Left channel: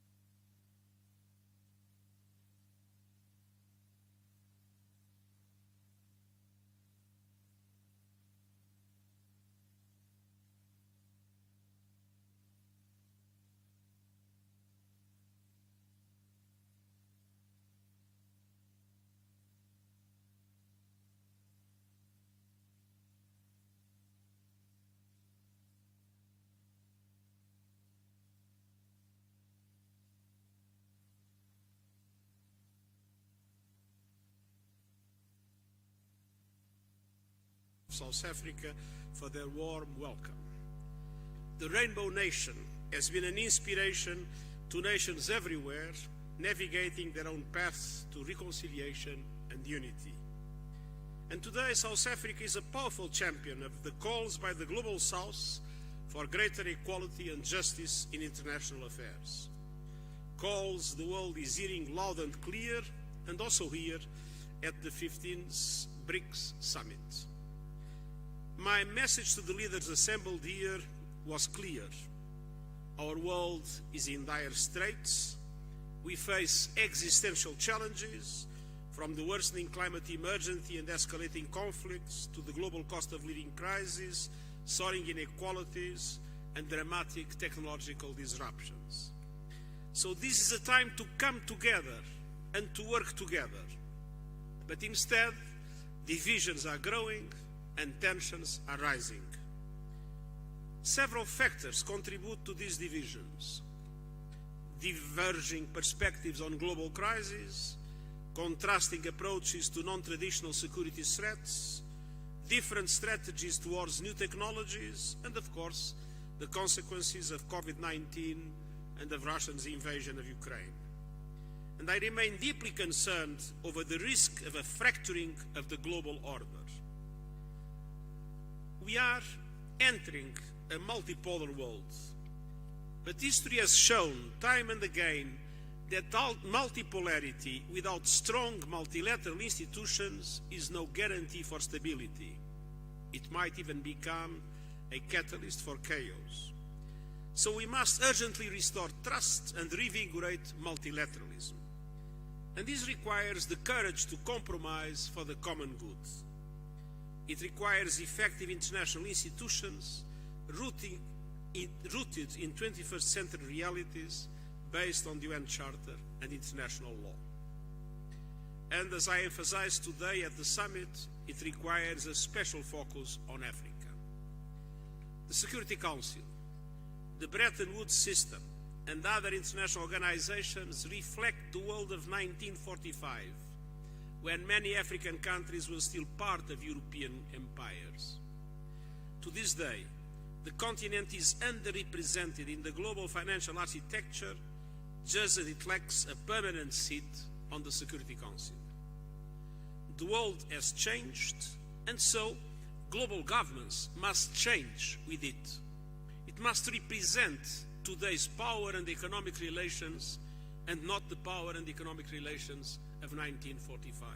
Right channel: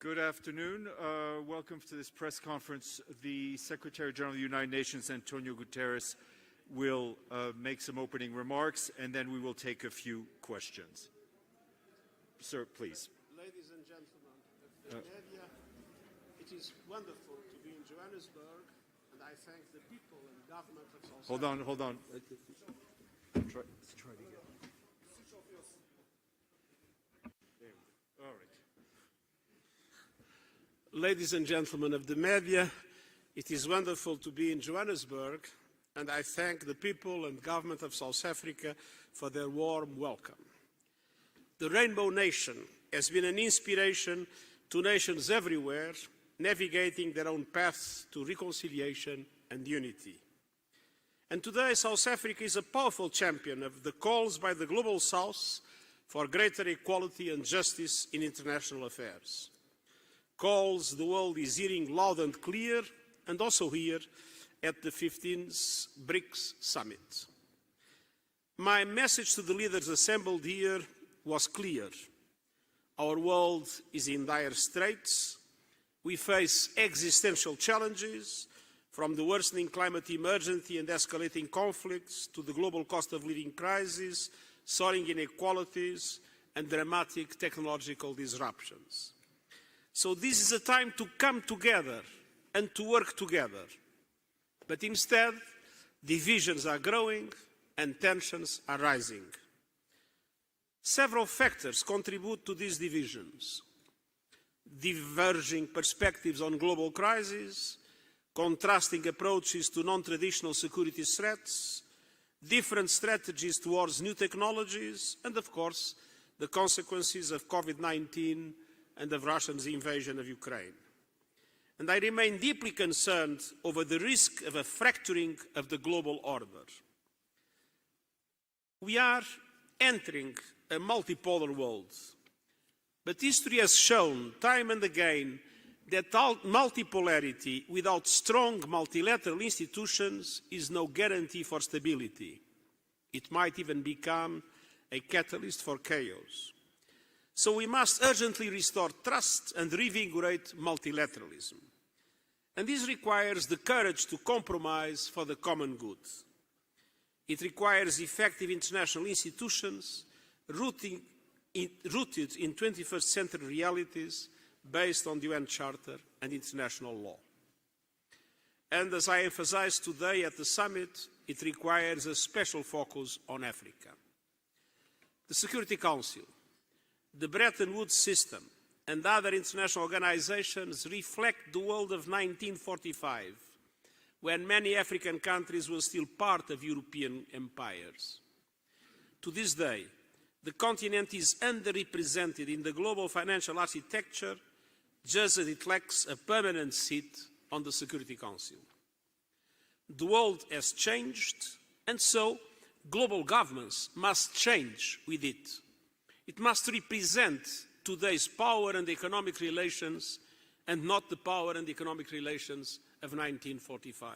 Good afternoon. Welcome to this press conference. The Secretary General of the United Nations, Antonio Guterres, will make some opening remarks, and then we will take a few questions. Sir, please. Ladies and gentlemen of the media, it is wonderful to be in Johannesburg, and I thank the people and government of South Africa. Hold on. Let's try again. All right. Ladies and gentlemen of the media, it is wonderful to be in Johannesburg, and I thank the people and government of South Africa for their warm welcome. The Rainbow Nation has been an inspiration to nations everywhere, navigating their own paths to reconciliation and unity. And today, South Africa is a powerful champion of the calls by the Global South for greater equality and justice in international affairs. Calls the world is hearing loud and clear, and also here at the 15th BRICS Summit. My message to the leaders assembled here was clear. Our world is in dire straits. We face existential challenges, from the worsening climate emergency and escalating conflicts to the global cost of living crisis, soaring inequalities, and dramatic technological disruptions. So this is a time to come together and to work together. But instead, divisions are growing and tensions are rising. Several factors contribute to these divisions: diverging perspectives on global crises, contrasting approaches to non-traditional security threats, different strategies towards new technologies, and of course, the consequences of COVID-19 and of Russia's invasion of Ukraine. And I remain deeply concerned over the risk of a fracturing of the global order. We are entering a multipolar world, but history has shown time and again that multipolarity without strong multilateral institutions is no guarantee for stability. It might even become a catalyst for chaos. So we must urgently restore trust and reinvigorate multilateralism. And this requires the courage to compromise for the common good. It requires effective international institutions rooted in 21st century realities based on the UN Charter and international law. And as I emphasized today at the summit, it requires a special focus on Africa. The Security Council, the Bretton Woods system, and other international organizations reflect the world of 1945, when many African countries were still part of European empires. To this day, the continent is underrepresented in the global financial architecture, just as it lacks a permanent seat on the Security Council. The world has changed, and so global governments must change with it. It must represent today's power and economic relations, and not the power and economic relations of 1945.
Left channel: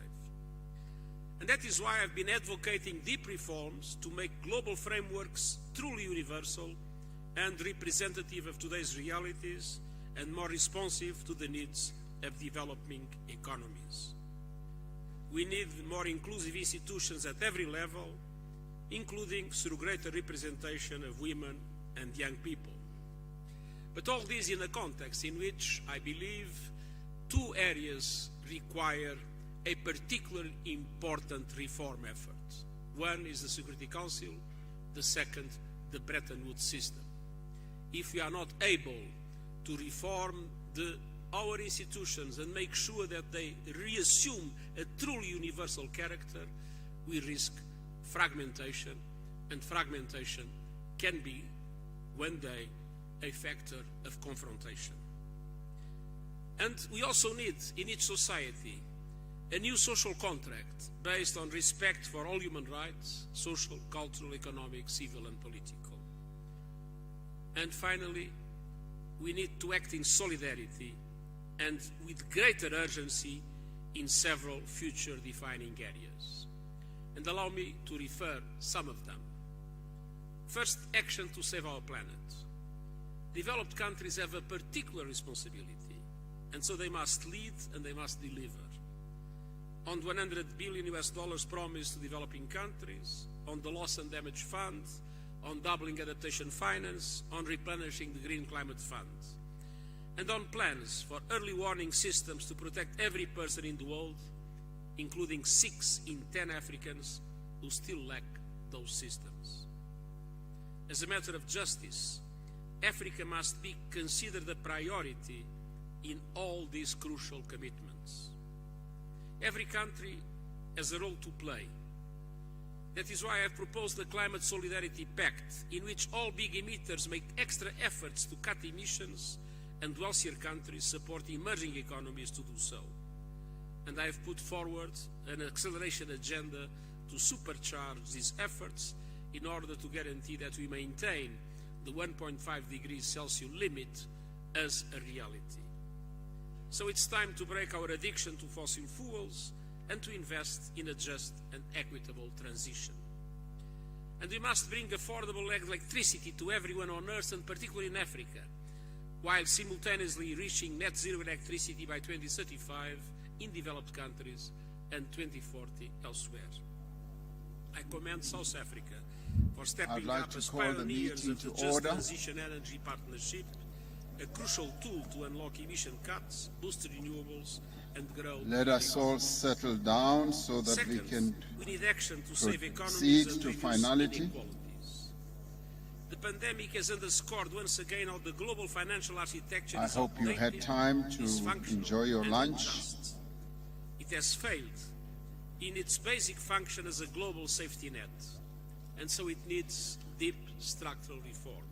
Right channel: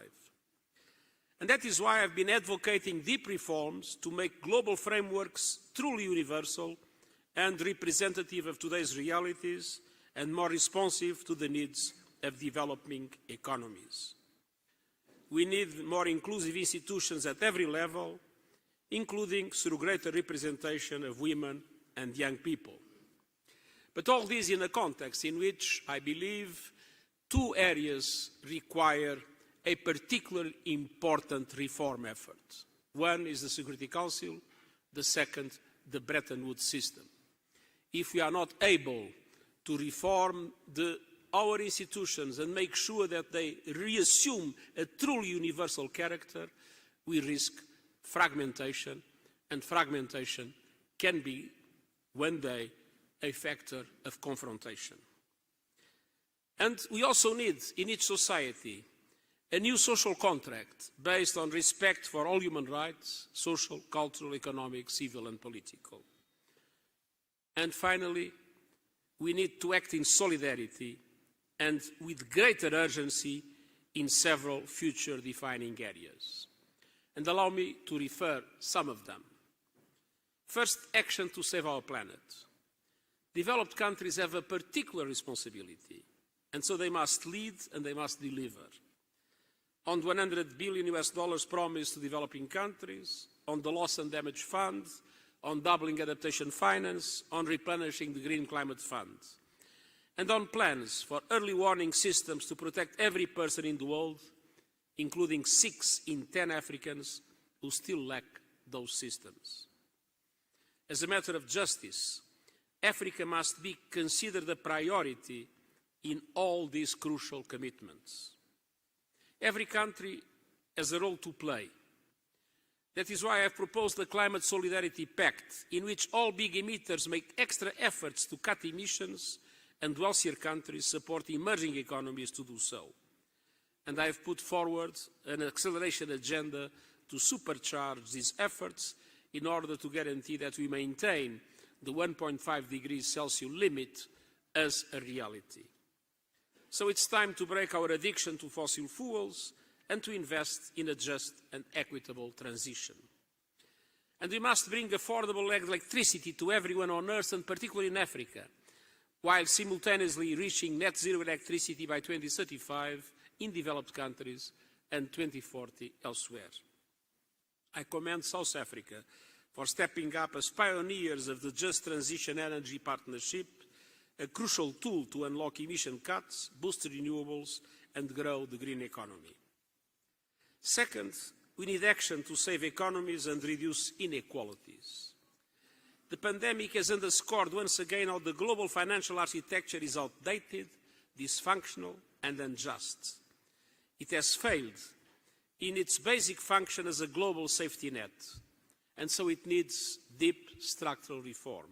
And that is why I've been advocating deep reforms to make global frameworks truly universal and representative of today's realities, and more responsive to the needs of developing economies. We need more inclusive institutions at every level, including through greater representation of women and young people. But all this in a context in which I believe two areas require a particularly important reform effort. One is the Security Council, the second, the Bretton Woods system. If we are not able to reform our institutions and make sure that they reassume a truly universal character, we risk fragmentation, and fragmentation can be, one day, a factor of confrontation. And we also need, in each society, a new social contract based on respect for all human rights, social, cultural, economic, civil, and political. And finally, we need to act in solidarity and with greater urgency in several future defining areas. And allow me to refer some of them. First, action to save our planet. developed countries have a particular responsibility, and so they must lead and they must deliver. On $100 billion promised to developing countries, on the loss and damage fund, on doubling adaptation finance, on replenishing the Green Climate Fund, and on plans for early warning systems to protect every person in the world, including 6 in 10 Africans who still lack those systems. As a matter of justice, Africa must be considered a priority in all these crucial commitments. Every country has a role to play. That is why I have proposed the Climate Solidarity Pact, in which all big emitters make extra efforts to cut emissions and wealthier countries support emerging economies to do so. And I have put forward an acceleration agenda to supercharge these efforts in order to guarantee that we maintain the 1.5 degrees Celsius limit as a reality. So it's time to break our addiction to fossil fuels and to invest in a just and equitable transition. And we must bring affordable electricity to everyone on Earth, and particularly in Africa, while simultaneously reaching net zero electricity by 2035 in developed countries and 2040 elsewhere. I commend South Africa for stepping up as pioneers of the Just Transition Energy Partnership, a crucial tool to unlock emission cuts, boost renewables, and grow. Let us all settle down so that Second, we need action to save economies and reduce finality. inequalities. The pandemic has underscored once again how the global financial architecture I is hope you outdated, had time to dysfunctional, enjoy your and lunch. unjust. It has failed in its basic function as a global safety net, and so it needs deep structural reform.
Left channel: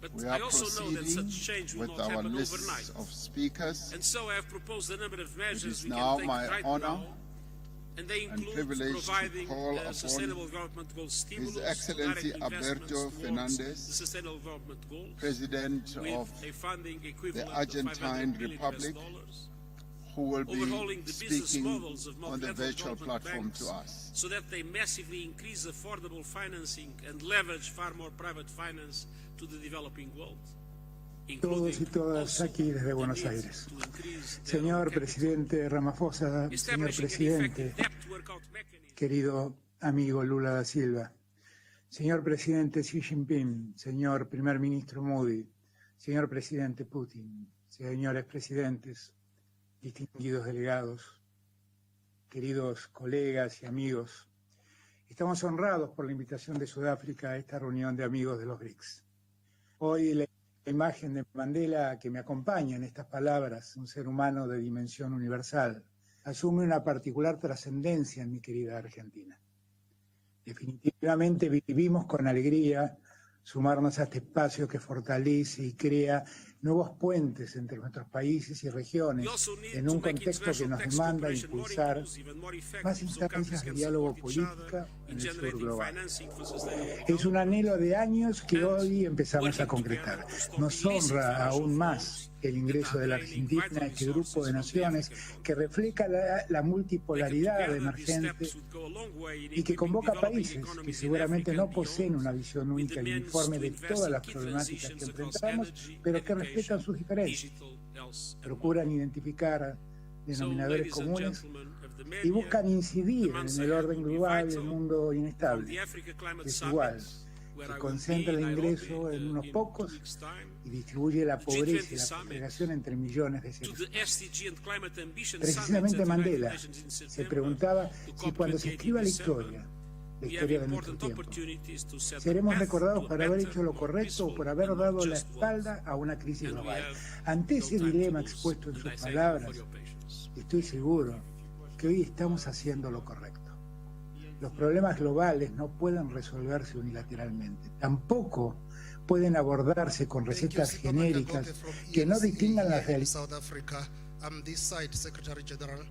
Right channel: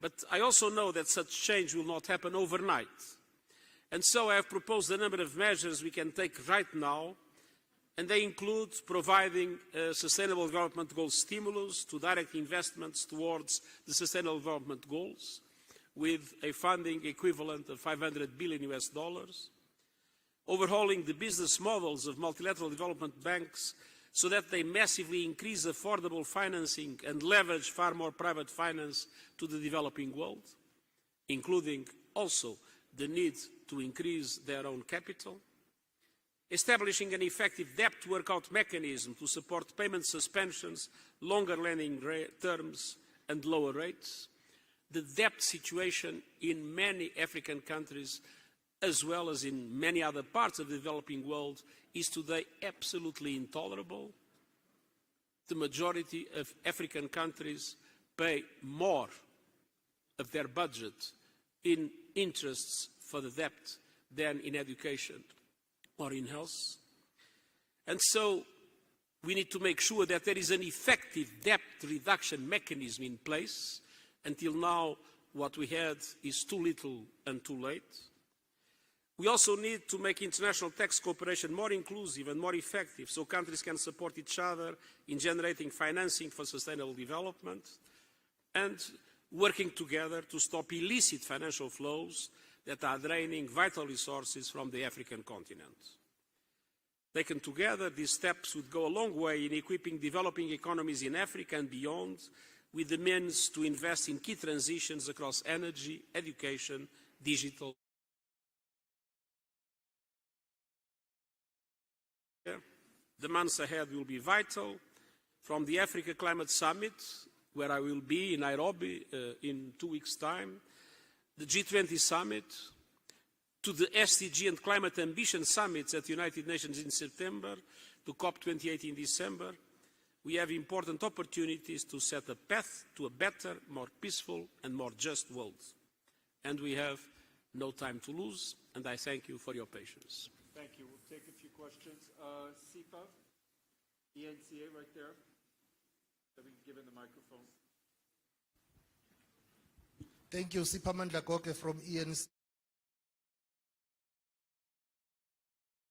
But We I are also know that proceeding such change will with not our happen list overnight. of speakers. And so I have proposed a number of measures is we now can take my right honor now, and they include privilege to providing call upon Sustainable Development Goals stimulus to direct Excellency investments Alberto towards Fernandez, the Sustainable Development Goals, President with of a funding equivalent of Argentine $500 billion Republic, who will be overhauling the business speaking models of on the multilateral virtual development platform banks to us. so that they massively increase affordable financing and leverage far more private finance to the developing world, Todos y todas also aquí desde the Buenos need Aires. to increase their own Señor capital. presidente Ramaphosa, señor Establishing an effective presidente, debt workout mechanism to querido support payment amigo Lula da suspensions, Silva, longer lending señor presidente terms, Xi and Jinping, lower rates. señor primer ministro The Modi, debt situation señor in presidente many Putin, African countries, señores presidentes, as well as in many other queridos parts of the delegados, developing world, is today queridos absolutely colegas y intolerable. amigos, estamos The honrados por la majority invitación of de African Sudáfrica a esta countries reunión de amigos pay de los BRICS. more Hoy la of their budget imagen de Mandela que me in acompaña en interests estas for the debt palabras, un ser humano than de in dimensión education universal, or in asume health. una particular And trascendencia, so mi querida Argentina. we need to make sure that there is an effective Definitivamente debt vivimos con reduction alegría mechanism in place. sumarnos a este espacio que Until now, what fortalece we y have crea is too nuevos little puentes and too entre late. nuestros países y regiones We also need en to un make contexto que international nos tax demanda cooperation more impulsar inclusive and more más effective so countries instancias de can diálogo support each other político in en el sur generating global. financing for sustainable Es un anhelo development. de años que and hoy empezamos a working together concretar. to stop Nos illicit honra financial aún más flows el that ingreso are de la draining Argentina vital a este grupo resources de from the naciones African continent. que refleja la Taken multipolaridad together, these steps emergente would go a long way in y que equipping convoca developing países que economies in seguramente Africa no and poseen beyond una visión with única the y means uniforme to de invest todas in las key problemáticas transitions que across enfrentamos, energy, pero que respetan education, sus diferencias, digital, health, and more. procuran identificar So, denominadores ladies and comunes gentlemen of the y media, buscan incidir the en months el ahead orden will be global del vital. mundo from inestable, the Africa Climate desigual, Summit, where que I will be concentra in el Nairobi ingreso en unos in 2 pocos weeks' time, y distribuye la the pobreza G20 y la Summit, segregación entre millones de to seres. the SDG and Climate Ambition Summits Precisamente at the United Mandela Nations in se September, preguntaba to si cuando se COP28 in escriba la December, historia we have de nuestro important tiempo, opportunities to set the seremos path recordados to a por haber better, hecho lo more correcto o peaceful, por haber and more dado la just world. espalda a una crisis And we global. have Ante no ese time to dilema lose, expuesto en and sus I thank you palabras, for your patience. estoy seguro que hoy estamos haciendo lo correcto. Los problemas globales no pueden resolverse unilateralmente. Tampoco pueden abordarse con recetas genéricas que no distingan las realidades. South Africa, this side, Secretary General.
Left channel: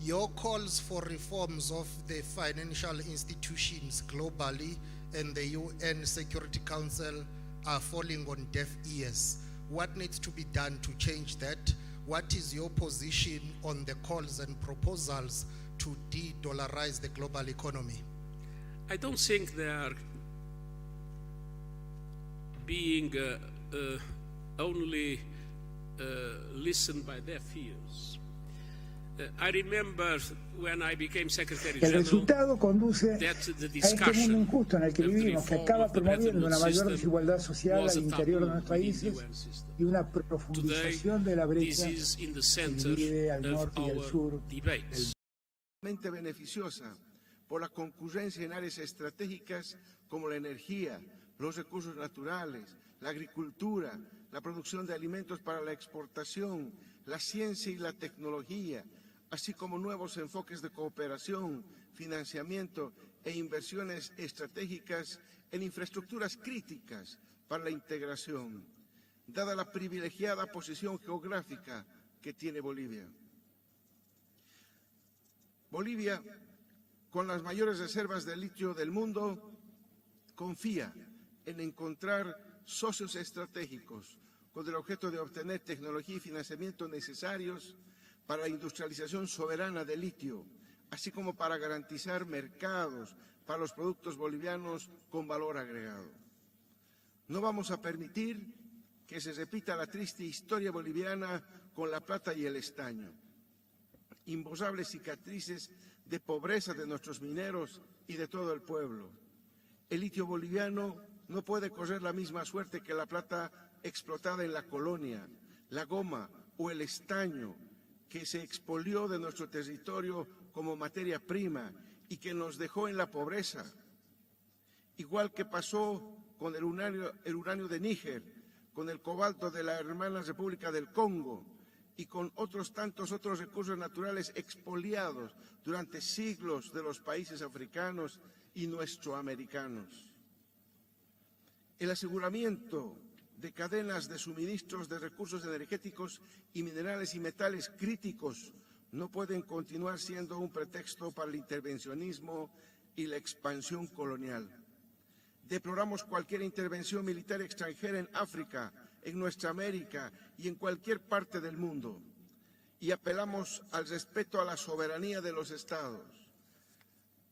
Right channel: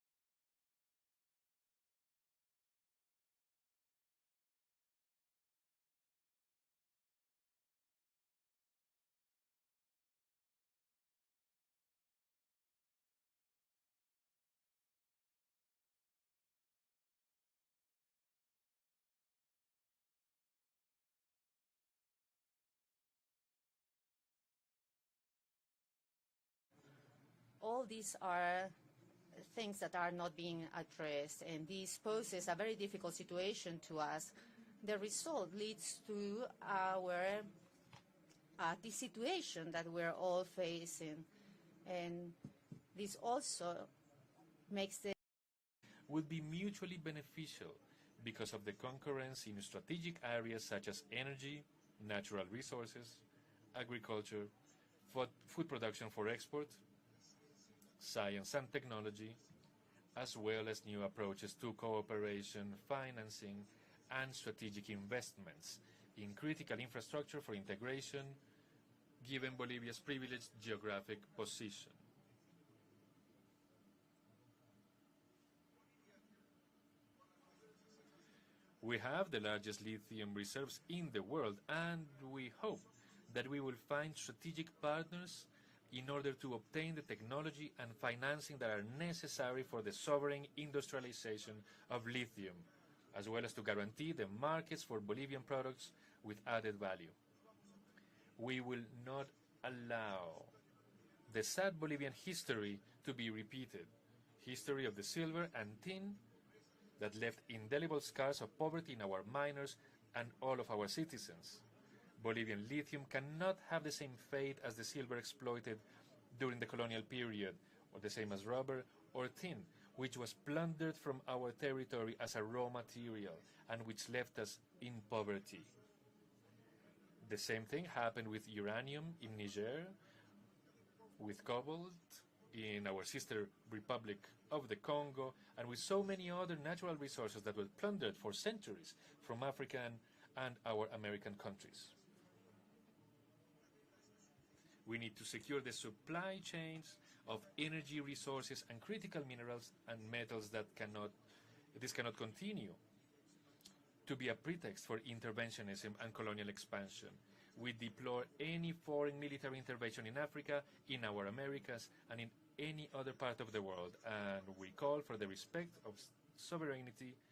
Your calls for reforms of the financial institutions globally and the UN Security Council are falling on deaf ears. What needs to be done to change that? What is your position on the calls and proposals to de-dollarize the global economy? I don't think they are being only listened by deaf All ears. these are I remember when I became Secretary El General resultado conduce that the a este mundo discussion injusto en el que vivimos, que acaba promoviendo una mayor desigualdad social al interior de los países y una profundización de la brecha is in the que center divide al of norte y al our sur. debates. Beneficiosa por la concurrencia en áreas estratégicas como la energía, los recursos naturales, la agricultura, la producción de alimentos para la exportación, la ciencia y la tecnología, así como nuevos enfoques de cooperación, financiamiento e inversiones estratégicas en infraestructuras críticas para la integración, dada la privilegiada posición geográfica que tiene Bolivia. Bolivia, con las mayores reservas de litio del mundo, confía en encontrar socios estratégicos con el objeto de obtener tecnología y financiamiento necesarios para la industrialización soberana del litio, así como para garantizar mercados para los productos bolivianos con valor agregado. No vamos a permitir que se repita la triste historia boliviana con la plata y el estaño. Imborrables cicatrices de pobreza de nuestros mineros y de todo el pueblo. El litio boliviano no puede correr la misma suerte que la plata explotada en la colonia, la goma o el estaño que se expolió de nuestro territorio como materia prima y que nos dejó en la pobreza, igual que pasó con el uranio de Níger, con el cobalto de la hermana República del Congo y con otros tantos otros recursos naturales expoliados durante siglos de los países africanos y nuestroamericanos. El aseguramiento de cadenas de suministros de recursos energéticos y minerales y metales críticos no pueden continuar siendo un pretexto para el intervencionismo y la expansión colonial. Deploramos cualquier intervención militar extranjera en África, en nuestra América y en cualquier parte del mundo. Y apelamos al respeto a la soberanía de los estados,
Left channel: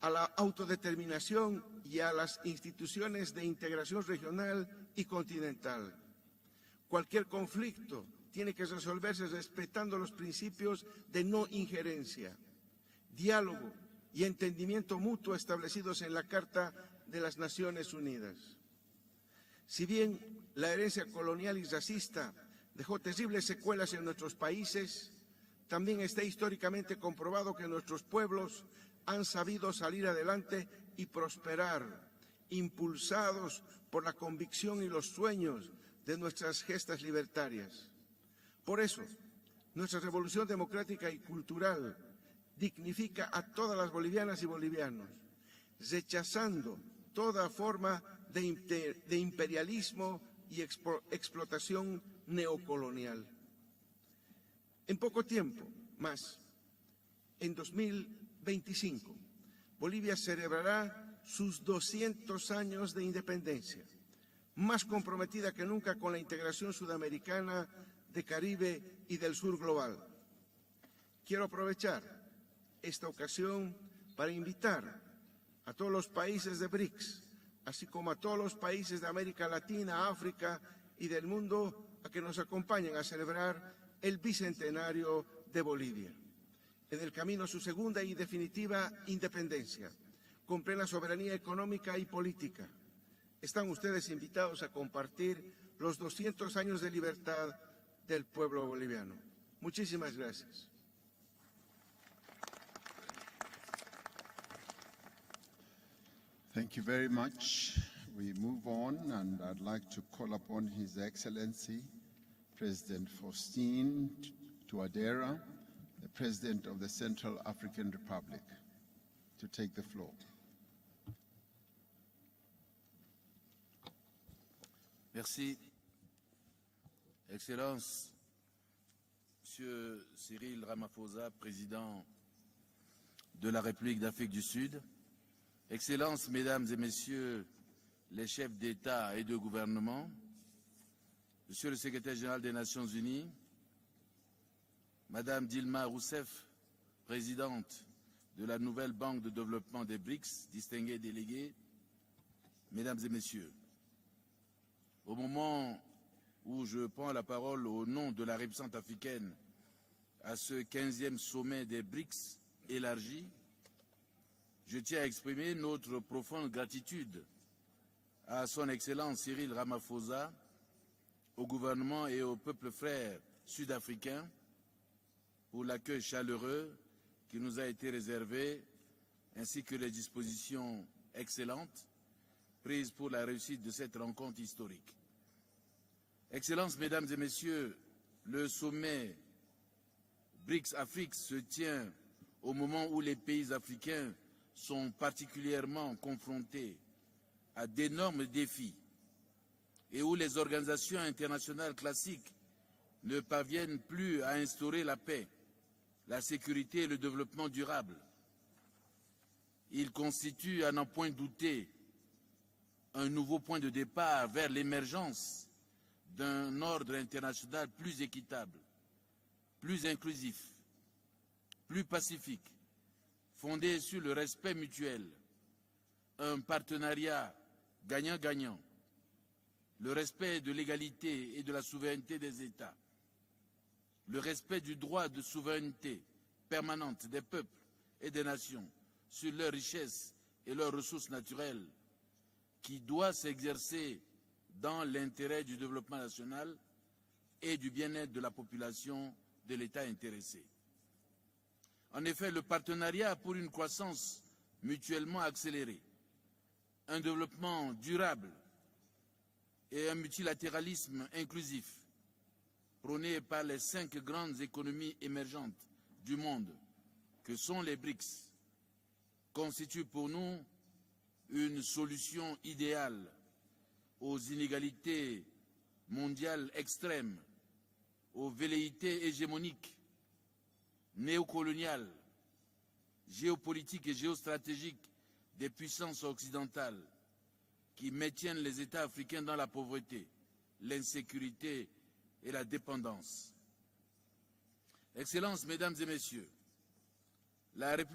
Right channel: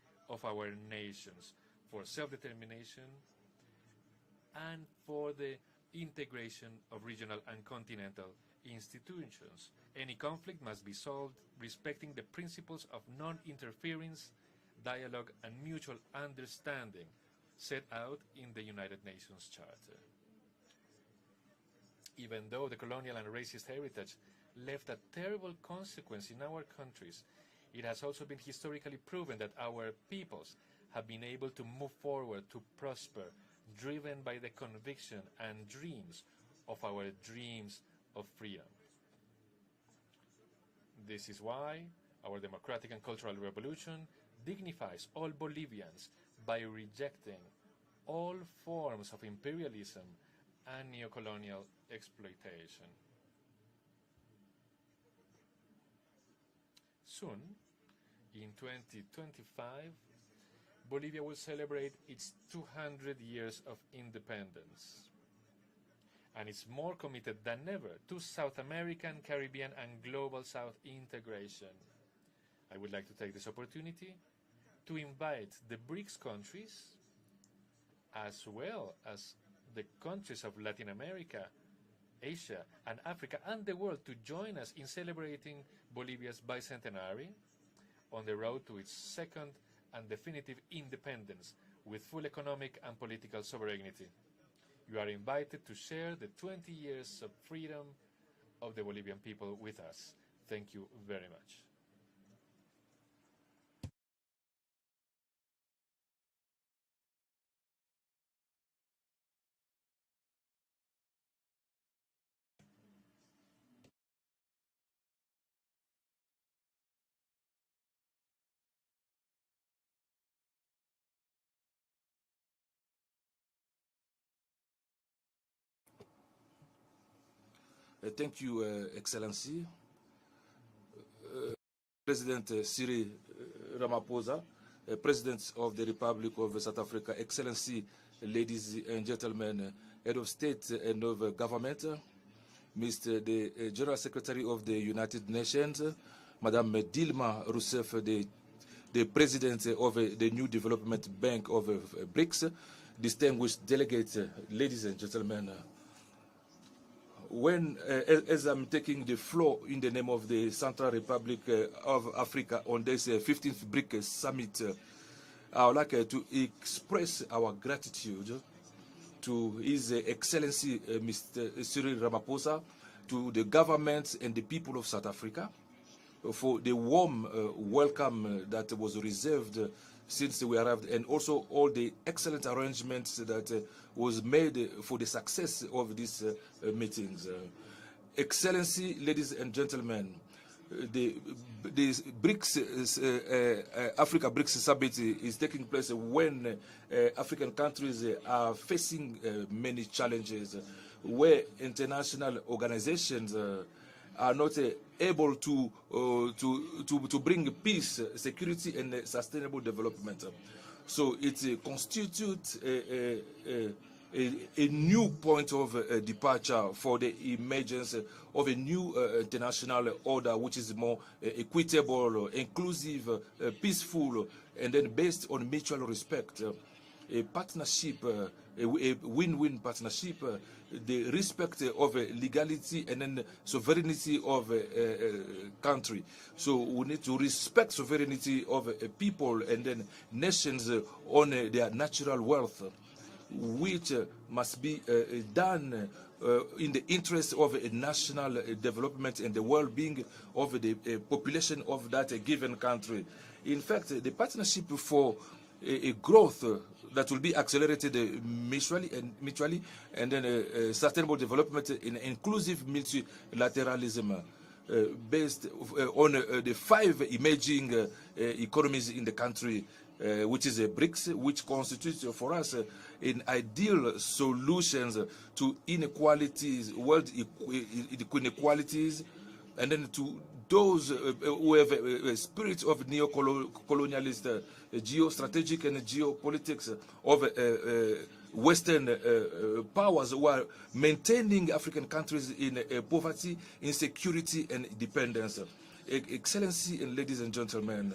a la autodeterminación y a las instituciones de integración regional y continental. Cualquier conflicto tiene que resolverse respetando los principios de no injerencia, diálogo y entendimiento mutuo establecidos en la Carta de las Naciones Unidas. Si bien la herencia colonial y racista dejó terribles secuelas en nuestros países, también está históricamente comprobado que nuestros pueblos han sabido salir adelante y prosperar, impulsados por la convicción y los sueños de nuestras gestas libertarias. Por eso, nuestra revolución democrática y cultural dignifica a todas las bolivianas y bolivianos, rechazando toda forma de imperialismo y explotación neocolonial. En poco tiempo más, en 2025, Bolivia celebrará sus 200 años de independencia, más comprometida que nunca con la integración sudamericana, de Caribe y del sur global. Quiero aprovechar esta ocasión para invitar a todos los países de BRICS, así como a todos los países de América Latina, África y del mundo, a que nos acompañen a celebrar el bicentenario de Bolivia, en el camino a su segunda y definitiva independencia, con plena soberanía económica y política. Están ustedes invitados a compartir los 200 años de libertad del pueblo boliviano. Muchísimas gracias. Thank you very much. We move on, and I'd like to call upon His Excellency President Faustin Touadera, the President of the Central African Republic, to take the floor. Merci. Excellence. Thank you, Excellency. Monsieur Cyril Ramaphosa, President Cyril de la République d'Afrique du Sud, President of the Excellences, Republic of Mesdames South et Africa, Messieurs, Excellency, les chefs ladies d'État and et de gentlemen, gouvernement, Head of State and of Monsieur le Government, Secrétaire général des Nations Mr. Unies, the General Secretary of the United Madame Nations, Dilma Rousseff, Madame Dilma Présidente Rousseff, de la nouvelle the Banque de President développement of des the BRICS, new development distingués bank of BRICS, Mesdames et distinguished delegates, ladies and Au gentlemen. moment où je prends la parole when, au nom de la as I'm région taking the africaine floor in the name of the ce Central 15e Republic sommet des of BRICS Africa on this 15th BRICS Summit, je tiens à exprimer I would like notre to profonde express gratitude our gratitude à son excellence to Cyril His Ramaphosa, Excellency Mr. au Cyril gouvernement et au Ramaphosa, peuple frère to the government sud-africain and the people of South Africa pour l'accueil for chaleureux the warm qui nous a été welcome réservé, that was reserved ainsi que les since we dispositions arrived, and also excellentes all the excellent arrangements prises pour la that réussite de cette was rencontre made historique. for the success of this Excellences, mesdames et meeting. messieurs, Excellency, le sommet ladies and gentlemen, BRICS the, Afrique se tient the BRICS, au moment où les pays africains Africa BRICS Summit sont is taking place particulièrement when confrontés African countries d'énormes are défis facing many et où challenges, les organisations where internationales international ne organizations parviennent plus à are not instaurer la paix, able to la sécurité et le to bring développement peace, security, and sustainable Il development. constitue un So emploi it constitutes un nouveau point de départ vers a new l'émergence point of departure ordre for the international emergence plus équitable, of a new international plus inclusif, order which is more equitable, pacifique, inclusive, fondé peaceful, sur le respect and then mutuel, based on mutual respect. un partenariat A partnership, gagnant-gagnant, a win-win partnership, respect de l'égalité the et de respect la of souveraineté des legality and then sovereignty Le of respect du droit de souveraineté country. So we permanente need to des respect peuples sovereignty et des of people sur and then richesse, nations leurs ressources on naturelles, their natural wealth, qui doit s'exercer which must be dans l'intérêt du done développement national in the interest of et du bien-être national de la population development and the de well-being l'État intéressé. of the population of that En effet, given le country. partenariat pour une In fact, croissance the partnership for mutuellement accélérée, a growth that will be développement accelerated durable mutually et un and then multilatéralisme sustainable development inclusif, in inclusive prôné par les 5 multilateralism grandes économies based émergentes on du monde, the 5 emerging les BRICS, economies in the country, constituent pour nous which is a BRICS, which une constitutes for us solution an ideal solutions inégalités to inequalities, mondiales world extrêmes, inequalities, vérités hégémoniques, and then to those who have a spirit of neo-colonialist, geostrategic and geopolitics of Western powers who are maintaining African countries in poverty, insecurity, and dependence. Excellency and ladies and gentlemen,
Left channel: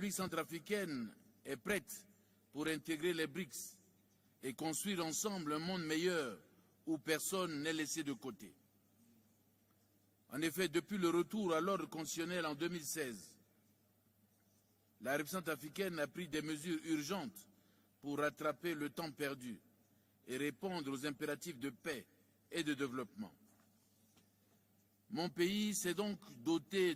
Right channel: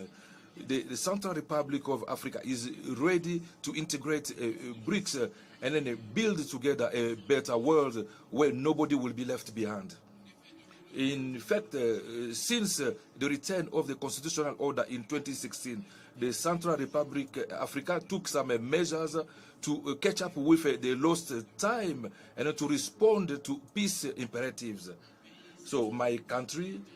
the Central Republic of Africa is ready to integrate BRICS and then build together a better world where nobody will be left behind. In fact, since the return of the constitutional order in 2016, the Central Republic Africa took some measures to catch up with the lost time and to respond to peace imperatives. So my country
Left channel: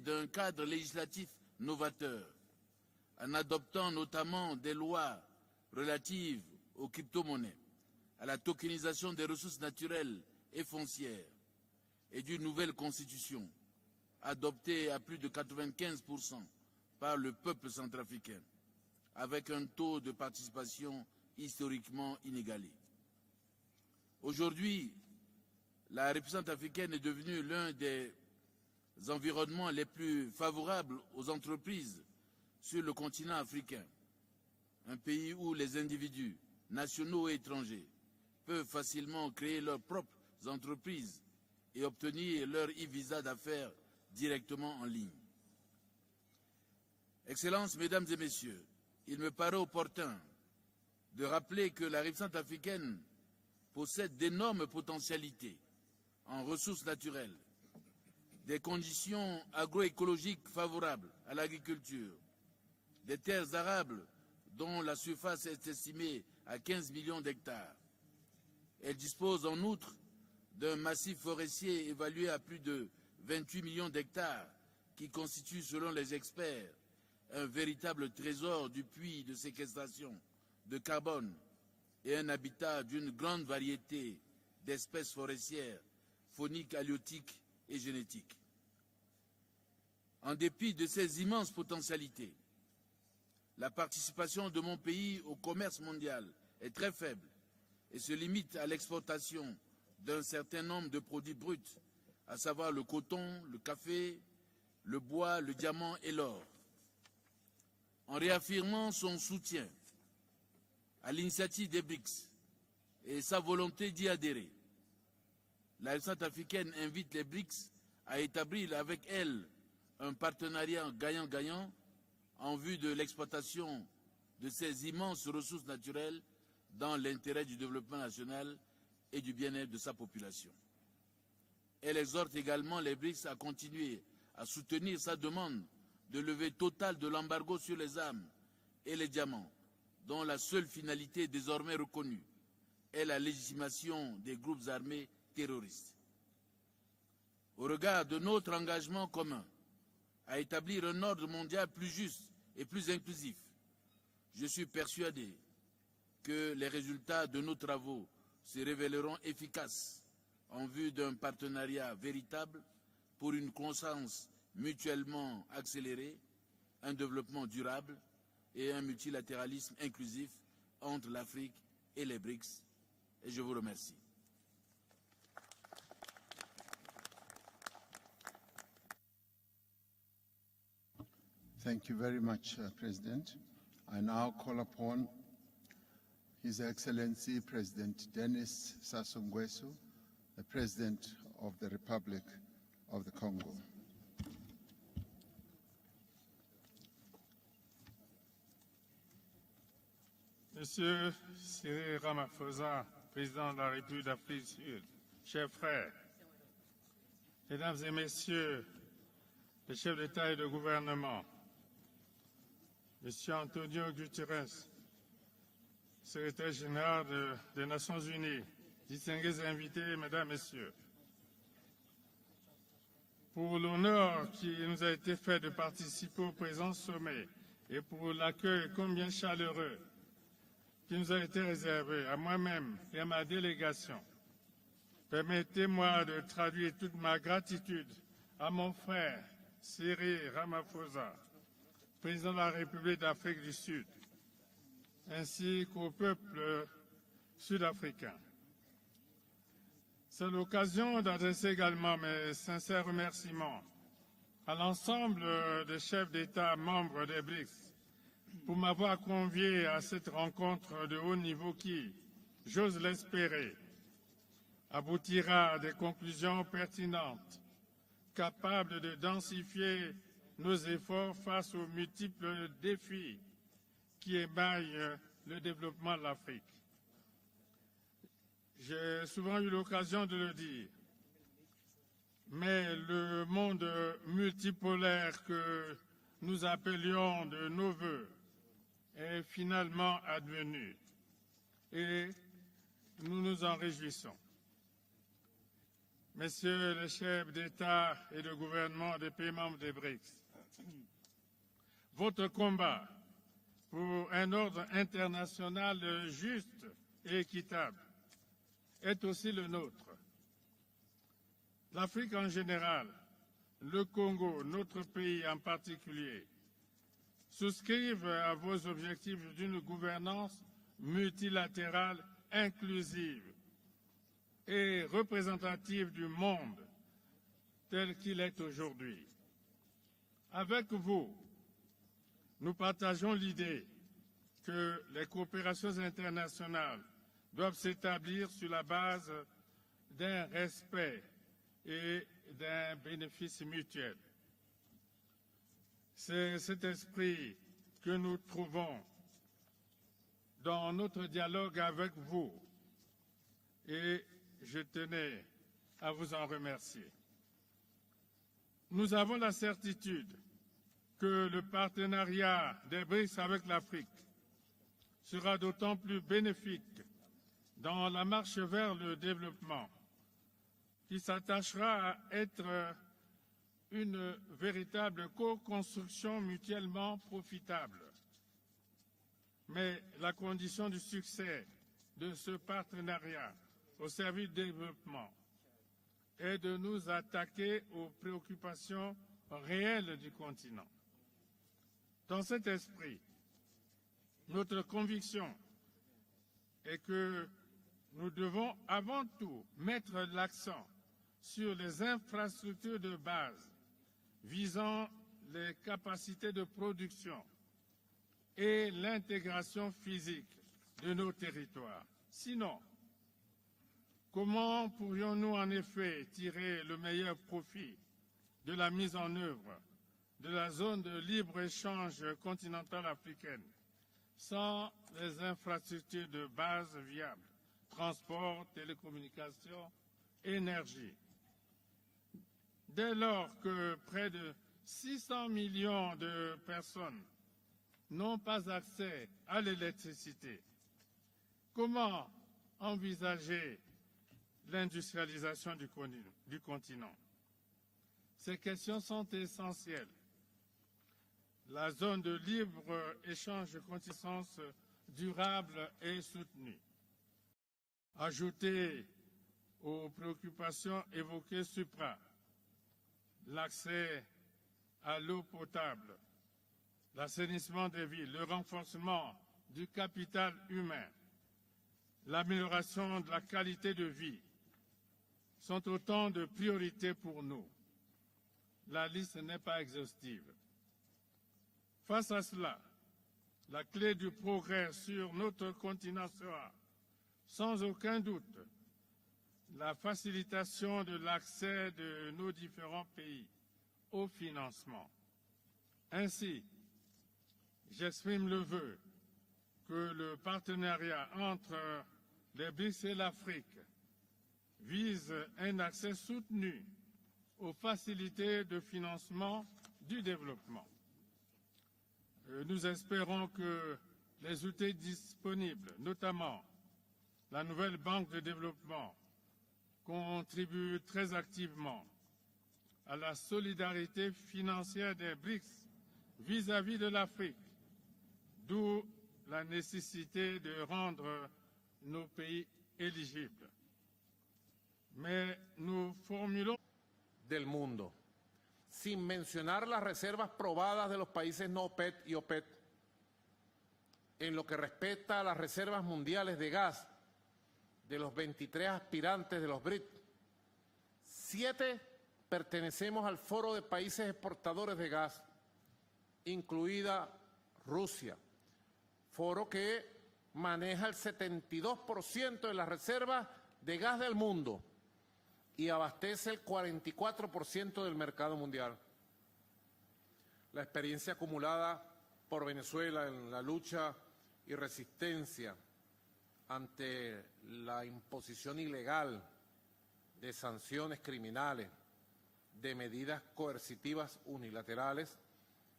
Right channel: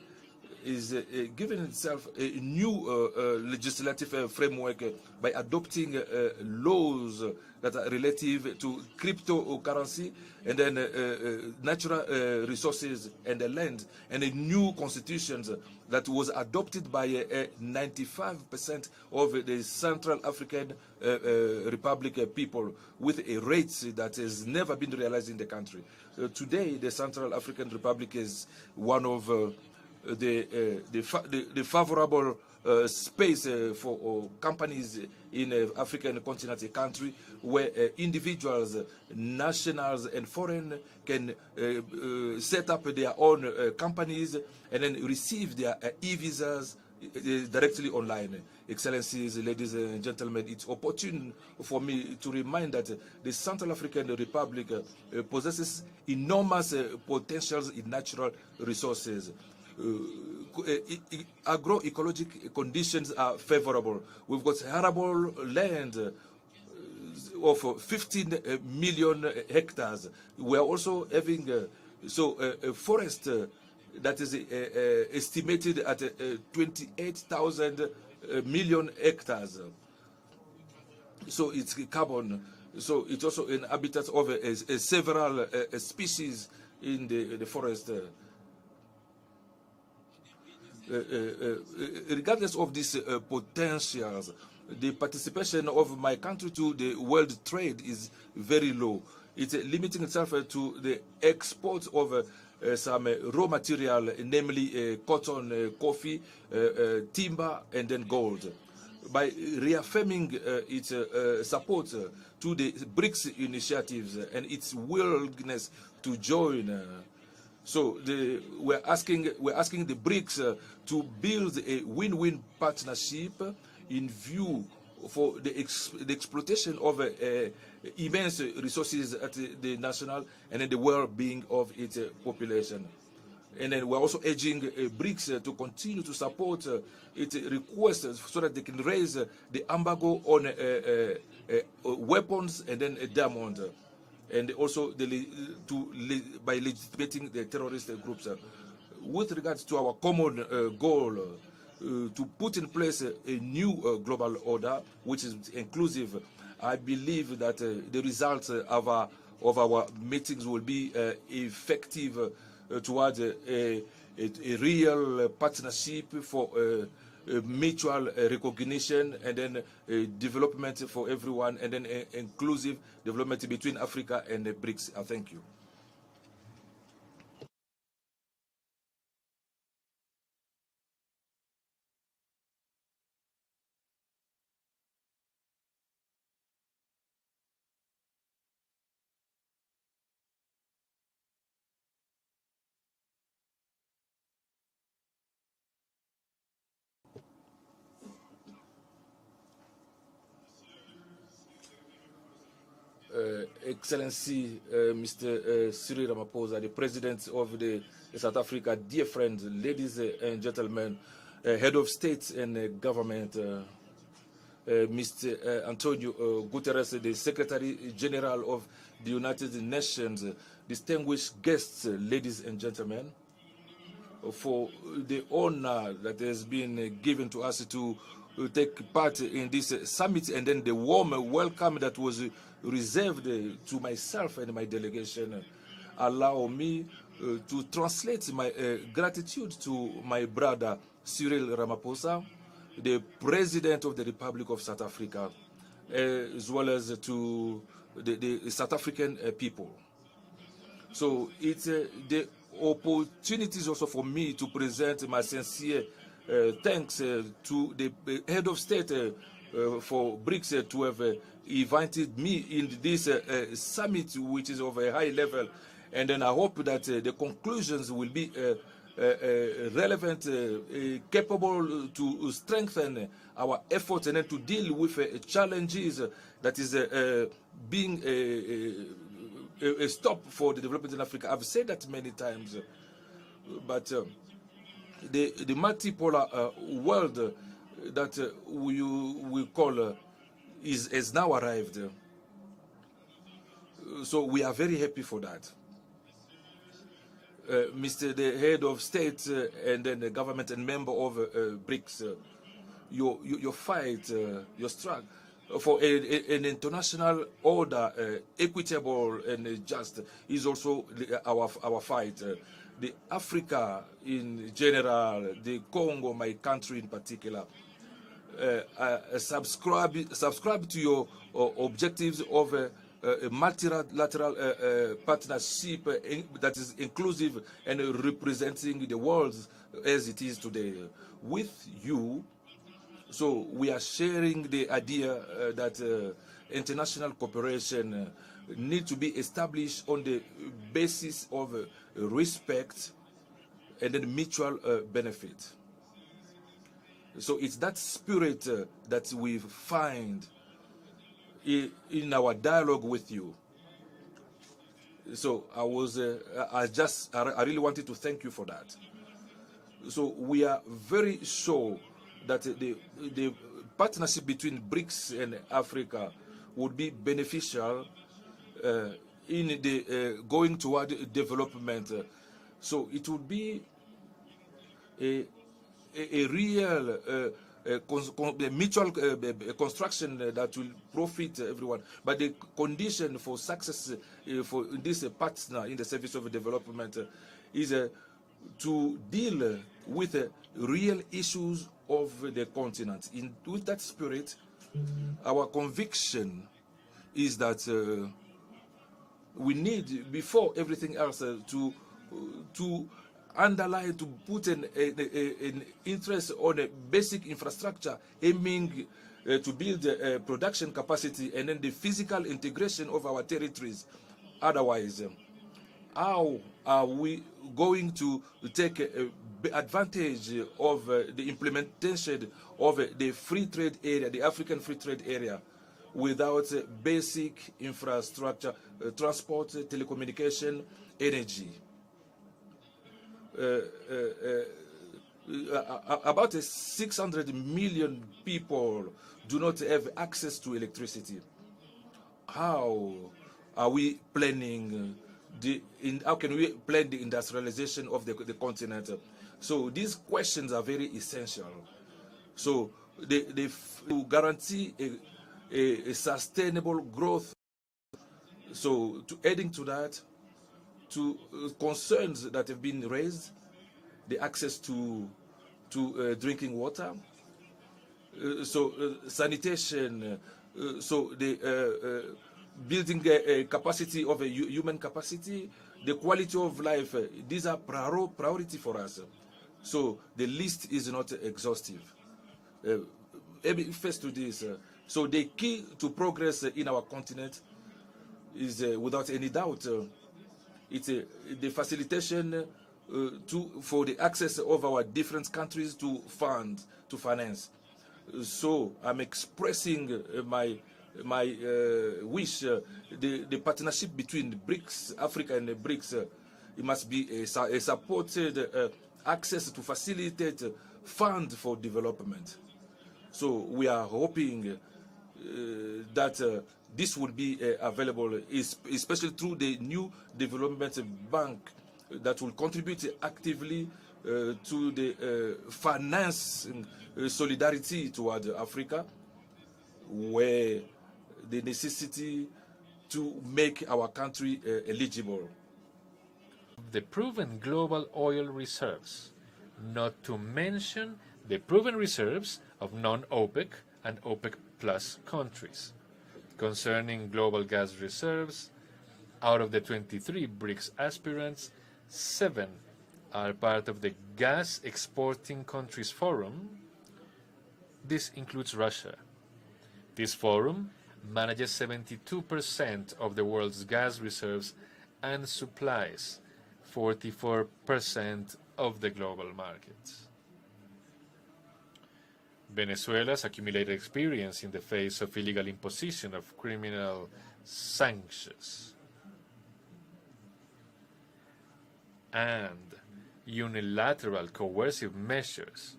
is giving itself a new legislative framework by adopting laws that are relative to cryptocurrency and then natural resources and the land, and a new constitution that was adopted by 95% of the Central African Republic people with a rate that has never been realized in the country. Today, the Central African Republic is one of the favorable space for companies in African continent, a country where individuals, nationals and foreign can set up their own companies and then receive their e-visas directly online. Excellencies, ladies and gentlemen, it's opportune for me to remind that the Central African Republic possesses enormous potentials in natural resources. Agroecologic conditions are favorable. We've got arable land of 15 million hectares. We are also having a forest that is estimated at 28,000 million hectares. So it's carbon. So it's also an habitat of several species in the forest. Regardless of these potentials, the participation of my country to the world trade is very low. It's limiting itself to the export of some raw material, namely cotton, coffee, timber, and then gold. By reaffirming its support to the BRICS initiative and its willingness to join. So we're asking the BRICS to build a win-win partnership in view for the exploitation of immense resources at the national and in the well-being of its population. And then we're also urging BRICS to continue to support its requests so that they can raise the embargo on weapons and then diamonds, and also by legitimating the terrorist groups. With regards to our common goal to put in place a new global order which is inclusive, I believe that the results of our meetings will be effective towards a real partnership for mutual recognition and then development for everyone, and then inclusive development between Africa and the BRICS. Thank you. Thank you very much, President. I now call upon His Excellency President Denis Sassou Nguesso, the President of the Republic of the Congo. Monsieur Cyril Ramaphosa, Excellency Mr. Cyril Ramaphosa, the President of South Africa, dear friends, ladies and gentlemen, Head of State and Government, Mr. Antonio Guterres, the Secretary General of the United Nations, distinguished guests, ladies and gentlemen, for the honor that has been given to us to take part in this summit, and then the warm welcome that was reserved to myself and my delegation. Allow me to translate my gratitude to my brother Cyril Ramaphosa, the President of the Republic of South Africa, as well as to the South African people. So it's the opportunities also for me to present my sincere thanks to the head of state for BRICS to have invited me in this summit, which is of a high level, and then I hope that the conclusions will be relevant, capable to strengthen our efforts and then to deal with challenges that is being a stop for the development in Africa. I've said that many times, but the multipolar world that we call has now arrived. So we are very happy for that. Mr. the Head of State and then the government and member of BRICS, your fight, your strive for an international order, equitable and just, is also our fight. The Africa in general, the Congo, my country in particular, subscribe to your objectives of a multilateral partnership that is inclusive and representing the world as it is today. With you, so we are sharing the idea that international cooperation need to be established on the basis of respect and then mutual benefit. So it's that spirit that we find in our dialogue with you. So I really wanted to thank you for that. So we are very sure that the partnership between BRICS and Africa would be beneficial in the going toward development. So it would be a real mutual construction that will profit everyone. But the condition for success for this partner in the service of development is to deal with real issues of the continent. With that spirit, our conviction is that we need, before everything else, to underline, to put an interest on a basic infrastructure aiming to build production capacity and then the physical integration of our territories. Otherwise, how are we going to take advantage of the implementation of the free trade area, the African free trade area, without basic infrastructure, transport, telecommunication, energy? About 600 million people do not have access to electricity. How are we planning how can we plan the industrialization of the continent? So these questions are very essential. So to guarantee a sustainable growth. So, adding to that, to concerns that have been raised, the access to drinking water, sanitation, so the building capacity of a human capacity, the quality of life, these are priority for us. So the list is not exhaustive. First to this, so the key to progress in our continent is, without any doubt, it's the facilitation for the access of our different countries to finance. So I'm expressing my wish, the partnership between the BRICS, Africa and the BRICS, it must be a supported access to facilitate fund for development. So we are hoping that this will be available, especially through the new development bank that will contribute actively to the finance solidarity toward Africa, where the necessity to make our country eligible. The proven global oil reserves, not to mention the proven reserves of non-OPEC and OPEC plus countries. Concerning global gas reserves, out of the 23 BRICS aspirants, 7 are part of the Gas Exporting Countries Forum. This includes Russia. This forum manages 72% of the world's gas reserves and supplies 44% of the global markets. Venezuela's accumulated experience in the face of illegal imposition of criminal sanctions and unilateral coercive measures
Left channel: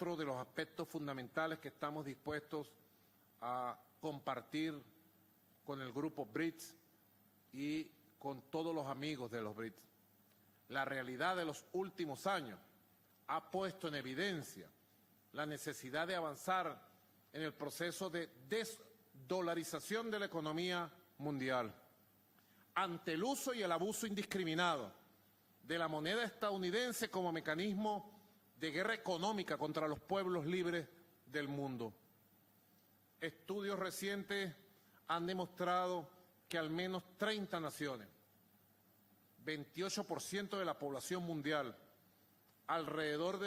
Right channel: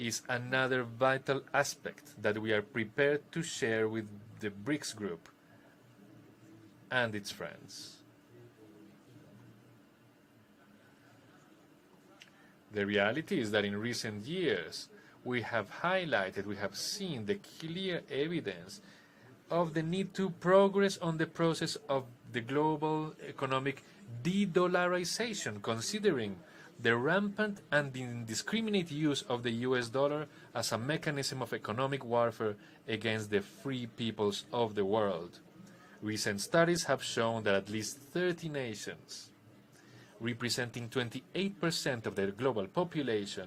is another vital aspect that we are prepared to share with the BRICS group and its friends. The reality is that in recent years, we have highlighted, we have seen the clear evidence of the need to progress on the process of the global economic de-dollarization, considering the rampant and indiscriminate use of the US dollar as a mechanism of economic warfare against the free peoples of the world. Recent studies have shown that at least 30 nations, representing 28% of the global population,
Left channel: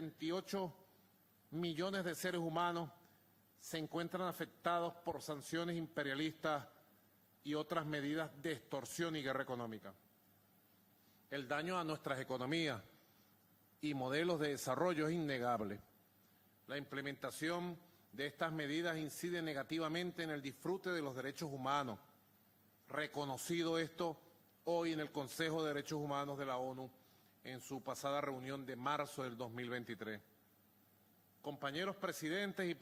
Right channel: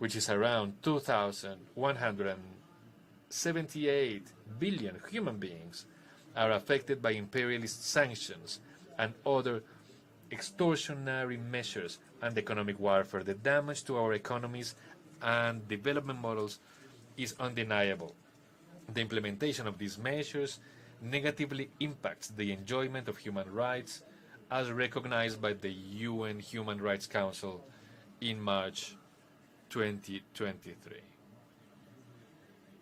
which is around 2,178 billion human beings, are affected by imperialist sanctions and other extortionary measures and economic warfare. The damage to our economies and development models is undeniable. The implementation of these measures negatively impacts the enjoyment of human rights, as recognized by the UN Human Rights Council in March 2023.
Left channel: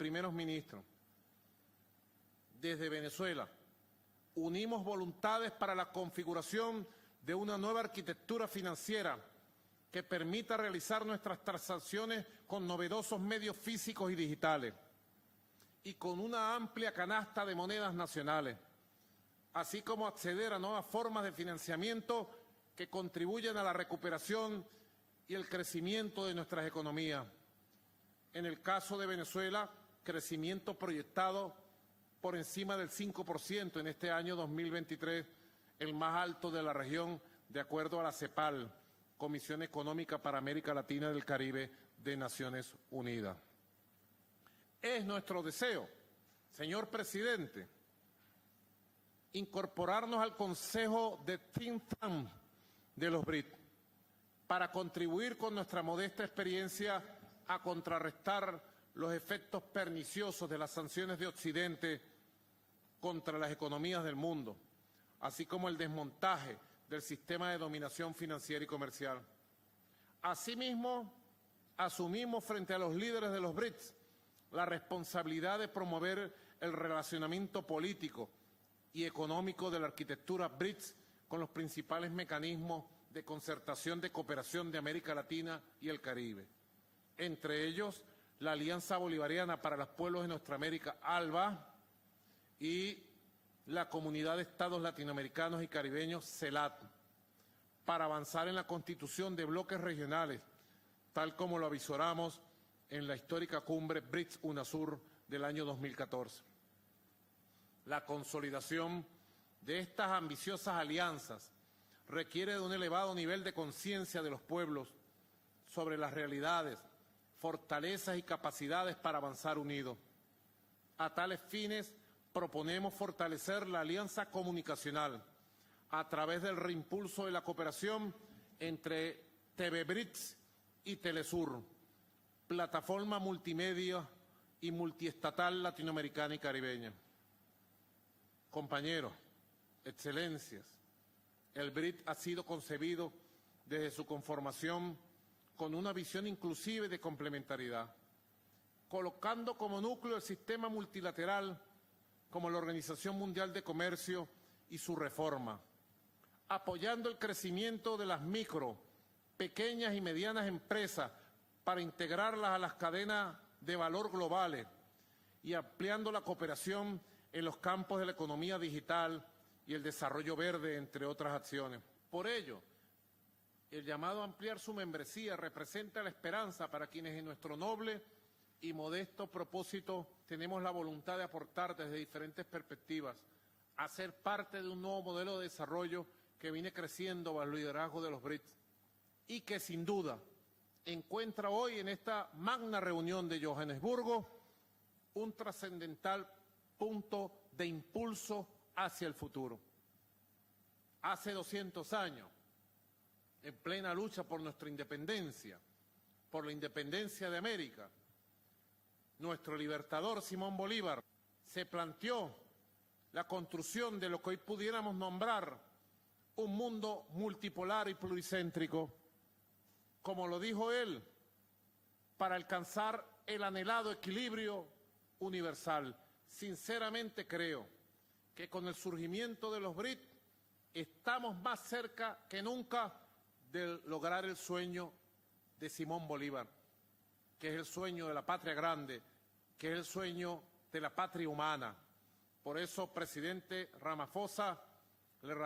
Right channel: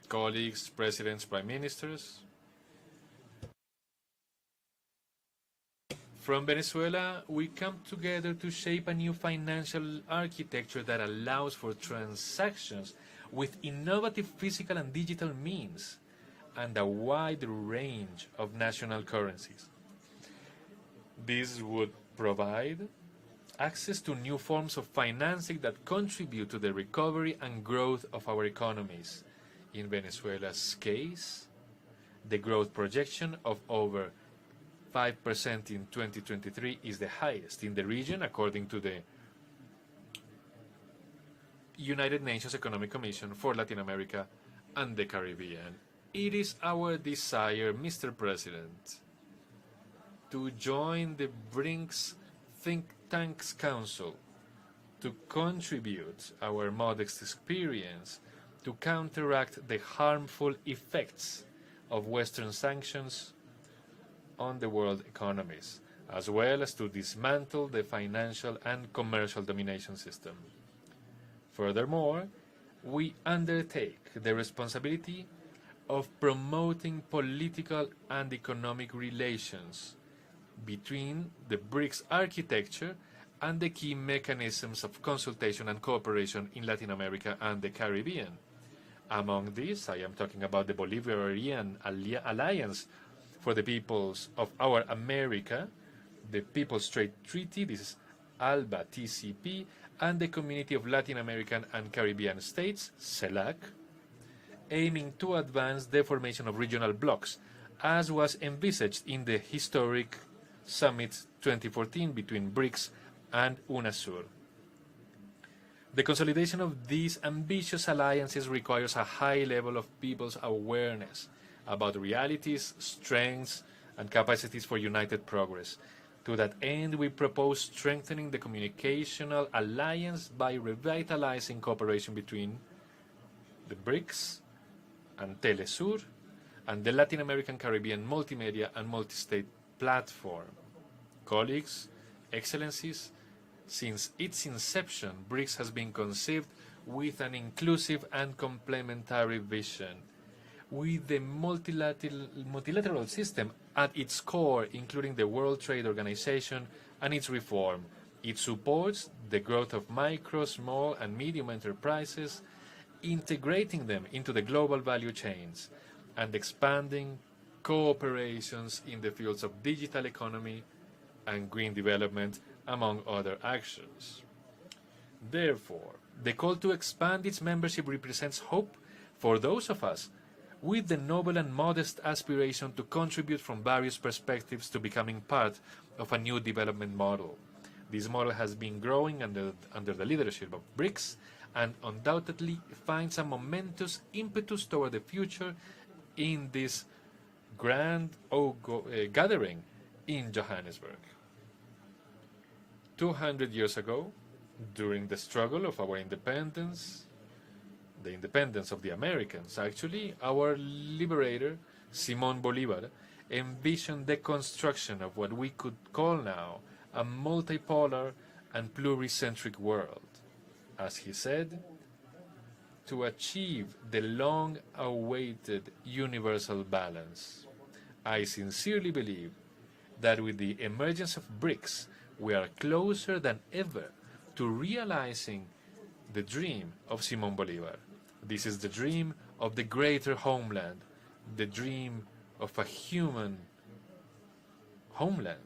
Colleagues, presidents, prime ministers, from Venezuela, we come together to shape a new financial architecture that allows for transactions with innovative physical and digital means and a wide range of national currencies. This would provide access to new forms of financing that contribute to the recovery and growth of our economies. In Venezuela's case, The growth projection of over 5% in 2023 is the highest in the region, according to the United Nations Economic Commission for Latin America and the Caribbean. It is our desire, Mr. President, to join the BRICS Think Tanks Council to contribute our modest experience to counteract the harmful effects of Western sanctions on the world economies, as well as to dismantle the financial and commercial domination system. Furthermore, we undertake the responsibility of promoting political and economic relations between the BRICS architecture and the key mechanisms of consultation and cooperation in Latin America and the Caribbean. Among these, I am talking about the Bolivarian Alliance for the Peoples of Our America, the People's Trade Treaty, this is ALBA TCP, and the Community of Latin American and Caribbean States, CELAC, aiming to advance the formation of regional blocs, as was envisaged in the historic Summit 2014 between BRICS and UNASUR. The consolidation of these ambitious alliances requires a high level of people's awareness about realities, strengths, and capacities for united progress. To that end, we propose strengthening the communicational alliance by revitalizing cooperation between the BRICS and Telesur and the Latin American Caribbean Multimedia and Multi-State Platform. Colleagues, Excellencies, since its inception, BRICS has been conceived with an inclusive and complementary vision, with the multilateral system at its core, including the World Trade Organization and its reform. It supports the growth of micro, small, and medium enterprises, integrating them into the global value chains, and expanding cooperations in the fields of digital economy and green development, among other actions. Therefore, the call to expand its membership represents hope for those of us with the noble and modest aspiration to contribute from various perspectives to becoming part of a new development model. This model has been growing under the leadership of BRICS and undoubtedly finds a momentous impetus toward the future in this grand gathering in Johannesburg. 200 years ago, during the struggle of our independence, the independence of the Americans, actually, our liberator, Simón Bolívar, envisioned the construction of what we could call now a multipolar and pluricentric world. As he said, to achieve the long-awaited universal balance. I sincerely believe that with the emergence of BRICS, we are closer than ever to realizing the dream of Simón Bolívar. This is the dream of the greater homeland, the dream of a human homeland,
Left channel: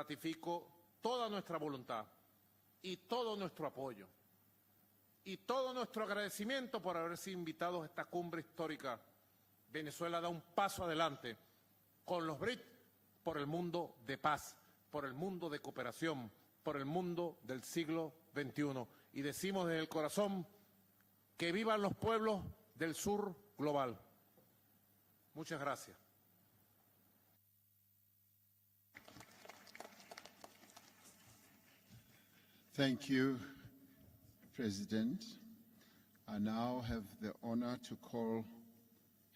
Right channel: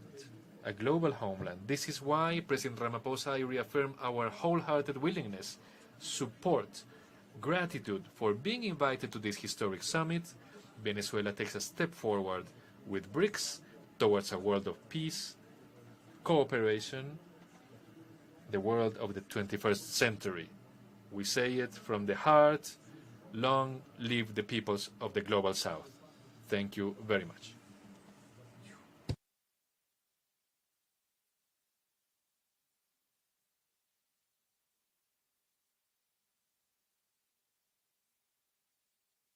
a global homeland. This is why President Ramaphosa and I reaffirm our wholehearted willingness, support, gratitude for being invited to this historic summit. Venezuela takes a step forward with BRICS towards a world of peace, cooperation, the world of the 21st century. We say it from the heart, long live the peoples of the Global South. Thank you very much. Thank you, President. I now have the honor to call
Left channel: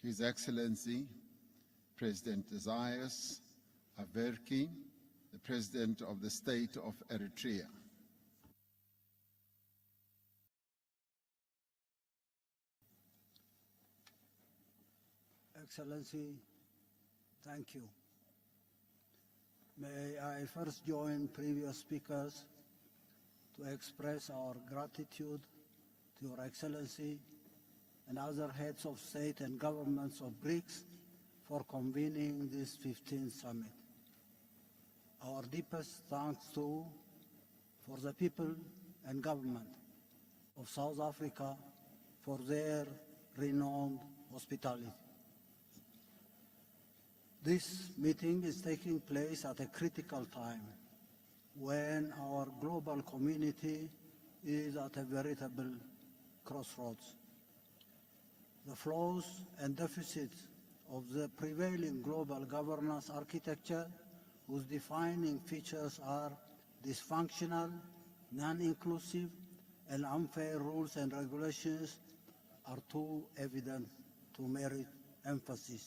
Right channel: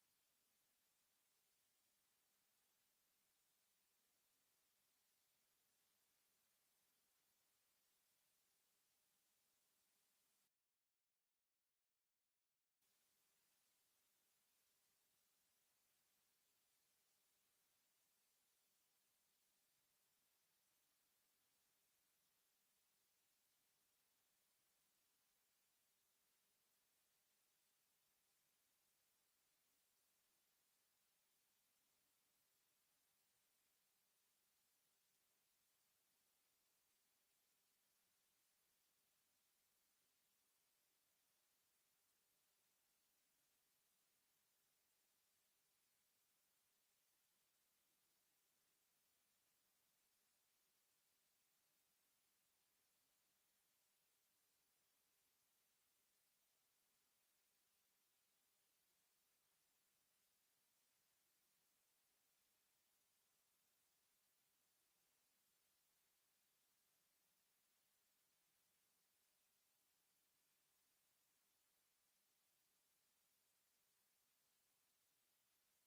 His Excellency President Isaias Afwerki, the President of the State of Eritrea. Excellency, thank you. May I first join previous speakers to express our gratitude to Your Excellency and other heads of state and governments of BRICS for convening this 15th summit. Our deepest thanks too for the people and government of South Africa for their renowned hospitality. This meeting is taking place at a critical time when our global community is at a veritable crossroads. The flaws and deficits of the prevailing global governance architecture, whose defining features are dysfunctional, non-inclusive, and unfair rules and regulations, are too evident to merit emphasis.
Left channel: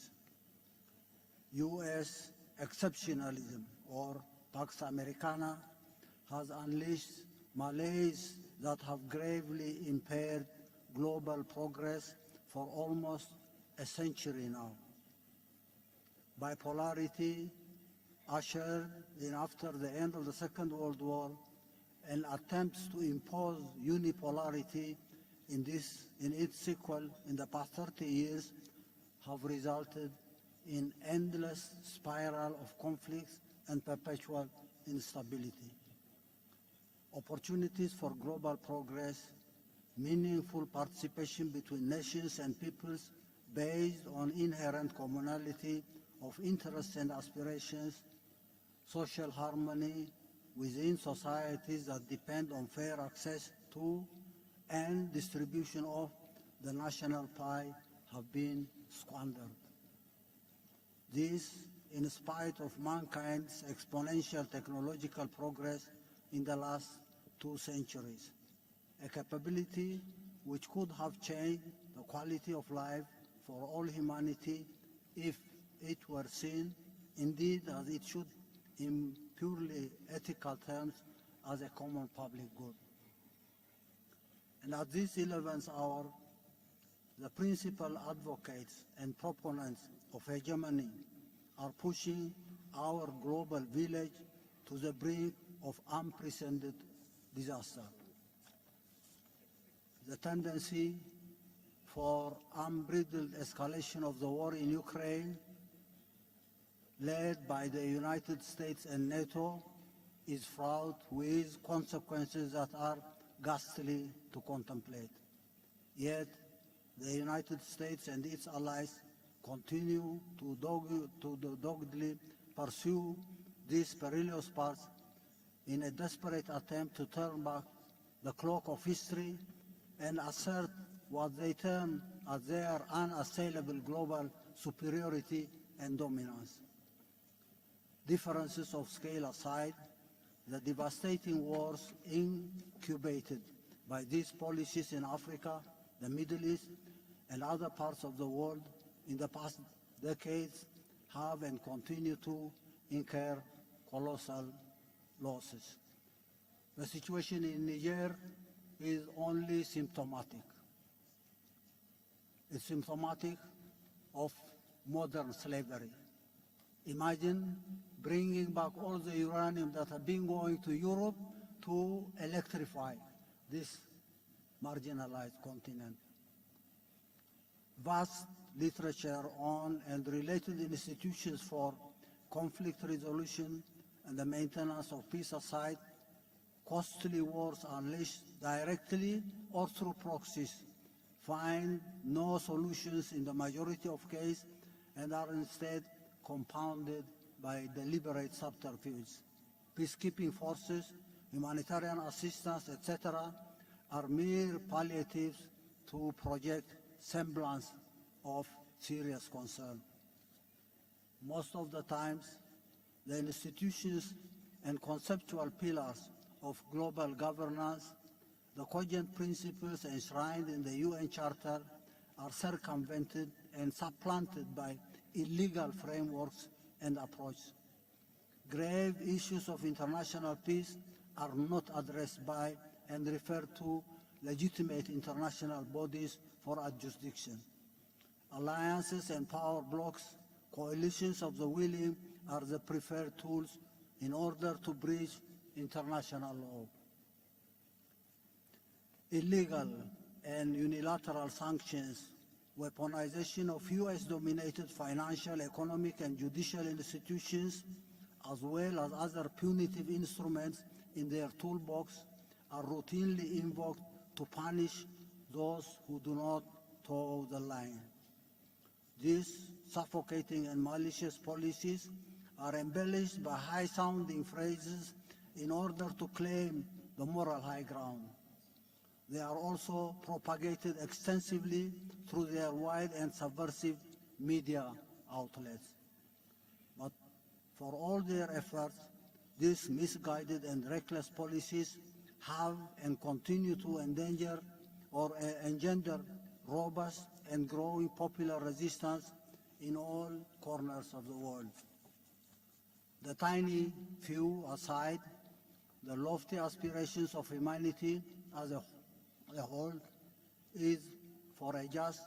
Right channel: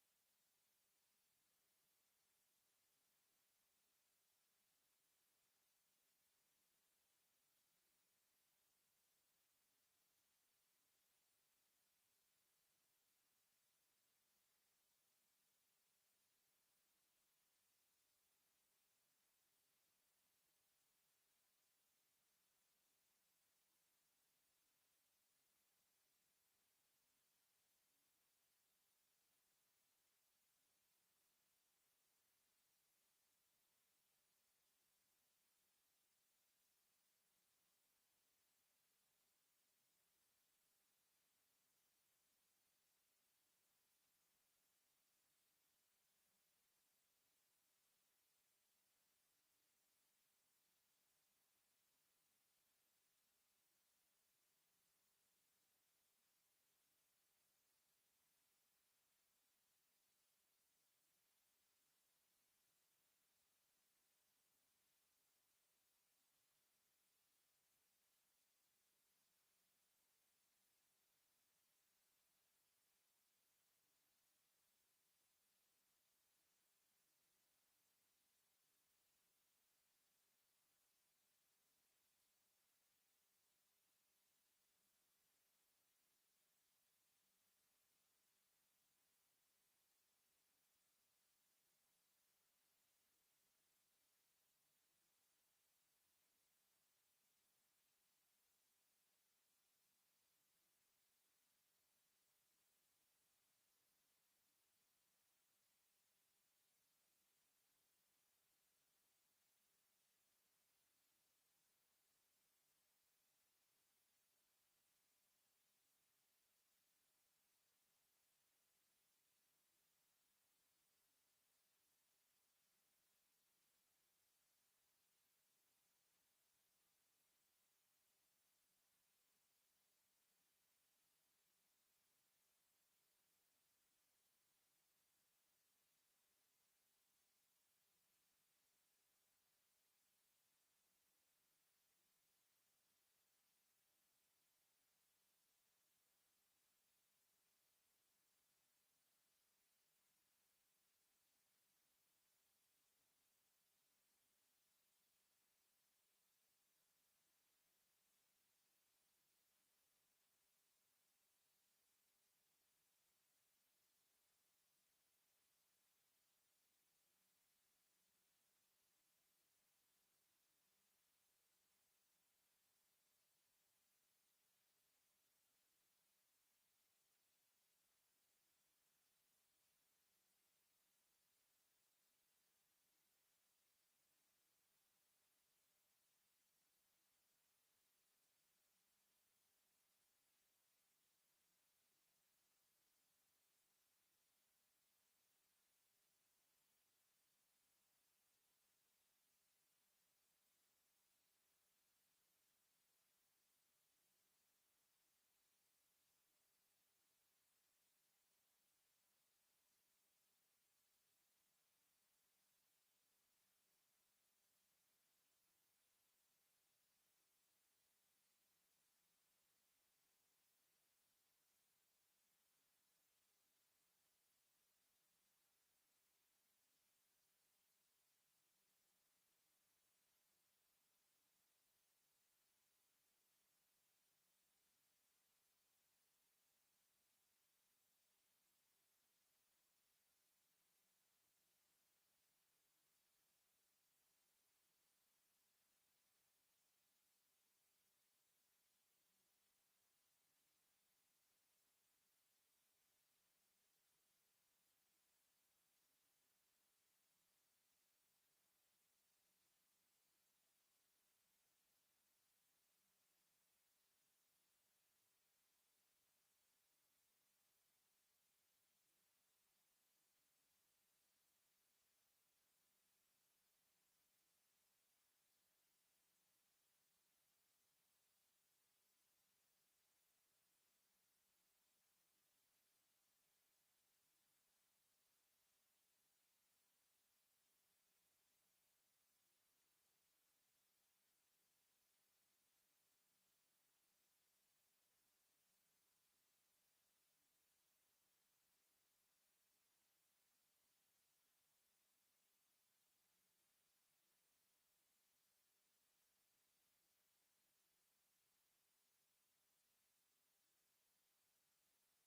U.S. exceptionalism, or Pax Americana, has unleashed malaise that have gravely impaired global progress for almost a century now. Bipolarity, ushered in after the end of the Second World War, and attempts to impose unipolarity in its sequel in the past 30 years have resulted in endless spiral of conflicts and perpetual instability. Opportunities for global progress, meaningful participation between nations and peoples based on inherent commonality of interests and aspirations, social harmony within societies that depend on fair access to and distribution of the national pie have been squandered. This, in spite of mankind's exponential technological progress in the last 2 centuries, a capability which could have changed the quality of life for all humanity if it were seen, indeed as it should, in purely ethical terms, as a common public good. And at this 11th hour, the principal advocates and proponents of hegemony are pushing our global village to the brink of unprecedented disaster. The tendency for unbridled escalation of the war in Ukraine, led by the United States and NATO, is fraught with consequences that are ghastly to contemplate. Yet, the United States and its allies continue to doggedly pursue this perilous path in a desperate attempt to turn back the clock of history and assert what they term as their unassailable global superiority and dominance. Differences of scale aside, the devastating wars incubated by these policies in Africa, the Middle East, and other parts of the world in the past decades have and continue to incur colossal losses. The situation in Niger is only symptomatic. It's symptomatic of modern slavery. Imagine bringing back all the uranium that had been going to Europe to electrify this marginalized continent. Vast literature on and related institutions for conflict resolution and the maintenance of peace aside, costly wars unleashed directly or through proxies find no solutions in the majority of cases and are instead compounded by deliberate subterfuge. Peacekeeping forces, humanitarian assistance, etc., are mere palliatives to project semblance of serious concern. Most of the times, the institutions and conceptual pillars of global governance, the cogent principles enshrined in the UN Charter, are circumvented and supplanted by illegal frameworks and approaches. Grave issues of international peace are not addressed by and referred to legitimate international bodies for adjudication. Alliances and power blocs, coalitions of the willing are the preferred tools in order to breach international law. Illegal and unilateral sanctions, weaponization of US-dominated financial, economic, and judicial institutions, as well as other punitive instruments in their toolbox, are routinely invoked to punish those who do not toe the line. This suffocating and malicious policies are embellished by high-sounding phrases in order to claim the moral high ground. They are also propagated extensively through their wide and subversive media outlets. But for all their efforts, these misguided and reckless policies have and continue to endanger or engender robust and growing popular resistance in all corners of the world. The tiny few aside, the lofty aspirations of humanity as a whole is for a just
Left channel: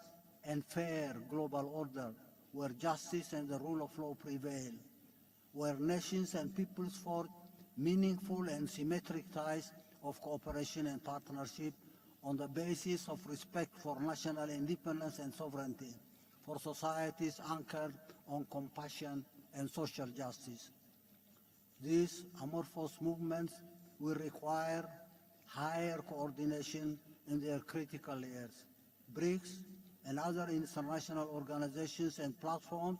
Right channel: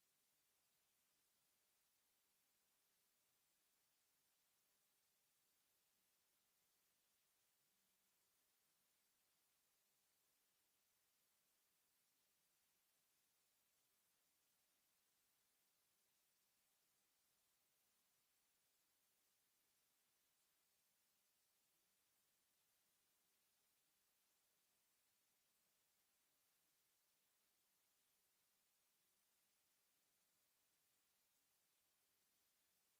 and fair global order where justice and the rule of law prevail, where nations and peoples forge meaningful and symmetric ties of cooperation and partnership on the basis of respect for national independence and sovereignty, for societies anchored on compassion and social justice. These amorphous movements will require higher coordination in their critical layers. BRICS and other international organizations and platforms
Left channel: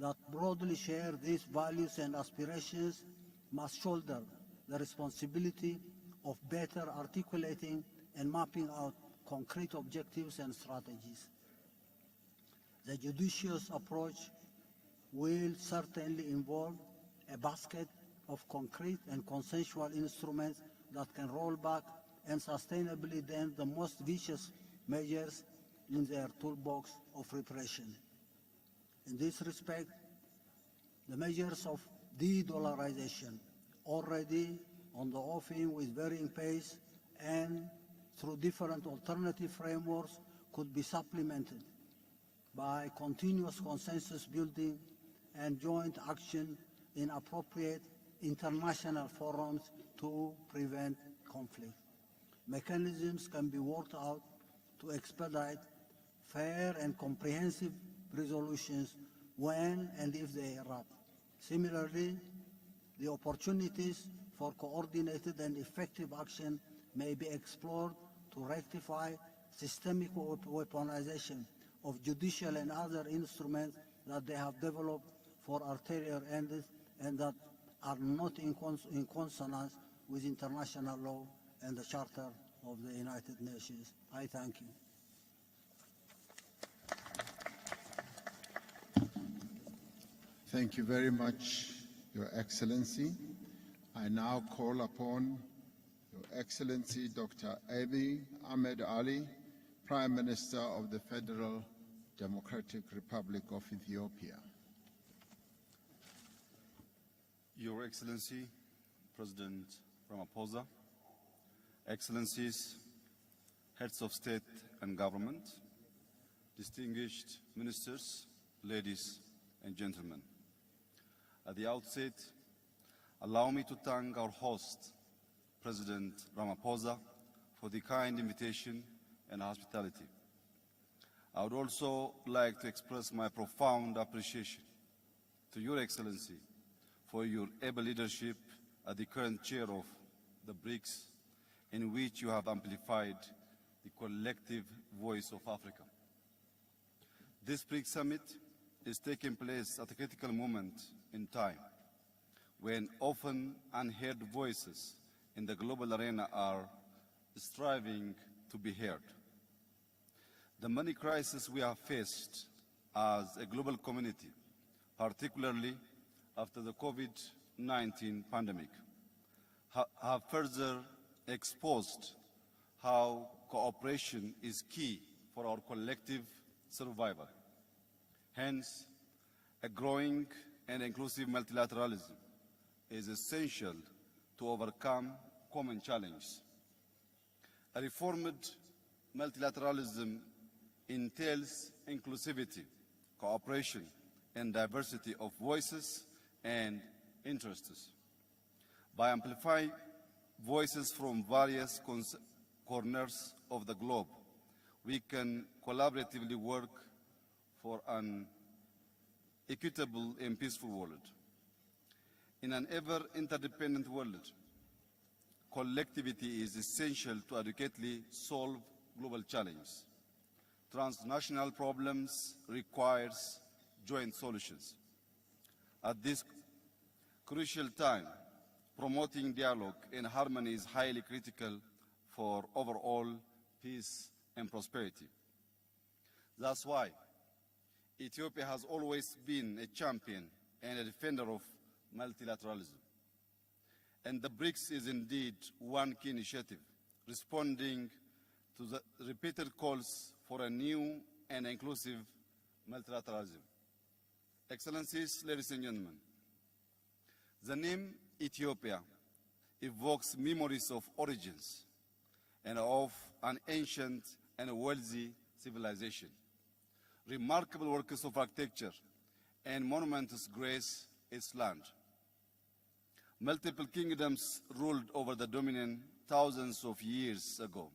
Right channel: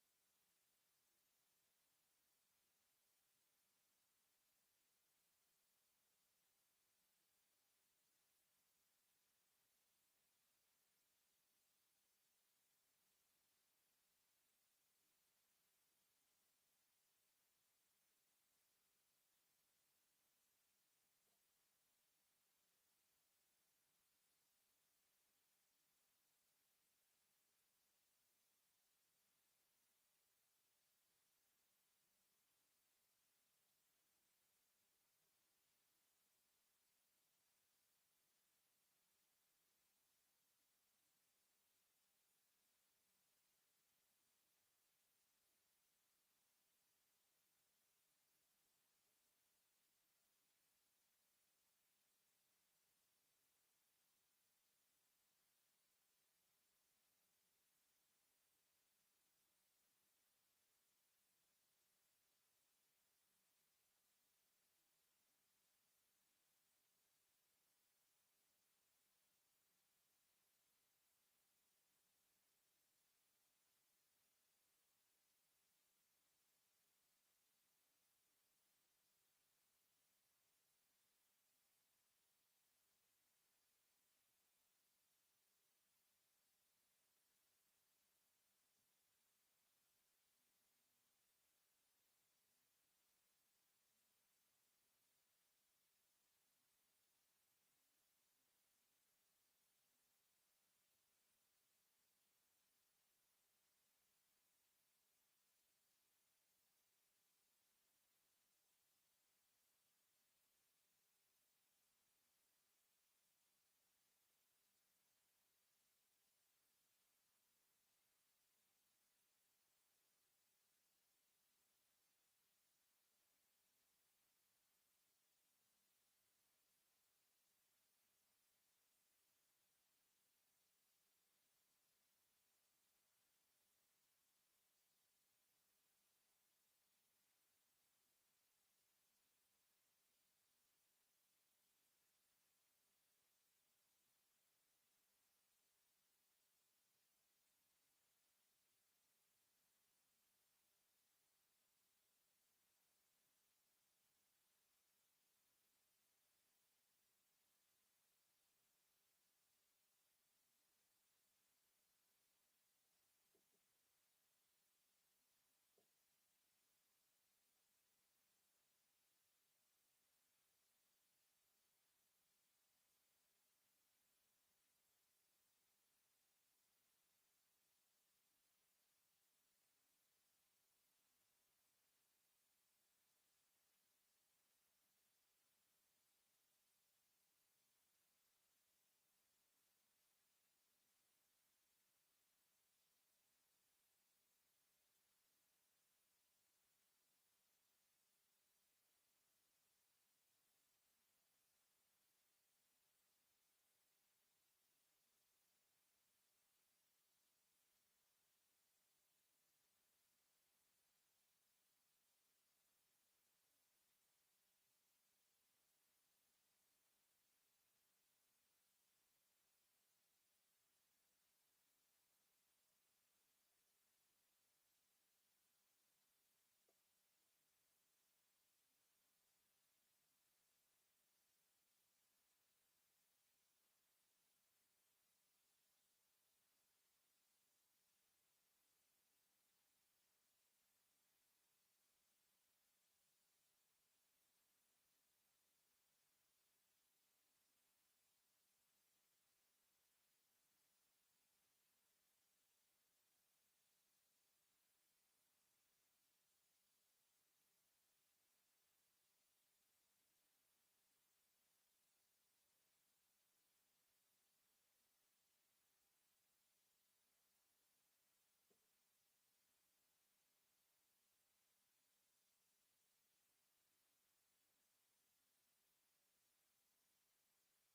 that broadly share these values and aspirations must shoulder the responsibility of better articulating and mapping out concrete objectives and strategies. The judicious approach will certainly involve a basket of concrete and consensual instruments that can roll back and sustainably dent the most vicious measures in their toolbox of repression. In this respect, the measures of de-dollarization, already on the offing with varying pace and through different alternative frameworks, could be supplemented by continuous consensus building and joint action in appropriate international forums to prevent conflict. Mechanisms can be worked out to expedite fair and comprehensive resolutions when and if they erupt. Similarly, the opportunities for coordinated and effective action may be explored to rectify systemic weaponization of judicial and other instruments that they have developed for ulterior ends and that are not in consonance with international law and the Charter of the United Nations. I thank you. Thank you very much, Your Excellency. I now call upon Your Excellency Dr. Abiy Ahmed Ali, Prime Minister of the Federal Democratic Republic of Ethiopia. Your Excellency, President Ramaphosa, Excellencies, Heads of State and Government, distinguished ministers, ladies and gentlemen. At the outset, allow me to thank our host, President Ramaphosa, for the kind invitation and hospitality. I would also like to express my profound appreciation to Your Excellency for your able leadership as the current chair of the BRICS, in which you have amplified the collective voice of Africa. This BRICS summit is taking place at a critical moment in time, when often unheard voices in the global arena are striving to be heard. The many crises we have faced as a global community, particularly after the COVID-19 pandemic, have further exposed how cooperation is key for our collective survival. Hence, a growing and inclusive multilateralism is essential to overcome common challenges. A reformed multilateralism entails inclusivity, cooperation, and diversity of voices and interests. By amplifying voices from various corners of the globe, we can collaboratively work for an equitable and peaceful world. In an ever-interdependent world, collectivity is essential to adequately solve global challenges. Transnational problems requires joint solutions. At this crucial time, promoting dialogue and harmony is highly critical for overall peace and prosperity. That's why Ethiopia has always been a champion and a defender of multilateralism. And the BRICS is indeed one key initiative, responding to the repeated calls for a new and inclusive multilateralism. Excellencies, ladies and gentlemen, the name Ethiopia evokes memories of origins and of an ancient and wealthy civilization. Remarkable works of architecture and monuments grace its land. Multiple kingdoms ruled over the dominion thousands of years ago.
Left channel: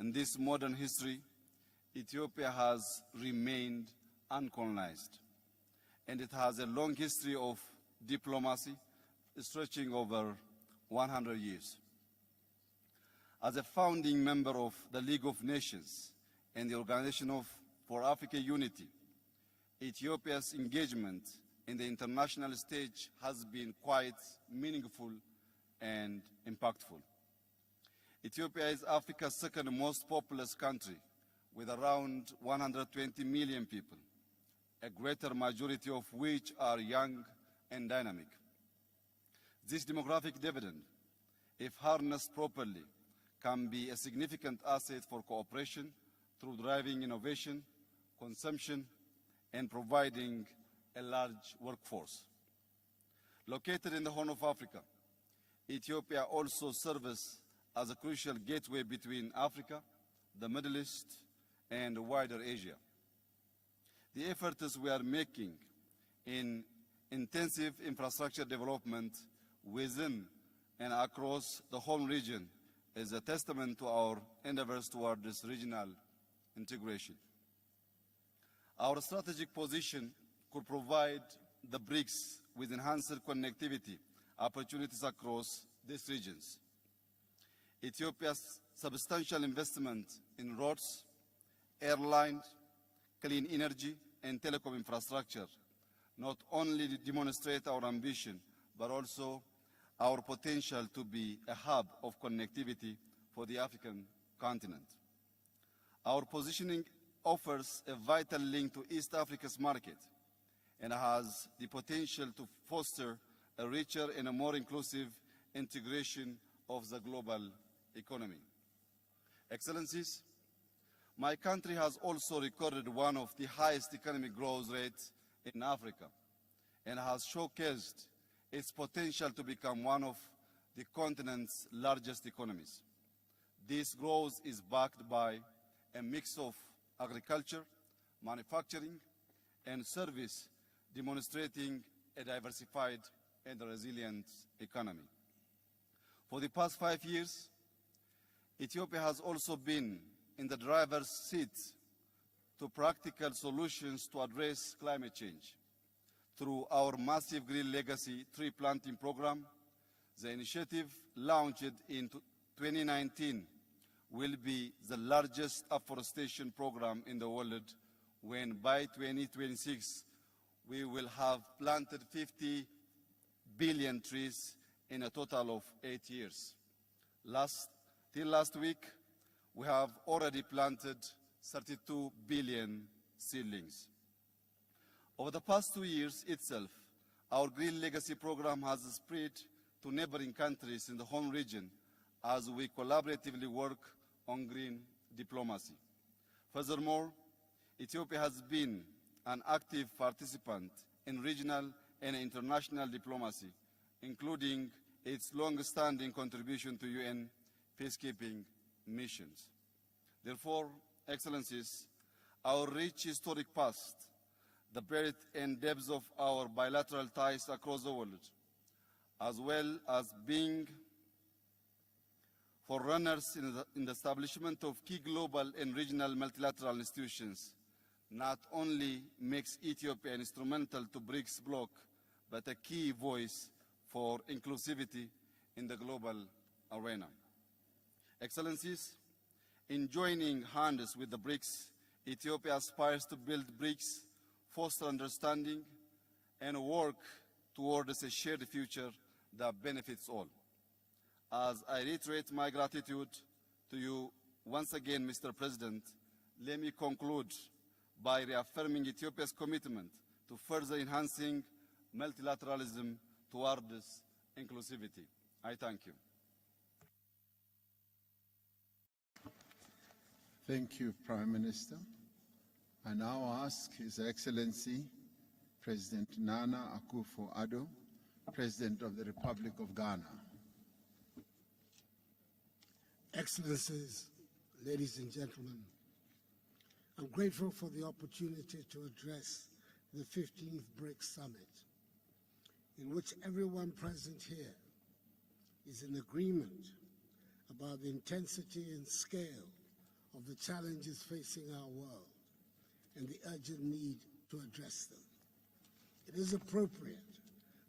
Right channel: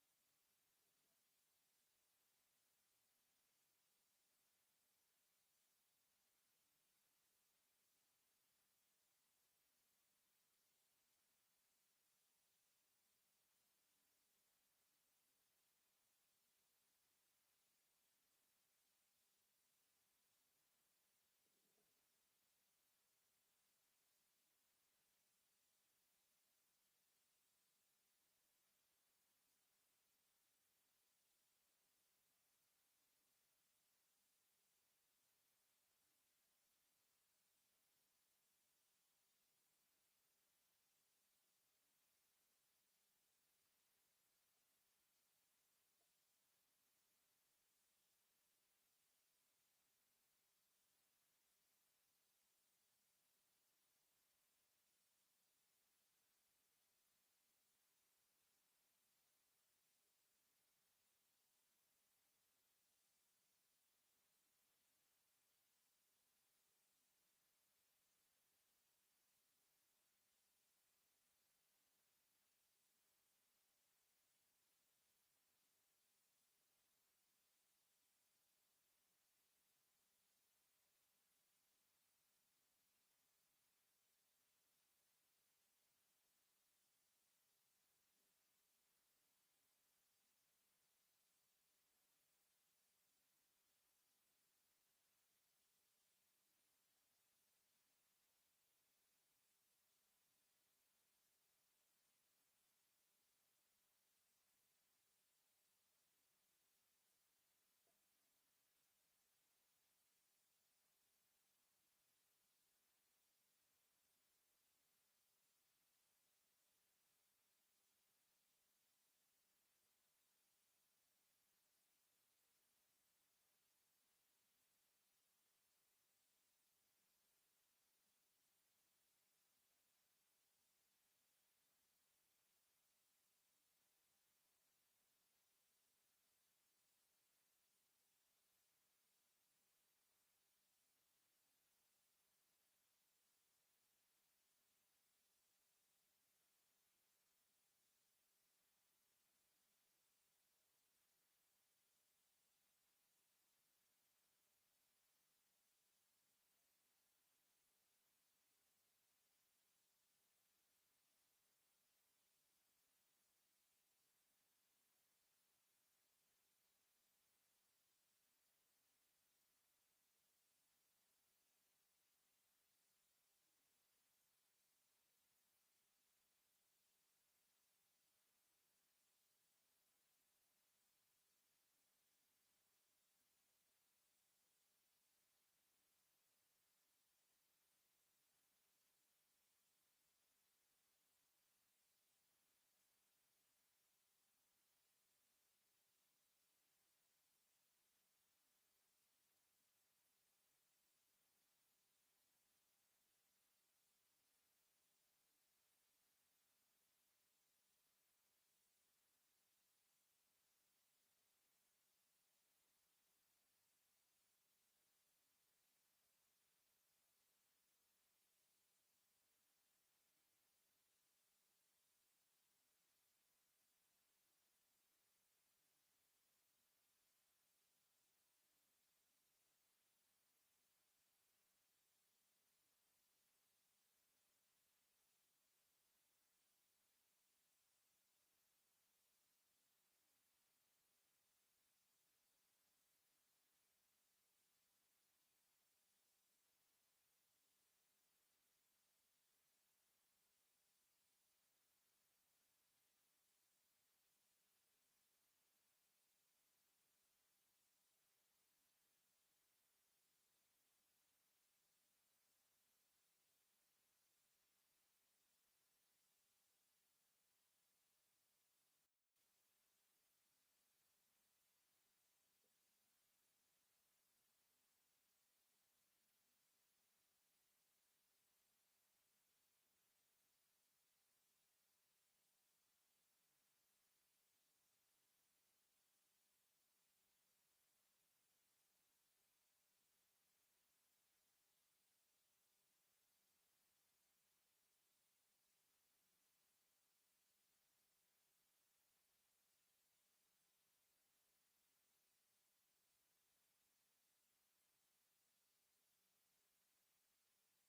In this modern history, Ethiopia has remained uncolonized, and it has a long history of diplomacy stretching over 100 years. As a founding member of the League of Nations and the Organization for African Unity, Ethiopia's engagement in the international stage has been quite meaningful and impactful. Ethiopia is Africa's second most populous country, with around 120 million people, a greater majority of which are young and dynamic. This demographic dividend, if harnessed properly, can be a significant asset for cooperation through driving innovation, consumption, and providing a large workforce. Located in the Horn of Africa, Ethiopia also serves as a crucial gateway between Africa, the Middle East, and wider Asia. The efforts we are making in intensive infrastructure development within and across the whole region is a testament to our endeavors toward this regional integration. Our strategic position could provide the BRICS with enhanced connectivity opportunities across these regions. Ethiopia's substantial investment in roads, airlines, clean energy, and telecom infrastructure not only demonstrate our ambition, but also our potential to be a hub of connectivity for the African continent. Our positioning offers a vital link to East Africa's market and has the potential to foster a richer and a more inclusive integration of the global economy. Excellencies, my country has also recorded one of the highest economic growth rates in Africa and has showcased its potential to become one of the continent's largest economies. This growth is backed by a mix of agriculture, manufacturing, and service, demonstrating a diversified and resilient economy. For the past 5 years, Ethiopia has also been in the driver's seat to practical solutions to address climate change. Through our massive Green Legacy tree planting program, the initiative launched in 2019 will be the largest afforestation program in the world, when by 2026 we will have planted 50 billion trees in a total of 8 years. Till last week, we have already planted 32 billion seedlings. Over the past 2 years itself, our Green Legacy program has spread to neighboring countries in the home region as we collaboratively work on green diplomacy. Furthermore, Ethiopia has been an active participant in regional and international diplomacy, including its long-standing contribution to UN peacekeeping missions. Therefore, Excellencies, our rich historic past, the breadth and depth of our bilateral ties across the world, as well as being forerunners in the establishment of key global and regional multilateral institutions, not only makes Ethiopia instrumental to BRICS bloc, but a key voice for inclusivity in the global arena. Excellencies, in joining hands with the BRICS, Ethiopia aspires to build BRICS foster understanding, and work towards a shared future that benefits all. As I reiterate my gratitude to you once again, Mr. President, let me conclude by reaffirming Ethiopia's commitment to further enhancing multilateralism towards inclusivity. I thank you. Thank you, Prime Minister. I now ask His Excellency President Nana Akufo-Addo, President of the Republic of Ghana. Excellencies, ladies and gentlemen, I'm grateful for the opportunity to address the 15th BRICS Summit, in which everyone present here is in agreement about the intensity and scale of the challenges facing our world and the urgent need to address them. It is appropriate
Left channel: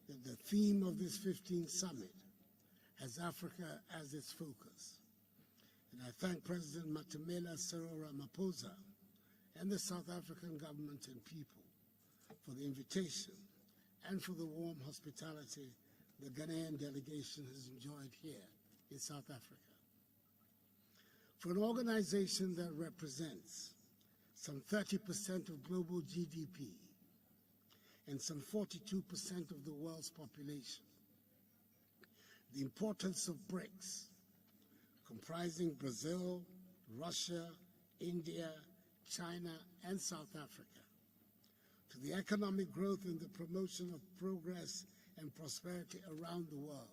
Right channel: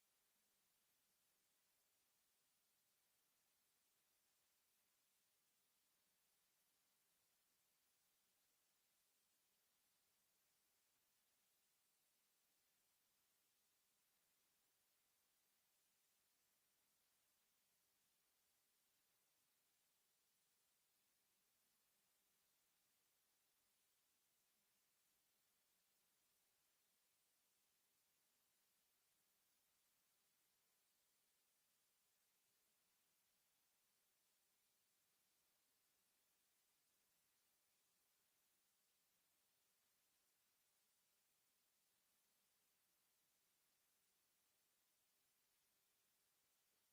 that the theme of this 15th Summit has Africa as its focus. And I thank President Matamela Cyril Ramaphosa and the South African government and people for the invitation and for the warm hospitality the Ghanaian delegation has enjoyed here in South Africa. For an organization that represents some 30% of global GDP and some 42% of the world's population, the importance of BRICS, comprising Brazil, Russia, India, China, and South Africa, to the economic growth and the promotion of progress and prosperity around the world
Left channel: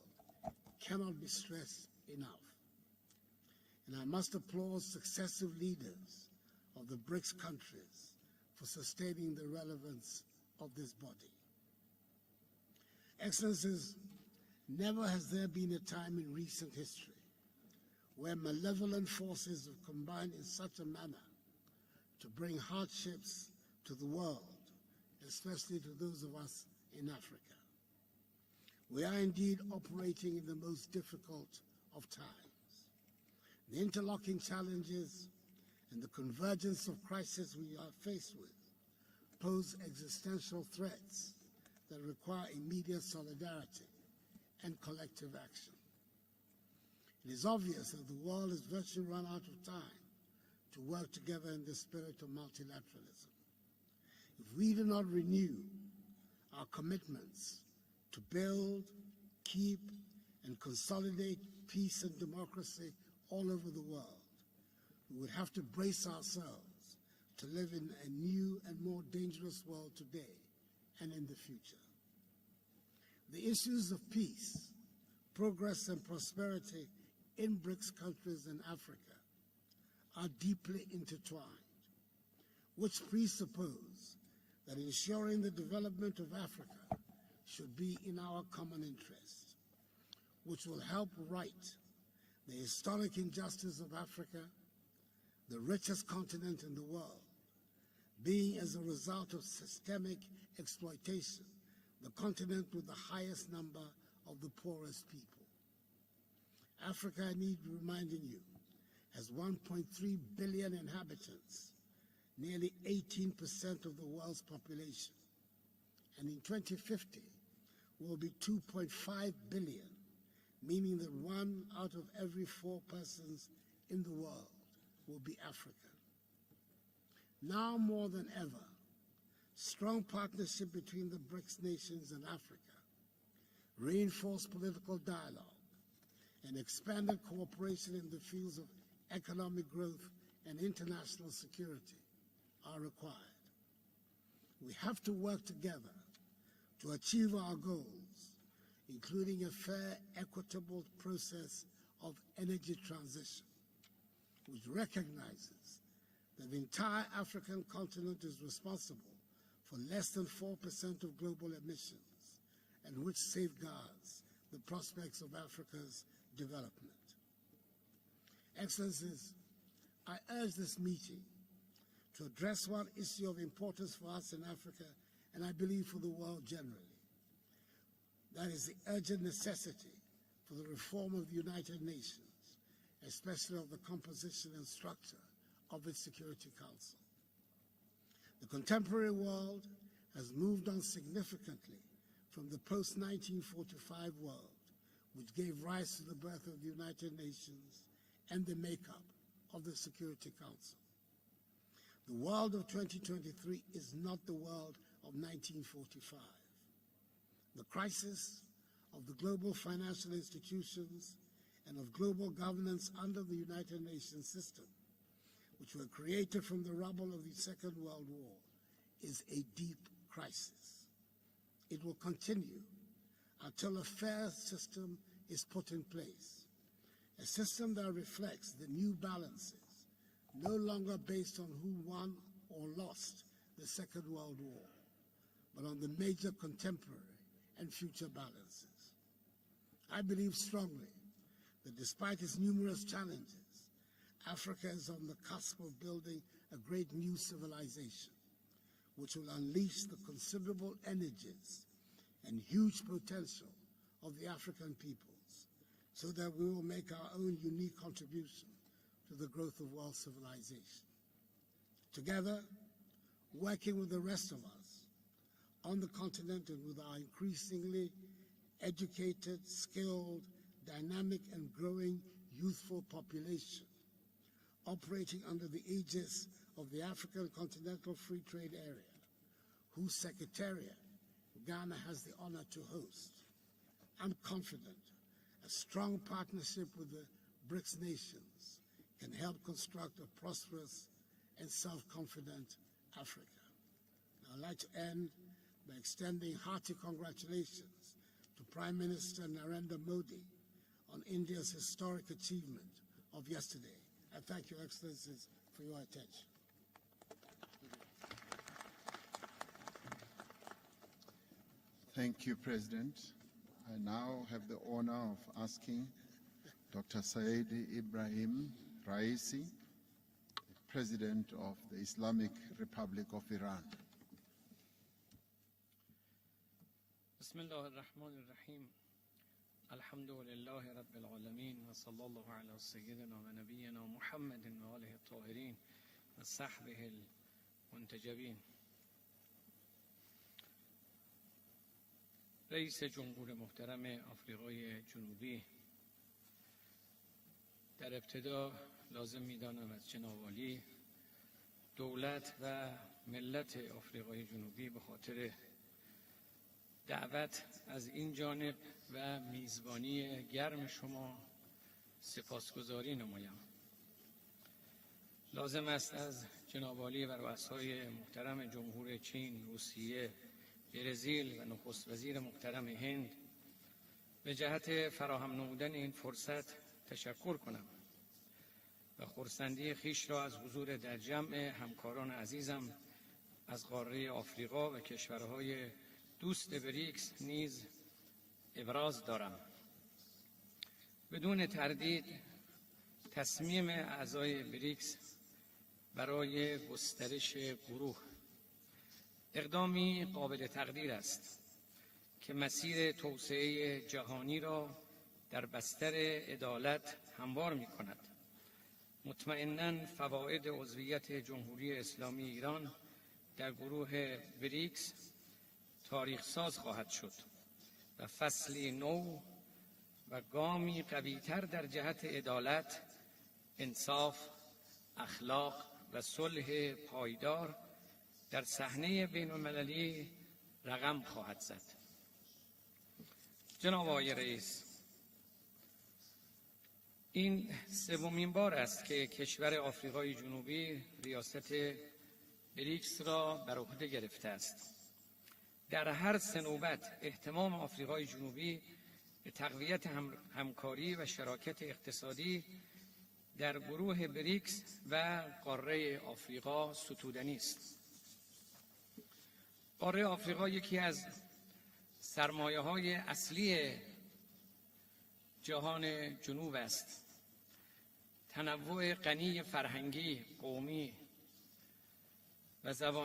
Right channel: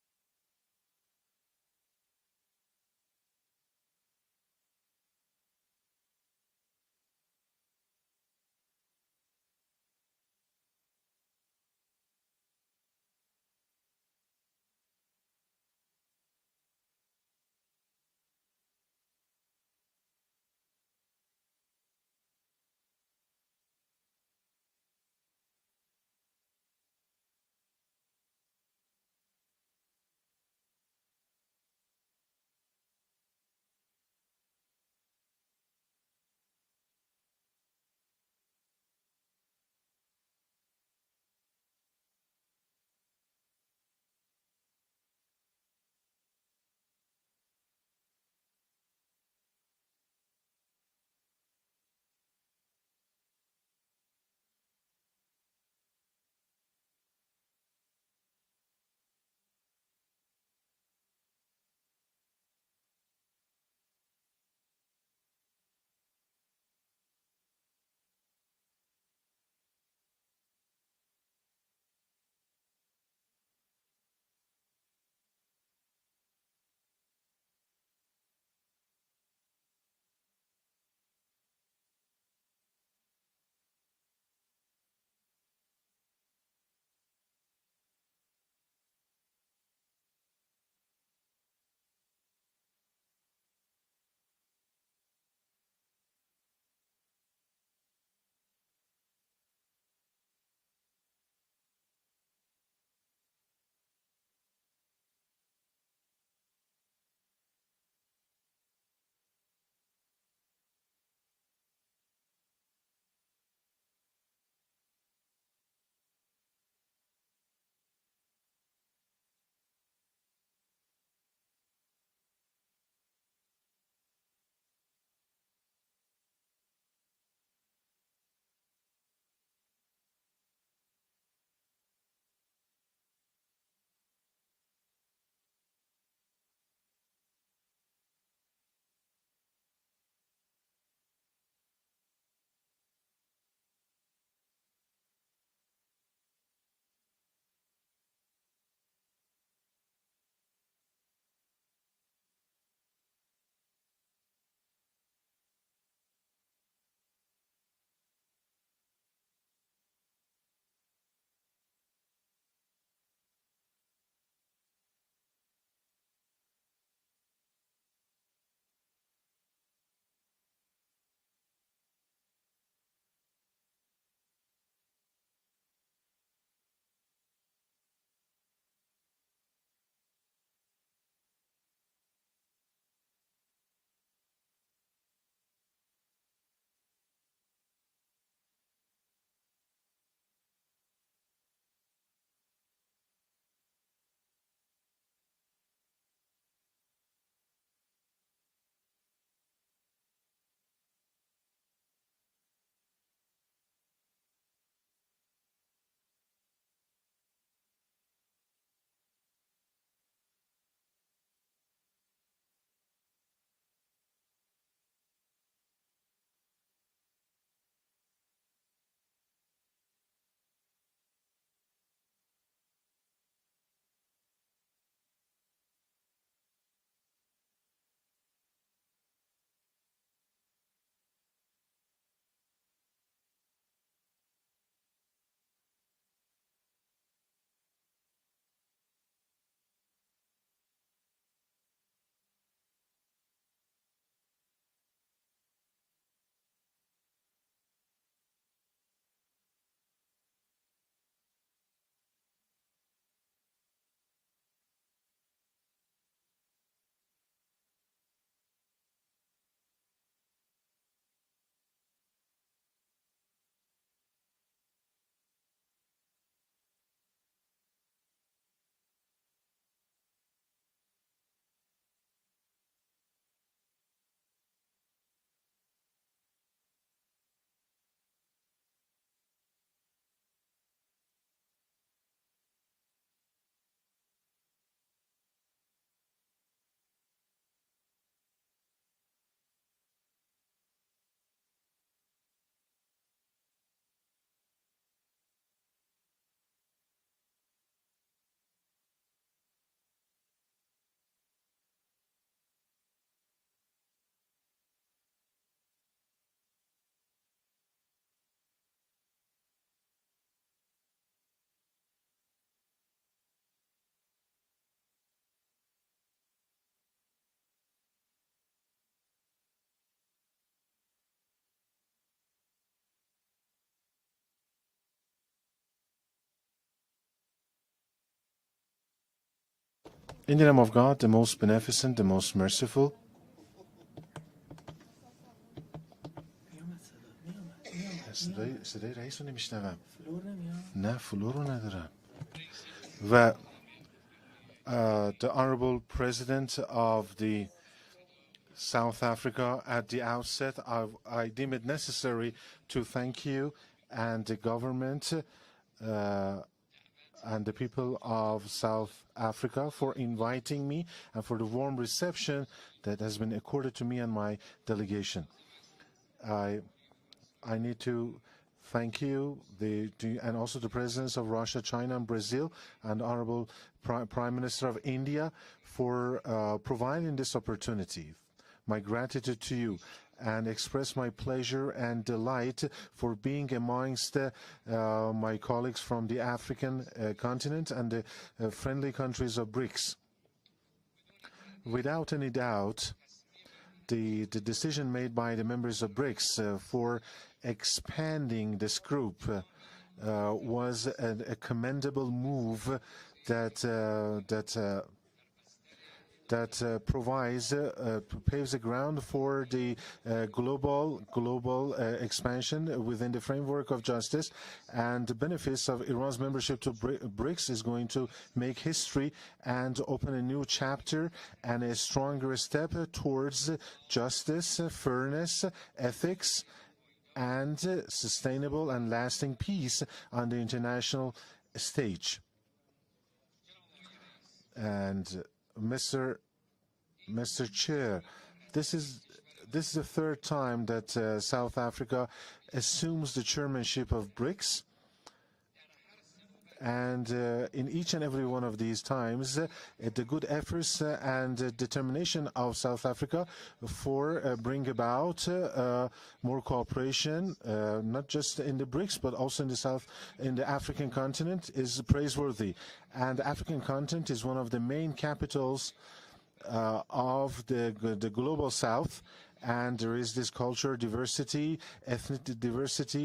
cannot be stressed enough. And I must applaud successive leaders of the BRICS countries for sustaining the relevance of this body. Excellencies, never has there been a time in recent history where malevolent forces have combined in such a manner to bring hardships to the world, especially to those of us in Africa. We are indeed operating in the most difficult of times. The interlocking challenges and the convergence of crises we are faced with pose existential threats that require immediate solidarity and collective action. It is obvious that the world has virtually run out of time to work together in the spirit of multilateralism. If we do not renew our commitments to build, keep, and consolidate peace and democracy all over the world, we would have to brace ourselves to live in a new and more dangerous world today and in the future. The issues of peace, progress, and prosperity in BRICS countries and Africa are deeply intertwined, which presuppose that ensuring the development of Africa should be in our common interest, which will help right the historic injustice of Africa, the richest continent in the world, being as a result of systemic exploitation, the continent with the highest number of the poorest people. Africa, I need reminding you, has 1.3 billion inhabitants, nearly 18% of the world's population, and in 2050 will be 2.5 billion, meaning that 1 out of every 4 persons in the world will be African. Now more than ever, strong partnership between the BRICS nations and Africa, reinforced political dialogue, and expanded cooperation in the fields of economic growth and international security are required. We have to work together to achieve our goals, including a fair, equitable process of energy transition, which recognizes that the entire African continent is responsible for less than 4% of global emissions, and which safeguards the prospects of Africa's development. Excellencies, I urge this meeting to address one issue of importance for us in Africa, and I believe for the world generally. That is the urgent necessity for the reform of the United Nations, especially of the composition and structure of its Security Council. The contemporary world has moved on significantly from the post-1945 world, which gave rise to the birth of the United Nations and the makeup of the Security Council. The world of 2023 is not the world of 1945. The crisis of the global financial institutions and of global governance under the United Nations system, which were created from the rubble of the Second World War, is a deep crisis. It will continue until a fair system is put in place, a system that reflects the new balances, no longer based on who won or lost the Second World War, but on the major contemporary and future balances. I believe strongly that despite its numerous challenges, Africa is on the cusp of building a great new civilization, which will unleash the considerable energies and huge potential of the African peoples, so that we will make our own unique contribution to the growth of world civilization. Together, working with the rest of us on the continent and with our increasingly educated, skilled, dynamic and growing youthful population, operating under the aegis of the African Continental Free Trade Area, whose Secretariat Ghana has the honor to host, I'm confident a strong partnership with the BRICS nations can help construct a prosperous and self-confident Africa. I'd like to end by extending hearty congratulations to Prime Minister Narendra Modi on India's historic achievement of yesterday. I thank Your Excellencies for your attention. Thank you, President. I now have the honor of asking Dr. Said Ibrahim Raisi, President of the Islamic Republic of Iran. In the name of God, the most beneficent, the most merciful. صدای رئیس رو نمیشنوم. نه فلو رو ندارم. و the Honorable President of the South Africa, at the outset, I deem it necessary to thank you and the government and the people of South Africa for inviting me and for the warm reception that has been accorded to me and my delegation. I need to thank you and also the presidents of Russia, China, and Brazil, and Honorable Prime Minister of India for providing this opportunity. My gratitude to you, and express my pleasure and delight for being amongst my colleagues from the African continent and the friendly countries of BRICS. Without any doubt, the decision made by the members of BRICS for expanding this group was a commendable move that paves the ground for the global expansion within the framework of justice, and the benefits of Iran's membership to BRICS is going to make history and open a new chapter and a stronger step towards justice, fairness, ethics, and sustainable and lasting peace on the international stage. And Mr. Chair, this is the third time that South Africa assumes the chairmanship of BRICS. And in each and every one of these times, the good efforts and determination of South Africa for bring about more cooperation, not just in the BRICS, but also in the African continent, is praiseworthy. And the African continent is one of the main capitals of the global South, and there is this culture diversity, ethnic diversity,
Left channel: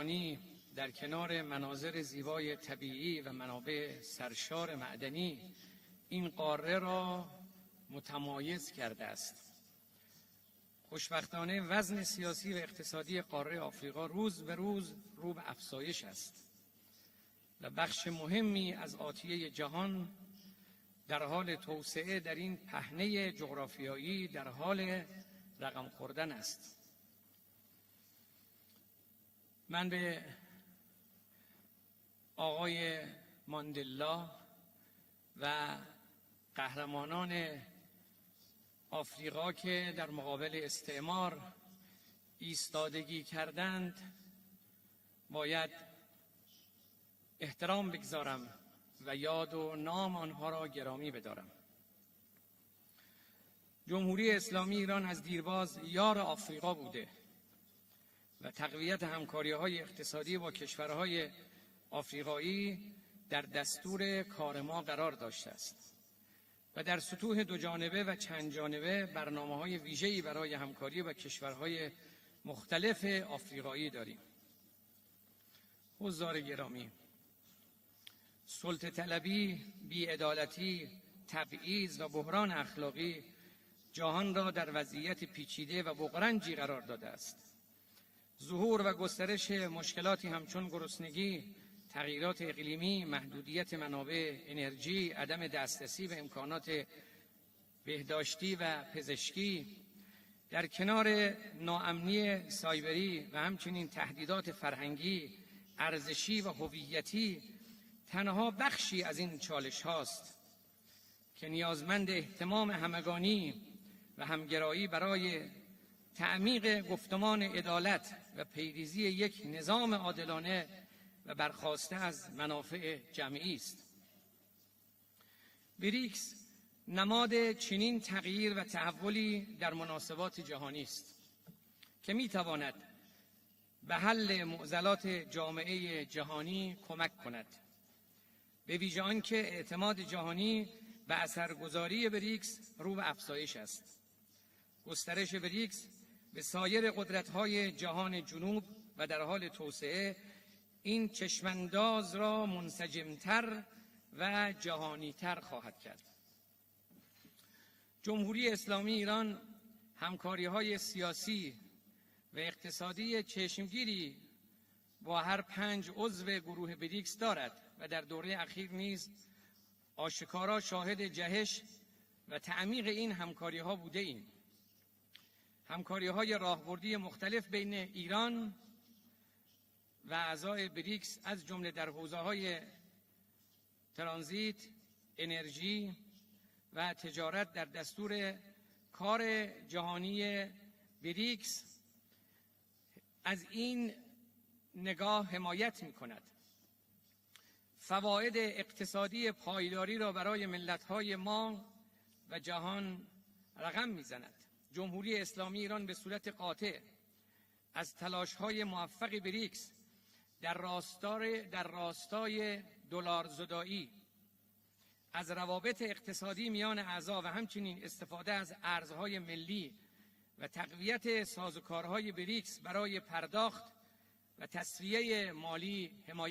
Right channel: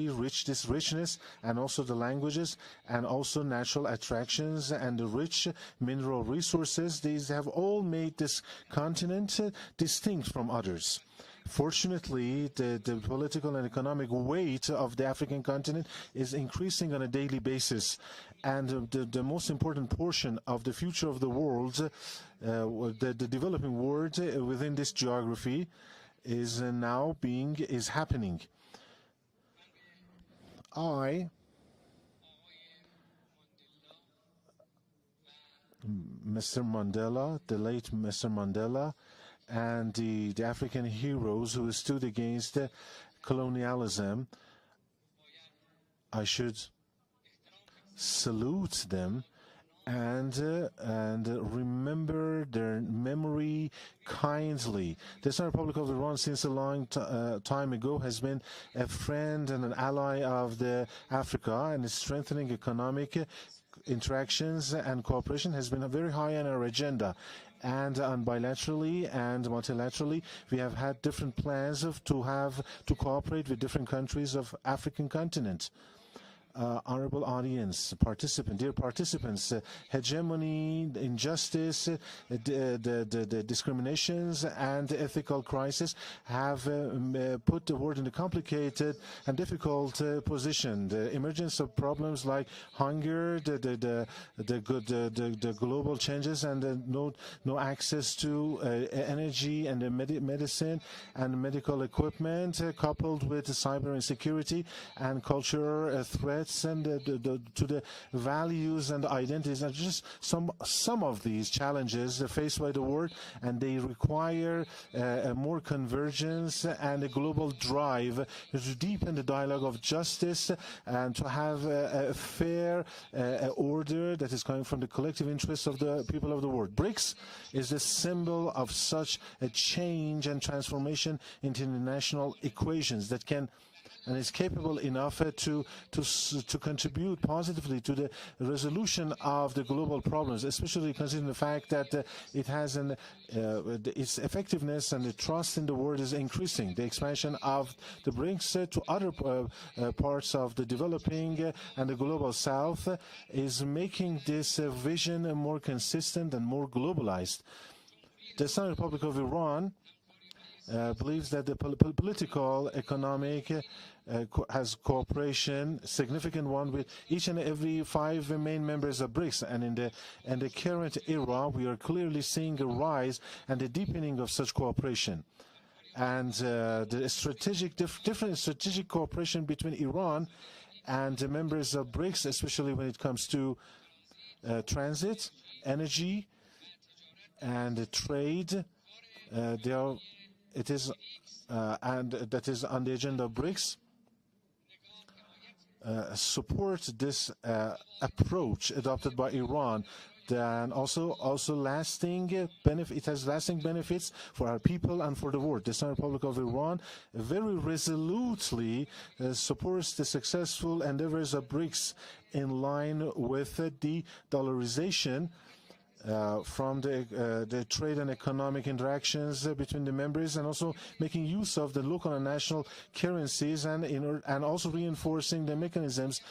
richness, and also the languages, and also natural attractions and the rich mineral resources. These have all made this continent distinct from others. Fortunately, the political and economic weight of the African continent is increasing on a daily basis. And the most important portion of the future of the world, the developing world within this geography is is happening. I, Mr. Mandela, the late Mr. Mandela, and the African heroes who stood against colonialism, I should salute them and remember their memory kindly. The Republic of Iran, since a long time ago, has been a friend and an ally of Africa, and strengthening economic interactions and cooperation has been very high on our agenda. And bilaterally and multilaterally, we have had different plans to cooperate with different countries of African continent. Honorable audience, dear participants, hegemony, injustice, the discriminations and ethical crisis have put the world in a complicated and difficult position. The emergence of problems like hunger, the global changes, and no access to energy and medicine and medical equipment, coupled with cyber insecurity and cultural threats and to the values and identities, and just some of these challenges faced by the world, and they require more convergence and a global drive to deepen the dialogue of justice and to have a fair order that is coming from the collective interests of the people of the world. BRICS is the symbol of such a change and transformation into international equations that can and is capable enough to contribute positively to the resolution of the global problems, especially considering the fact that it has its effectiveness and the trust in the world is increasing. The expansion of the BRICS to other parts of the developing and the global south is making this vision more consistent and more globalized. The Islamic Republic of Iran believes that the political, economic has cooperation, significant one with each and every 5 main members of BRICS. And in the current era, we are clearly seeing the rise and the deepening of such cooperation. And the different strategic cooperation between Iran and the members of BRICS, especially when it comes to transit, energy, and trade. It is and that is on the agenda of BRICS. Support this approach adopted by Iran, and also lasting benefit. It has lasting benefits for our people and for the world. The Islamic Republic of Iran very resolutely supports the successful endeavors of BRICS in line with the dollarization from the trade and economic interactions between the members, and also making use of the local and national currencies, and also reinforcing the mechanisms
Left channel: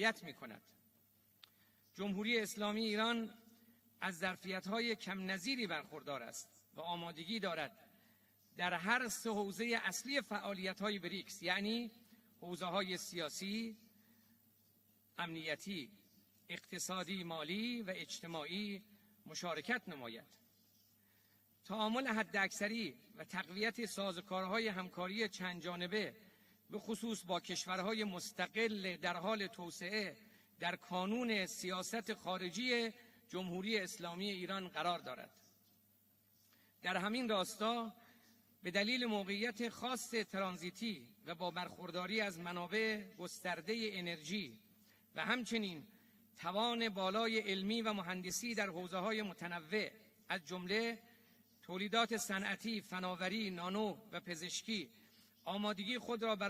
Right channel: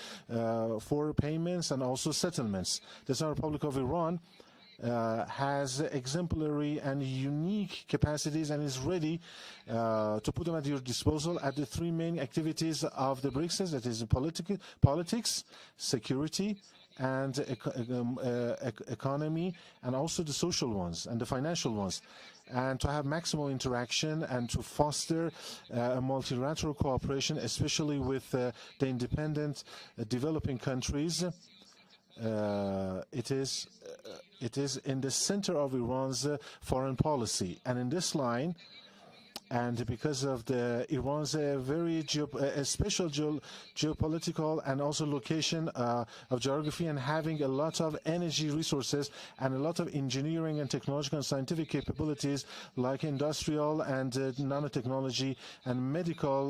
for payments and also settlements. The Islamic Republic of Iran has exemplary and unique capacities and is ready to put them at your disposal at the 3 main activities of the BRICS, that is politics, security, and economy, and also the social ones and the financial ones, and to have maximal interaction and to foster multilateral cooperation, especially with the independent developing countries. It is in the center of Iran's foreign policy, and in this line, and because of Iran's very special geopolitical and also location of geography, and having a lot of energy resources and a lot of engineering and technological and scientific capabilities like industrial and nanotechnology and medical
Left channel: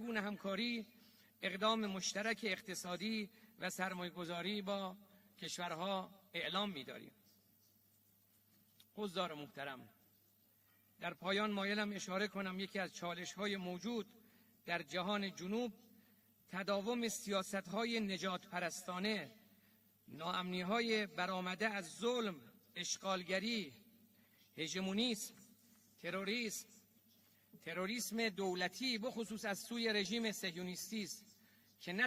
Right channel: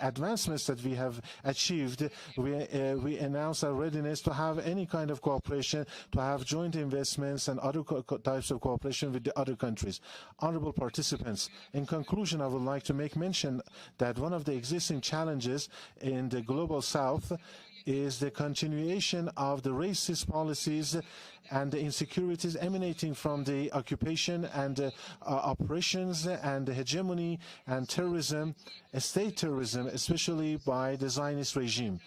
advancements that we have have achieved, we announce our readiness to have any kind of cooperation, to have joint investments and other types of cooperation with the other countries. Honorable participants, in conclusion, I would like to make mention that one of the existing challenges in the global south is the continuation of the racist policies and the insecurities emanating from the occupation and operations and the hegemony and terrorism, state terrorism, especially by the Zionist regime,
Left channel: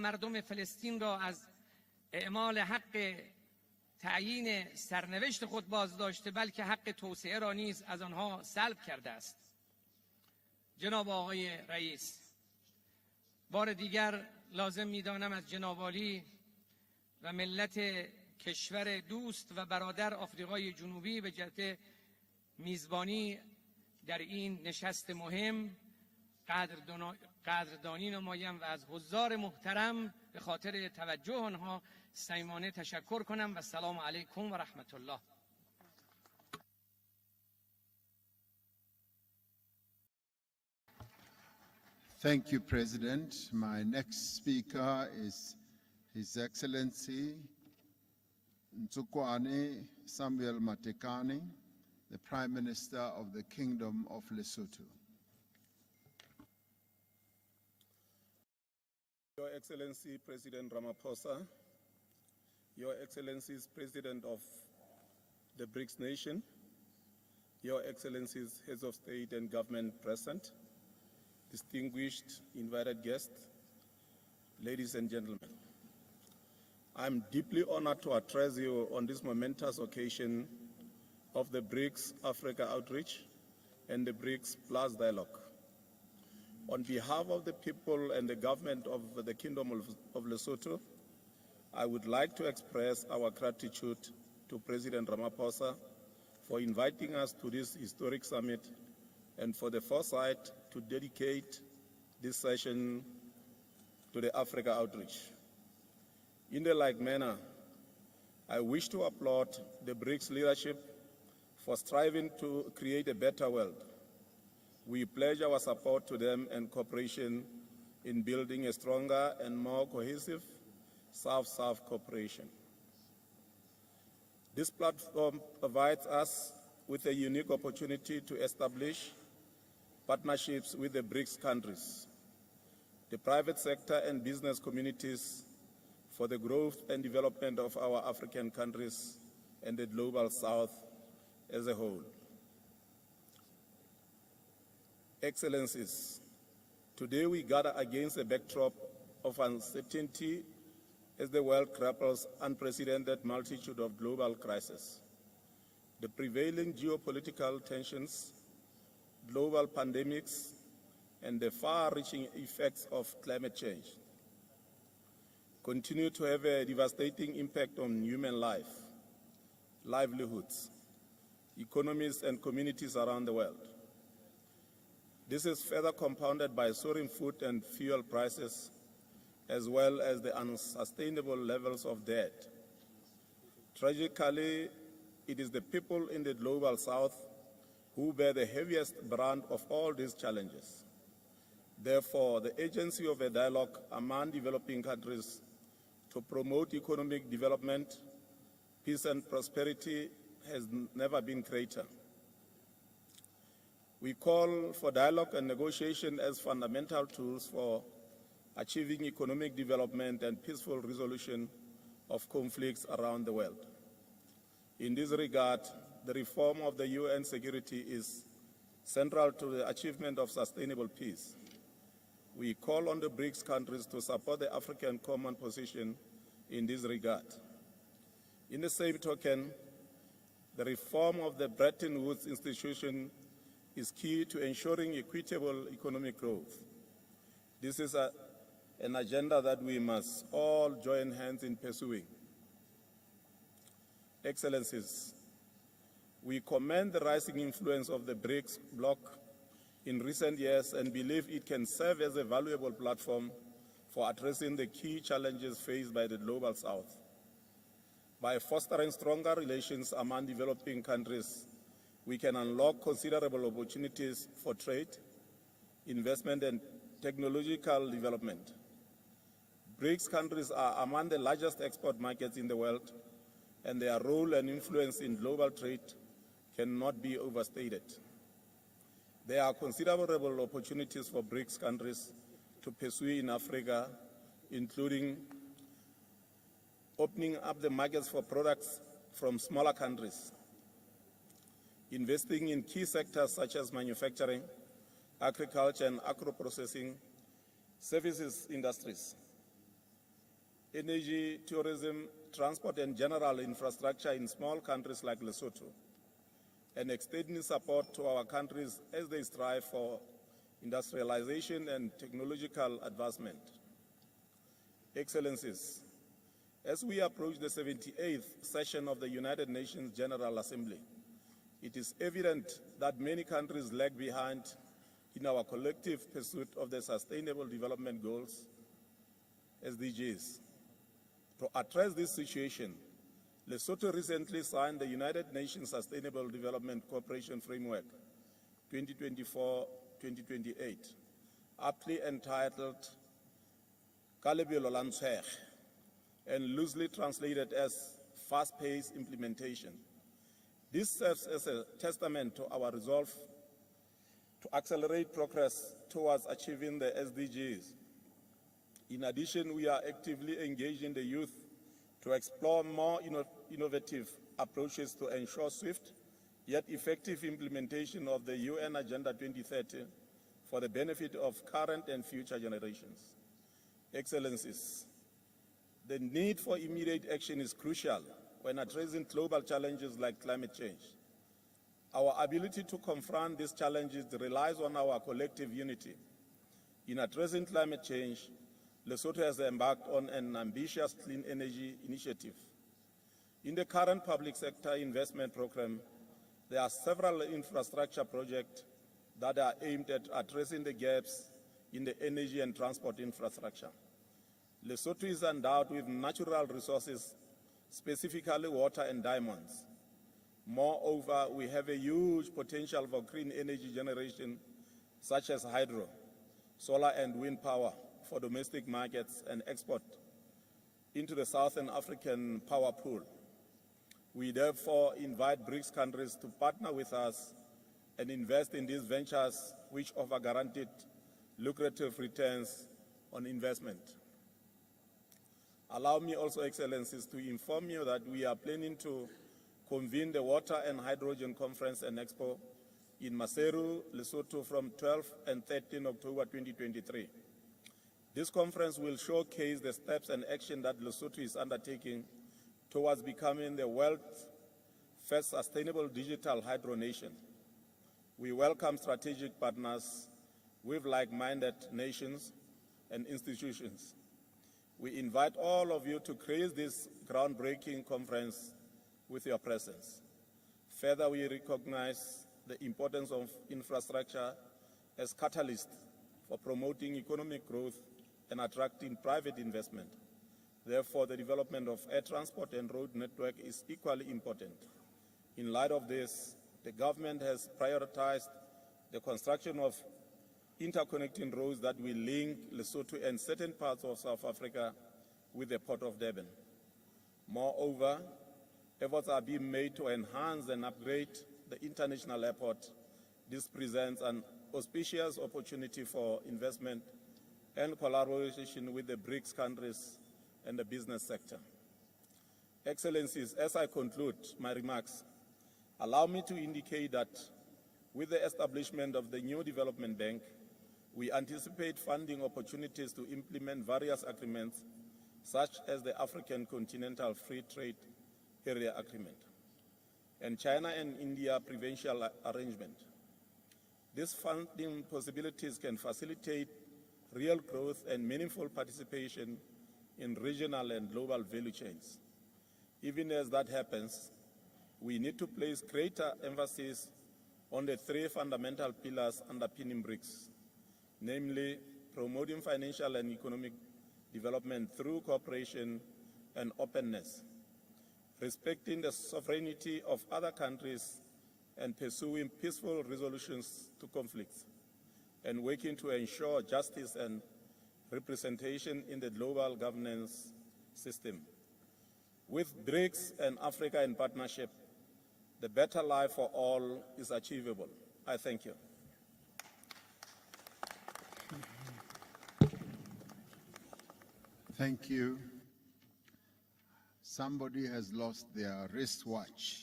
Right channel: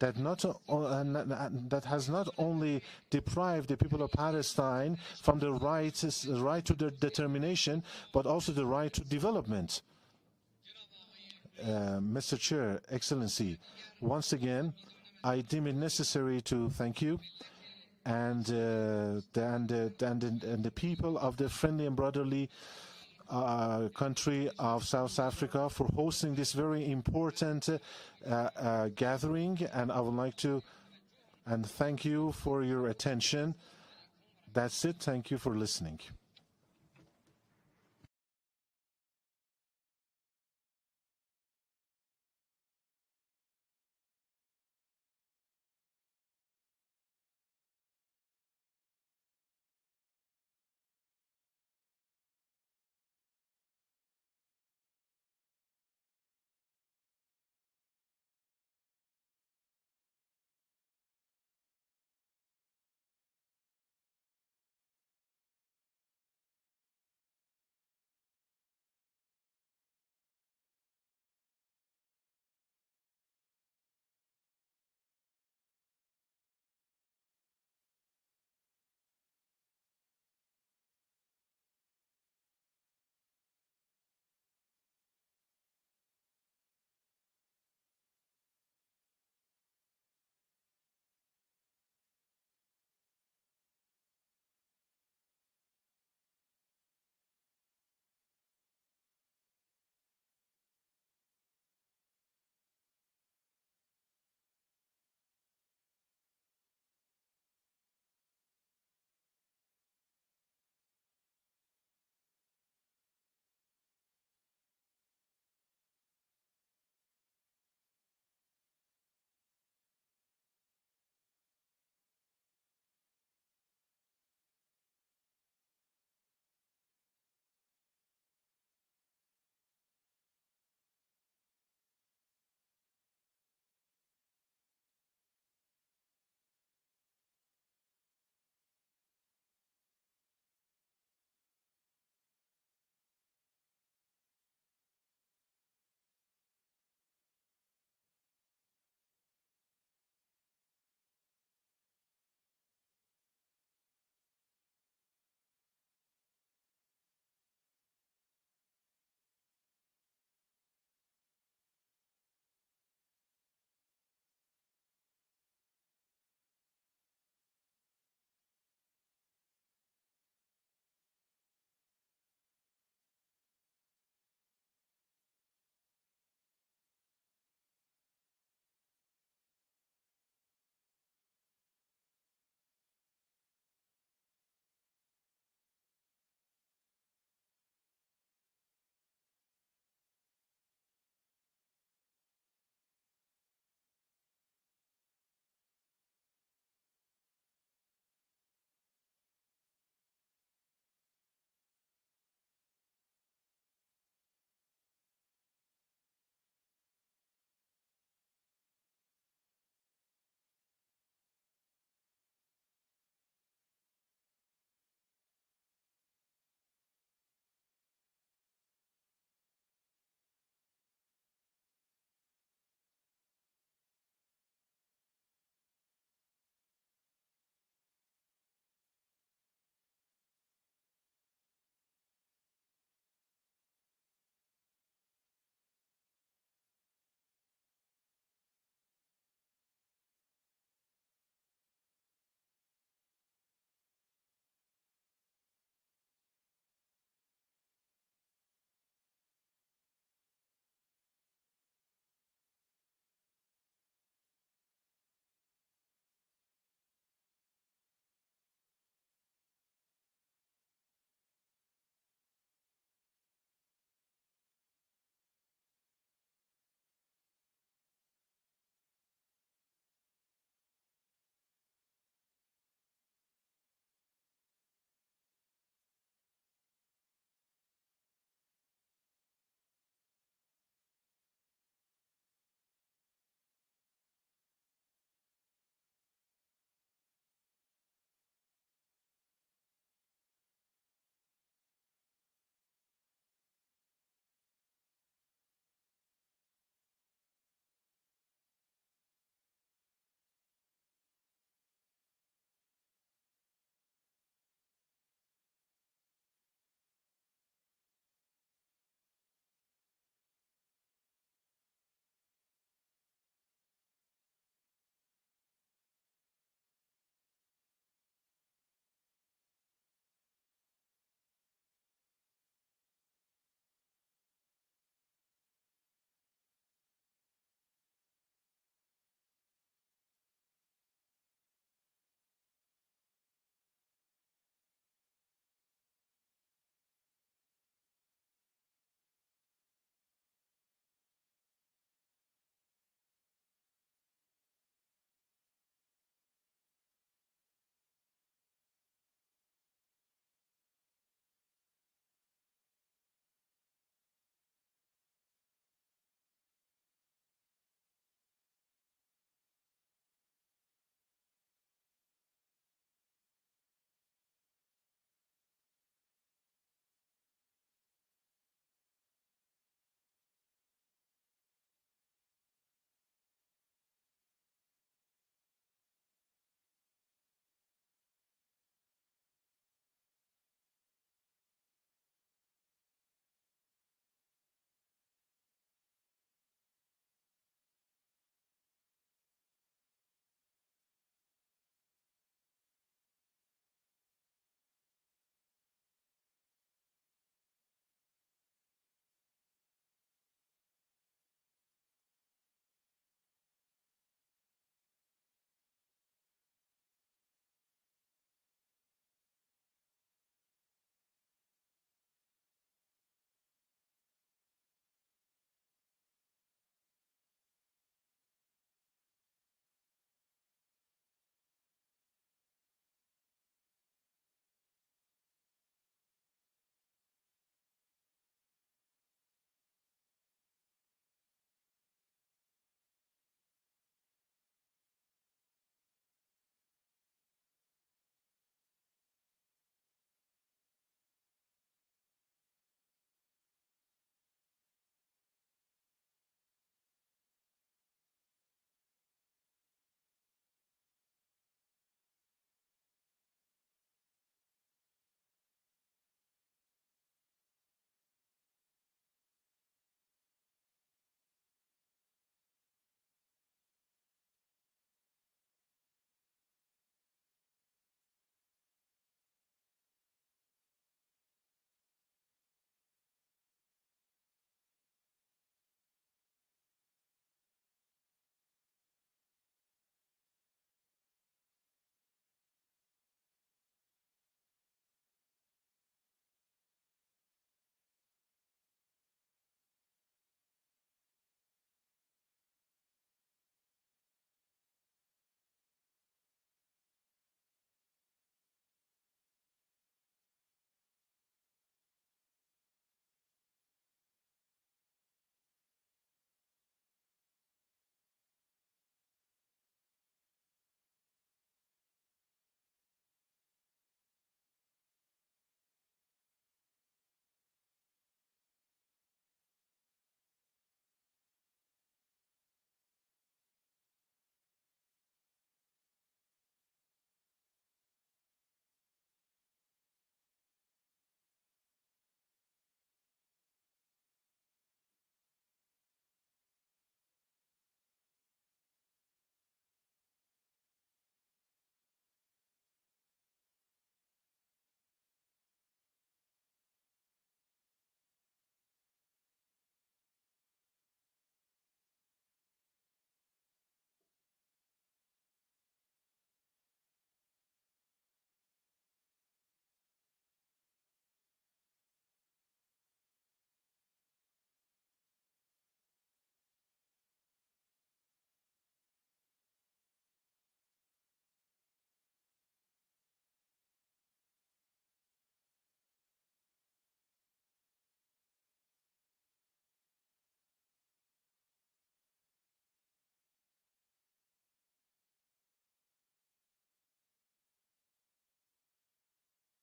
that has not only deprived the people of Palestine from the right to determination, but also the right to development. Mr. Chair, Excellency, once again, I deem it necessary to thank you and the people of the friendly and brotherly country of South Africa for hosting this very important gathering, and I would like to thank you for your attention. That's it. Thank you for listening. Thank you, President. My next speaker is His Excellency Ntsukwane Samuel Matekane, the Prime Minister of the Kingdom of Lesotho. Your Excellency President Ramaphosa, Your Excellencies President of the BRICS nation, Your Excellencies Heads of State and Government present, distinguished invited guests, ladies and gentlemen. I'm deeply honored to address you on this momentous occasion of the BRICS Africa Outreach and the BRICS Plus Dialogue. On behalf of the people and the government of the Kingdom of Lesotho, I would like to express our gratitude to President Ramaphosa for inviting us to this historic summit and for the foresight to dedicate this session to the Africa Outreach. In the like manner, I wish to applaud the BRICS leadership for striving to create a better world. We pledge our support to them and cooperation in building a stronger and more cohesive South-South cooperation. This platform provides us with a unique opportunity to establish partnerships with the BRICS countries, the private sector and business communities for the growth and development of our African countries and the global South as a whole. Excellencies, today we gather against a backdrop of uncertainty as the world grapples unprecedented multitude of global crises. The prevailing geopolitical tensions, global pandemics, and the far-reaching effects of climate change continue to have a devastating impact on human life, livelihoods, economies, and communities around the world. This is further compounded by soaring food and fuel prices, as well as the unsustainable levels of debt. Tragically, it is the people in the global South who bear the heaviest brand of all these challenges. Therefore, the agency of a dialogue among developing countries to promote economic development, peace and prosperity has never been greater. We call for dialogue and negotiation as fundamental tools for achieving economic development and peaceful resolution of conflicts around the world. In this regard, the reform of the UN security is central to the achievement of sustainable peace. We call on the BRICS countries to support the African common position in this regard. In the same token, the reform of the Bretton Woods institution is key to ensuring equitable economic growth. This is an agenda that we must all join hands in pursuing. Excellencies, we commend the rising influence of the BRICS bloc in recent years and believe it can serve as a valuable platform for addressing the key challenges faced by the Global South. By fostering stronger relations among developing countries, we can unlock considerable opportunities for trade, investment, and technological development. BRICS countries are among the largest export markets in the world, and their role and influence in global trade cannot be overstated. There are considerable opportunities for BRICS countries to pursue in Africa, including opening up the markets for products from smaller countries, investing in key sectors such as manufacturing, agriculture and agro-processing, services industries, energy, tourism, transport and general infrastructure in small countries like Lesotho, and extending support to our countries as they strive for industrialization and technological advancement. Excellencies, as we approach the 78th session of the United Nations General Assembly, it is evident that many countries lag behind in our collective pursuit of the Sustainable Development Goals, SDGs. To address this situation, Lesotho recently signed the United Nations Sustainable Development Cooperation Framework 2024-2028, aptly entitled Kalebelo la Ntshege, and loosely translated as fast-paced implementation. This serves as a testament to our resolve to accelerate progress towards achieving the SDGs. In addition, we are actively engaging the youth to explore more innovative approaches to ensure swift yet effective implementation of the UN Agenda 2030 for the benefit of current and future generations. Excellencies, the need for immediate action is crucial when addressing global challenges like climate change. Our ability to confront these challenges relies on our collective unity. In addressing climate change, Lesotho has embarked on an ambitious clean energy initiative. In the current public sector investment program, there are several infrastructure projects that are aimed at addressing the gaps in the energy and transport infrastructure. Lesotho is endowed with natural resources, specifically water and diamonds. Moreover, we have a huge potential for green energy generation, such as hydro, solar and wind power for domestic markets and export into the Southern African power pool. We therefore invite BRICS countries to partner with us and invest in these ventures which offer guaranteed lucrative returns on investment. Allow me also, Excellencies, to inform you that we are planning to convene the Water and Hydrogen Conference and Expo in Maseru, Lesotho from 12 and 13 October 2023. This conference will showcase the steps and action that Lesotho is undertaking towards becoming the world's first sustainable digital hydro nation. We welcome strategic partners with like-minded nations and institutions. We invite all of you to grace this groundbreaking conference with your presence. Further, we recognize the importance of infrastructure as catalyst for promoting economic growth and attracting private investment. Therefore, the development of air transport and road network is equally important. In light of this, the government has prioritized the construction of interconnecting roads that will link Lesotho and certain parts of South Africa with the Port of Durban. Moreover, efforts are being made to enhance and upgrade the international airport. This presents an auspicious opportunity for investment and collaboration with the BRICS countries and the business sector. Excellencies, as I conclude my remarks, allow me to indicate that with the establishment of the new development bank, we anticipate funding opportunities to implement various agreements, such as the African Continental Free Trade Area Agreement and China and India Provincial Arrangement. These funding possibilities can facilitate real growth and meaningful participation in regional and global value chains. Even as that happens, we need to place greater emphasis on the three fundamental pillars underpinning BRICS, namely promoting financial and economic development through cooperation and openness, respecting the sovereignty of other countries and pursuing peaceful resolutions to conflicts, and working to ensure justice and representation in the global governance system. With BRICS and Africa in partnership, the better life for all is achievable. I thank you. Thank you. Somebody has lost their wristwatch.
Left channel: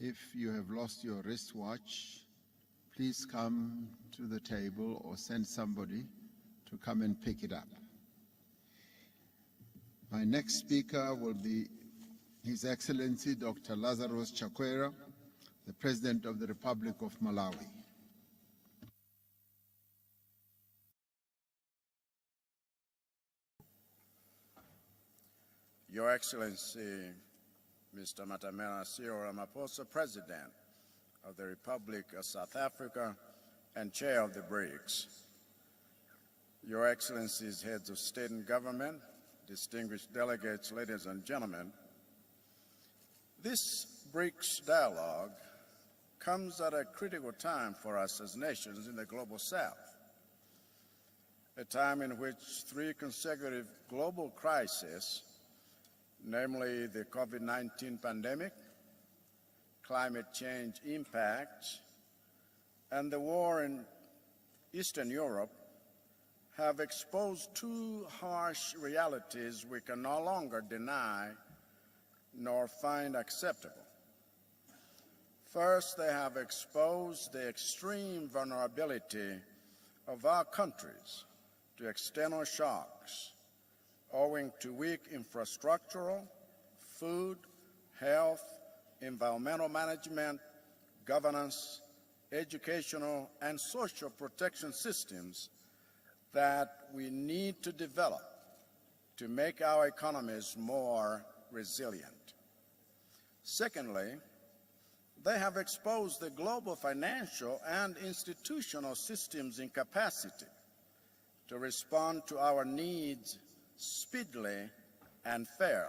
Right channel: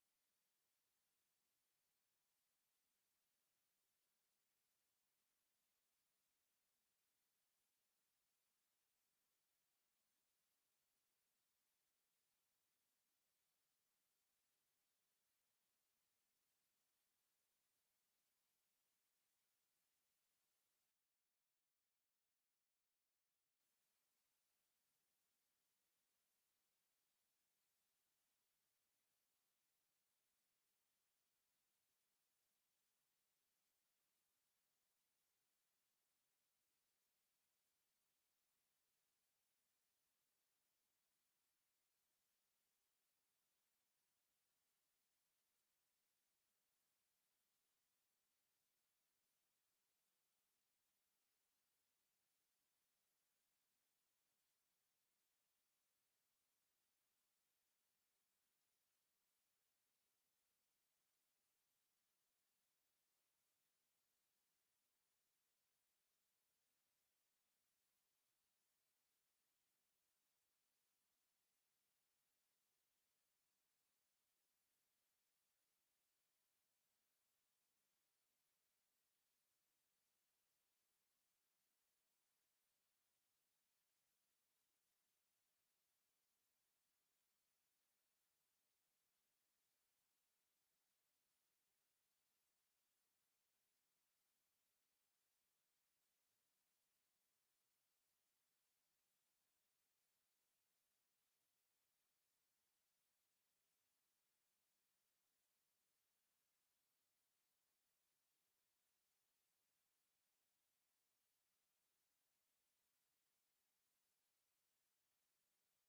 If you have lost your wristwatch, please come to the table or send somebody to come and pick it up. My next speaker will be His Excellency Dr. Lazarus Chakwera, the President of the Republic of Malawi. Your Excellency, Mr. Matamela Cyril Ramaphosa, President of the Republic of South Africa and Chair of the BRICS. Your Excellencies, Heads of State and Government, distinguished delegates, ladies and gentlemen, this BRICS dialogue comes at a critical time for us as nations in the global South, a time in which 3 consecutive global crises, namely the COVID-19 pandemic, climate change impact, and the war in Eastern Europe, have exposed 2 harsh realities we can no longer deny nor find acceptable. First, they have exposed the extreme vulnerability of our countries to external shocks owing to weak infrastructural, food, health, environmental management, governance, educational, and social protection systems that we need to develop to make our economies more resilient. Secondly, they have exposed the global financial and institutional systems' incapacity to respond to our needs speedily and fairly.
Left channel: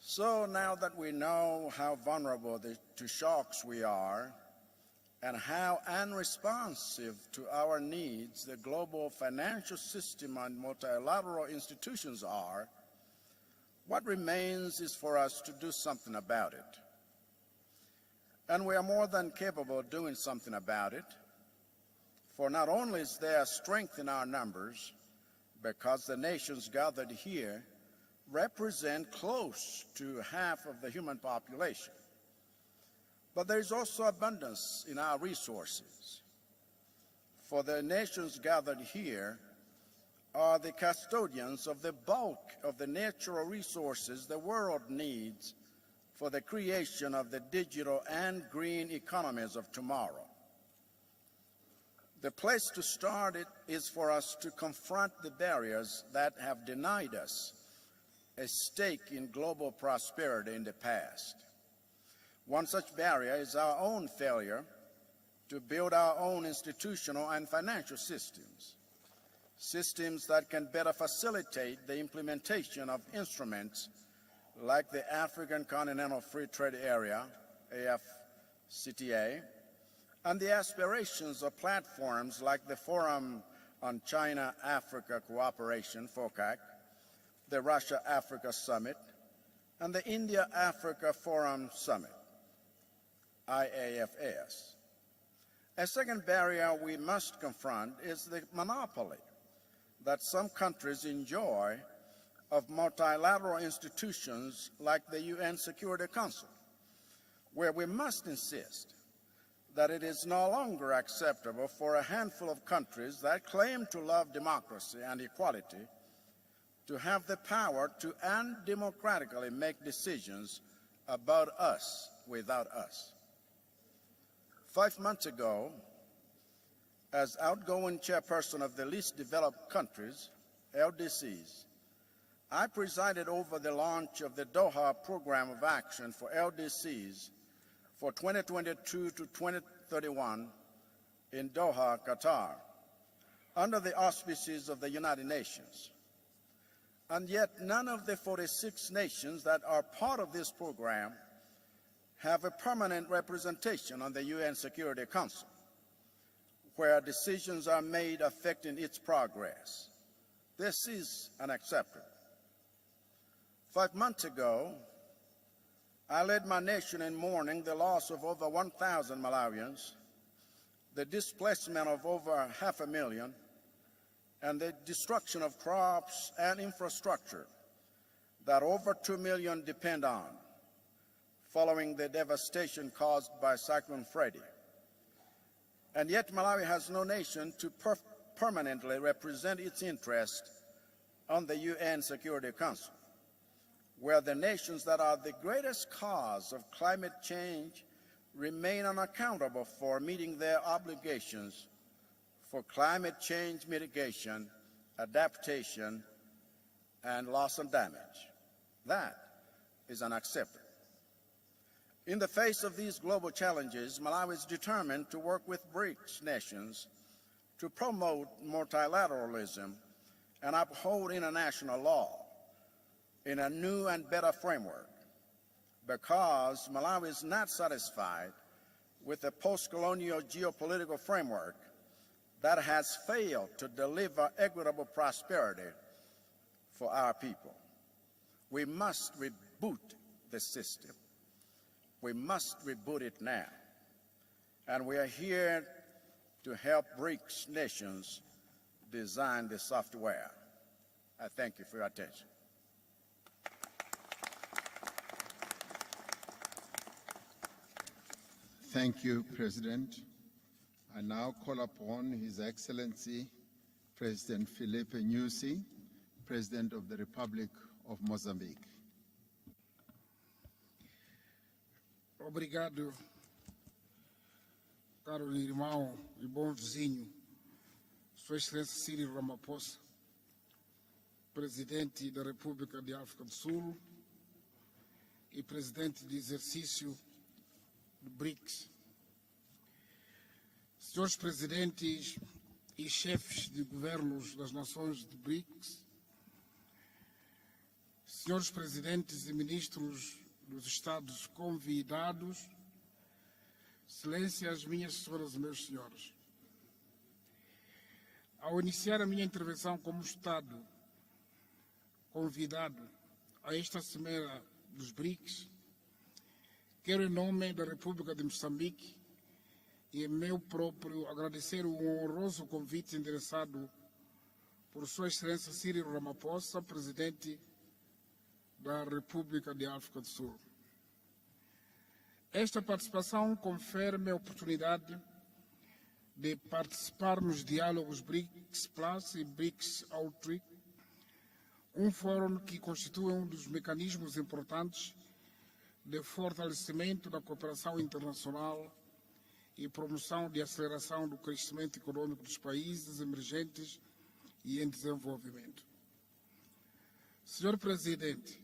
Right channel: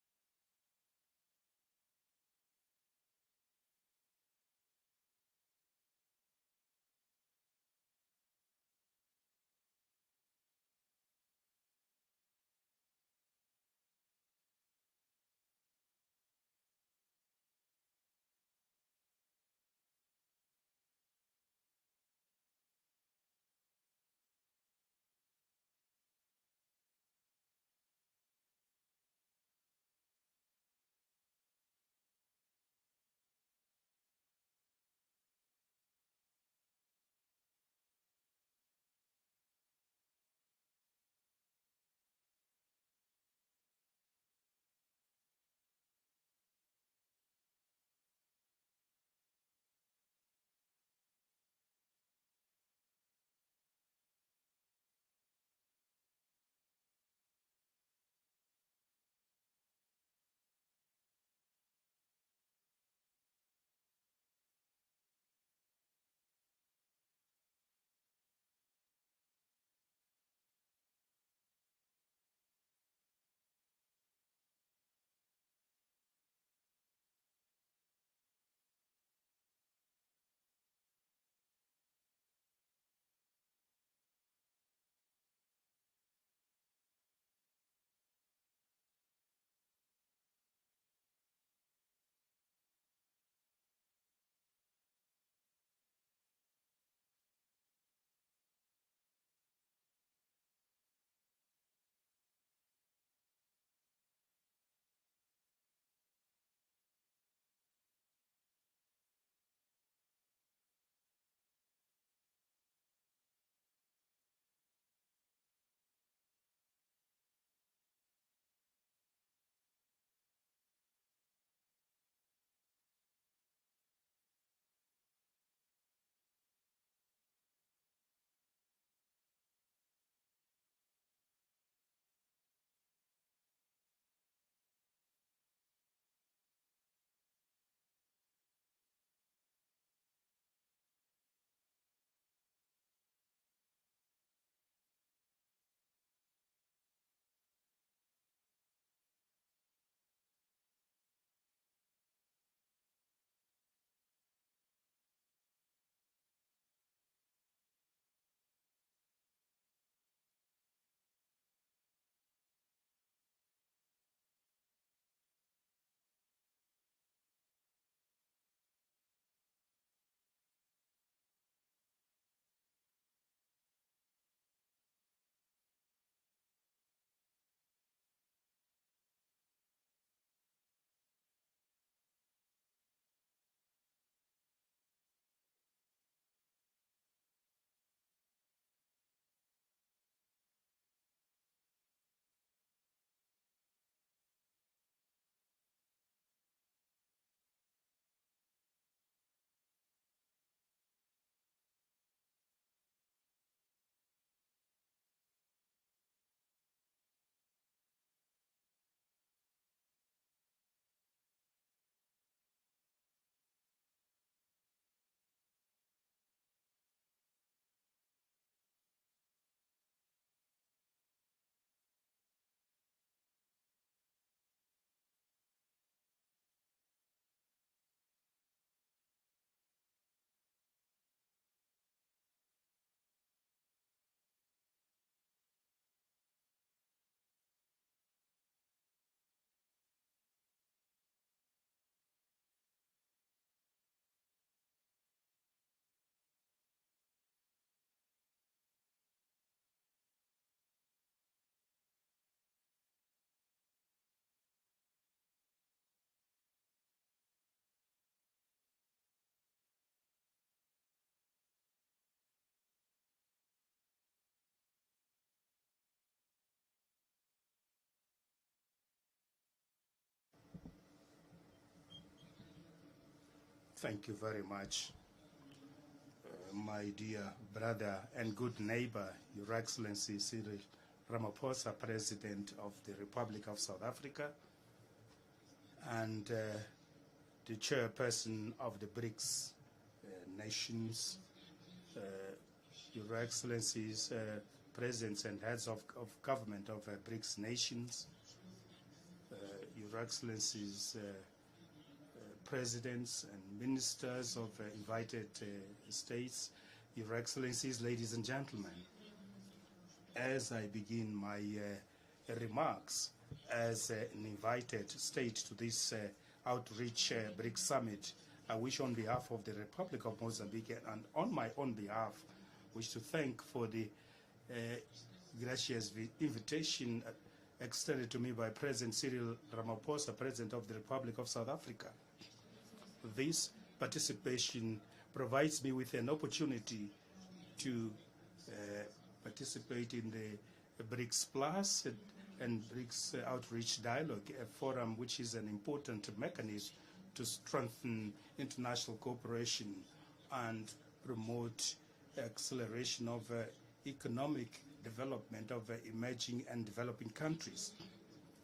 So now that we know how vulnerable to shocks we are and how unresponsive to our needs the global financial system and multilateral institutions are, what remains is for us to do something about it. And we are more than capable of doing something about it, for not only is there strength in our numbers, because the nations gathered here represent close to half of the human population, but there is also abundance in our resources. For the nations gathered here are the custodians of the bulk of the natural resources the world needs for the creation of the digital and green economies of tomorrow. The place to start is for us to confront the barriers that have denied us a stake in global prosperity in the past. One such barrier is our own failure to build our own institutional and financial systems, systems that can better facilitate the implementation of instruments like the African Continental Free Trade Area, AFCTA, and the aspirations of platforms like the Forum on China-Africa Cooperation, FOCAC, the Russia-Africa Summit, and the India-Africa Forum Summit, IAFS. A second barrier we must confront is the monopoly that some countries enjoy of multilateral institutions like the UN Security Council, where we must insist that it is no longer acceptable for a handful of countries that claim to love democracy and equality to have the power to undemocratically make decisions about us without us. 5 months ago, as outgoing chairperson of the least developed countries, LDCs, I presided over the launch of the Doha Program of Action for LDCs for 2022 to 2031 in Doha, Qatar, under the auspices of the United Nations. And yet none of the 46 nations that are part of this program have a permanent representation on the UN Security Council, where decisions are made affecting its progress. This is unacceptable. 5 months ago, I led my nation in mourning the loss of over 1,000 Malawians, the displacement of over 500,000, and the destruction of crops and infrastructure that over 2 million depend on, following the devastation caused by Cyclone Freddy. And yet Malawi has no nation to permanently represent its interest on the UN Security Council, where the nations that are the greatest cause of climate change remain unaccountable for meeting their obligations for climate change mitigation, adaptation, and loss and damage. That is unacceptable. In the face of these global challenges, Malawi is determined to work with BRICS nations to promote multilateralism and uphold international law in a new and better framework, because Malawi is not satisfied with a post-colonial geopolitical framework that has failed to deliver equitable prosperity for our people. We must reboot the system. We must reboot it now. And we are here to help BRICS nations design the software. I thank you for your attention. Thank you, President. I now call upon His Excellency President Filipe Nyusi, President of the Republic of Mozambique. Obrigado. Thank you very much, Caro irmão e bom my vizinho, dear brother and First good Excellency neighbor, Cyril Ramaphosa, Your Excellency Cyril Ramaphosa, Presidente da President República of de the África Republic do of Sul South Africa, e Presidente and de exercício the chairperson BRICS. of the BRICS nations, Senhores Presidentes e Your chefes de Excellencies, governos das nações presidents and BRICS, heads of government of BRICS nations, Senhores Presidentes e Ministros Your dos Excellencies, Estados convidados, presidents and ministers Excelências, of minhas invited senhoras e meus senhores. states, Your Excellencies, ladies and Ao gentlemen. iniciar a minha intervenção como As Estado I begin my convidado remarks a esta as an Cimeira invited dos BRICS, state to this outreach quero em nome BRICS da summit, República de I Moçambique wish on behalf of the Republic e of meu Mozambique próprio and on my agradecer own behalf, honroso wish convite to thank endereçado for the por Sua Excelência gracious Cyril Ramaphosa, invitation Presidente extended to me by President Cyril República de África do Ramaphosa, Sul. President of the Republic of South Africa. Esta participação This confere-me a participation oportunidade provides me with an de opportunity participar nos diálogos BRICS Plus e BRICS participate in Outreach, the BRICS Plus fórum que and constitui BRICS dos Outreach mecanismos Dialogue, a importantes forum which is an important de mechanism fortalecimento da to cooperação strengthen internacional international cooperation e promoção de and aceleração do promote crescimento econômico dos países acceleration of emergentes economic e em development desenvolvimento. of emerging and developing Senhor countries. Presidente,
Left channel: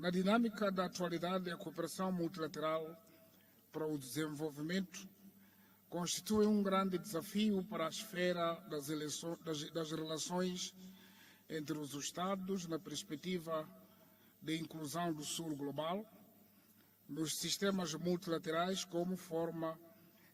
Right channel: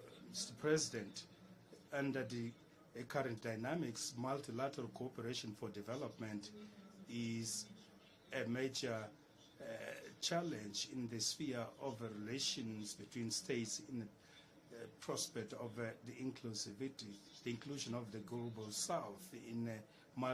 na dinâmica da President, atualidade, a cooperação under multilateral the current para o dynamics, multilateral desenvolvimento cooperation for constitui development grande desafio is para a esfera a das major, das relações challenge in the sphere entre of os the Estados na relations between perspectiva states in de inclusão do Sul prospect of global, the inclusivity, nos sistemas inclusion of the multilaterais global como South forma in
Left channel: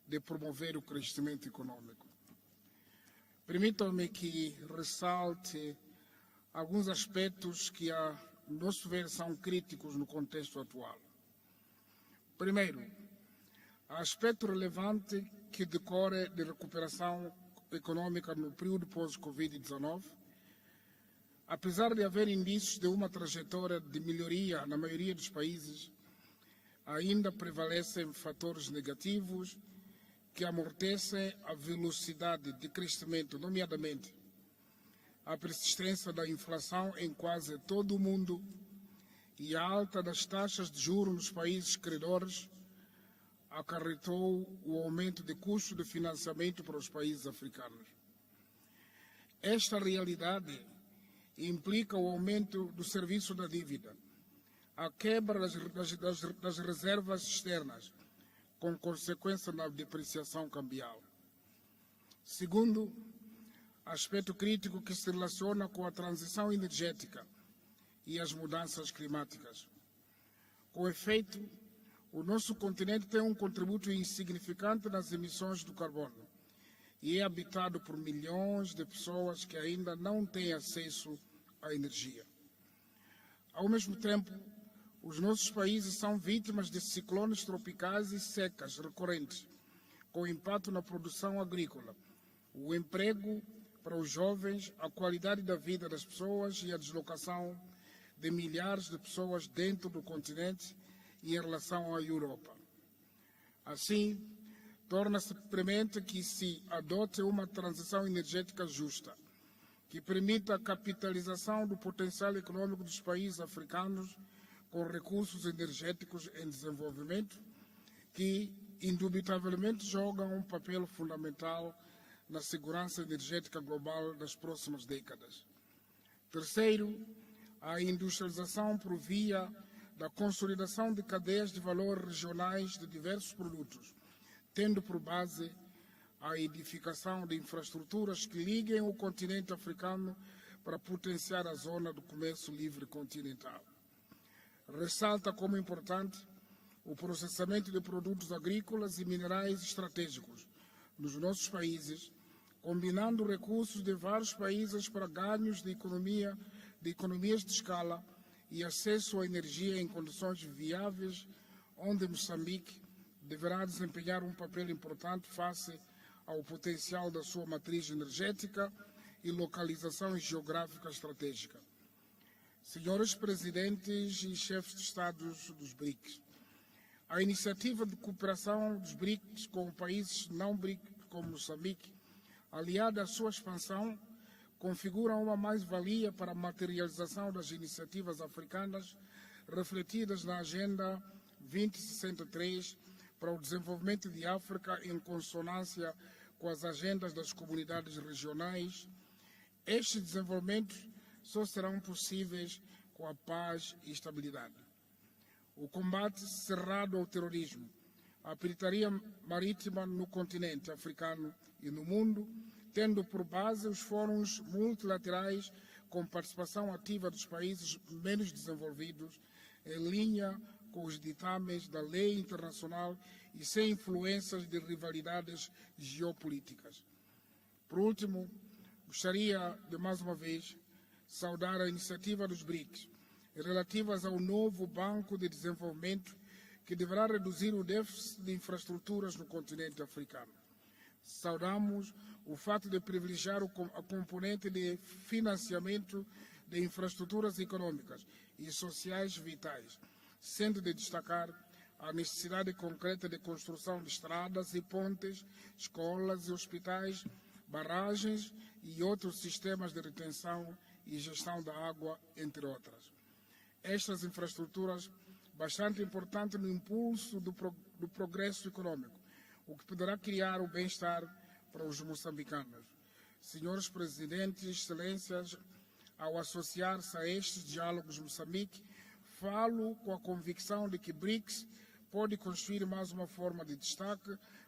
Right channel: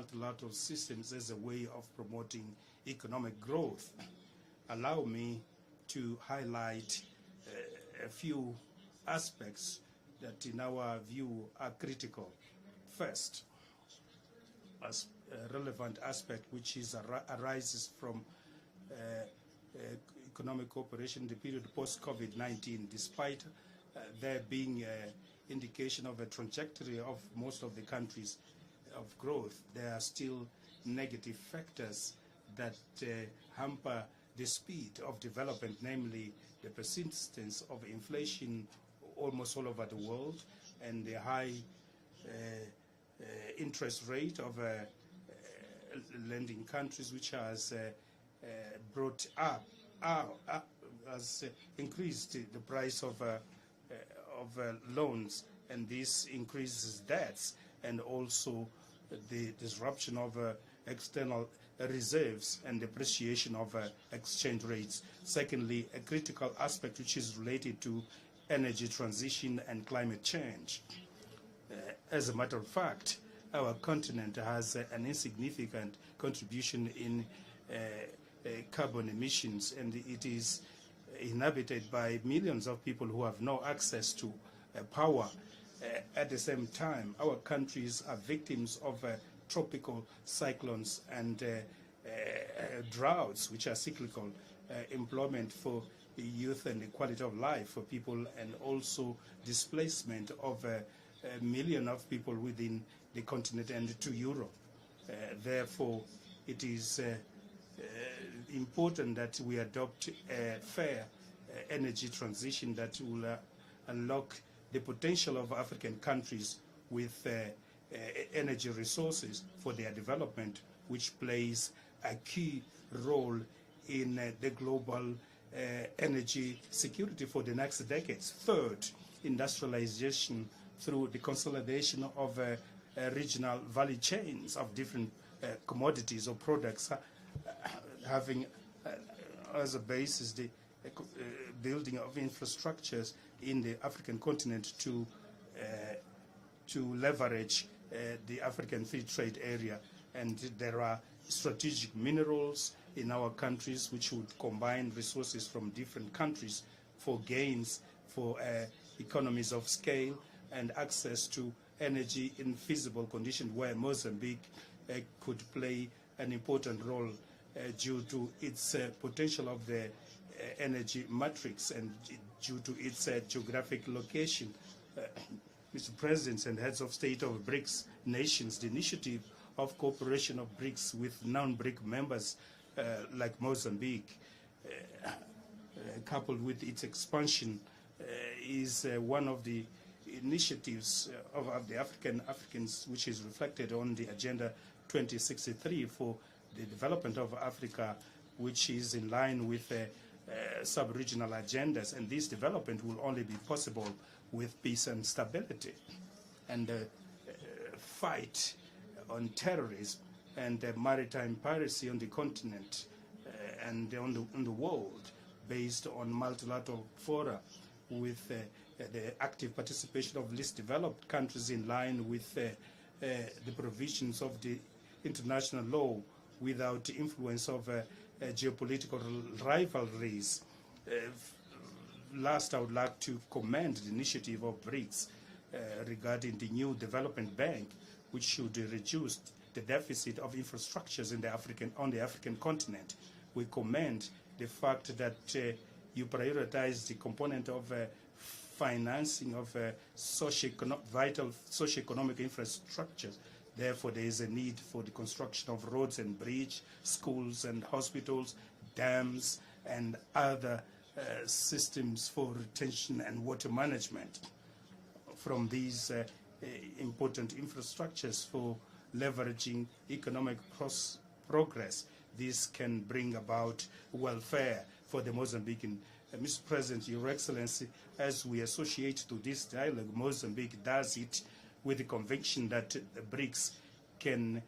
de multilateral promover o systems as a crescimento way of econômico. promoting economic growth. Permitam-me que Allow ressalte me to highlight alguns aspectos que, a a few nosso ver, são aspects críticos no that contexto in atual. our view are critical. Primeiro, First, aspecto relevante que relevant decorre aspect de which is recuperação arises econômica no período pós-Covid-19, economic cooperation in the period apesar de haver post-COVID-19, indícios de uma despite trajetória de there melhoria being na maioria dos países, indication of a trajectory ainda of most of the prevalecem countries fatores of negativos growth, there are still que amortecem negative a factors velocidade de that, crescimento, hamper nomeadamente the speed of a development, persistência da namely inflação the em quase persistence todo o of mundo inflation almost e a all over alta the das world, taxas de and juros the dos high, países credores interest acarretou rate of o aumento de custo de financiamento lending para os countries países which has africanos. brought Esta realidade implica o aumento do serviço da dívida, a quebra das reservas externas, com consequência na depreciação cambial. Reserves Segundo, and depreciation of aspecto exchange crítico que rates. se relaciona Secondly, com a a transição critical aspect which energética is related to e as energy mudanças transition climáticas. and climate change. O efeito As a matter of fact, our continent has an insignificant contribution in carbon emissions, and it is inhabited by millions of people who have no access to power. At the same time, our countries are victims of tropical cyclones and droughts, which are cyclical, employment for youth and quality of life for people, and also displacement of a million of people within the continent and to Europe. Therefore, it is important that we adopt a fair energy transition that will unlock the potential of African countries with energy resources for their development, which plays a key role in the global energy security for the next decades. Third, industrialization through the consolidation of regional value chains of different commodities or products, having as a basis the building of infrastructures in the African continent to leverage the African Free Trade Area. And there are strategic minerals in our countries which will combine resources from different countries for gains, for economies of scale and access to energy in feasible conditions, where Mozambique could play an important role due to its potential of the energy matrix and due to its geographic location. Mr. Presidents and heads of state of BRICS nations, the initiative of cooperation of BRICS with non-BRIC members like Mozambique, coupled with its expansion, is one of the initiatives of the Africans, which is reflected on the Agenda 2063 for the development of Africa, which is in line with sub-regional agendas, and this development will only be possible with peace and stability. And fight on terrorism and maritime piracy on the continent and on the world, based on multilateral fora with the active participation of least developed countries in line with the provisions of the international law, without the influence of geopolitical rivalries. Last, I would like to commend the initiative of BRICS regarding the new development bank, which should reduce the deficit of infrastructures in on the African continent. We commend the fact that you prioritize the component of financing of vital socio-economic infrastructure. Therefore, there is a need for the construction of roads and bridges, schools and hospitals, dams, and other systems for retention and water management. From these important infrastructures for leveraging economic progress, this can bring about welfare for the Mozambican. Mr. President, Your Excellency, as we associate to this dialogue, Mozambique does it with the conviction that BRICS can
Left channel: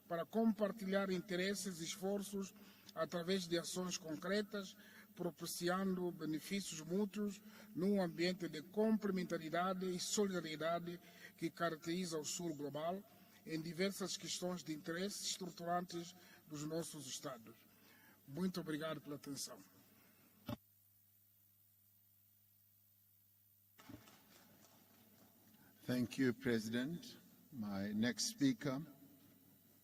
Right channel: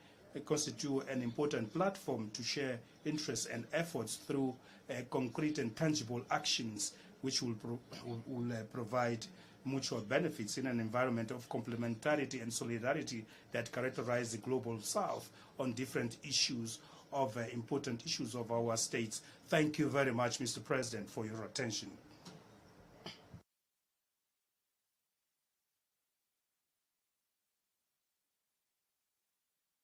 constitute an important platform to share interests and efforts through concrete and tangible actions, which will provide mutual benefits in an environment of complementarity and solidarity that characterize the global South on different issues of important issues of our states. Thank you very much, Mr. President, for your attention. Thank you, President. My next speaker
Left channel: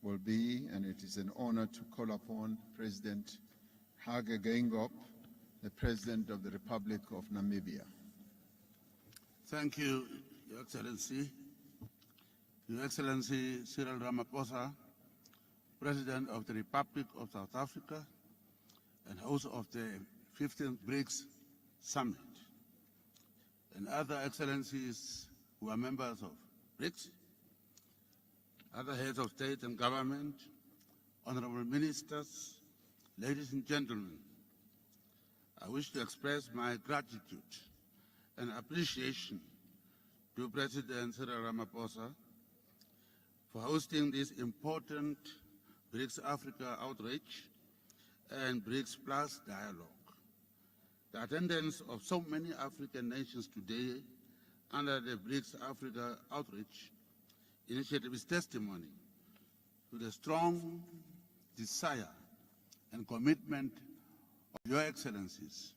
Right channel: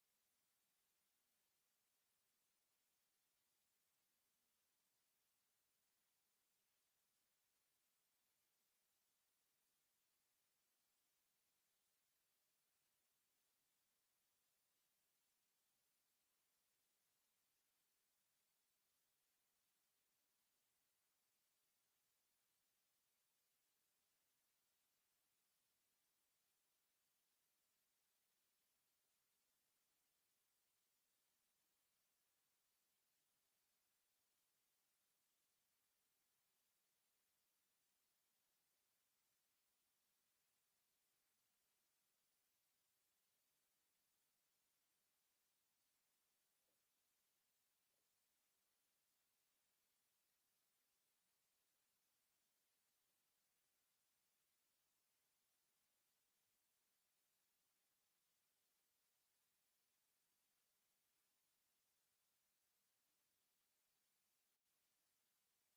will be, and it is an honor to call upon President Hage Geingob, the President of the Republic of Namibia. Thank you, Your Excellency. Your Excellency Cyril Ramaphosa, President of the Republic of South Africa and host of the 15th BRICS Summit, and other excellencies who are members of BRICS, other heads of state and government, honorable ministers, ladies and gentlemen, I wish to express my gratitude and appreciation to President Cyril Ramaphosa for hosting this important BRICS Africa outreach and BRICS Plus dialogue. The attendance of so many African nations today under the BRICS Africa outreach initiative is testimony to the strong desire and commitment of Your Excellencies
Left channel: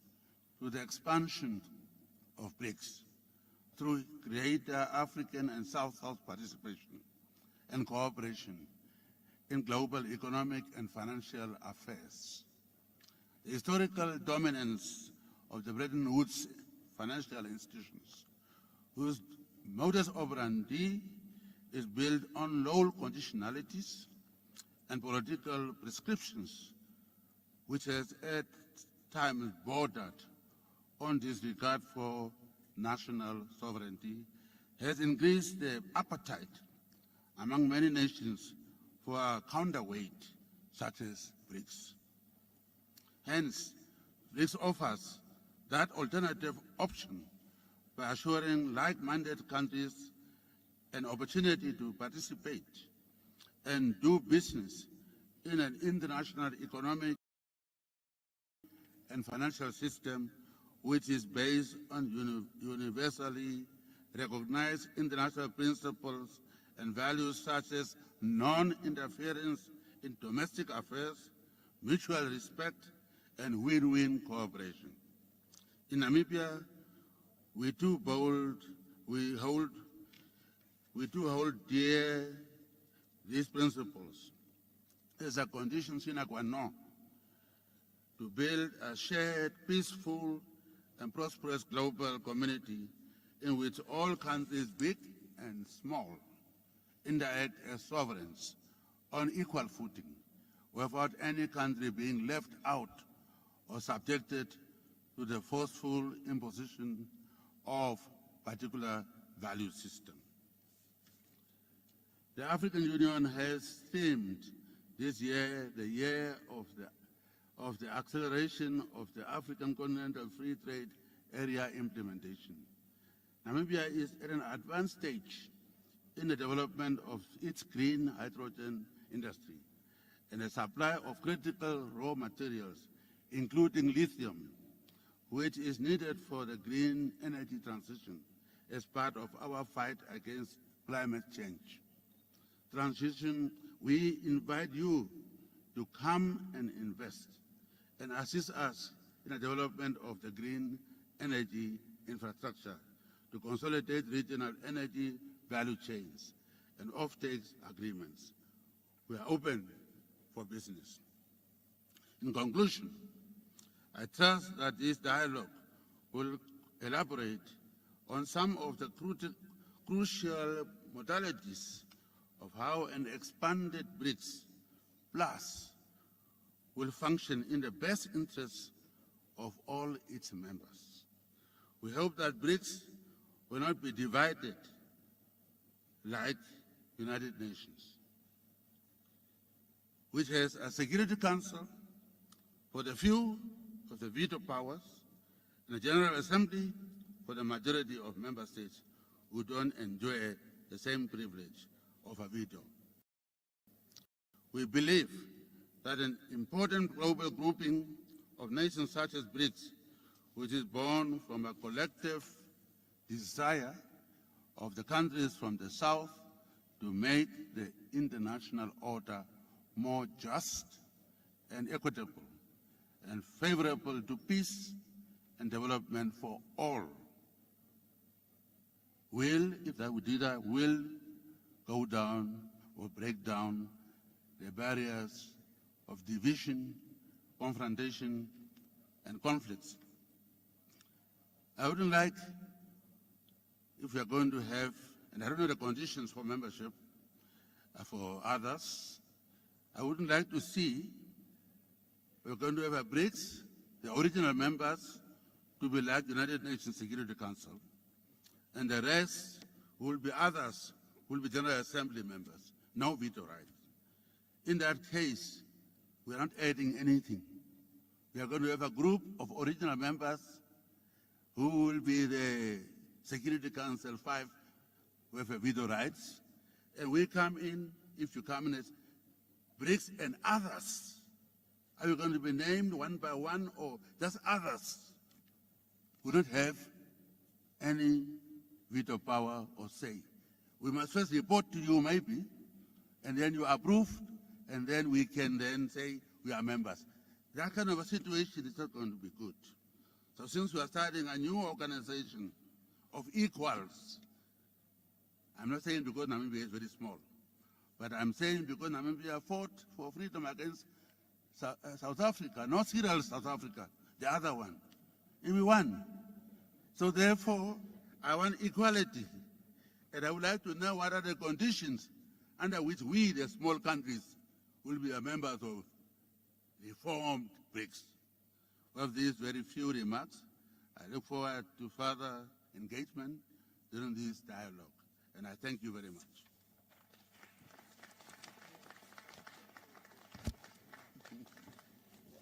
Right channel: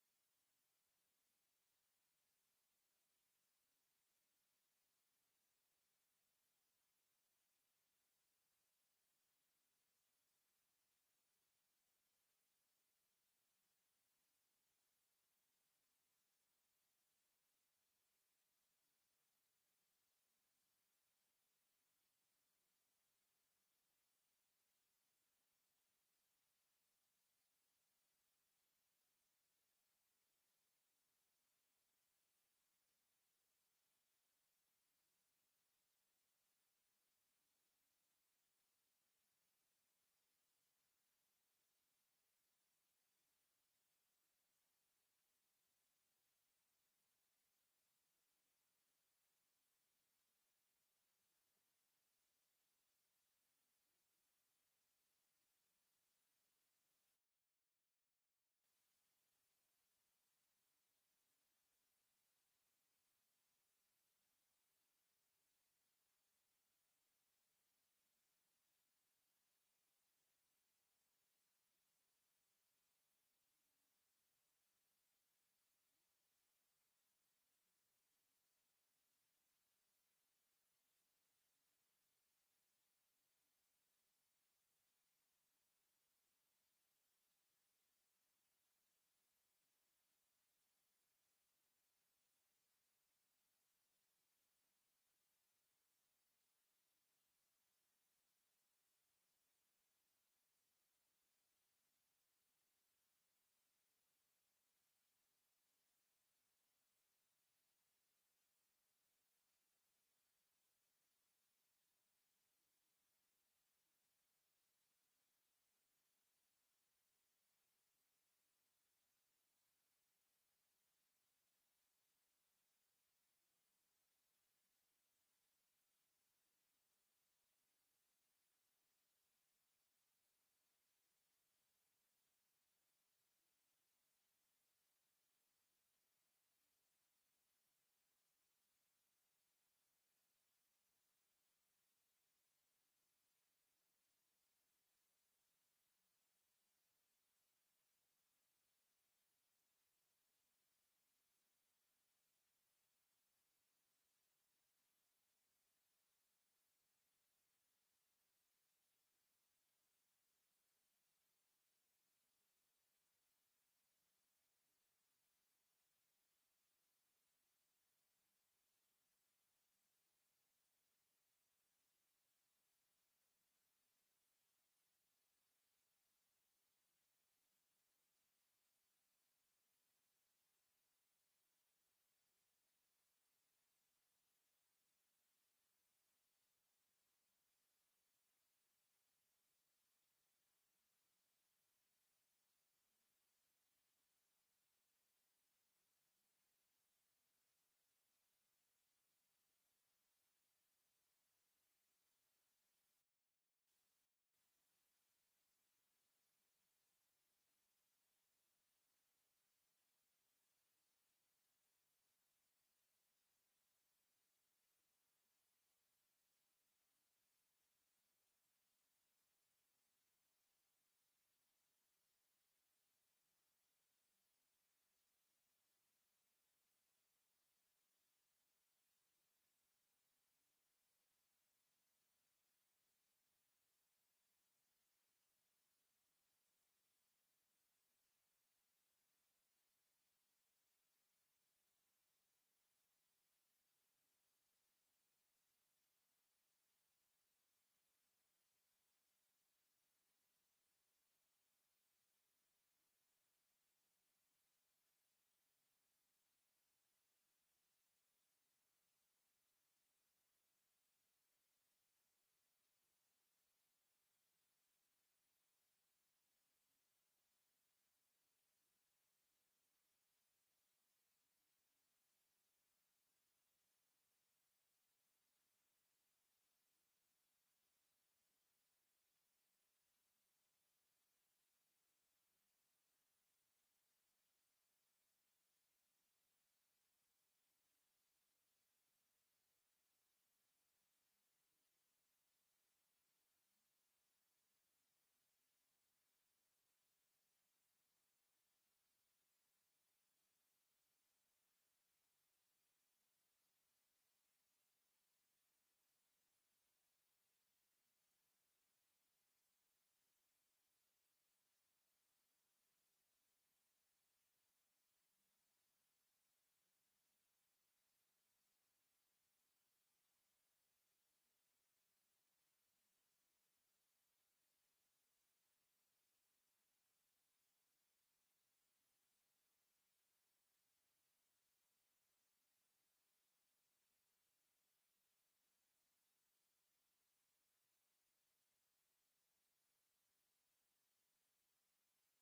to the expansion of BRICS through greater African and South-South participation and cooperation in global economic and financial affairs. The historical dominance of the Bretton Woods financial institutions, whose modus operandi is built on low conditionalities and political prescriptions, which has at times bordered on disregard for national sovereignty, has increased the appetite among many nations for a counterweight such as BRICS. Hence, BRICS offers that alternative option by assuring like-minded countries an opportunity to participate and do business in an international economic and financial system which is based on universally recognized international principles and values such as non-interference in domestic affairs, mutual respect, and win-win cooperation. In Namibia, we too hold dear these principles as a condition sine qua non to build a shared, peaceful, and prosperous global community in which all countries, big and small, interact as sovereigns on equal footing, without any country being left out or subjected to the forceful imposition of particular value system. The African Union has themed this year the year of the acceleration of the African Continental Free Trade Area implementation. Namibia is at an advanced stage in the development of its green hydrogen industry and the supply of critical raw materials, including lithium, which is needed for the green energy transition as part of our fight against climate change. We invite you to come and invest and assist us in the development of the green energy infrastructure to consolidate regional energy value chains and off-take agreements. We are open for business. In conclusion, I trust that this dialogue will elaborate on some of the crucial modalities of how an expanded BRICS Plus will function in the best interests of all its members. We hope that BRICS will not be divided like United Nations, which has a Security Council for the few of the veto powers and a General Assembly for the majority of member states who don't enjoy the same privilege of a veto. We believe that an important global grouping of nations such as BRICS, which is born from a collective desire of the countries from the South to make the international order more just and equitable and favorable to peace and development for all, will, if that would do that, will go down or break down the barriers of division, confrontation, and conflicts. I wouldn't like, if we are going to have, and I don't know the conditions for membership for others, I wouldn't like to see we're going to have a BRICS, the original members, to be like the United Nations Security Council, and the rest will be others, will be General Assembly members, no veto right. In that case, we are not adding anything. We are going to have a group of original members who will be the Security Council 5 with veto rights, and we come in, if you come in as BRICS and others. Are you going to be named one by one or just others who don't have any veto power or say? We must first report to you maybe, and then you approve, and then we can then say we are members. That kind of a situation is not going to be good. So since we are starting a new organization of equals, I'm not saying because Namibia is very small, but I'm saying because Namibia fought for freedom against South Africa, not serial South Africa, the other one. And we won. So therefore, I want equality. And I would like to know what are the conditions under which we, the small countries, will be members of reformed BRICS. With these very few remarks, I look forward to further engagement during this dialogue. And I thank you very much.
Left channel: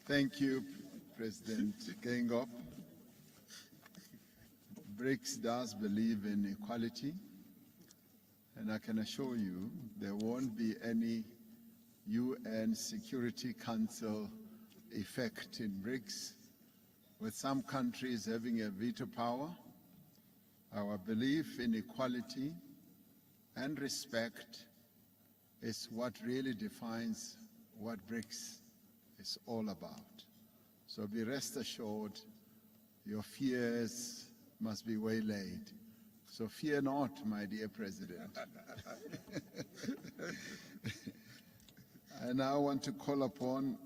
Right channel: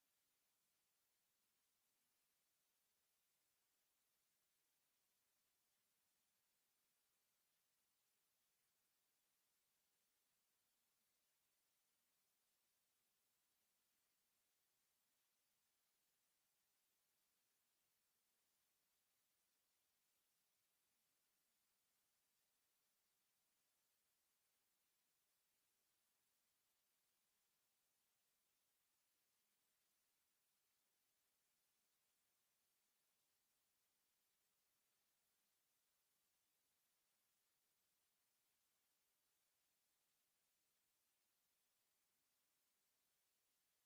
Thank you, President Gengop. BRICS does believe in equality, and I can assure you there won't be any UN Security Council effect in BRICS, with some countries having a veto power. Our belief in equality and respect is what really defines what BRICS is all about. So be rest assured, your fears must be waylaid. So fear not, my dear President. I now want to call upon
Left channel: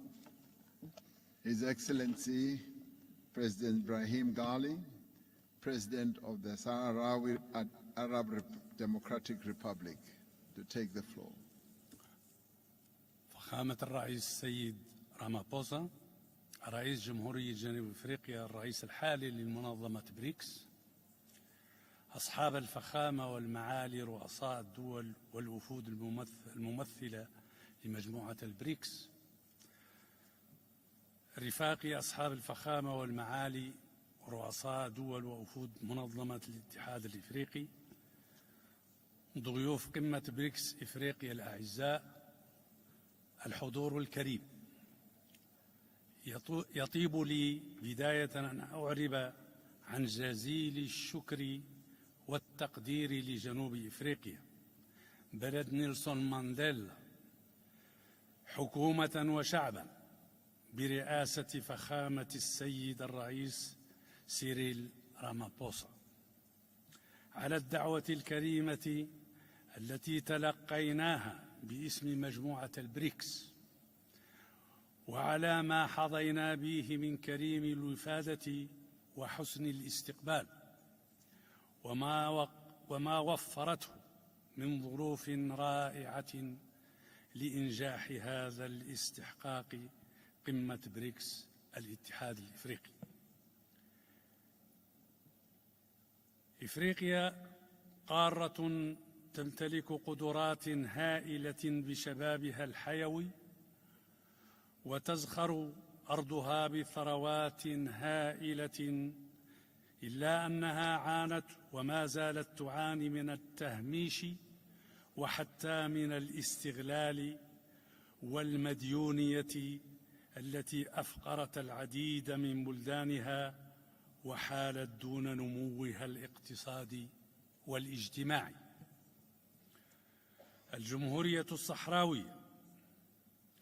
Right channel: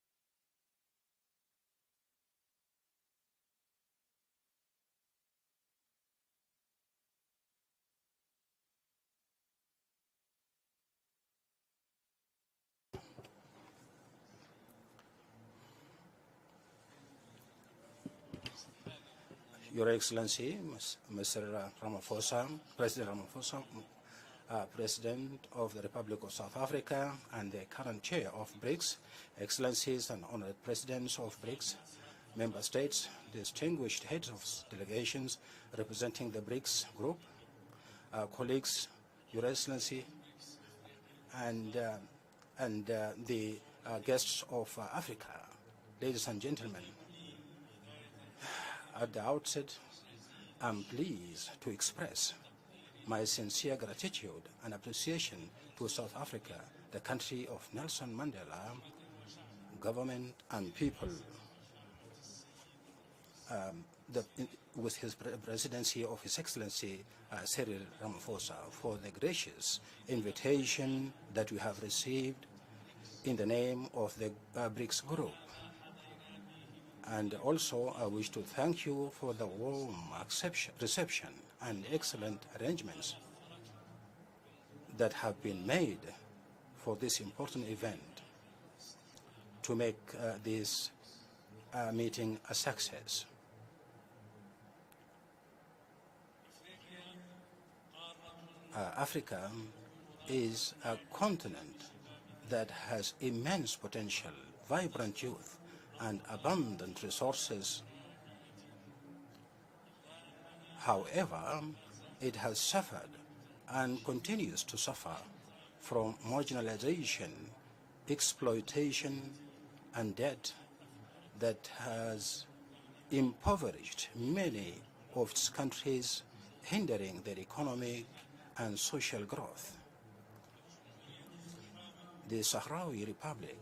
His Excellency President Ibrahim Ghali, President of the Sahrawi Arab Democratic Republic, to take the floor. فخامة الرئيس السيد رامابوسا رئيس جمهورية جنوب أفريقيا الرئيس الحالي للمنظمة Your Excellency, Mr. Ramaphosa, President Ramaphosa, President of the Republic of South Africa and the current chair of BRICS, Excellencies and honored presidents of BRICS, member states, distinguished heads of delegations representing the BRICS group, colleagues, Your Excellency, and the guests of Africa. Ladies and gentlemen, at the outset, I'm pleased to express my sincere gratitude and appreciation to South Africa, the country of Nelson Mandela, government and people, with his presidency of His Excellency Cyril Ramaphosa, for the gracious invitation that we have received in the name of the BRICS group. And also I wish to thank you for the warm reception and excellent arrangements that have been made for this important event to make this meeting a success. Africa is a continent that has immense potential, vibrant youth, and abundant resources. However, it has suffered and continues to suffer from marginalization, exploitation, and debt that has impoverished many of its countries, hindering their economy and social growth. The Sahrawi Republic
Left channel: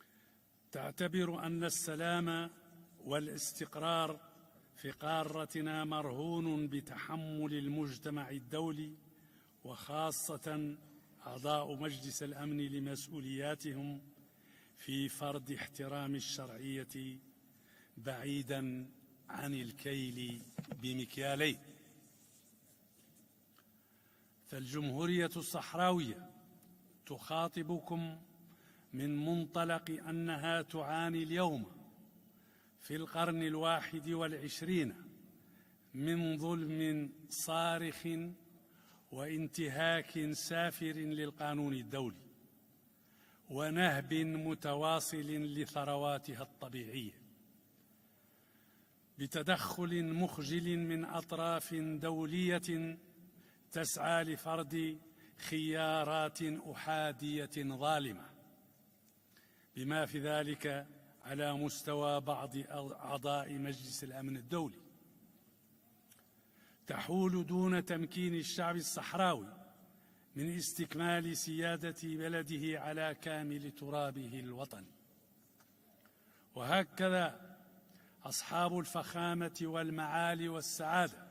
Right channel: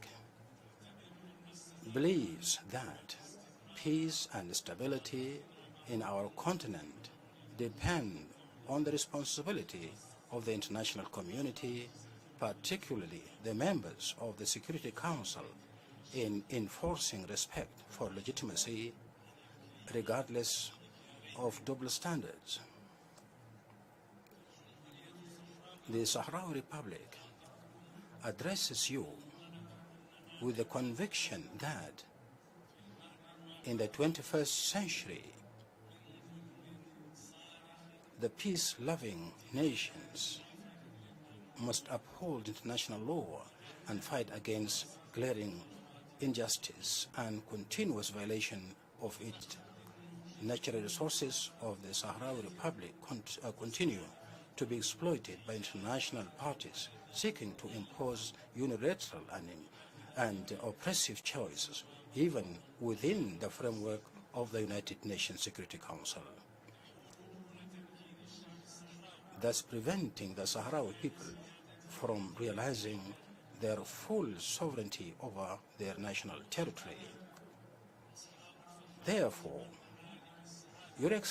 believes that peace and stability in our continent depend on the responsibility of the international community, particularly the members of the Security Council, in enforcing respect for legitimacy regardless of double standards. The Sahrawi Republic addresses you with the conviction that in the 21st century, the peace-loving nations must uphold international law and fight against glaring injustice and continuous violation of natural resources of the Sahrawi Republic continue to be exploited by international parties seeking to impose unilateral and oppressive choice, even within the framework of the United Nations Security Council. تحول دون تمكين الشعب الصحراوي من استكمال سيادة بلده على كامل ترابه الوطني. وهكذا أصحاب الفخامة والمعالي والسعادة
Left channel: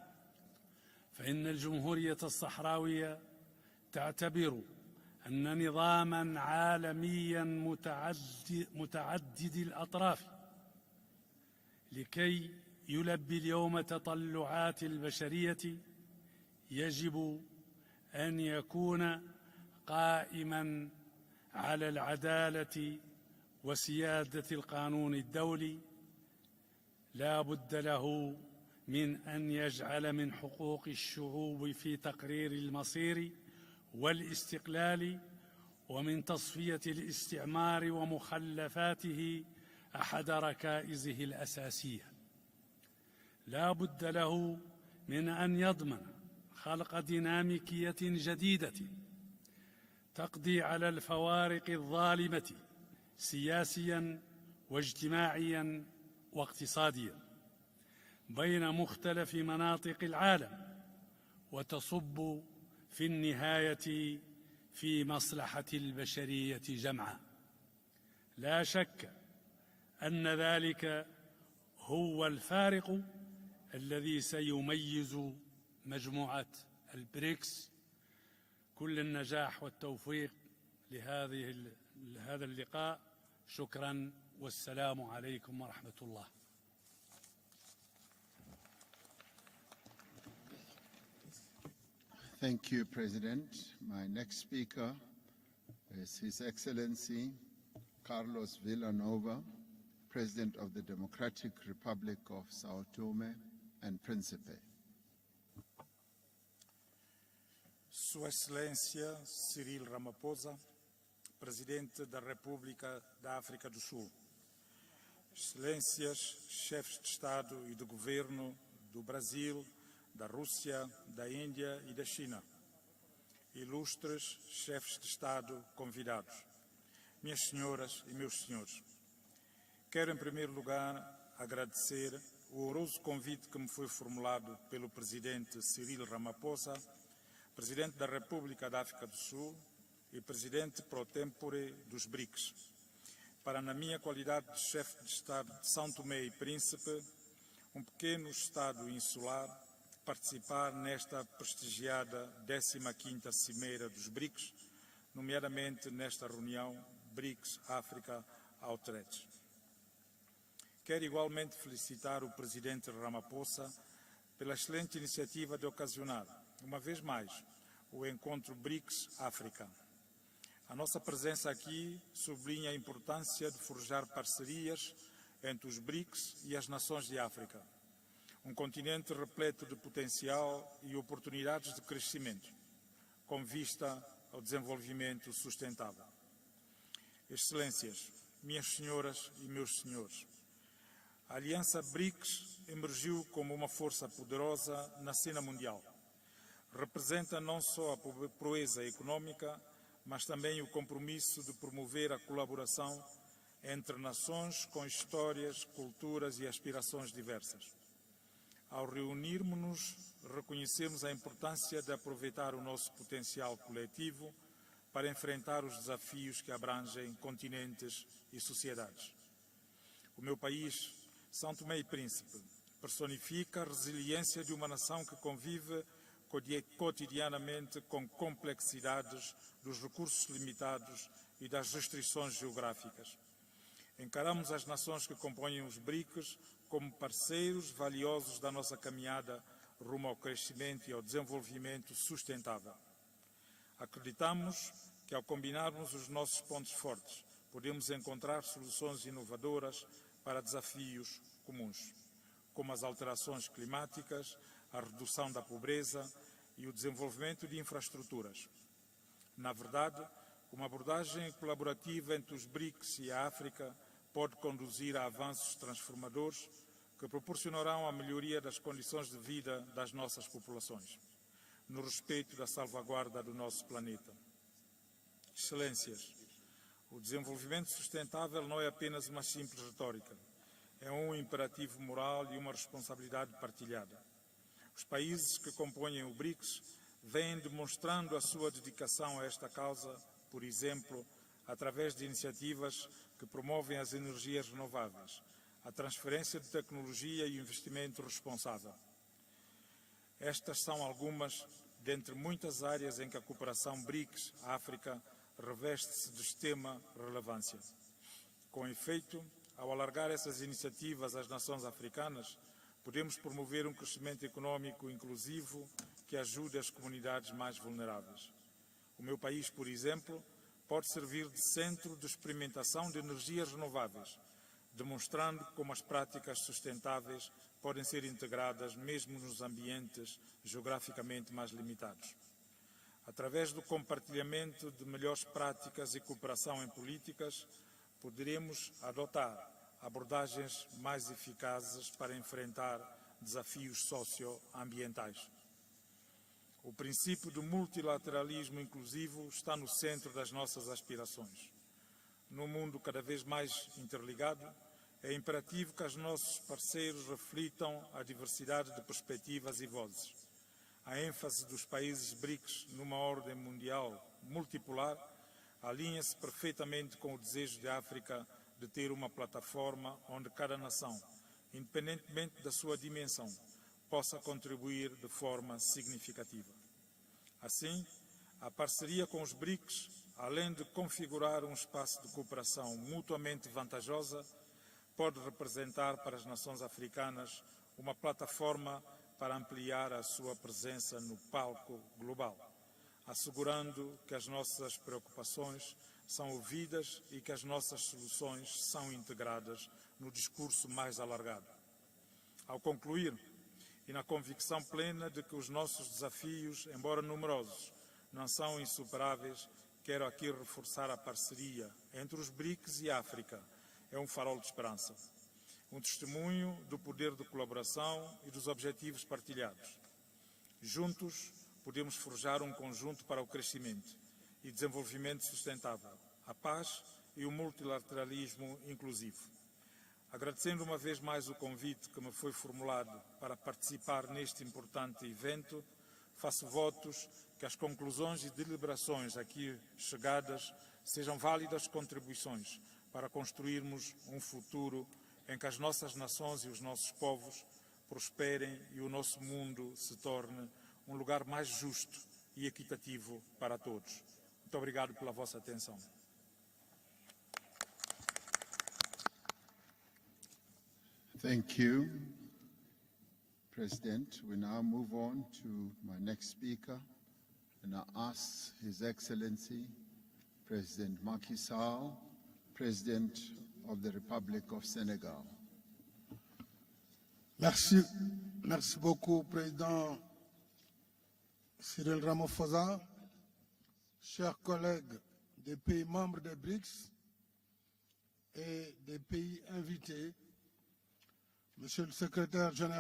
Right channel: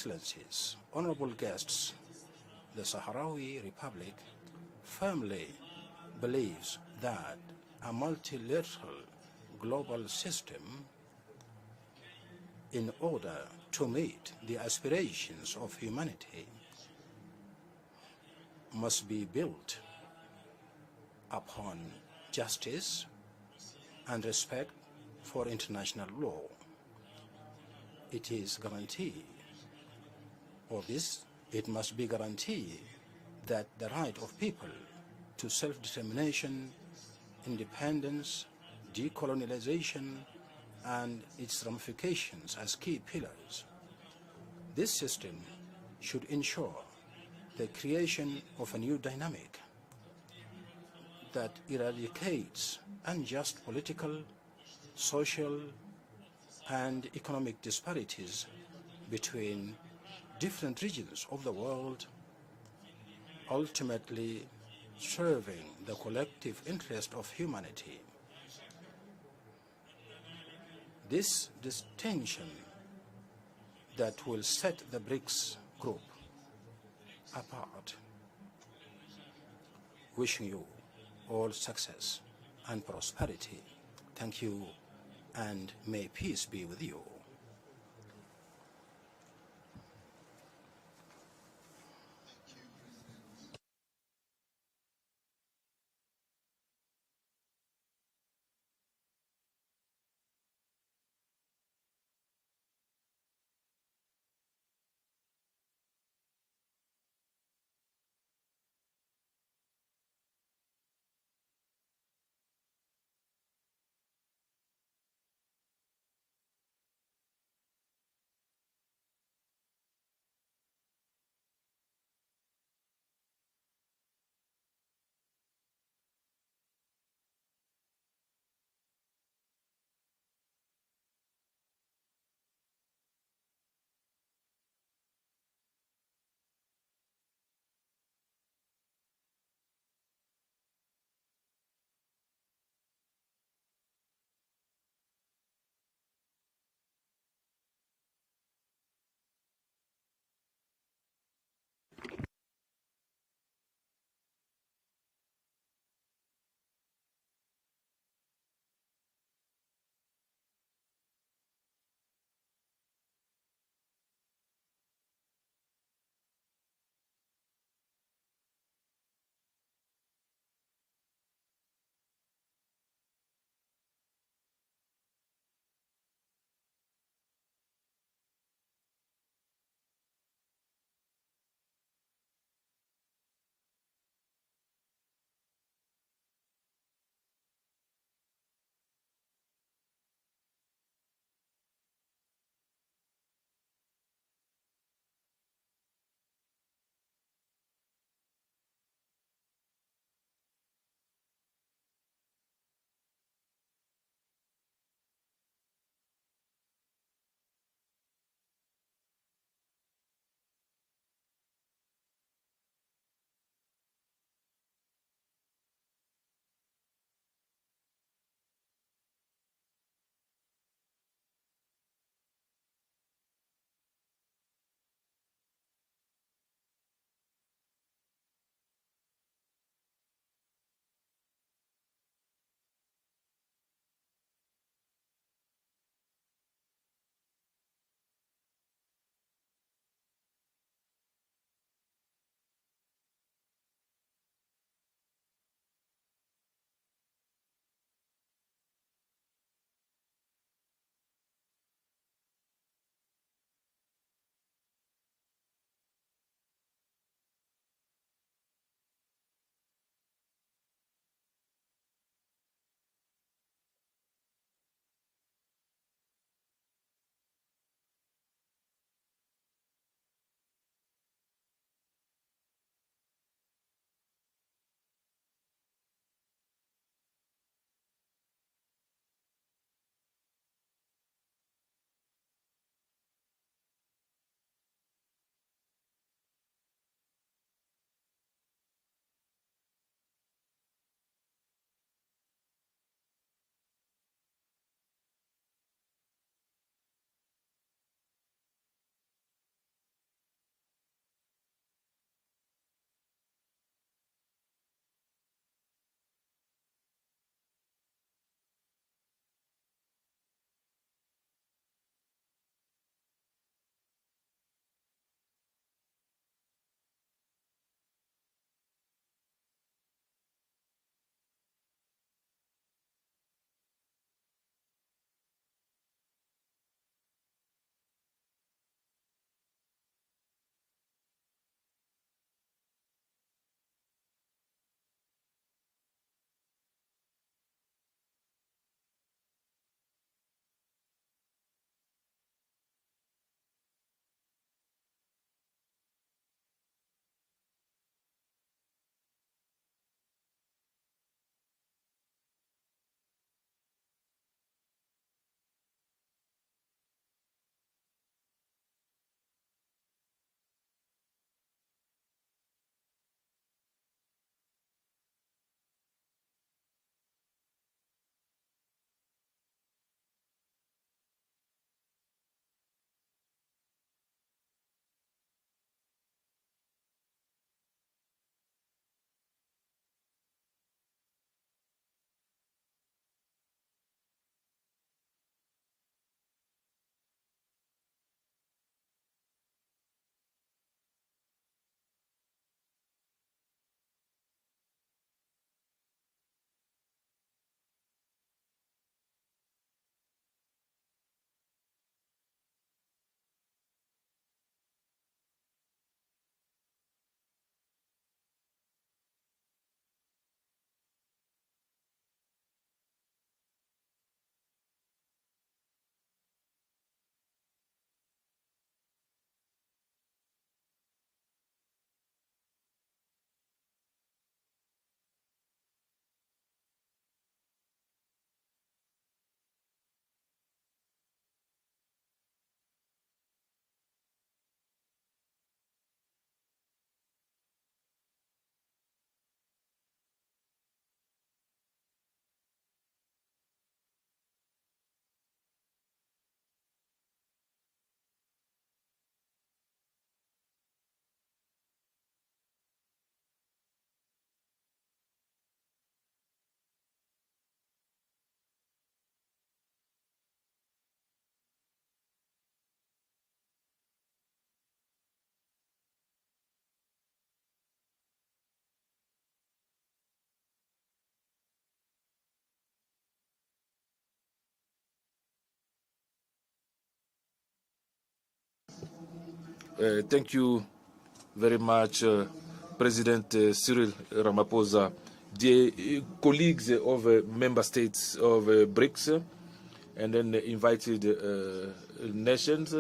إن الجمهورية الصحراوية تعتبر أن نظاما عالميا متعدد الأطراف لكي يلبي اليوم تطلعات البشرية يجب أن يكون قائما على العدالة وسيادة القانون الدولي. لا بد له من أن يجعل من حقوق الشعوب في تقرير المصير والاستقلال ومن تصفية الاستعمار ومخلفاته أحد ركائزه الأساسية. لا بد له من أن يضمن خلق ديناميكية جديدة تقضي على الفوارق الظالمة سياسيا واجتماعيا واقتصاديا بين مختلف مناطق العالم وتصب في النهاية في مصلحة البشرية جمعاء. لا شك أن ذلك هو الفارق الذي سيميز مجموعة البريكس. كل النجاح والتوفيق all success and prosperity. Thank you, and may peace be with you. Thank you, President. My next speaker is His Excellency Carlos Villanova, President of the Democratic Republic of Sao Tome and Principe. Sua Excelência Cyril Ramaphosa, Presidente da República da África do Sul, Excelências, chefes de Estado e de Governo do Brasil, da Rússia, da Índia e da China, ilustres chefes de Estado convidados, minhas senhoras e meus senhores, quero em primeiro lugar agradecer o honroso convite que me foi formulado pelo Presidente Cyril Ramaphosa, Presidente da República da África do Sul e Presidente pro tempore dos BRICS, para, na minha qualidade de chefe de Estado de São Tomé e Príncipe, um pequeno Estado insular, participar nesta prestigiada 15ª Cimeira dos BRICS, nomeadamente nesta reunião BRICS-África Outreach. Quero igualmente felicitar o Presidente Ramaphosa pela excelente iniciativa de ocasionar, uma vez mais, o encontro BRICS-África. A nossa presença aqui sublinha a importância de forjar parcerias entre os BRICS e as nações de África, um continente repleto de potencial e oportunidades de crescimento, com vista ao desenvolvimento sustentável. Excelências, minhas senhoras e meus senhores, a Aliança BRICS emergiu como uma força poderosa na cena mundial. Representa não só a proeza econômica, mas também o compromisso de promover a colaboração entre nações com histórias, culturas e aspirações diversas. Ao reunirmos-nos, reconhecemos a importância de aproveitar o nosso potencial coletivo para enfrentar os desafios que abrangem continentes e sociedades. O meu país, São Tomé e Príncipe, personifica a resiliência de uma nação que convive cotidianamente com complexidades dos recursos limitados e das restrições geográficas. Encaramos as nações que compõem os BRICS como parceiros valiosos da nossa caminhada rumo ao crescimento e ao desenvolvimento sustentável. Acreditamos que, ao combinarmos os nossos pontos fortes, podemos encontrar soluções inovadoras para desafios comuns, como as alterações climáticas, a redução da pobreza e o desenvolvimento de infraestruturas. Na verdade, uma abordagem colaborativa entre os BRICS e a África pode conduzir a avanços transformadores que proporcionarão a melhoria das condições de vida das nossas populações, no respeito da salvaguarda do nosso planeta. Excelências, o desenvolvimento sustentável não é apenas uma simples retórica, é um imperativo moral e uma responsabilidade partilhada. Os países que compõem o BRICS vêm demonstrando a sua dedicação a esta causa, por exemplo, através de iniciativas que promovem as energias renováveis, a transferência de tecnologia e o investimento responsável. Estas são algumas dentre muitas áreas em que a cooperação BRICS-África reveste-se de extrema relevância. Com efeito, ao alargar essas iniciativas às nações africanas, podemos promover um crescimento econômico inclusivo que ajude as comunidades mais vulneráveis. O meu país, por exemplo, pode servir de centro de experimentação de energias renováveis, demonstrando como as práticas sustentáveis podem ser integradas mesmo nos ambientes geograficamente mais limitados. Através do compartilhamento de melhores práticas e cooperação em políticas, poderemos adotar abordagens mais eficazes para enfrentar desafios socioambientais. O princípio do multilateralismo inclusivo está no centro das nossas aspirações. Num mundo cada vez mais interligado, é imperativo que os nossos parceiros reflitam a diversidade de perspectivas e vozes. A ênfase dos países BRICS numa ordem mundial multipolar alinha-se perfeitamente com o desejo de África de ter uma plataforma onde cada nação, independentemente da sua dimensão, possa contribuir de forma significativa. Assim, a parceria com os BRICS, além de configurar um espaço de cooperação mutuamente vantajosa, pode representar para as nações africanas uma plataforma para ampliar a sua presença no palco global, assegurando que as nossas preocupações são ouvidas e que as nossas soluções são integradas no discurso mais alargado. Ao concluir, e na convicção plena de que os nossos desafios, embora numerosos, não são insuperáveis, quero aqui reforçar a parceria entre os BRICS e a África. É um farol de esperança, um testemunho do poder de colaboração e dos objetivos partilhados. Juntos, podemos forjar um conjunto para o crescimento e desenvolvimento sustentável, a paz e o multilateralismo inclusivo. Agradecendo uma vez mais o convite que me foi formulado para participar neste importante evento, faço votos que as conclusões e deliberações aqui chegadas sejam válidas contribuições para construirmos um futuro em que as nossas nações e os nossos povos prosperem e o nosso mundo se torne um lugar mais justo e equitativo para todos. Muito obrigado pela vossa atenção. Thank you, President. We now move on to my next speaker, and I ask His Excellency, President Macky Sall, President of the Republic of Senegal. Merci beaucoup, Président. Thank you very much, President Cyril Ramaphosa, dear colleagues of member states of BRICS, and then invited nations,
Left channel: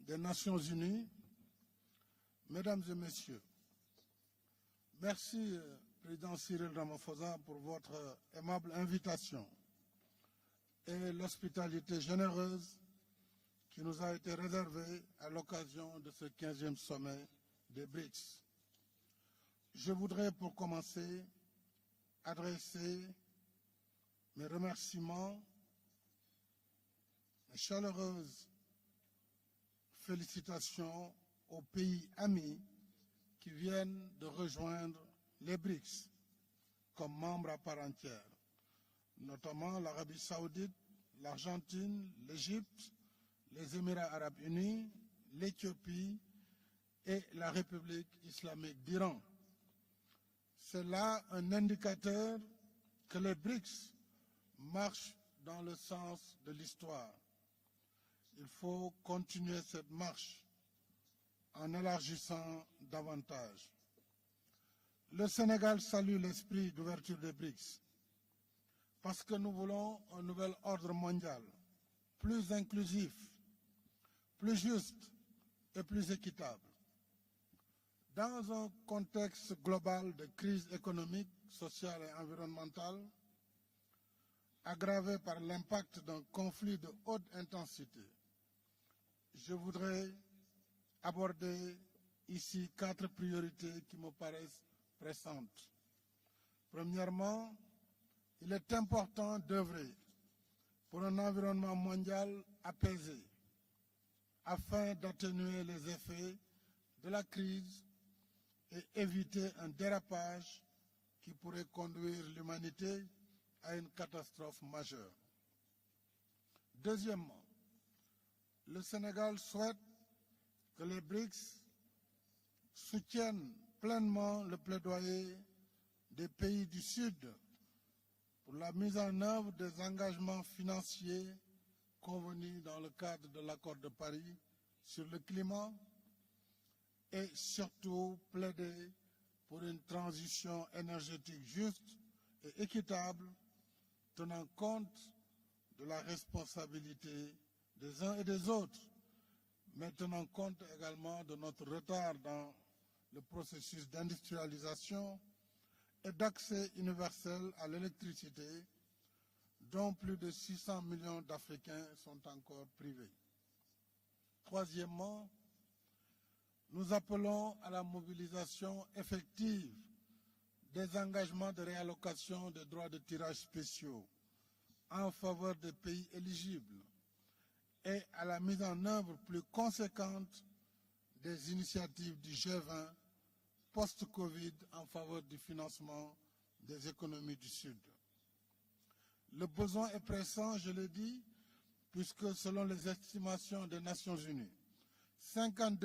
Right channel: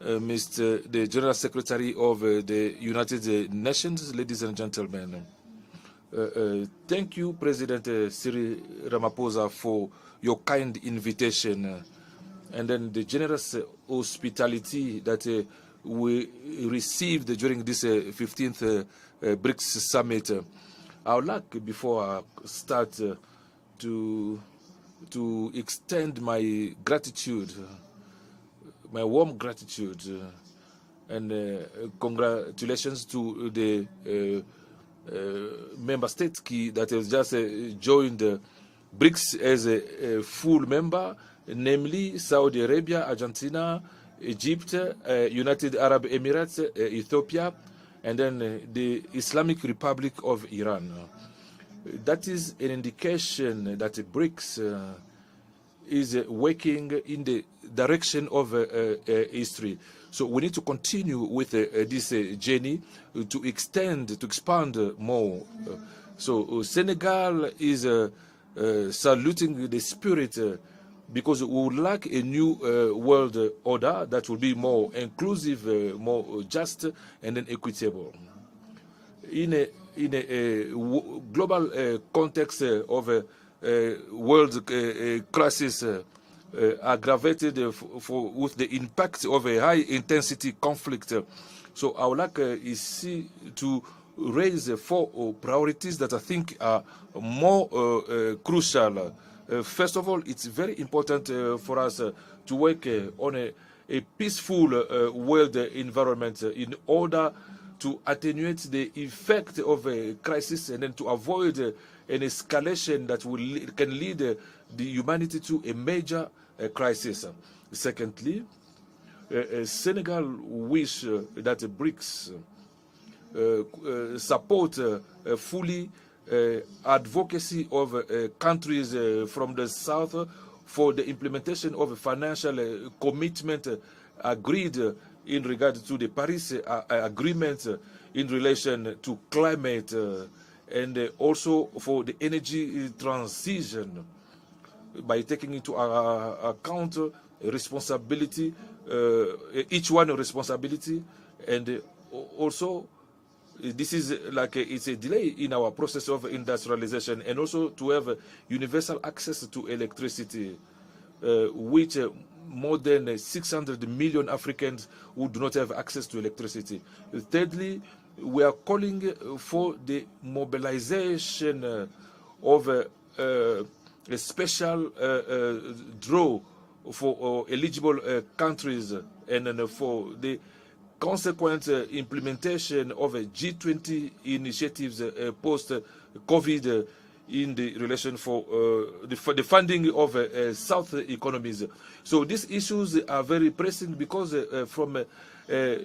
Mr. the General Secretary of the United Nations, ladies and gentlemen. Thank you, President Cyril Ramaphosa, for your kind invitation and then the generous hospitality that we received during this 15th BRICS summit. I would like, before I start, to extend my gratitude, my warm gratitude and congratulations to the member states that has just joined BRICS as a full member, namely Saudi Arabia, Argentina, Egypt, United Arab Emirates, Ethiopia, and then the Islamic Republic of Iran. That is an indication that BRICS is working in the direction of history. So we need to continue with this journey to expand more. So Senegal is saluting the spirit because we would like a new world order that will be more inclusive, more just, and then equitable. In a global context of a world crisis aggravated with the impact of a high-intensity conflict. So I would like to raise 4 priorities that I think are more crucial. First of all, it's very important for us to work on a peaceful world environment in order to attenuate the effect of a crisis and then to avoid an escalation that can lead the humanity to a major crisis. Secondly, Senegal wish that BRICS support fully advocacy of countries from the south for the implementation of a financial commitment agreed in regard to the Paris Agreement in relation to climate and also for the energy transition by taking into account responsibility, each one a responsibility, and also this is like it's a delay in our process of industrialization, and also to have universal access to electricity, which more than 600 million Africans who do not have access to electricity. Thirdly, we are calling for the mobilization of a special draw for eligible countries and for the consequent implementation of G20 initiatives post-COVID in the relation for the funding of South economies. So these issues are very pressing because from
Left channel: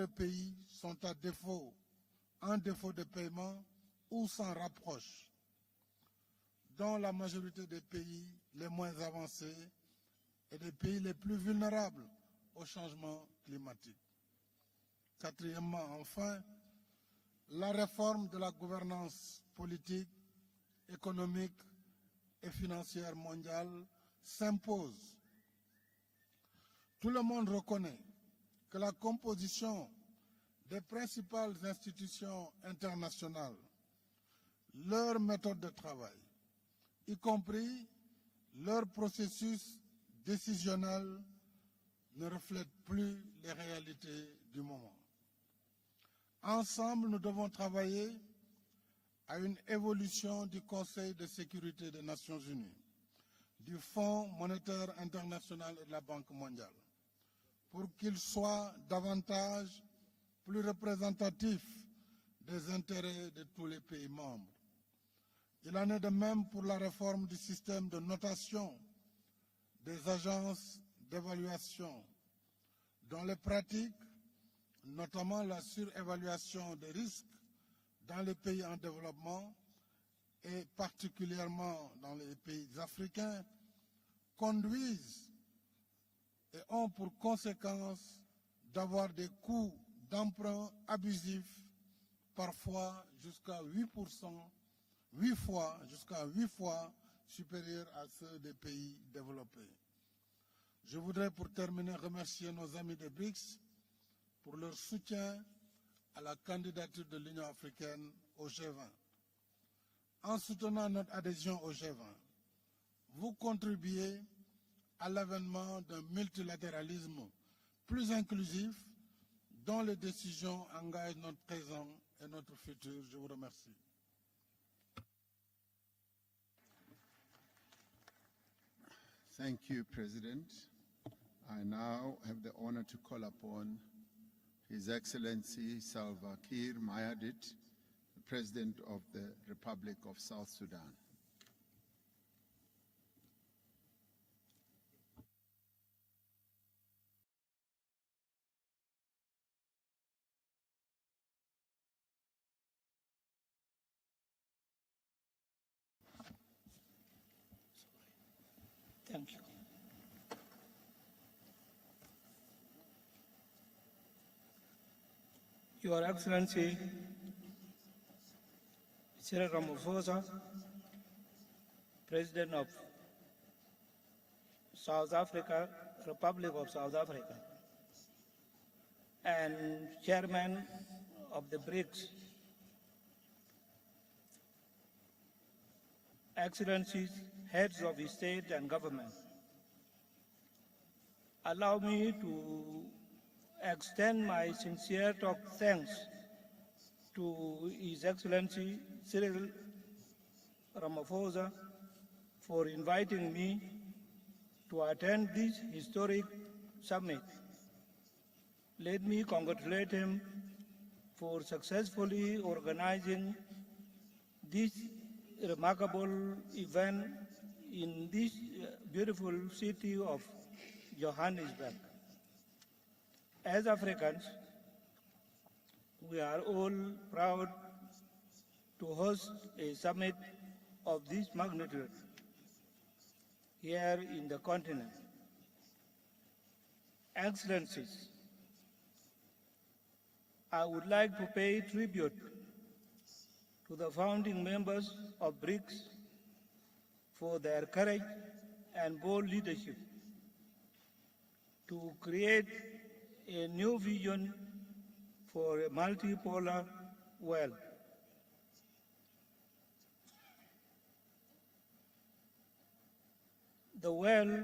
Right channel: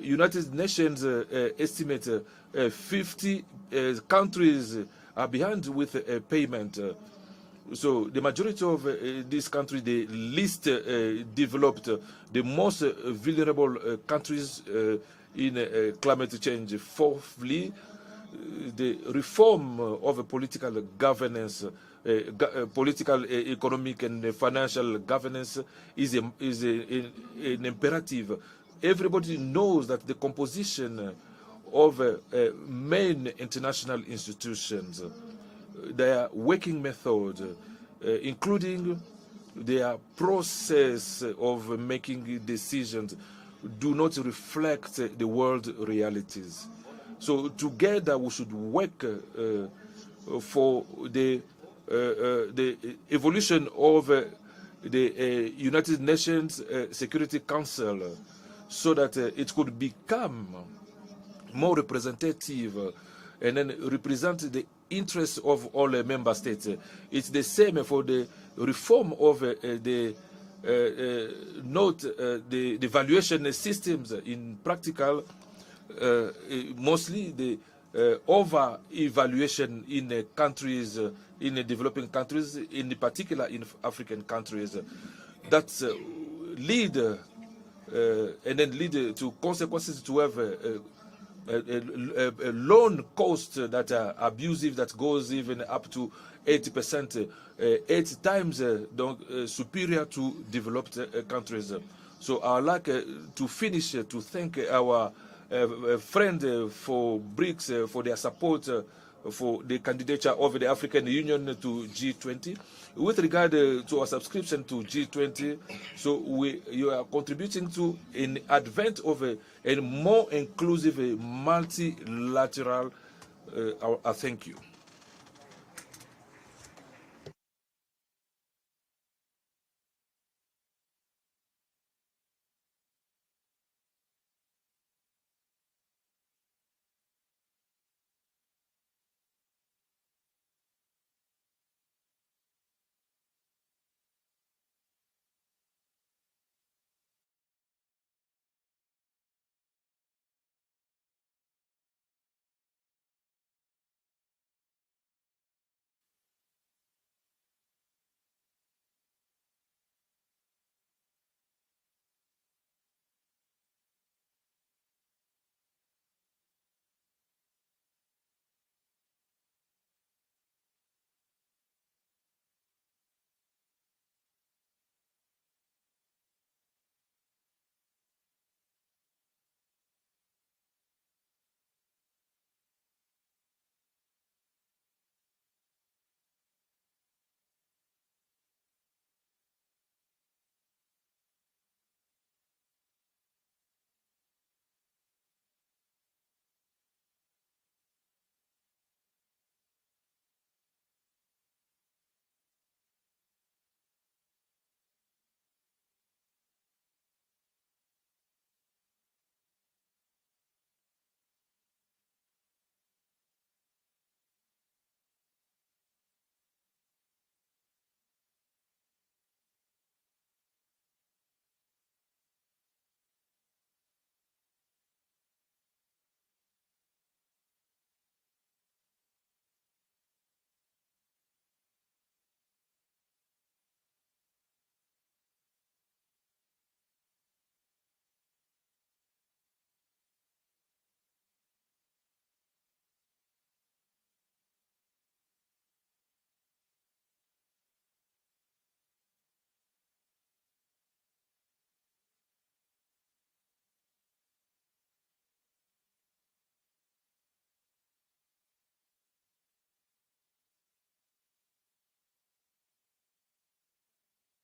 United Nations estimate, 50 countries are behind with payment. So the majority of these countries, the least developed, the most vulnerable countries in climate change. Fourthly, the reform of political governance, political, economic, and financial governance is an imperative. Everybody knows that the composition of main international institutions, their working method, including their process of making decisions, do not reflect the world realities. So together we should work for the evolution of the United Nations Security Council so that it could become more representative and then represent the interests of all member states. It's the same for the reform of the valuation systems in practical, mostly the over-evaluation in countries, in developing countries, in particular in African countries. That's lead and then lead to consequences to have a loan cost that are abusive, that goes even up to 80%, 8 times superior to developed countries. So I'd like to finish to thank our friend for BRICS for their support for the candidature of the African Union to G20. With regard to our subscription to G20, so you are contributing to an advent of a more inclusive, multilateral. I thank you. Thank you, President. I now have the honor to call upon His Excellency Salva Kiir Mayardit, the President of the Republic of South Sudan. Thank you. Your Excellency, Cyril Ramaphosa, President of South Africa, Republic of South Africa, and Chairman of the BRICS, Excellencies, Heads of State and Government, Allow me to extend my sincere thanks to His Excellency Cyril Ramaphosa for inviting me to attend this historic summit. Let me congratulate him for successfully organizing this remarkable event in this beautiful city of Johannesburg. As Africans, we are all proud to host a summit of this magnitude here in the continent. Excellencies, I would like to pay tribute to the founding members of BRICS for their courage and bold leadership to create a new vision for a multipolar world. The world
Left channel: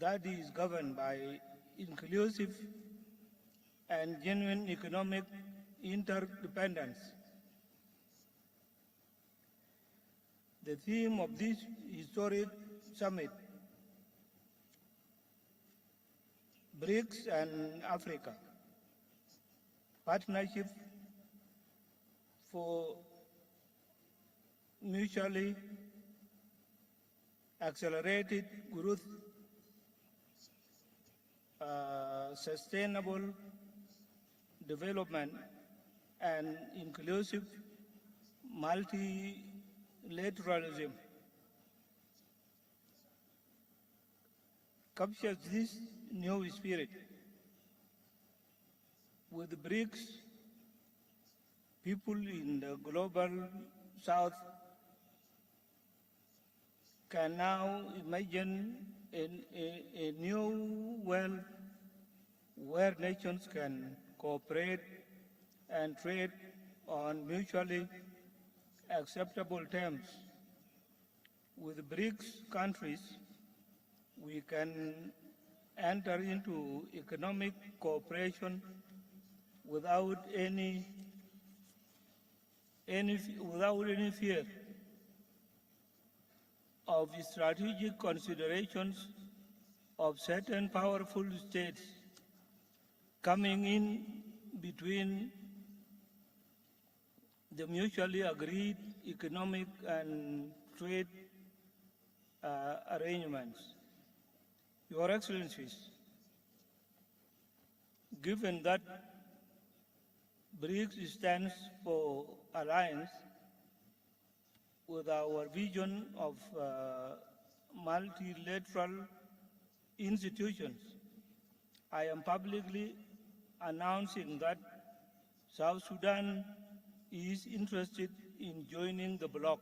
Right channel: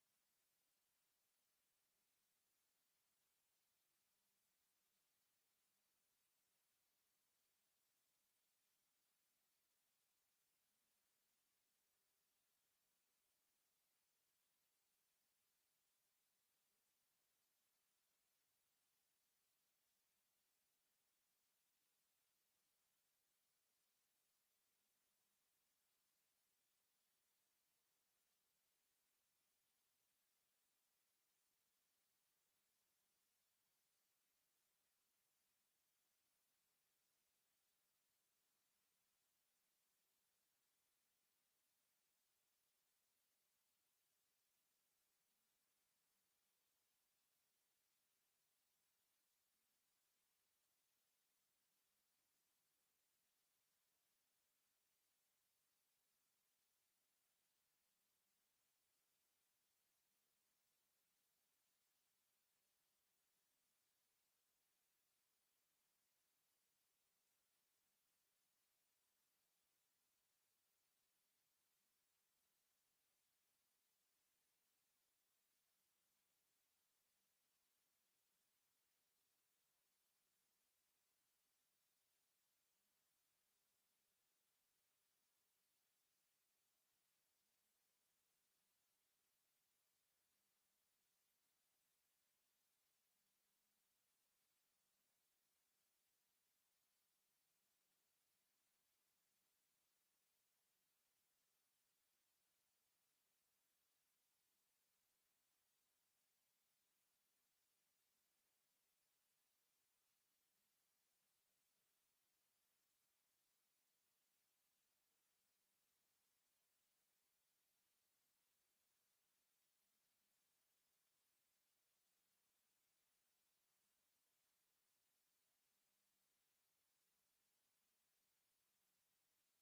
that is governed by inclusive and genuine economic interdependence. The theme of this historic summit, BRICS and Africa, partnership for mutually accelerated growth, sustainable development, and inclusive multilateralism captures this new spirit. With BRICS, people in the global south can now imagine a new world where nations can cooperate and trade on mutually acceptable terms. With BRICS countries, we can enter into economic cooperation without any fear of strategic considerations of certain powerful states coming in between the mutually agreed economic and trade arrangements. Your Excellencies, given that BRICS stands for alliance with our vision of multilateral institutions, I am publicly announcing that South Sudan is interested in joining the bloc,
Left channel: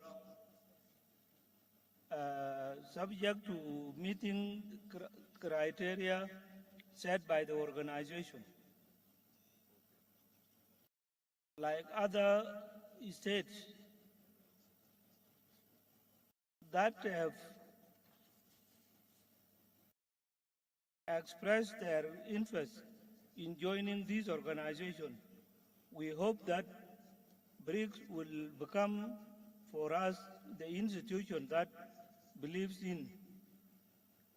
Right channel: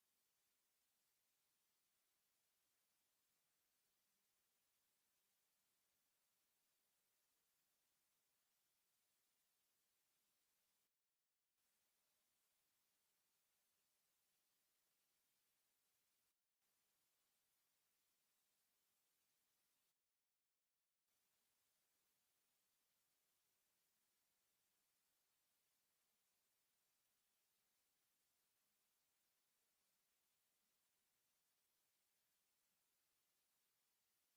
subject to meeting criteria set by the organization. Like other states that have expressed their interest in joining this organization, we hope that BRICS will become for us the institution that believes in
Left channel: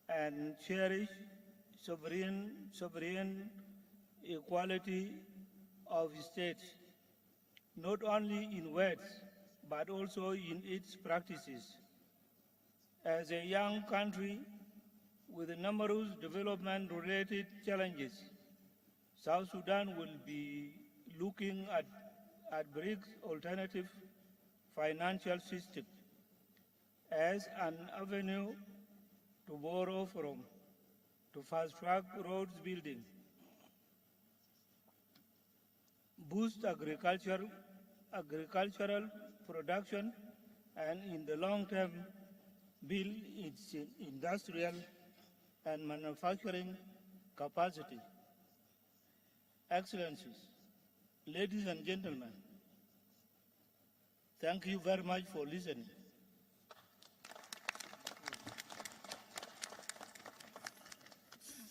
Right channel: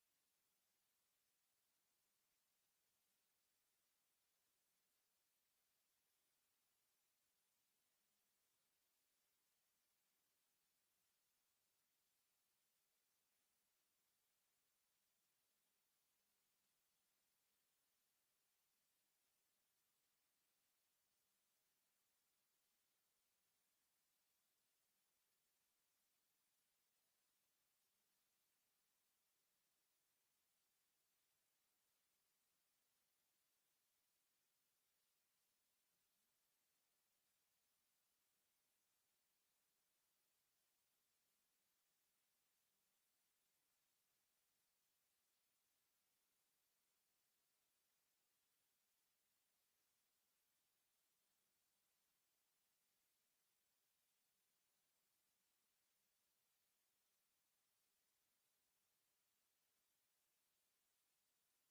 and cherish sovereign equality of states, not only in words, but also in its practices. As a young country with numerous development-related challenges, South Sudan will be looking at BRICS alternative financial system as an avenue to borrow from, to fast-track roads building, boost agricultural production, and in the long term, build its industrial and manufacturing capacity. Excellencies, ladies and gentlemen, thank you very much for listening.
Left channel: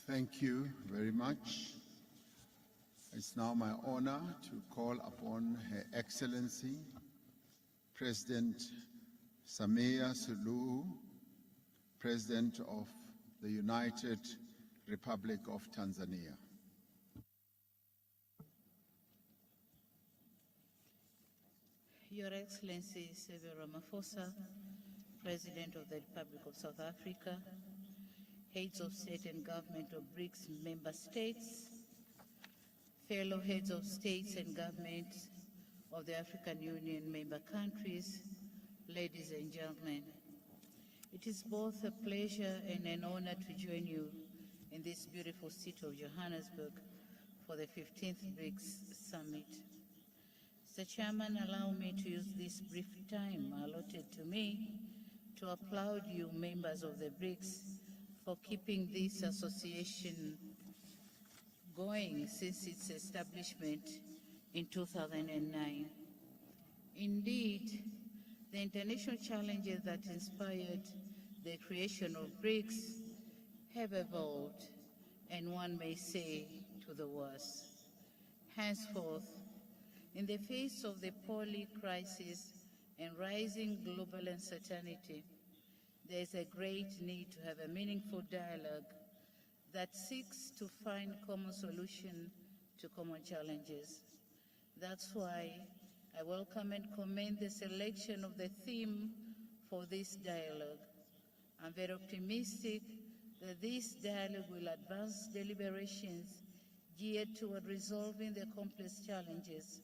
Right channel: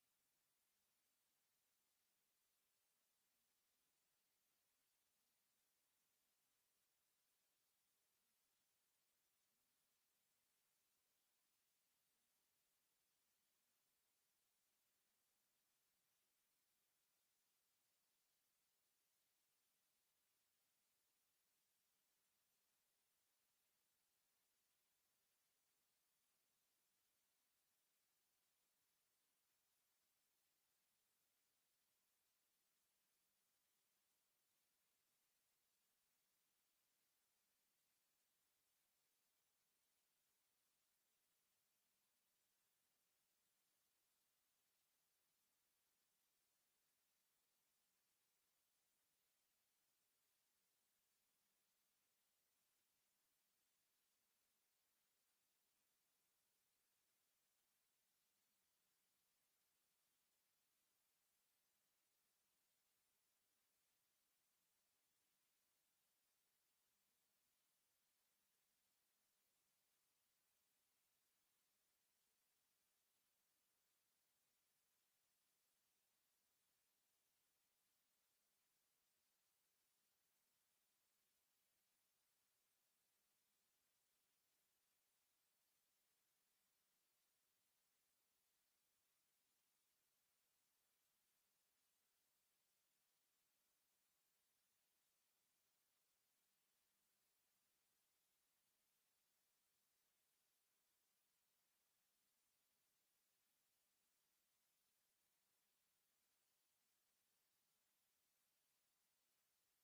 Thank you very much. It's now my honor to call upon Her Excellency, President Samia Suluhu, President of the United Republic of Tanzania. Your Excellency Cyril Ramaphosa, President of the Republic of South Africa, heads of state and government of BRICS member states, fellow heads of states and governments of the African Union member countries, ladies and gentlemen, it is both a pleasure and an honor to join you in this beautiful city of Johannesburg for the 15th BRICS Summit. Mr. Chairman, allow me to use this brief time allotted to me to applaud you, members of the BRICS, for keeping this association going since its establishment in 2009. Indeed, the international challenges that inspired the creation of BRICS have evolved, and one may say to the worse. Henceforth, in the face of the poly crisis and rising global uncertainty, there is a great need to have a meaningful dialogue that seeks to find common solutions to common challenges. That's why I welcome and commend the selection of the theme for this dialogue. I'm very optimistic that this dialogue will advance deliberations geared toward resolving the complex challenges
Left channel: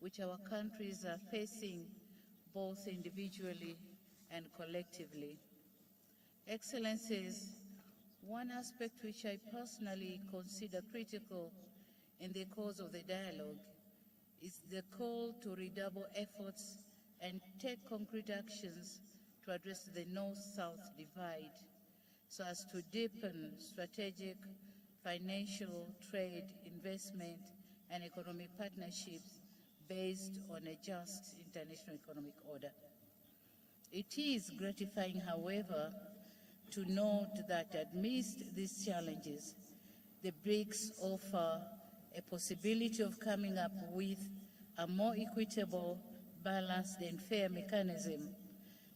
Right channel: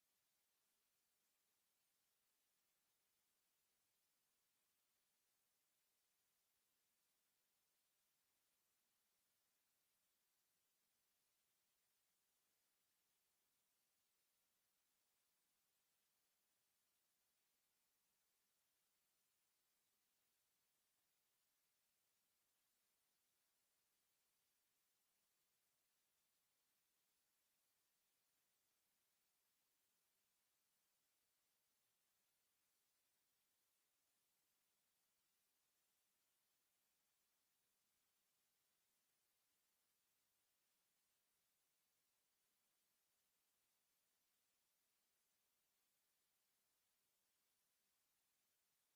which our countries are facing both individually and collectively. Excellencies, one aspect which I personally consider critical in the course of the dialogue is the call to redouble efforts and take concrete actions to address the North-South divide so as to deepen strategic, financial, trade, investment, and economic partnerships based on a just international economic order. It is gratifying, however, to note that amidst these challenges, the BRICS offer a possibility of coming up with a more equitable, balanced, and fair mechanism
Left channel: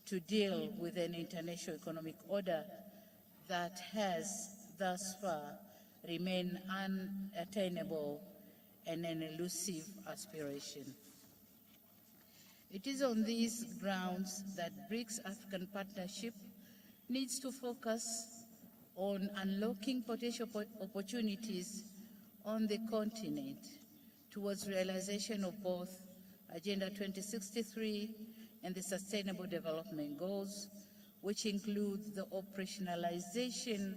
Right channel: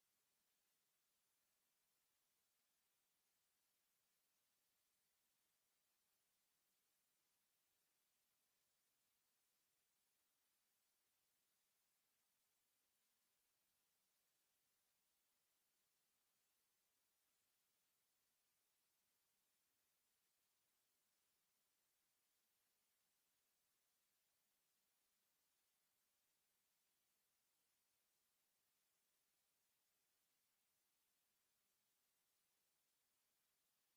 to deal with an international economic order that has thus far remained unattainable and an elusive aspiration. It is on these grounds that BRICS African Partnership needs to focus on unlocking potential opportunities on the continent towards realization of both Agenda 2063 and the Sustainable Development Goals, which includes the operationalization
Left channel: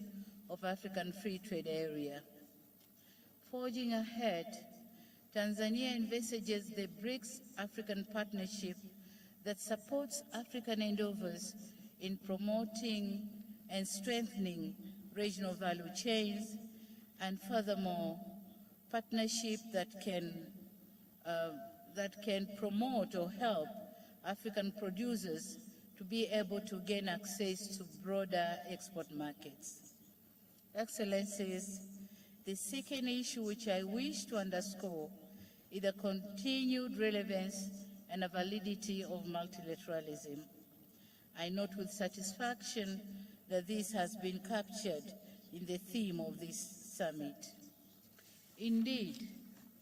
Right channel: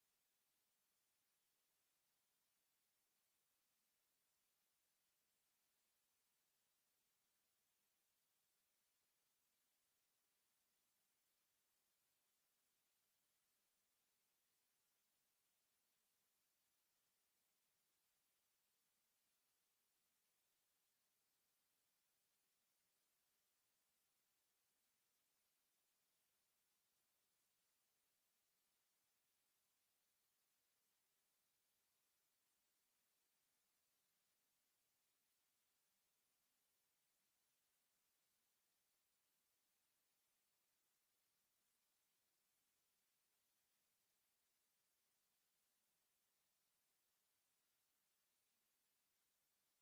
of African Free Trade Area. Forging ahead, Tanzania envisages the BRICS African Partnership that supports African endeavors in promoting and strengthening regional value chains, and furthermore, partnership that can promote or help African producers to be able to gain access to broader export markets. Excellencies, the second issue which I wish to underscore is the continued relevance and validity of multilateralism. I note with satisfaction that this has been captured in the theme of this summit. Indeed,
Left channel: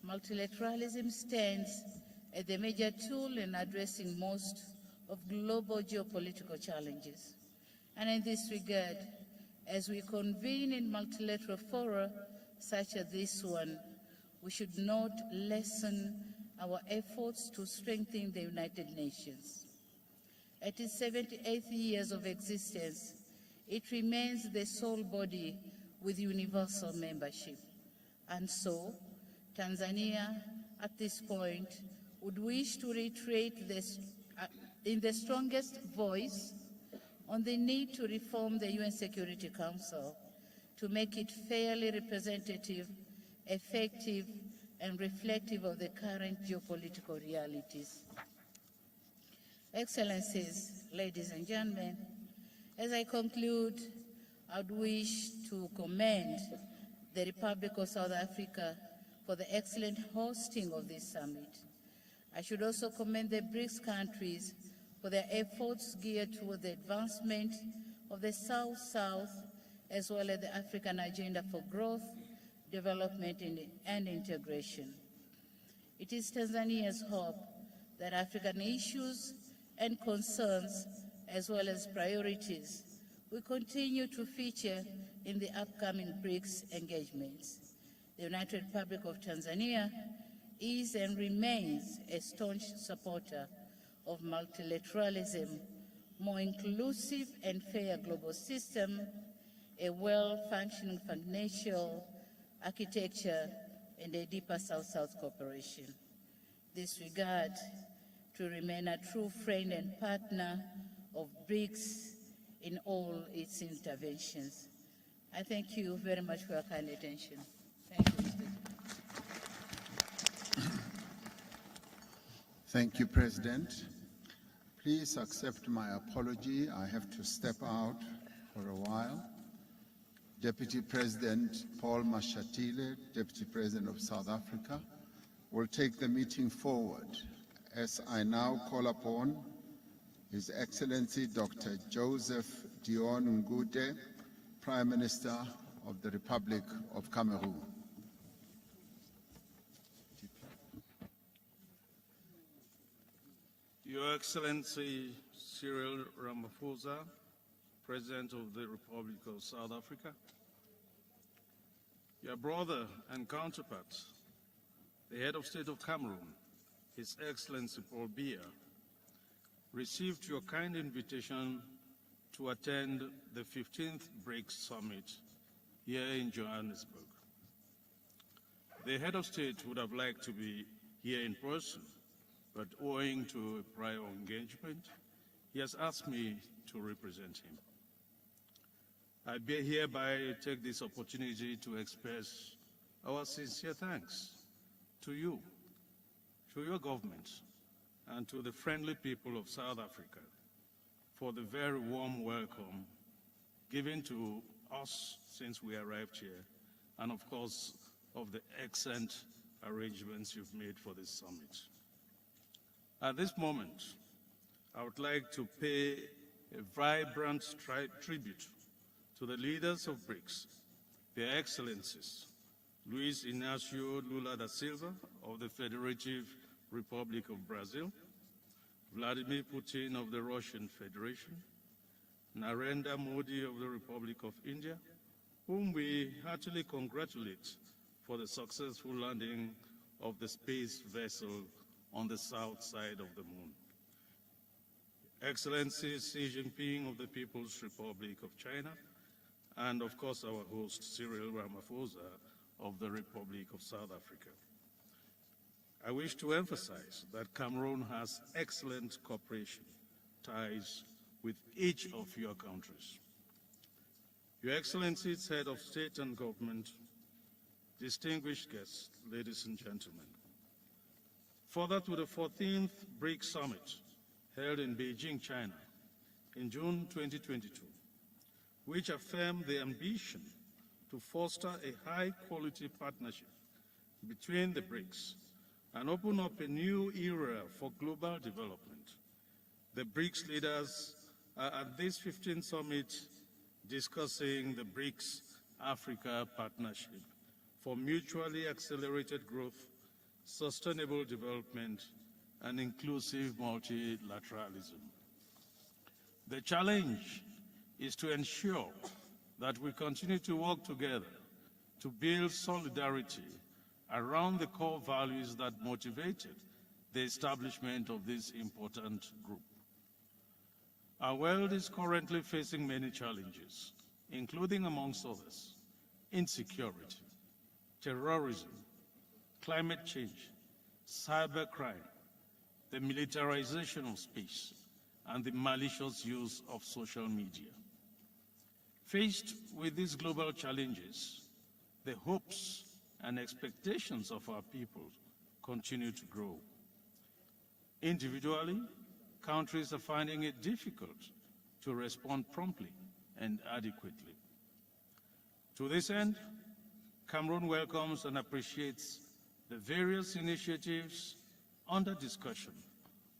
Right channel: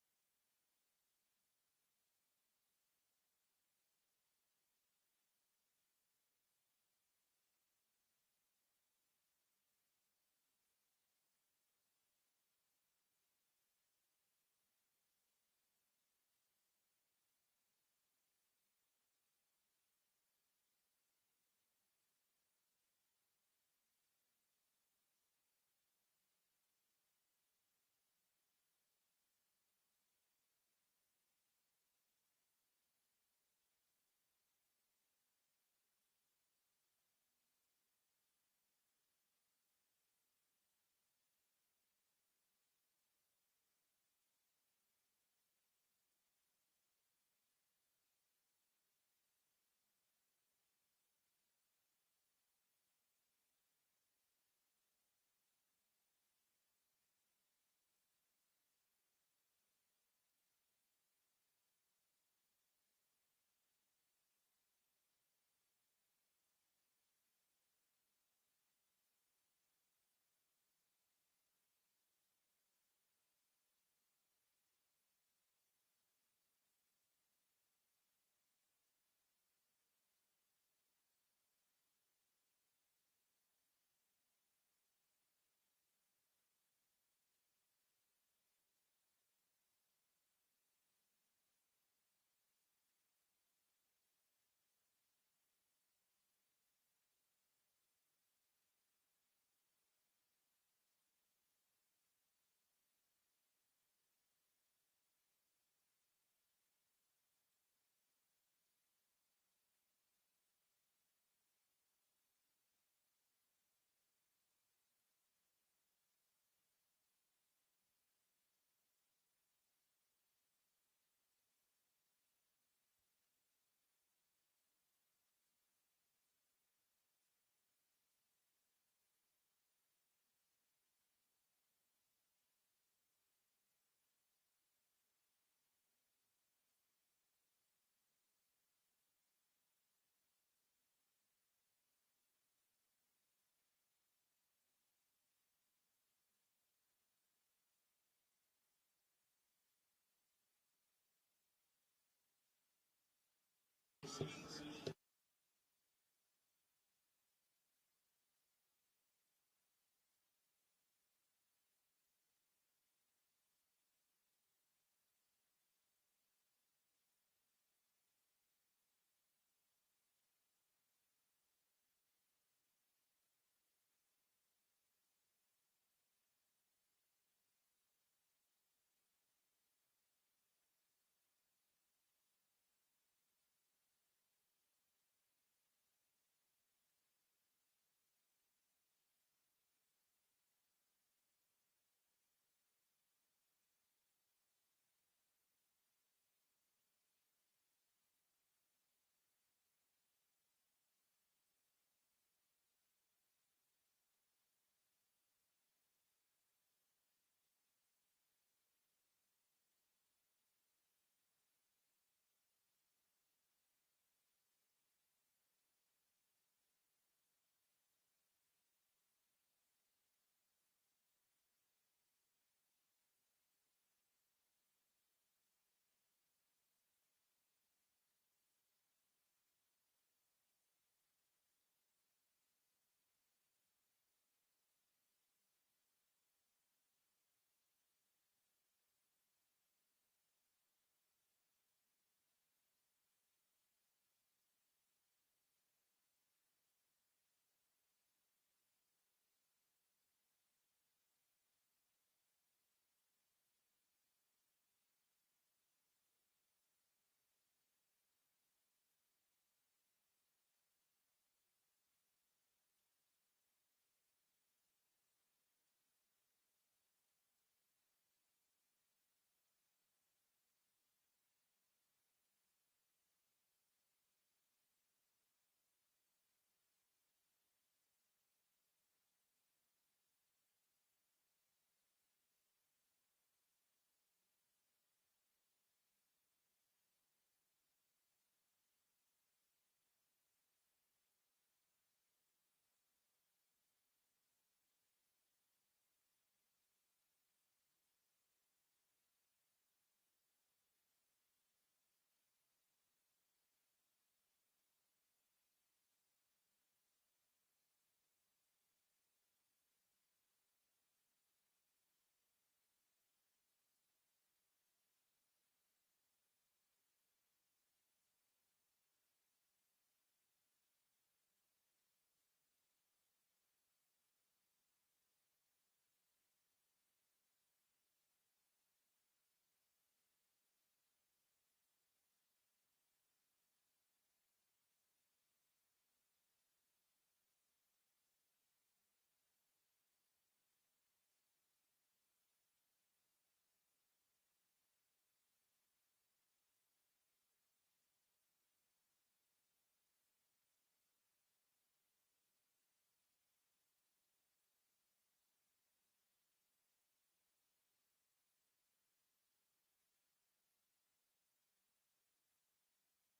multilateralism stands as the major tool in addressing most of global geopolitical challenges. And in this regard, as we convene in multilateral fora such as this one, we should not lessen our efforts to strengthen the United Nations. At its 78th years of existence, it remains the sole body with universal membership. And so, Tanzania, at this point, would wish to reiterate this, in the strongest voice on the need to reform the UN Security Council to make it fairly representative, effective, and reflective of the current geopolitical realities. Excellencies, ladies and gentlemen, as I conclude, I would wish to commend the Republic of South Africa for the excellent hosting of this summit. I should also commend the BRICS countries for their efforts geared toward the advancement of the South-South as well as the African agenda for growth, development, and integration. It is Tanzania's hope that African issues and concerns, as well as priorities, will continue to feature in the upcoming BRICS engagements. The United Republic of Tanzania is and remains a staunch supporter of multilateralism, more inclusive and fair global system, a well-functioning financial architecture, and a deeper South-South cooperation. This regard to remain a true friend and partner of BRICS in all its interventions. I thank you very much for your kind attention. Thank you, Mr. Thank you, President. Please accept my apology. I have to step out for a while. Deputy President Paul Mashatile, Deputy President of South Africa, will take the meeting forward as I now call upon His Excellency Dr. Joseph Dion Ngute, Prime Minister of the Republic of Cameroon. Your Excellency Cyril Ramaphosa, President of the Republic of South Africa, your brother and counterpart, the head of state of Cameroon, His Excellency Paul Biya, received your kind invitation to attend the 15th BRICS Summit here in Johannesburg. The head of state would have liked to be here in person, but owing to a prior engagement, he has asked me to represent him. I hereby take this opportunity to express our sincere thanks to you, to your government, and to the friendly people of South Africa for the very warm welcome given to us since we arrived here, and of course, of the excellent arrangements you've made for this summit. At this moment, I would like to pay a vibrant tribute to the leaders of BRICS, their excellencies, Luis Inácio Lula da Silva of the Federative Republic of Brazil, Vladimir Putin of the Russian Federation, Narendra Modi of the Republic of India, whom we heartily congratulate for the successful landing of the space vessel on the south side of the moon. Excellency Xi Jinping of the People's Republic of China, and of course our host Cyril Ramaphosa of the Republic of South Africa. I wish to emphasize that Cameroon has excellent cooperation ties with each of your countries. Your Excellencies, Head of State and Government, distinguished guests, ladies and gentlemen, further to the 14th BRICS Summit held in Beijing, China in June 2022, which affirmed the ambition to foster a high-quality partnership between the BRICS and open up a new era for global development. The BRICS leaders are at this 15th summit discussing the BRICS Africa Partnership for mutually accelerated growth, sustainable development, and inclusive multilateralism. The challenge is to ensure that we continue to work together to build solidarity around the core values that motivated the establishment of this important group. Our world is currently facing many challenges, including, amongst others, insecurity, terrorism, climate change, cybercrime, the militarization of space, and the malicious use of social media. Faced with these global challenges, the hopes and expectations of our people continue to grow. Individually, countries are finding it difficult to respond promptly and adequately. To this end, Cameroon welcomes and appreciates the various initiatives under discussion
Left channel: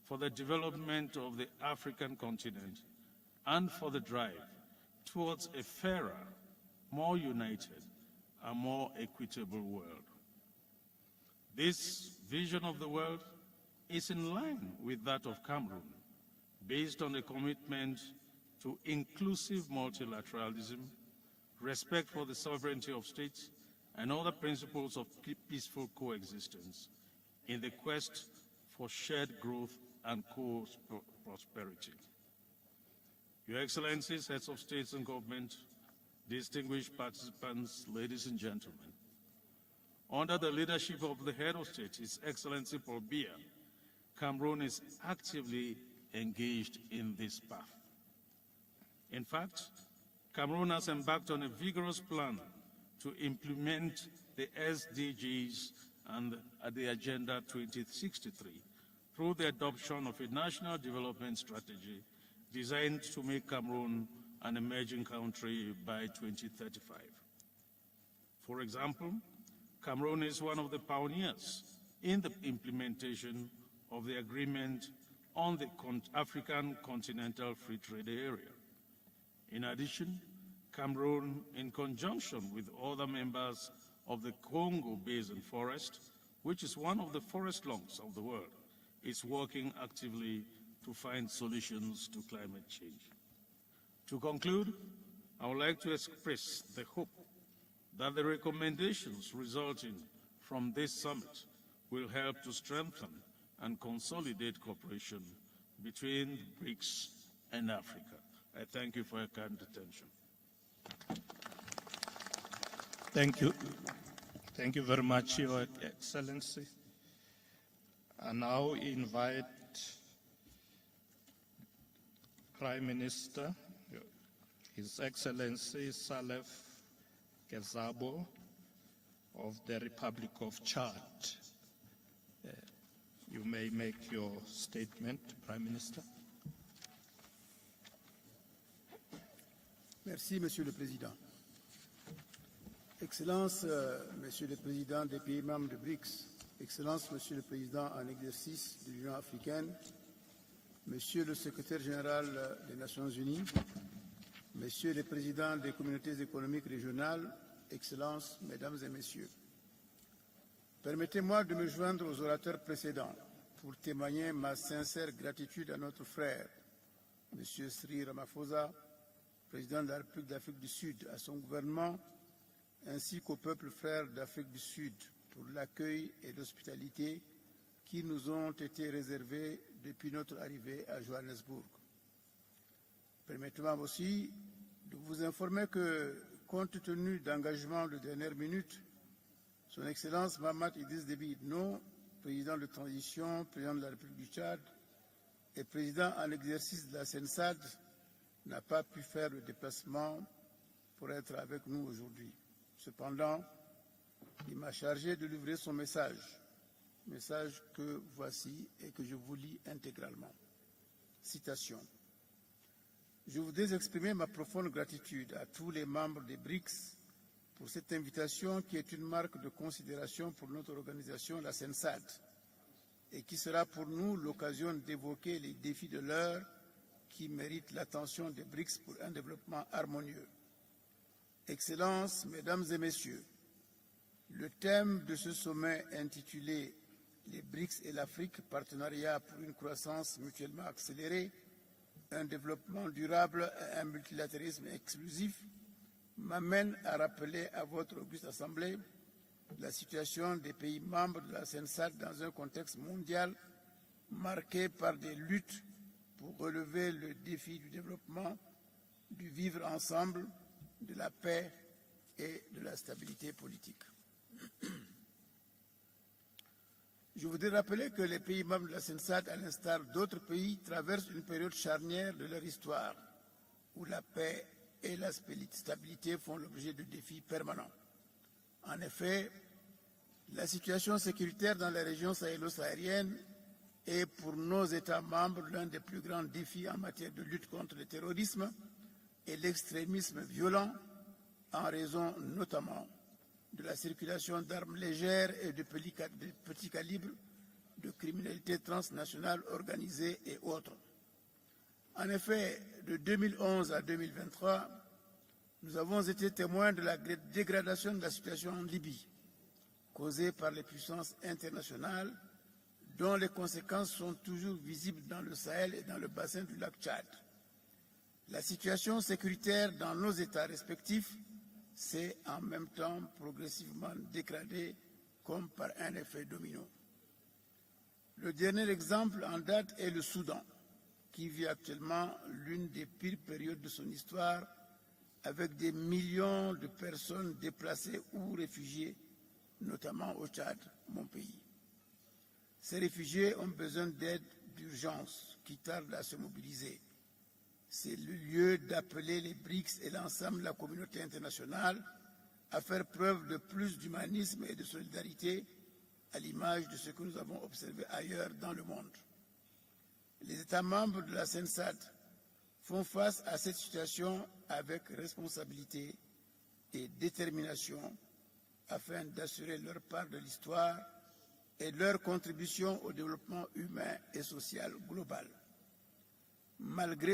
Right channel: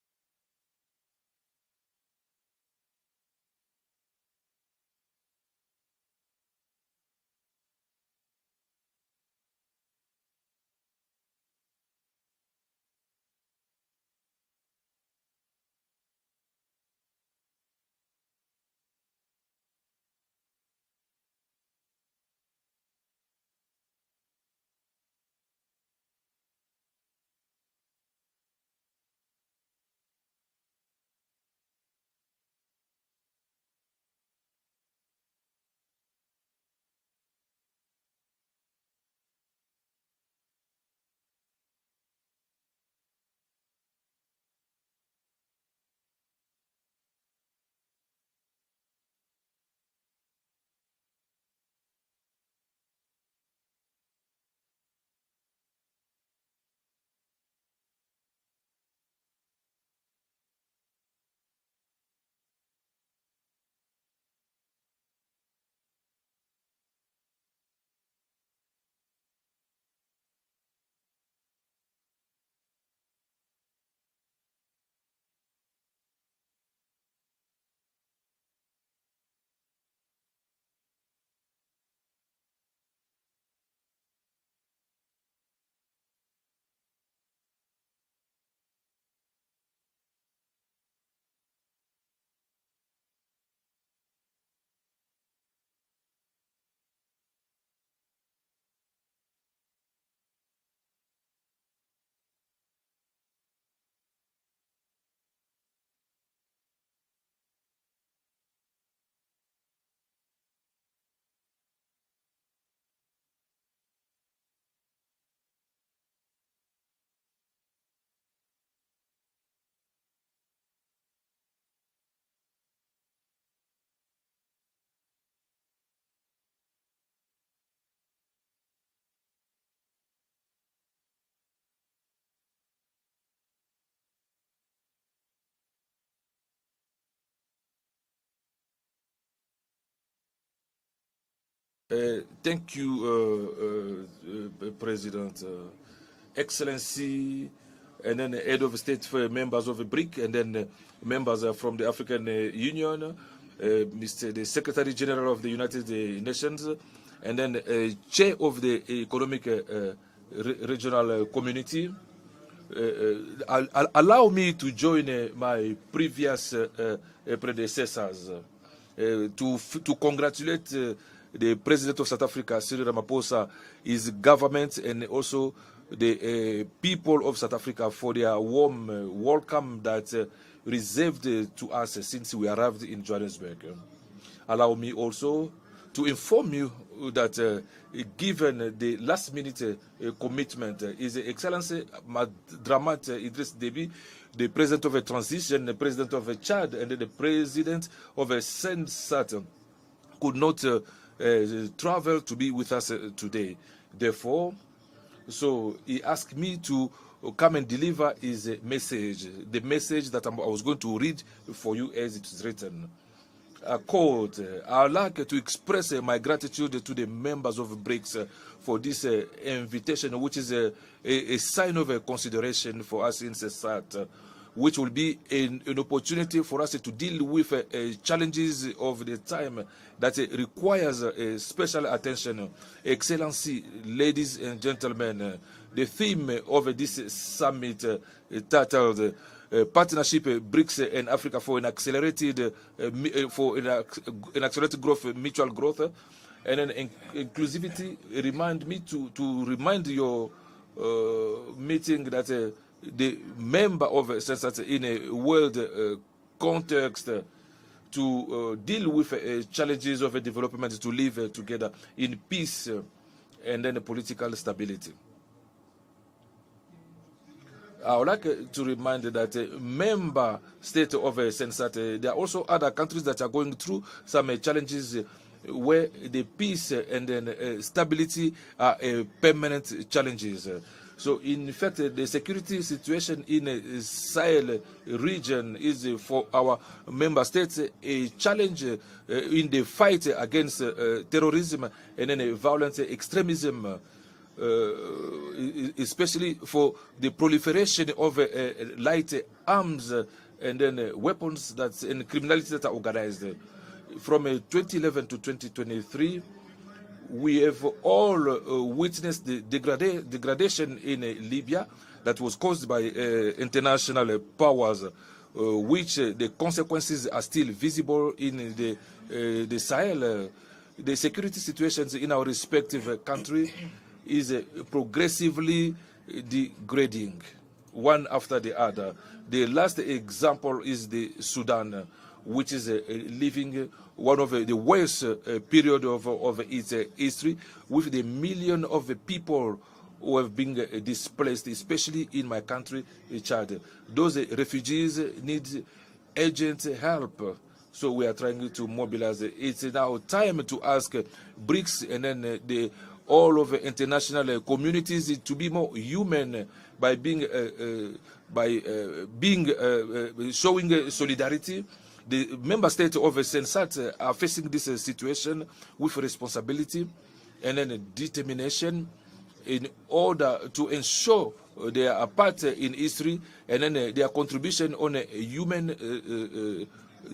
for the development of the African continent and for the drive towards a fairer, more united, and more equitable world. This vision of the world is in line with that of Cameroon, based on a commitment to inclusive multilateralism, respect for the sovereignty of states, and other principles of peaceful coexistence in the quest for shared growth and prosperity. Your Excellencies, heads of states and government, distinguished participants, ladies and gentlemen, under the leadership of the head of state, His Excellency Paul Biya, Cameroon is actively engaged in this path. In fact, Cameroon has embarked on a vigorous plan to implement the SDGs and the Agenda 2063 through the adoption of a national development strategy designed to make Cameroon an emerging country by 2035. For example, Cameroon is one of the pioneers in the implementation of the agreement on the African Continental Free Trade Area. In addition, Cameroon, in conjunction with other members of the Congo Basin Forest, which is one of the forest lungs of the world, is working actively to find solutions to climate change. To conclude, I would like to express the hope that the recommendations resulting from this summit will help to strengthen and consolidate cooperation between BRICS and Africa. I thank you for your kind attention. Thank you. Thank you very much, Your Excellency. I now invite Prime Minister, His Excellency Saleh Kezabo of the Republic of Chad. You may make your statement, Prime Minister. Merci, Monsieur le Président. Thank you, President. Excellency, and then head of state for members of the BRIC, and then members from the African Union, Mr. the Secretary General of the United Nations, and then chair of the Economic Regional Community. Allow me to join my previous predecessors to congratulate the President of South Africa, Cyril Ramaphosa, his government, and also the people of South Africa for their warm welcome that reserved to us since we arrived in Johannesburg. Allow me also to inform you that given the last-minute commitment, His Excellency Dramat Idriss Déby, the President of a transition, the President of Chad, and the President of a Sensat could not travel to be with us today. Therefore, so he asked me to come and deliver his message, the message that I was going to read for you as it is written. I would like to express my gratitude to the members of BRICS for this invitation, which is a sign of consideration for us in CESAT, which will be an opportunity for us to deal with challenges of the time that requires special attention. Excellency, ladies and gentlemen, the theme of this summit titled Partnership BRICS and Africa for an accelerated growth, mutual growth, and then inclusivity. Remind me to remind your meeting that the member of CESAT in a world context to deal with challenges of development, to live together in peace and then political stability. I would like to remind that member state of CENSAT, there are also other countries that are going through some challenges where the peace and then stability are permanent challenges. So in fact, the security situation in the Sahel region is for our member states a challenge in the fight against terrorism and then violent extremism, especially for the proliferation of light arms and then weapons and criminality that are organized. From 2011 to 2023, we have all witnessed the degradation in Libya that was caused by international powers, which the consequences are still visible in the Sahel. The security situations in our respective countries is progressively degrading, one after the other. The last example is the Sudan, which is living one of the worst period of its history, with the million of people who have been displaced, especially in my country, Chad. Those refugees need urgent help. So we are trying to mobilize. It's now time to ask BRICS and then all of the international communities to be more human by showing solidarity. The member states of CENSAT are facing this situation with responsibility and then determination in order to ensure their part in history and then their contribution on human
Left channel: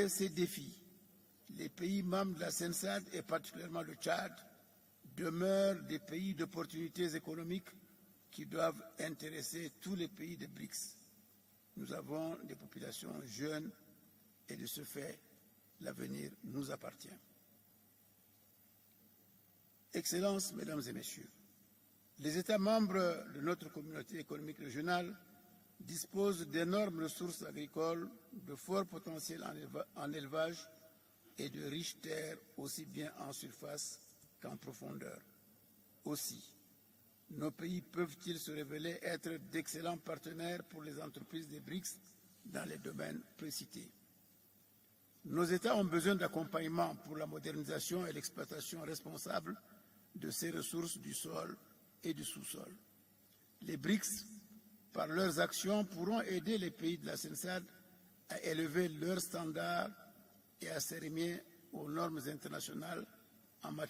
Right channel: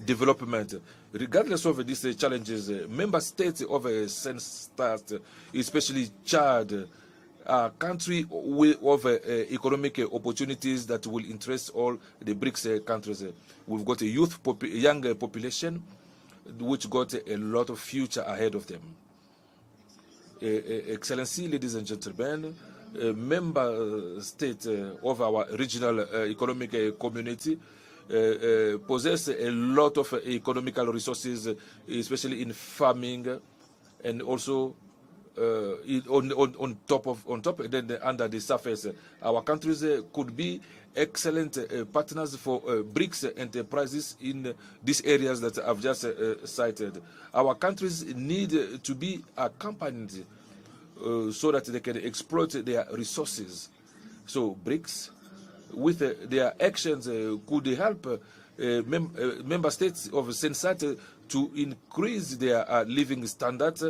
development. Regardless of these challenges, member states of CENSAT, especially Chad, are a country of economic opportunities that will interest all the BRICS countries. We've got a young population which got a lot of future ahead of them. Excellency, ladies and gentlemen, member state of our regional economic community possess a lot of economical resources, especially in farming, and also on top and then under the surface. Our countries could be excellent partners for BRICS enterprises in these areas that I've just cited. Our countries need to be accompanied so that they can exploit their resources. So BRICS, with their actions, could help member states of CENSAT to increase their living standards.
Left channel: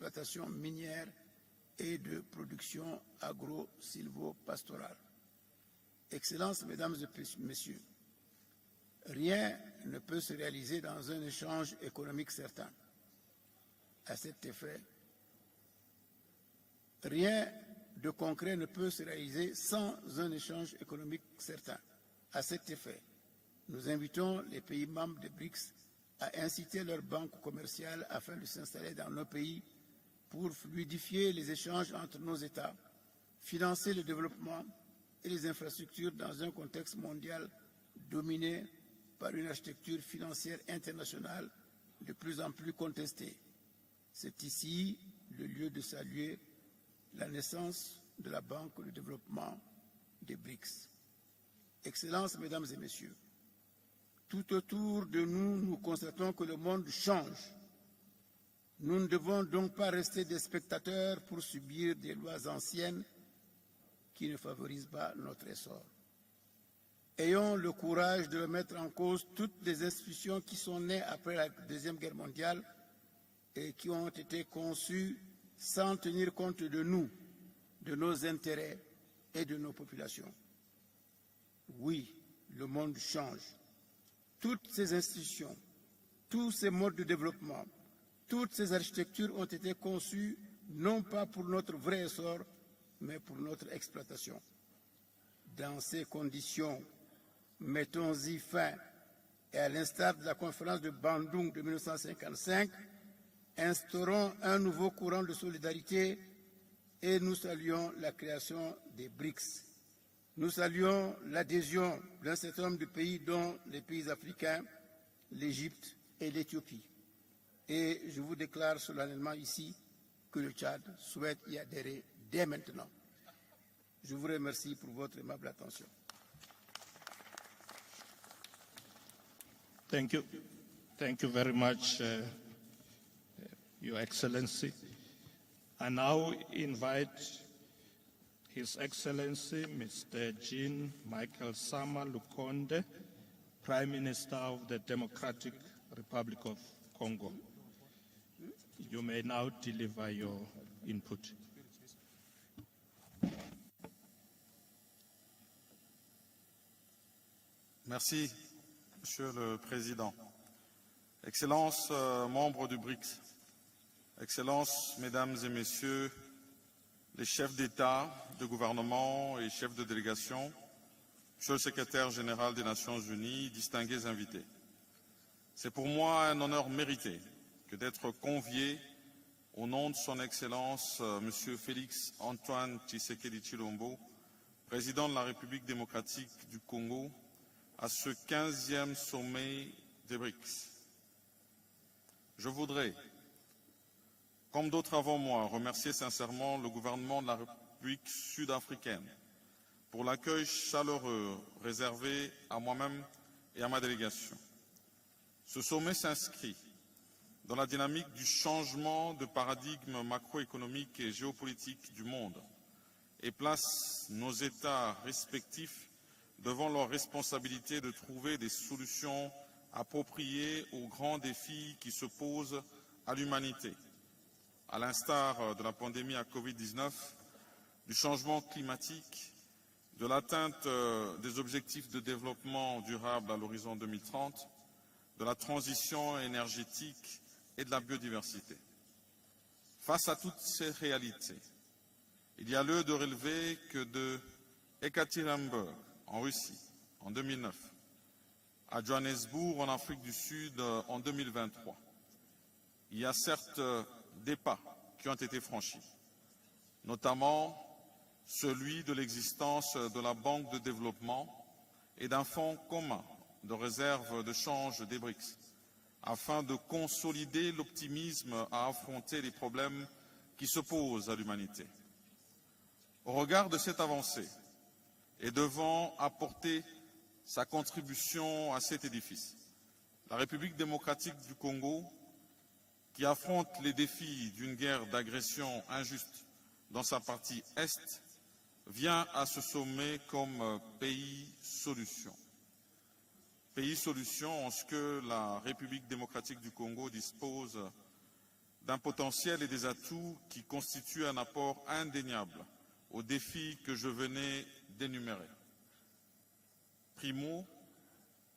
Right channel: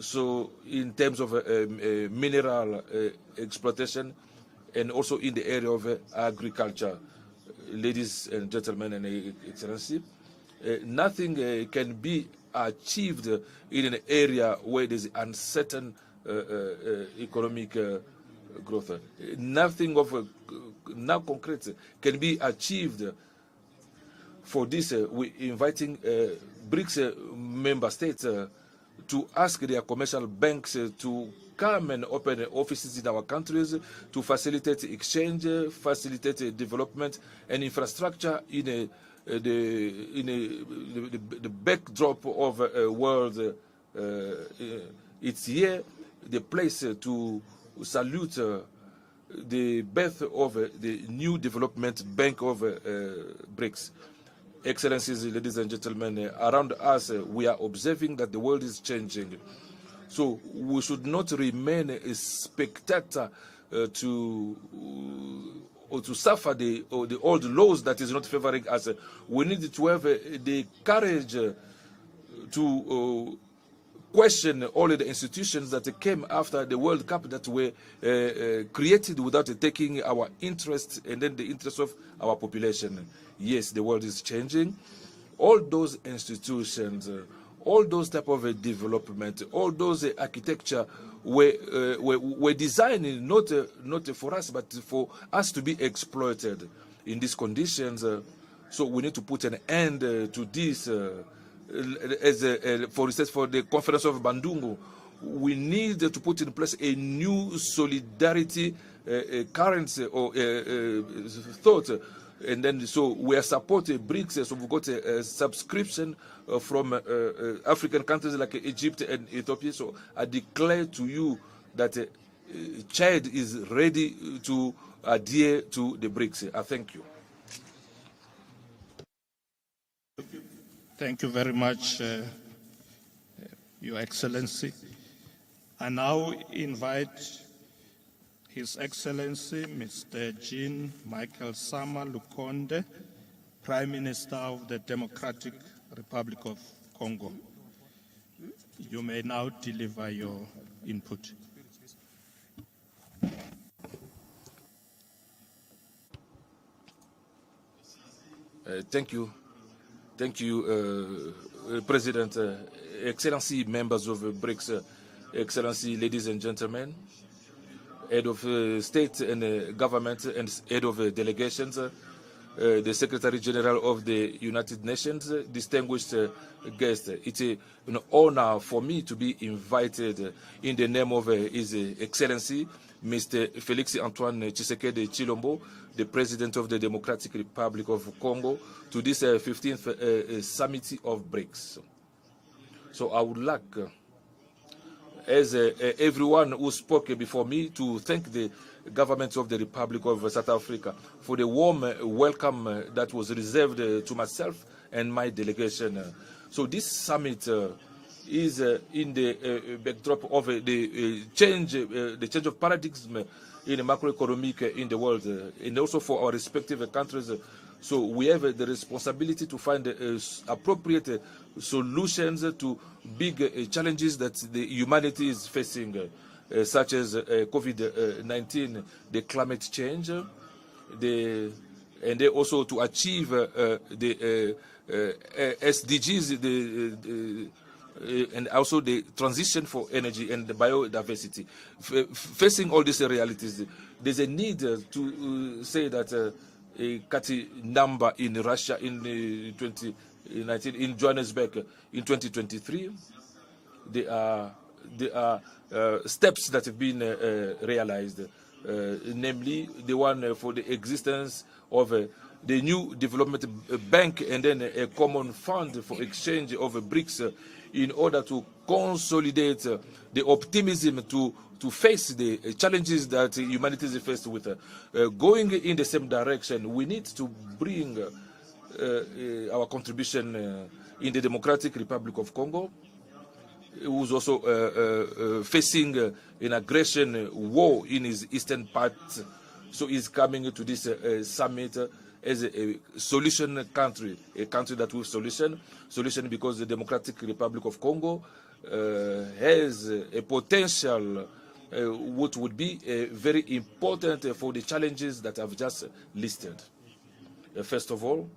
So in terms of mineral exploitation and also in the area of agriculture. Ladies and gentlemen and Excellency, nothing can be achieved in an area where there's uncertain economic growth. Nothing of now concrete can be achieved. For this, we're inviting BRICS member states to ask their commercial banks to come and open offices in our countries to facilitate exchange, facilitate development and infrastructure in the backdrop of a world. It's here the place to salute the birth of the new development bank of BRICS. Excellencies, ladies and gentlemen, around us we are observing that the world is changing. So we should not remain a spectator to suffer the old laws that is not favoring us. We need to have the courage to question all the institutions that came after the World Cup that were created without taking our interests and then the interests of our population. Yes, the world is changing. All those institutions, all those type of development, all those architecture were designed not for us, but for us to be exploited. In these conditions, so we need to put an end to this. For instance, for the conference of Bandungu, we need to put in place a new solidarity currency or thought, and then so we are supporting BRICS. So we've got a subscription from African countries like Egypt and Ethiopia. So I declare to you that Chad is ready to adhere to the BRICS. I thank you. Thank you. Thank you very much, Your Excellency. I now invite His Excellency Mr. Jean Michael Sama Lukonde, Prime Minister of the Democratic Republic of Congo. You may now deliver your input. Merci. Thank you. Thank you, President, Excellency, members of BRICS, Excellency, ladies and gentlemen, Head of State and Government and Head of Delegations, the Secretary General of the United Nations, distinguished guests. It's an honor for me to be invited in the name of His Excellency, Mr. Félix Antoine Tshisekedi Tshilombo, the President of the Democratic Republic of Congo, to this 15th summit of BRICS. So I would like, as everyone who spoke before me, to thank the government of the Republic of South Africa for the warm welcome that was reserved to myself and my delegation. So this summit is in the backdrop of the change of paradigm in the macroeconomic in the world, and also for our respective countries. So we have the responsibility to find appropriate solutions to big challenges that the humanity is facing, such as COVID-19, the climate change, and also to achieve the SDGs, and also the transition for energy and the biodiversity. Facing all these realities, there's a need to say that a Kati number in Russia in 2019, in Johannesburg in 2023, there are steps that have been realized, namely the one for the existence of the new development bank and then a common fund for exchange of BRICS in order to consolidate the optimism to face the challenges that humanity is faced with. Going in the same direction, we need to bring our contribution in the Democratic Republic of Congo, who is also facing an aggression war in his eastern part. So he's coming to this summit as a solution country, a country that will solution because the Democratic Republic of Congo has a potential what would be very important for the challenges that I've just listed. First of all,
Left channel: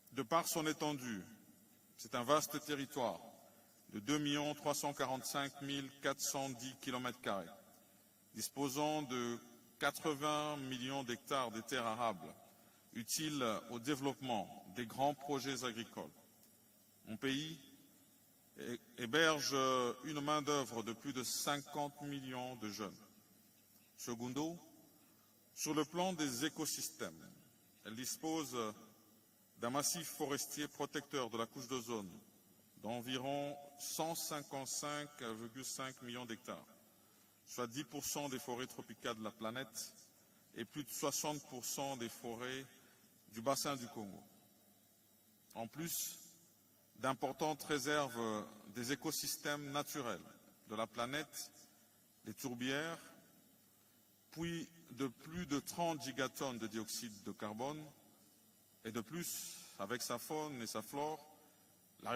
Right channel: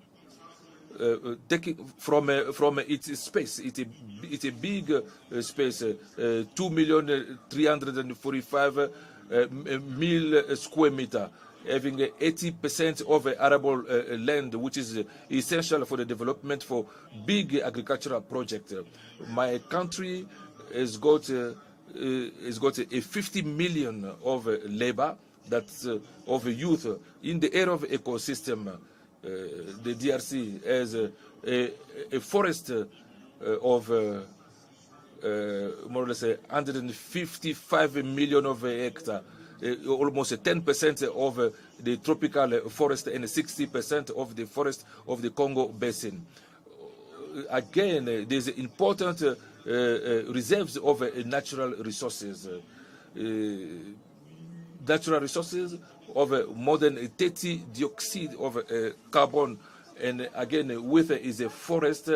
taking from its space, it's a big space, 2,345,000 square meters, having 80% of arable land, which is essential for the development for big agricultural projects. My country has got a 50 million of labor, that's of youth in the area of ecosystem. The DRC has a forest of more or less 155 million of hectares, almost 10% of the tropical forest and 60% of the forest of the Congo Basin. Again, there's important reserves of natural resources. Natural resources of more than 30 dioxide of carbon, and again with is a forest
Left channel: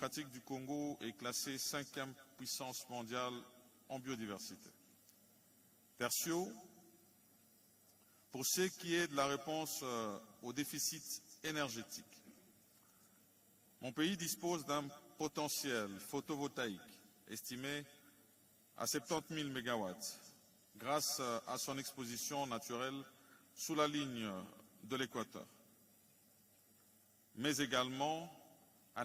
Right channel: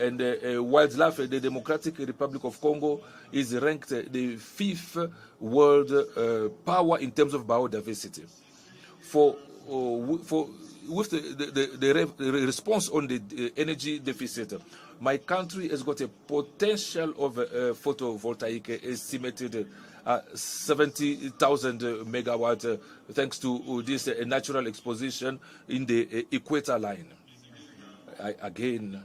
and wildlife. The Democratic Republic of Congo is ranked the 5th world power in terms of biodiversity. With the response on the energy deficit, my country has got a potential of photovoltaic estimated at 70,000 megawatts, thanks to this natural exposition in the equator line. Again,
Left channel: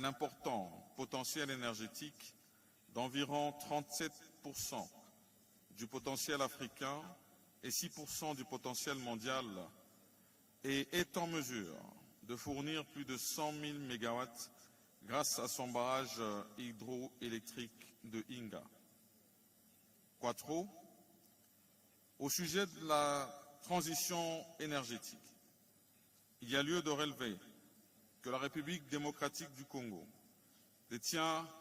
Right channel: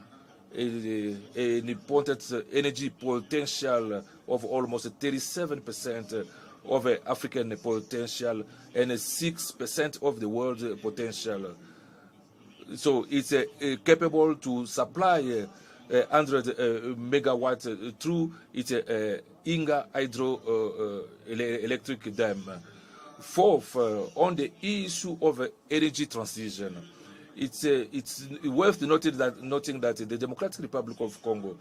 an important energy potential of almost 37% of African potential and 6% of the world potential. So it's capable to supply 100 megawatts through its Inga hydroelectric dam. Fourth, on the issue of energy transition, it's worth noting that the Democratic Republic of Congo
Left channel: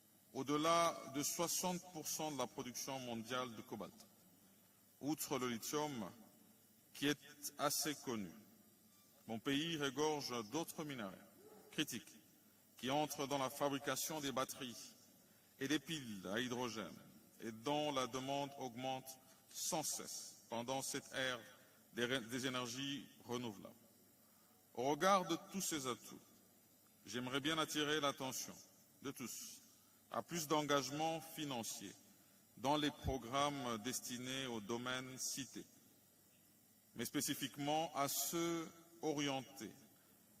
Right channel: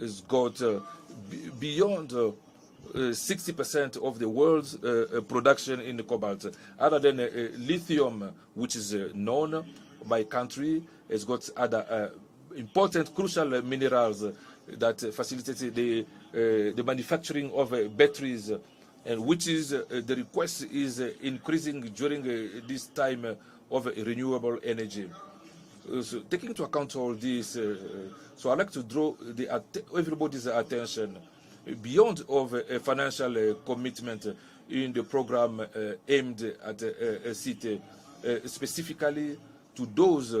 has got beyond 60% of the world's production in production, other than lithium, which is known by country, has got other important crucial minerals that facilitate the manufacturing of batteries, and which is the request is increasing during this time of renewable energy. So taking into account all this, so I'd like to draw everybody's attention beyond of a financial commitment in the program aimed at CITE, specifically to those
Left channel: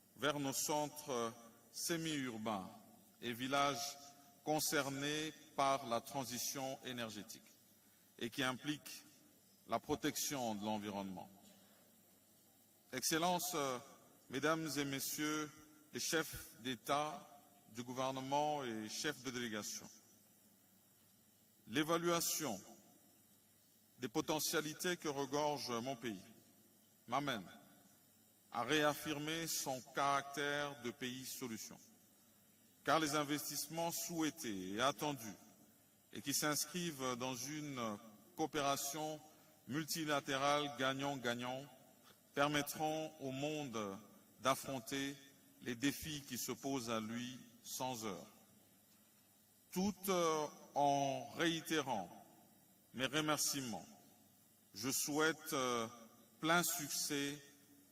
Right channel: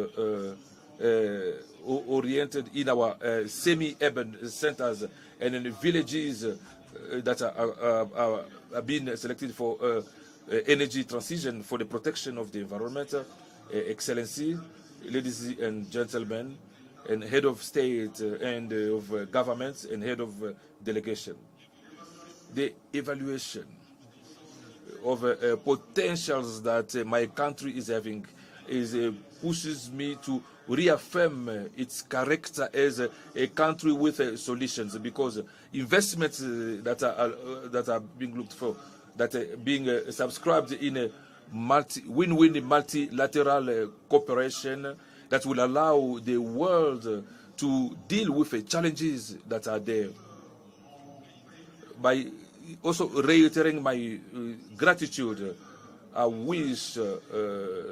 oriented in our semi-urban centers and in the villages that are being selected for energy transition, for the protection of the environment. Excellency, ladies and gentlemen, and head of state and of governments and head of delegation, the evaluation of potentials that my country is having pushes me to reaffirm its character as a country with solutions, because investments that are being looked for, that are being subscribed in a win-win multilateral cooperation that will allow the world to deal with the challenges that are there. By also reiterating my gratitude, I wish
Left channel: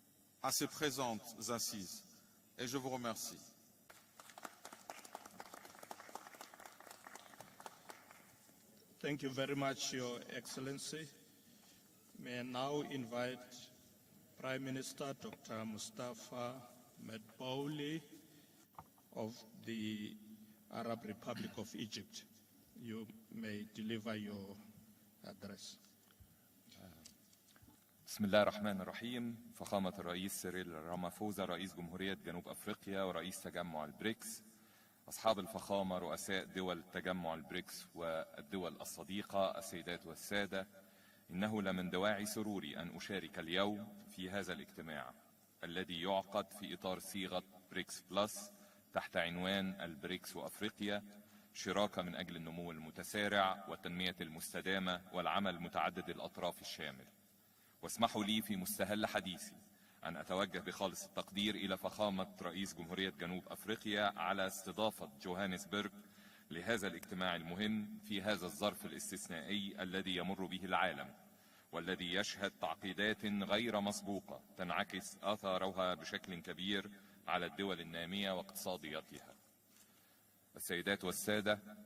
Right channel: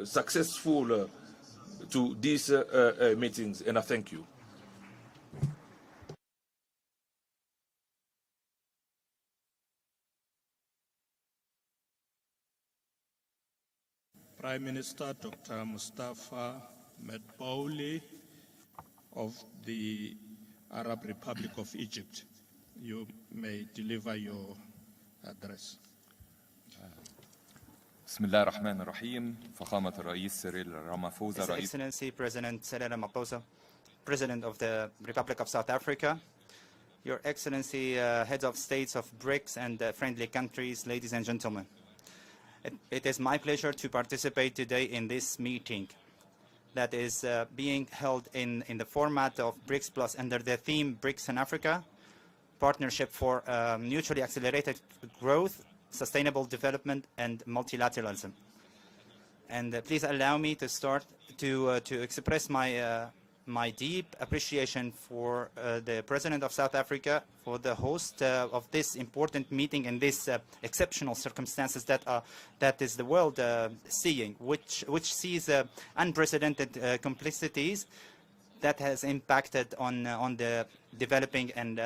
successful to these meetings, and I thank you. Thank you very much, Your Excellency. May I now invite Prime Minister Dr. Mustafa Medbouli of the Arab Republic of Egypt. You may deliver your address. بسم الله الرحمن الرحيم. فخامة الرئيس سيريل رامافوزا His Excellency President Cyril Ramaphosa, President of the Republic of South Africa, Your Excellency Heads of States of BRICS and friendly countries, ladies and gentlemen. It is my pleasure to participate today in this meeting that is being held in the format of BRICS Plus under the theme BRICS in Africa, Partnership for Mutually Accelerated Growth, Sustainable Development and Multilateralism. And please allow me to start to express my deep appreciation for the President of South Africa, for the host of this important meeting in these exceptional circumstances that is the world seeing, which sees unprecedented complexities that has impacted on the developing and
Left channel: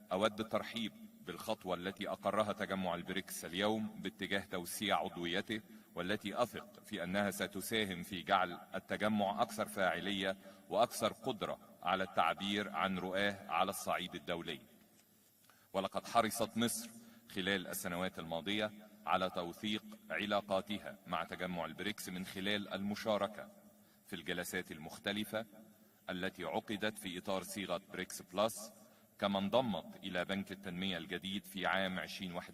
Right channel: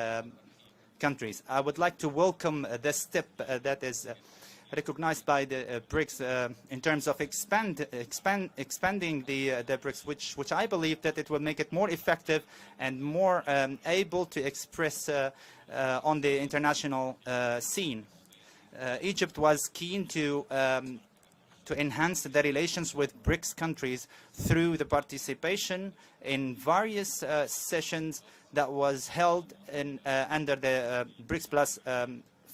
countries. I would like to welcome the step that is recognized by the BRICS in terms of expanding the BRICS, which I believe that it will make it more effective and more able to express on the international scene. Egypt was keen to enhance the relations with BRICS countries through the participation in various sessions that was held under the BRICS Plus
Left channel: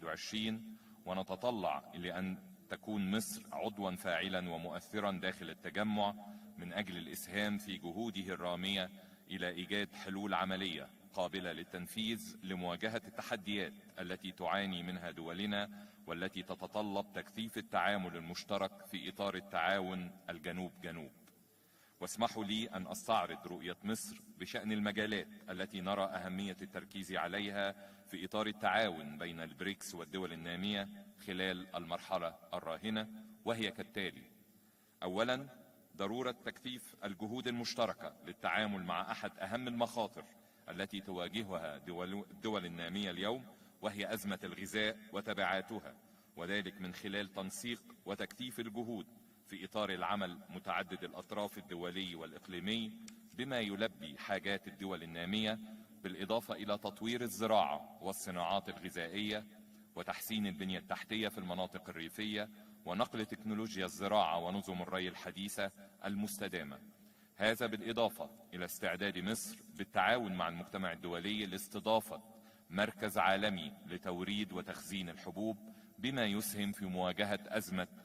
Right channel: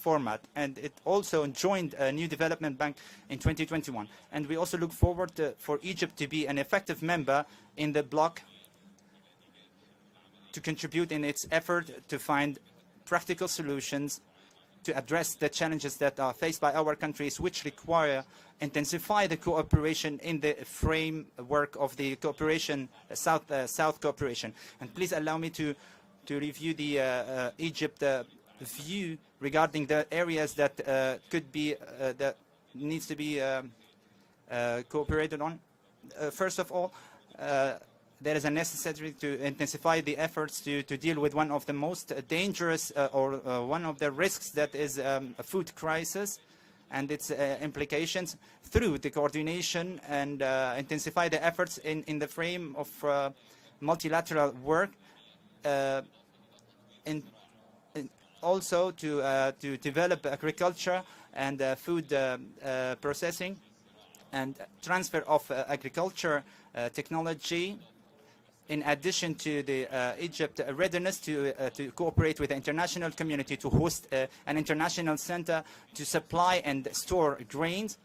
format, and it also joined a new development bank in 2021. And we also look forward for Egypt to be an effective member in the bloc, to contribute in its effort to find practical solutions to address the challenges that are faced by our countries, which require intensify the cooperation in the framework of the cooperation, South cooperation. And please allow me to review the Egypt view regarding the areas that could be that needs to be cooperated on. First of all, there is a necessity to intensify the efforts to deal with one of the most dangerous or one of the risks that is the food crisis and its implications through the coordination and intensify the efforts in the frame of multilateral work, also to develop agriculture and food processing and transfer of agriculture technology, in addition to the Egypt readiness to cooperate with the international community to host an international center to supply and store grains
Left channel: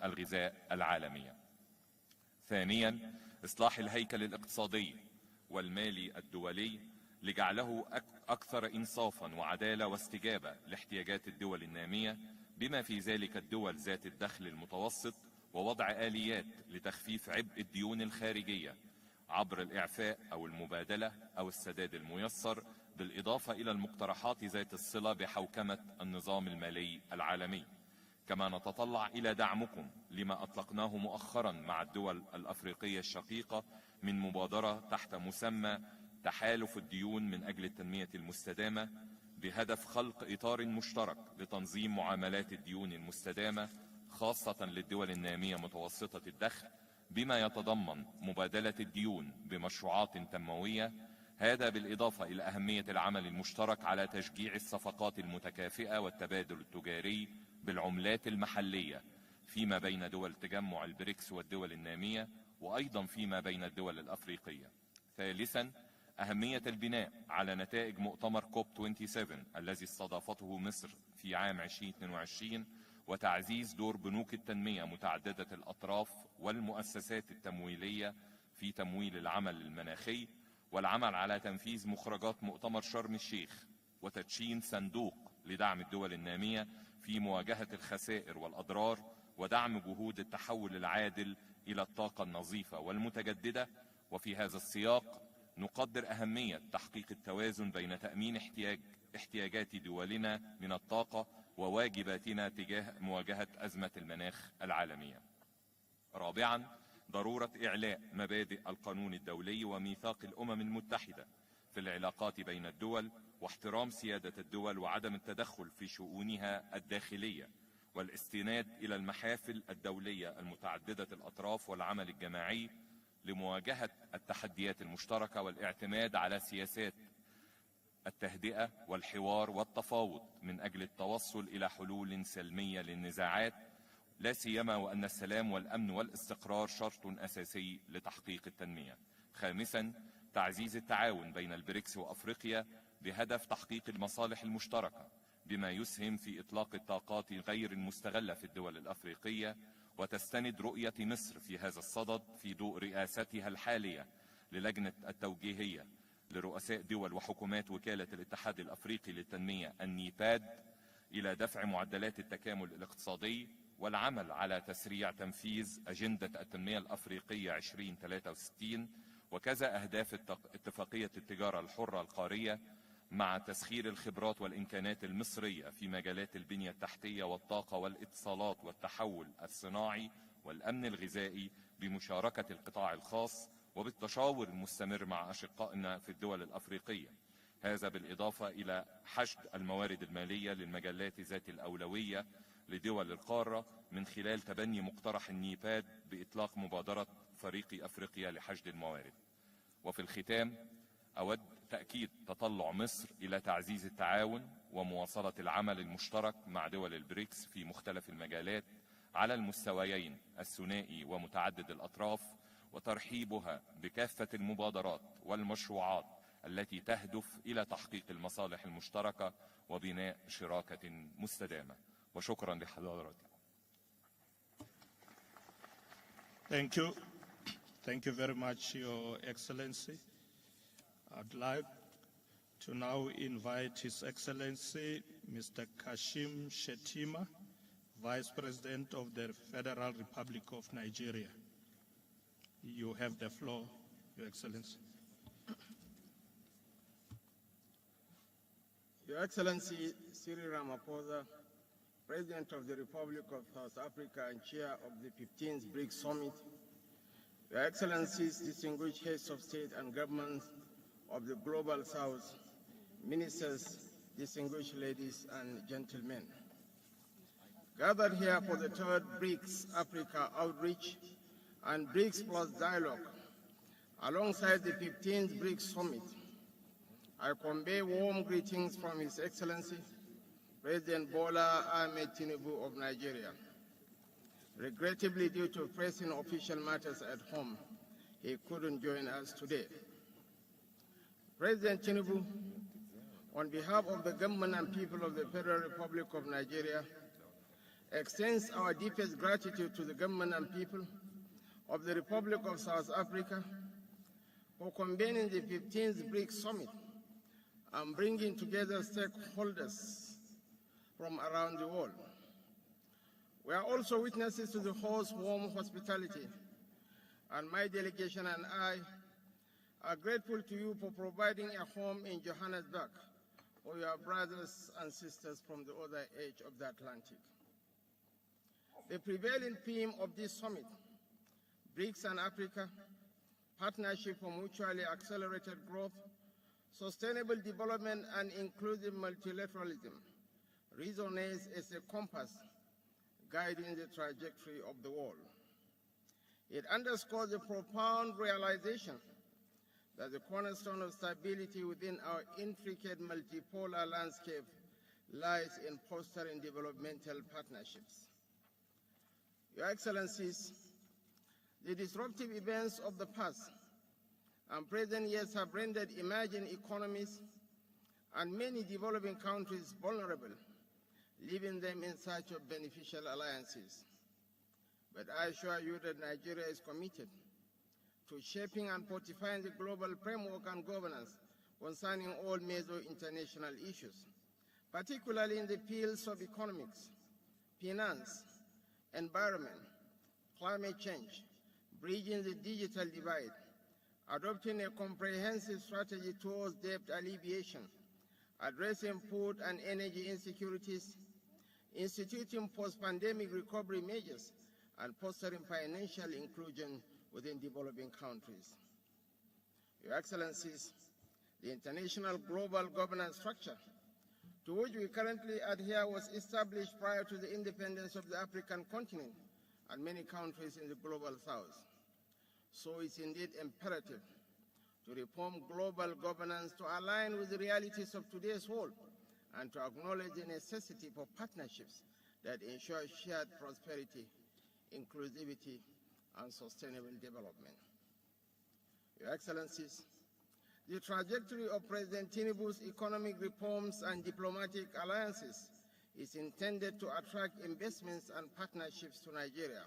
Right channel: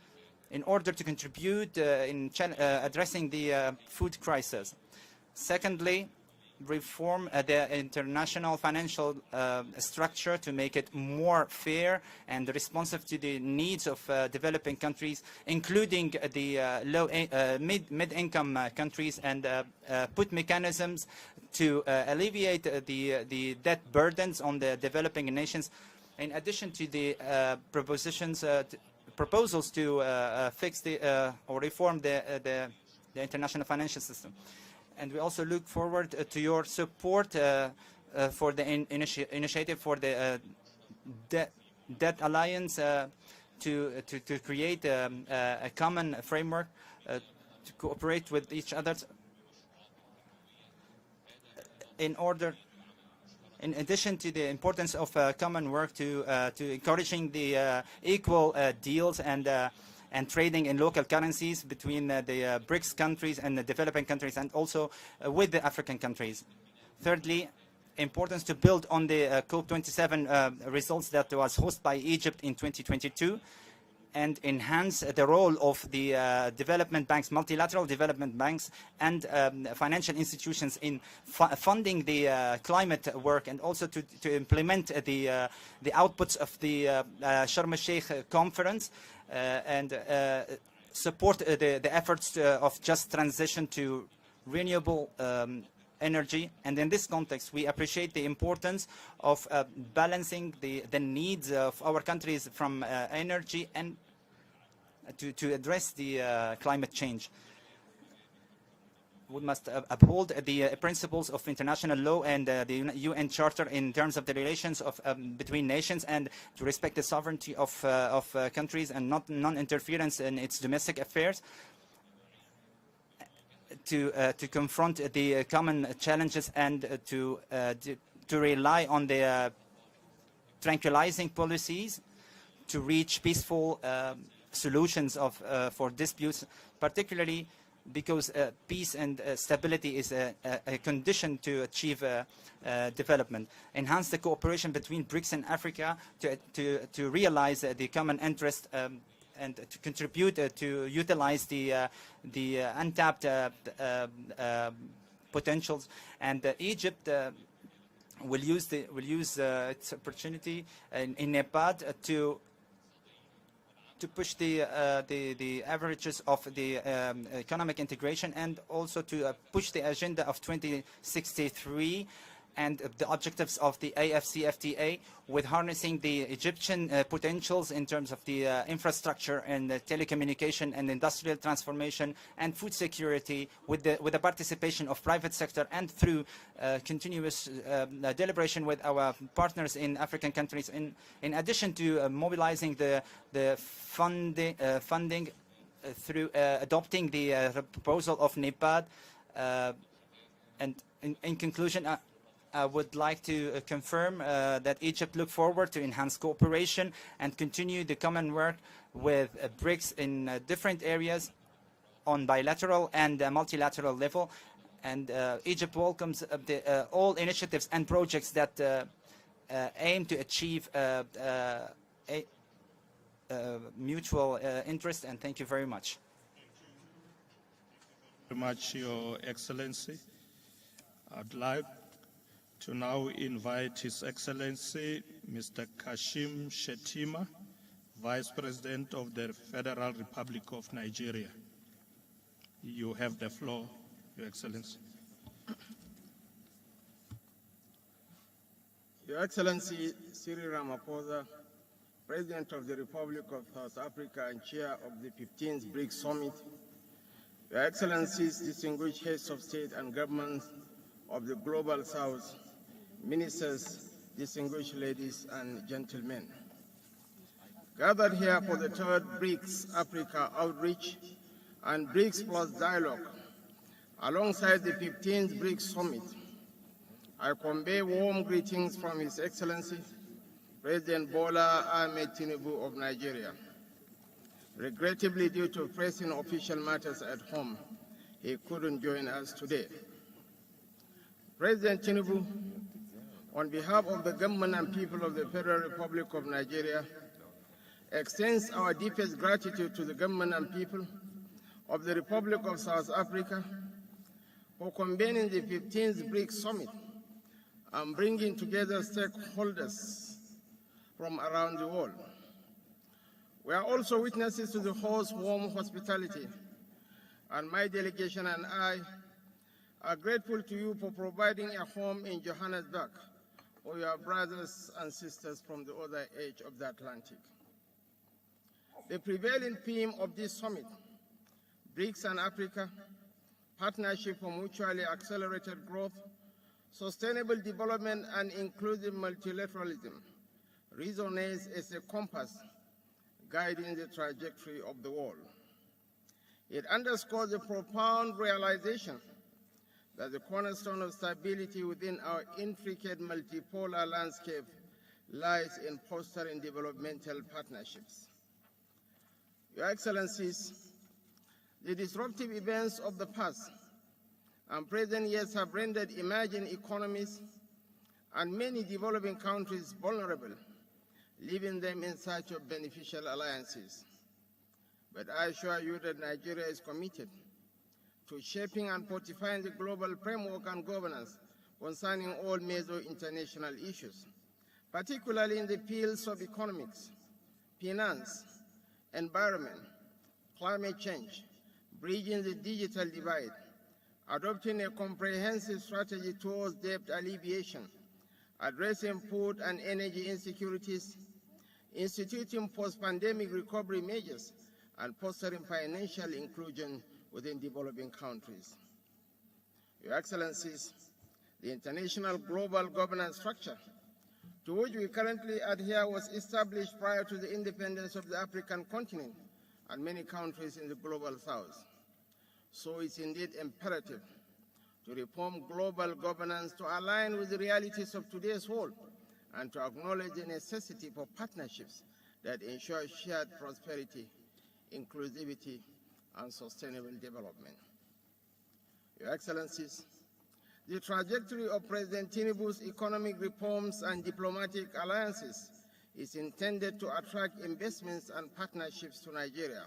in order to contribute in addressing the food crisis. Secondly, reform the international financial structure to make it more fair and responsive to the needs of developing countries, including the mid-income countries, and put mechanisms to alleviate the debt burdens on the developing nations, in addition to the proposals to fix or reform the international financial system. And we also look forward to your support for the initiative for the Debt Alliance to create a common framework to cooperate with each other in addition to the importance of common work to encouraging the equal deals and trading in local currencies between the BRICS countries and the developing countries, and also with the African countries. Thirdly, importance to build on the COP27 results that was hosted by Egypt in 2022 and enhance the role of the development banks, multilateral development banks, and financial institutions in funding the climate work, and also to implement the outputs of the Sharm el-Sheikh conference and support the efforts of just transition to renewable energy. And in this context, we appreciate the importance of balancing the needs of our countries from energy and to address the climate change. We must uphold the principles of international law and the UN Charter in terms of the relations between nations, and to respect the sovereignty of countries and non-interference in its domestic affairs, to confront the common challenges, and to rely on the tranquilizing policies to reach peaceful solutions for disputes, particularly because peace and stability is a condition to achieve development. Enhance the cooperation between BRICS and Africa to realize the common interest and to contribute to utilize the untapped potentials. And Egypt will use its opportunity in Nepal to push the averages of the economic integration, and also to push the agenda of 2063 and the objectives of the AFCFTA, with harnessing the Egyptian potentials in terms of the infrastructure and telecommunication and industrial transformation and food security, with the participation of private sector, and through continuous deliberation with our partners in African countries, in addition to mobilizing the funding through adopting the proposal of Nepal. And in conclusion, I would like to confirm that Egypt looks forward to enhance cooperation and continue the common work with BRICS in different areas on bilateral and multilateral level. And Egypt welcomes all initiatives and projects that aim to achieve mutual interest, and thank you very much. Thank you. Thank you very much, Your Excellency. I'd like to now invite His Excellency Mr. Kashim Shettima, Vice President of the Federal Republic of Nigeria. You have the floor, Your Excellency. Your Excellency Cyril Ramaphosa, President of the Republic of South Africa and Chair of the 15th BRICS Summit, Your Excellencies, distinguished heads of state and government of the Global South, ministers, distinguished ladies and gentlemen. Gathered here for the third BRICS Africa outreach and BRICS Plus dialogue, alongside the 15th BRICS Summit, I convey warm greetings from His Excellency President Bola Ahmed Tinubu of Nigeria. Regrettably, due to pressing official matters at home, he couldn't join us today. President Tinubu, on behalf of the government and people of the Federal Republic of Nigeria, extends our deepest gratitude to the government and people of the Republic of South Africa for convening the 15th BRICS Summit and bringing together stakeholders from around the world. We are also witnesses to the host's warm hospitality, and my delegation and I are grateful to you for providing a home in Johannesburg for your brothers and sisters from the other edge of the Atlantic. The prevailing theme of this summit, BRICS and Africa, Partnership for Mutually Accelerated Growth, Sustainable Development and Inclusive Multilateralism, resonates as a compass guiding the trajectory of the world. It underscores the profound realization that the cornerstone of stability within our intricate multipolar landscape lies in fostering developmental partnerships. Your Excellencies, the disruptive events of the past and present years have rendered emerging economies and many developing countries vulnerable, leaving them in search of beneficial alliances. But I assure you that Nigeria is committed to shaping and fortifying the global framework and governance concerning all major international issues, particularly in the fields of economics, finance, environment, climate change, bridging the digital divide, adopting a comprehensive strategy towards debt alleviation, addressing food and energy insecurities, instituting post-pandemic recovery measures, and fostering financial inclusion within developing countries. Your Excellencies, the international global governance structure to which we currently adhere was established prior to the independence of the African continent and many countries in the global south. So it's indeed imperative to reform global governance to align with the realities of today's world and to acknowledge the necessity for partnerships that ensure shared prosperity, inclusivity, and sustainable development. Your Excellencies, the trajectory of President Tinubu's economic reforms and diplomatic alliances is intended to attract investments and partnerships to Nigeria,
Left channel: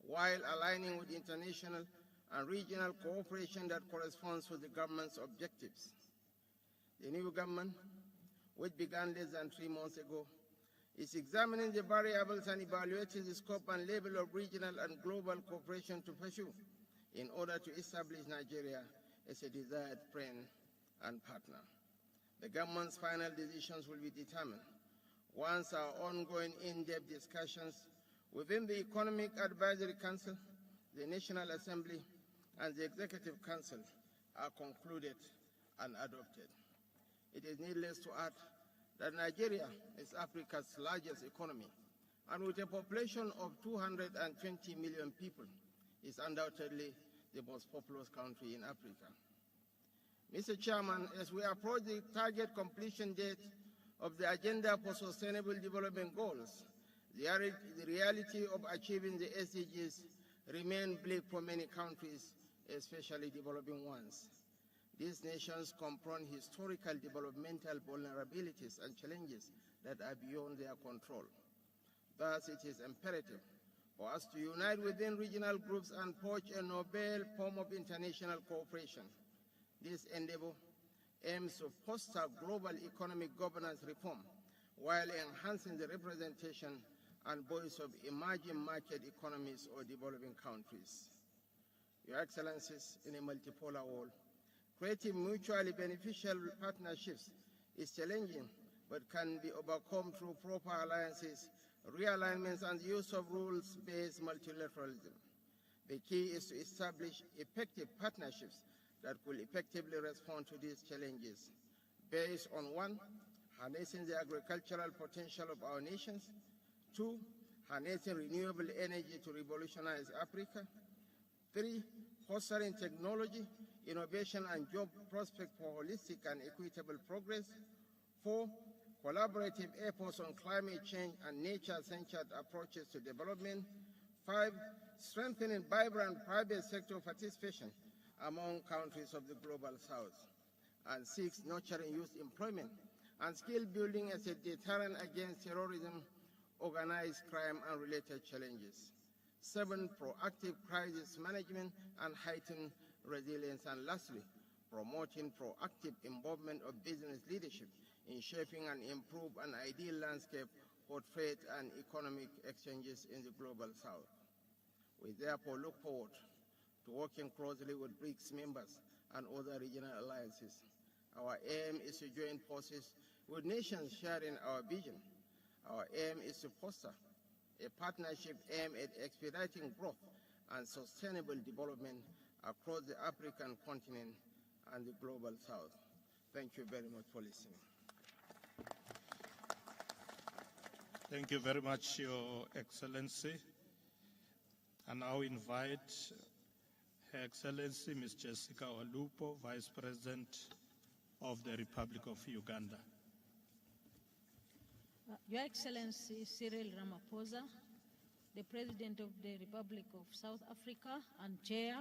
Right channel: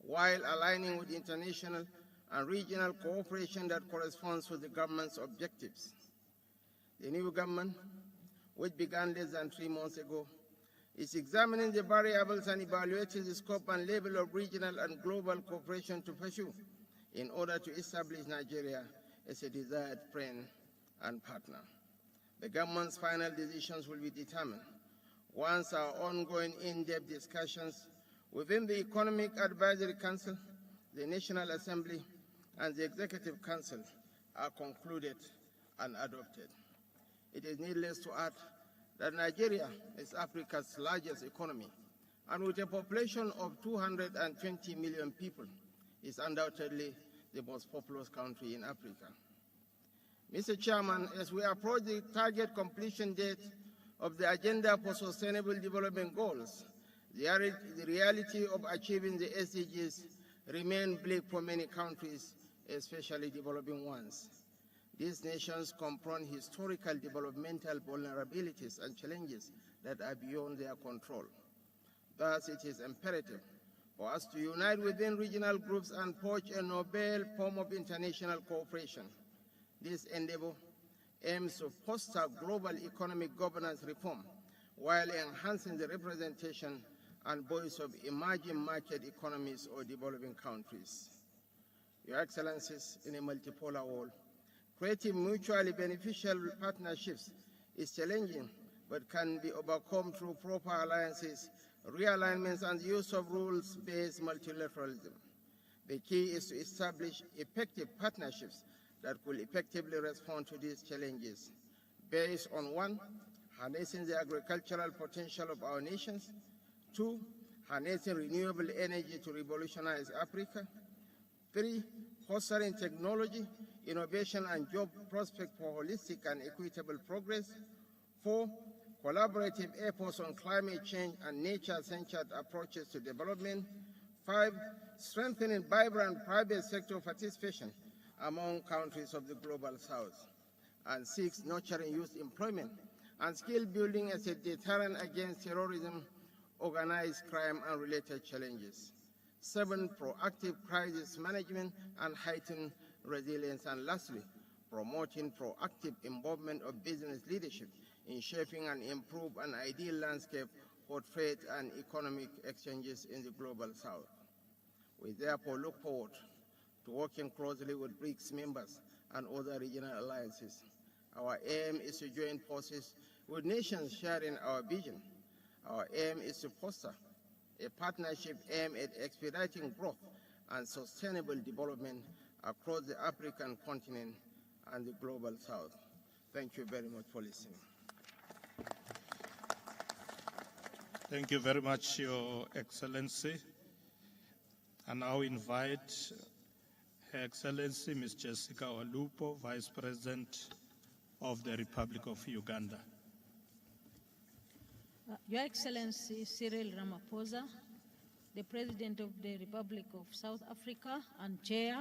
while aligning with international and regional cooperation that corresponds with the government's objectives. The new government, which began less than 3 months ago, is examining the variables and evaluating the scope and level of regional and global cooperation to pursue in order to establish Nigeria as a desired friend and partner. The government's final decisions will be determined once our ongoing in-depth discussions within the Economic Advisory Council, the National Assembly, and the Executive Council are concluded and adopted. It is needless to add that Nigeria is Africa's largest economy, and with a population of 220 million people, is undoubtedly the most populous country in Africa. Mr. Chairman, as we approach the target completion date of the Agenda for Sustainable Development Goals, the reality of achieving the SDGs remains bleak for many countries, especially developing ones. These nations confront historical developmental vulnerabilities and challenges that are beyond their control. Thus, it is imperative for us to unite within regional groups and forge a novel form of international cooperation. This endeavor aims to foster global economic governance reform while enhancing the representation and voice of emerging market economies or developing countries. Your Excellencies, in a multipolar world, creating mutually beneficial partnerships is challenging, but can be overcome through proper alliances, realignments, and the use of rules-based multilateralism. The key is to establish effective partnerships that will effectively respond to these challenges, based on 1, harnessing the agricultural potential of our nations, 2, harnessing renewable energy to revolutionize Africa, 3, fostering technology, innovation, and job prospects for holistic and equitable progress, 4, collaborative efforts on climate change and nature-centered approaches to development, 5, strengthening vibrant private sector participation among countries of the Global South. And 6, nurturing youth employment and skill building as a deterrent against terrorism, organized crime, and related challenges. 7, proactive crisis management and heightened resilience. And lastly, promoting proactive involvement of business leadership in shaping and improve an ideal landscape for trade and economic exchanges in the Global South. We therefore look forward to working closely with BRICS members and other regional alliances. Our aim is to join forces with nations sharing our vision. Our aim is to foster a partnership aimed at expediting growth and sustainable development across the African continent and the Global South. Thank you very much for listening. Thank you very much, Your Excellency. I now invite Her Excellency Ms. Jessica Walupo, Vice President of the Republic of Uganda. Your Excellency Cyril Ramaphosa, the President of the Republic of South Africa and Chair,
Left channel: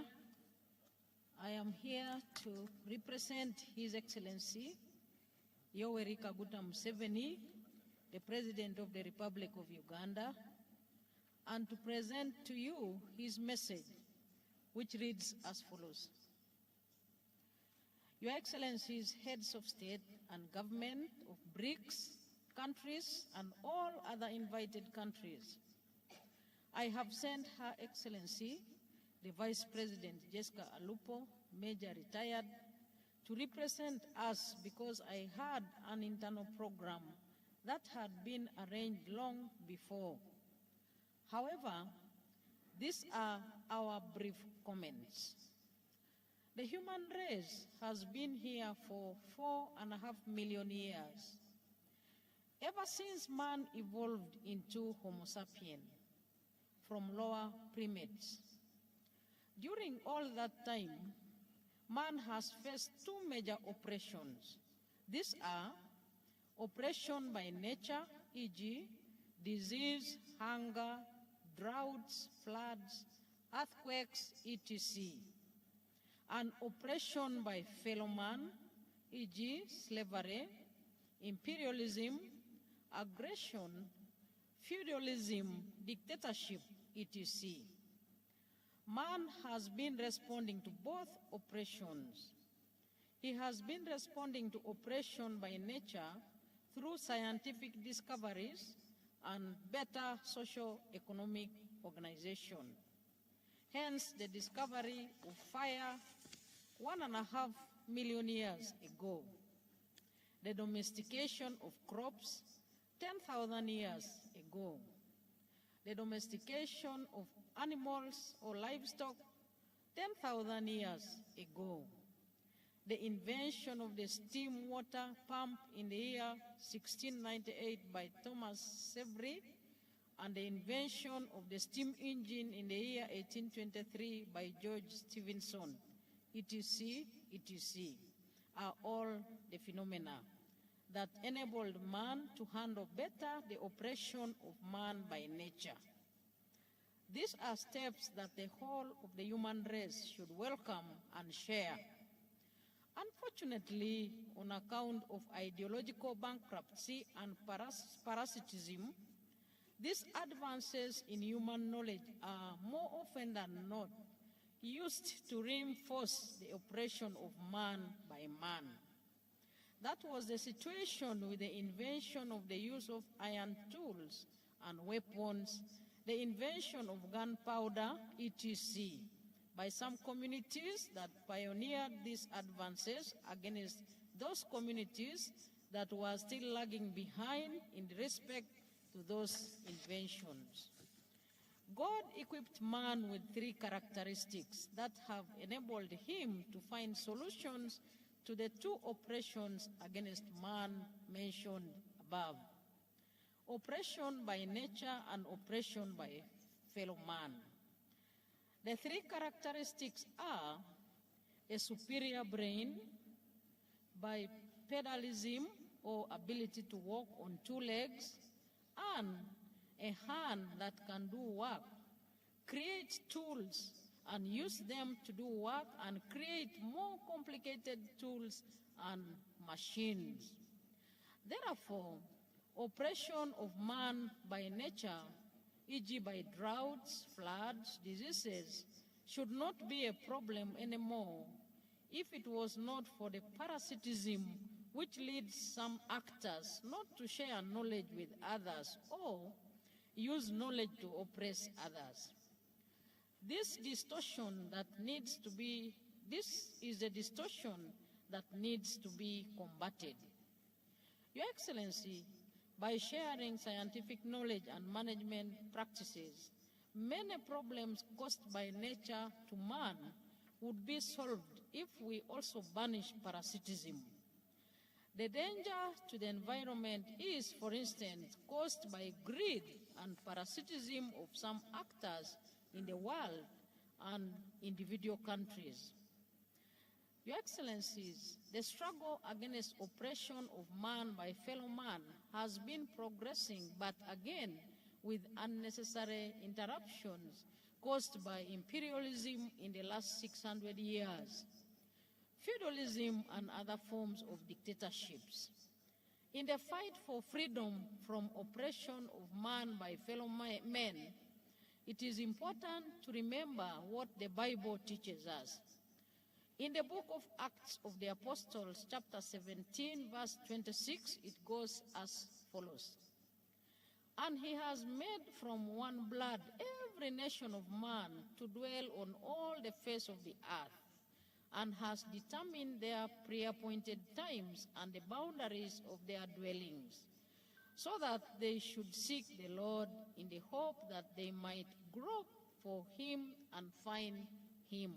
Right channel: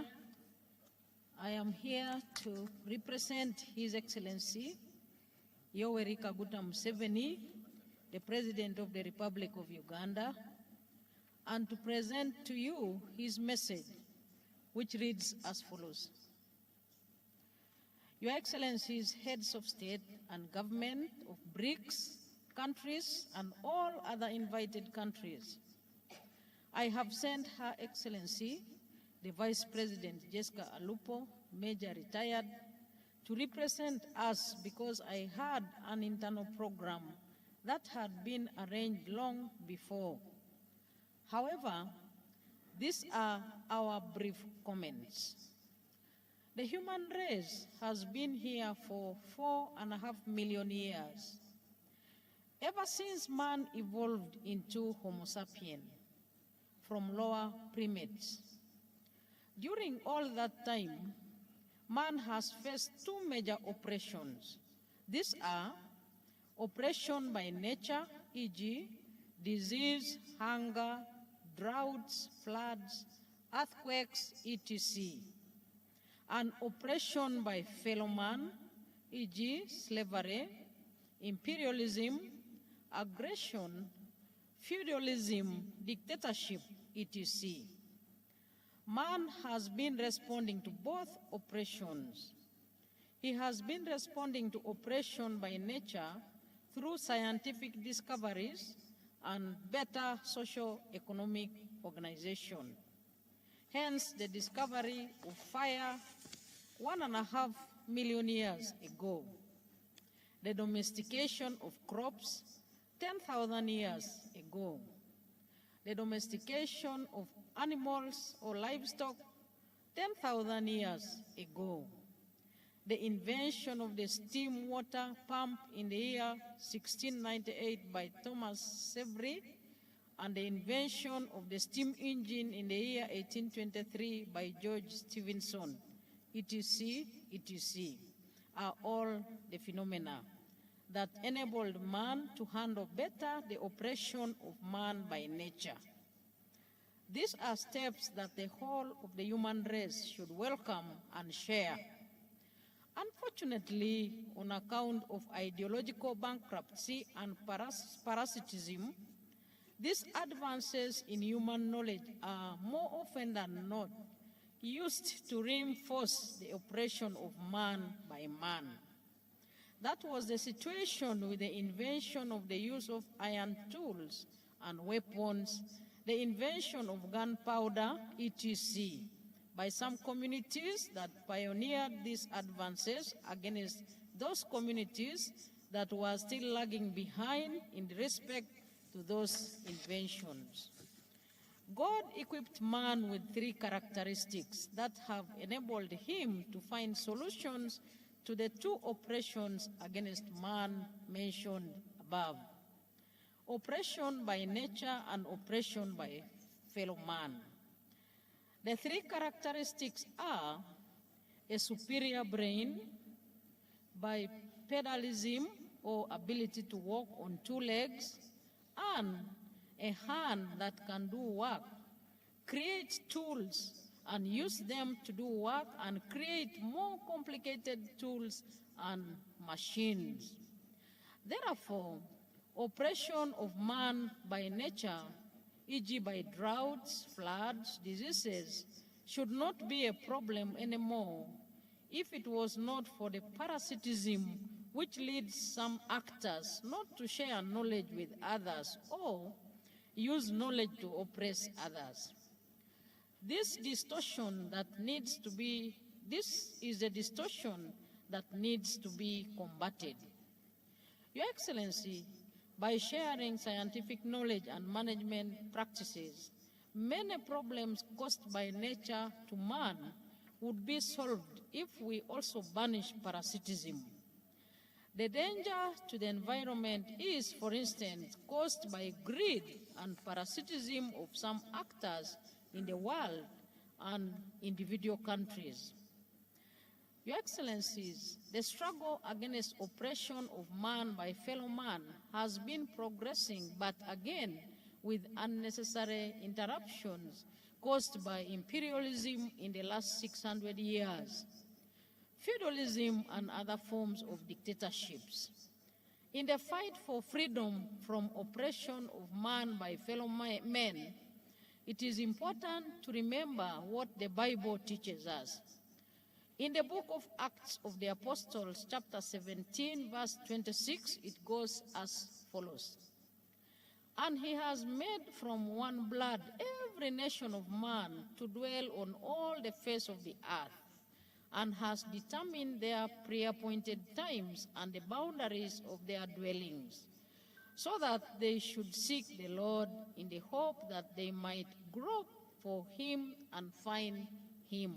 I am here to represent His Excellency Yoweri Kaguta Museveni, the President of the Republic of Uganda, and to present to you his message, which reads as follows. Your Excellencies, heads of state and government of BRICS countries and all other invited countries, I have sent Her Excellency, the Vice President Jessica Alupo, Major Retired, to represent us because I had an internal program that had been arranged long before. However, these are our brief comments. The human race has been here for 4.5 million years, ever since man evolved into Homo sapiens from lower primates. During all that time, man has faced two major oppressions. These are oppression by nature, e.g., disease, hunger, droughts, floods, earthquakes, etc., and oppression by fellow man, e.g., slavery, imperialism, aggression, feudalism, dictatorship, etc. Man has been responding to both oppressions. He has been responding to oppression by nature through scientific discoveries and better socio-economic organization. Hence, the discovery of fire 1.5 million years ago, the domestication of crops 10,000 years ago, the domestication of animals or livestock 10,000 years ago, the invention of the steam water pump in the year 1698 by Thomas Savery, and the invention of the steam engine in the year 1823 by George Stephenson, etc., etc., are all the phenomena that enabled man to handle better the oppression of man by nature. These are steps that the whole of the human race should welcome and share. Unfortunately, on account of ideological bankruptcy and parasitism, these advances in human knowledge are more often than not used to reinforce the oppression of man by man. That was the situation with the invention of the use of iron tools and weapons, the invention of gunpowder, etc., by some communities that pioneered these advances against those communities that were still lagging behind in respect to those inventions. God equipped man with three characteristics that have enabled him to find solutions to the two oppressions against man mentioned above: oppression by nature and oppression by fellow man. The three characteristics are a superior brain, bipedalism or ability to walk on two legs, and a hand that can do work create tools and use them to do work and create more complicated tools and machines. Therefore, oppression of man by nature, e.g. by droughts, floods, diseases, should not be a problem anymore if it was not for the parasitism which leads some actors not to share knowledge with others or use knowledge to oppress others. This is a distortion that needs to be combated. Your Excellency, by sharing scientific knowledge and management practices, many problems caused by nature to man would be solved if we also banish parasitism. The danger to the environment is, for instance, caused by greed and parasitism of some actors in the world and individual countries. Your Excellencies, the struggle against oppression of man by fellow man has been progressing, but again with unnecessary interruptions caused by imperialism in the last 600 years, feudalism and other forms of dictatorships. In the fight for freedom from oppression of man by fellow men, it is important to remember what the Bible teaches us. In the book of Acts of the Apostles, chapter 17, verse 26, it goes as follows. And he has made from one blood every nation of man to dwell on all the face of the earth, and has determined their pre-appointed times and the boundaries of their dwellings, so that they should seek the Lord in the hope that they might grope for him and find him.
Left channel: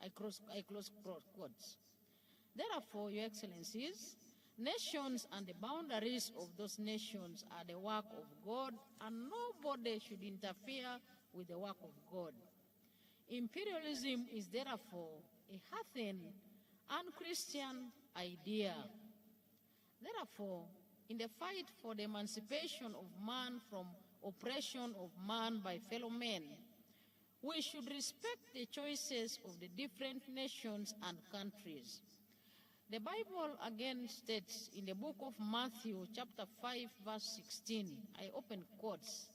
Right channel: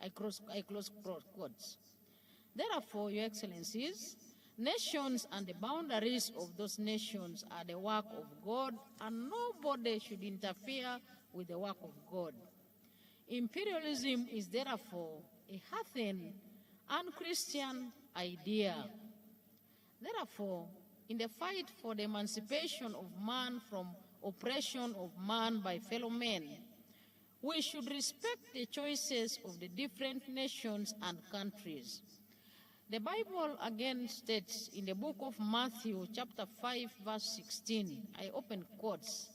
I close quotes. Therefore, Your Excellencies, nations and the boundaries of those nations are the work of God, and nobody should interfere with the work of God. Imperialism is therefore a heathen, unchristian idea. Therefore, in the fight for the emancipation of man from oppression of man by fellow men, we should respect the choices of the different nations and countries. The Bible again states in the book of Matthew, chapter 5, verse 16, I open quotes,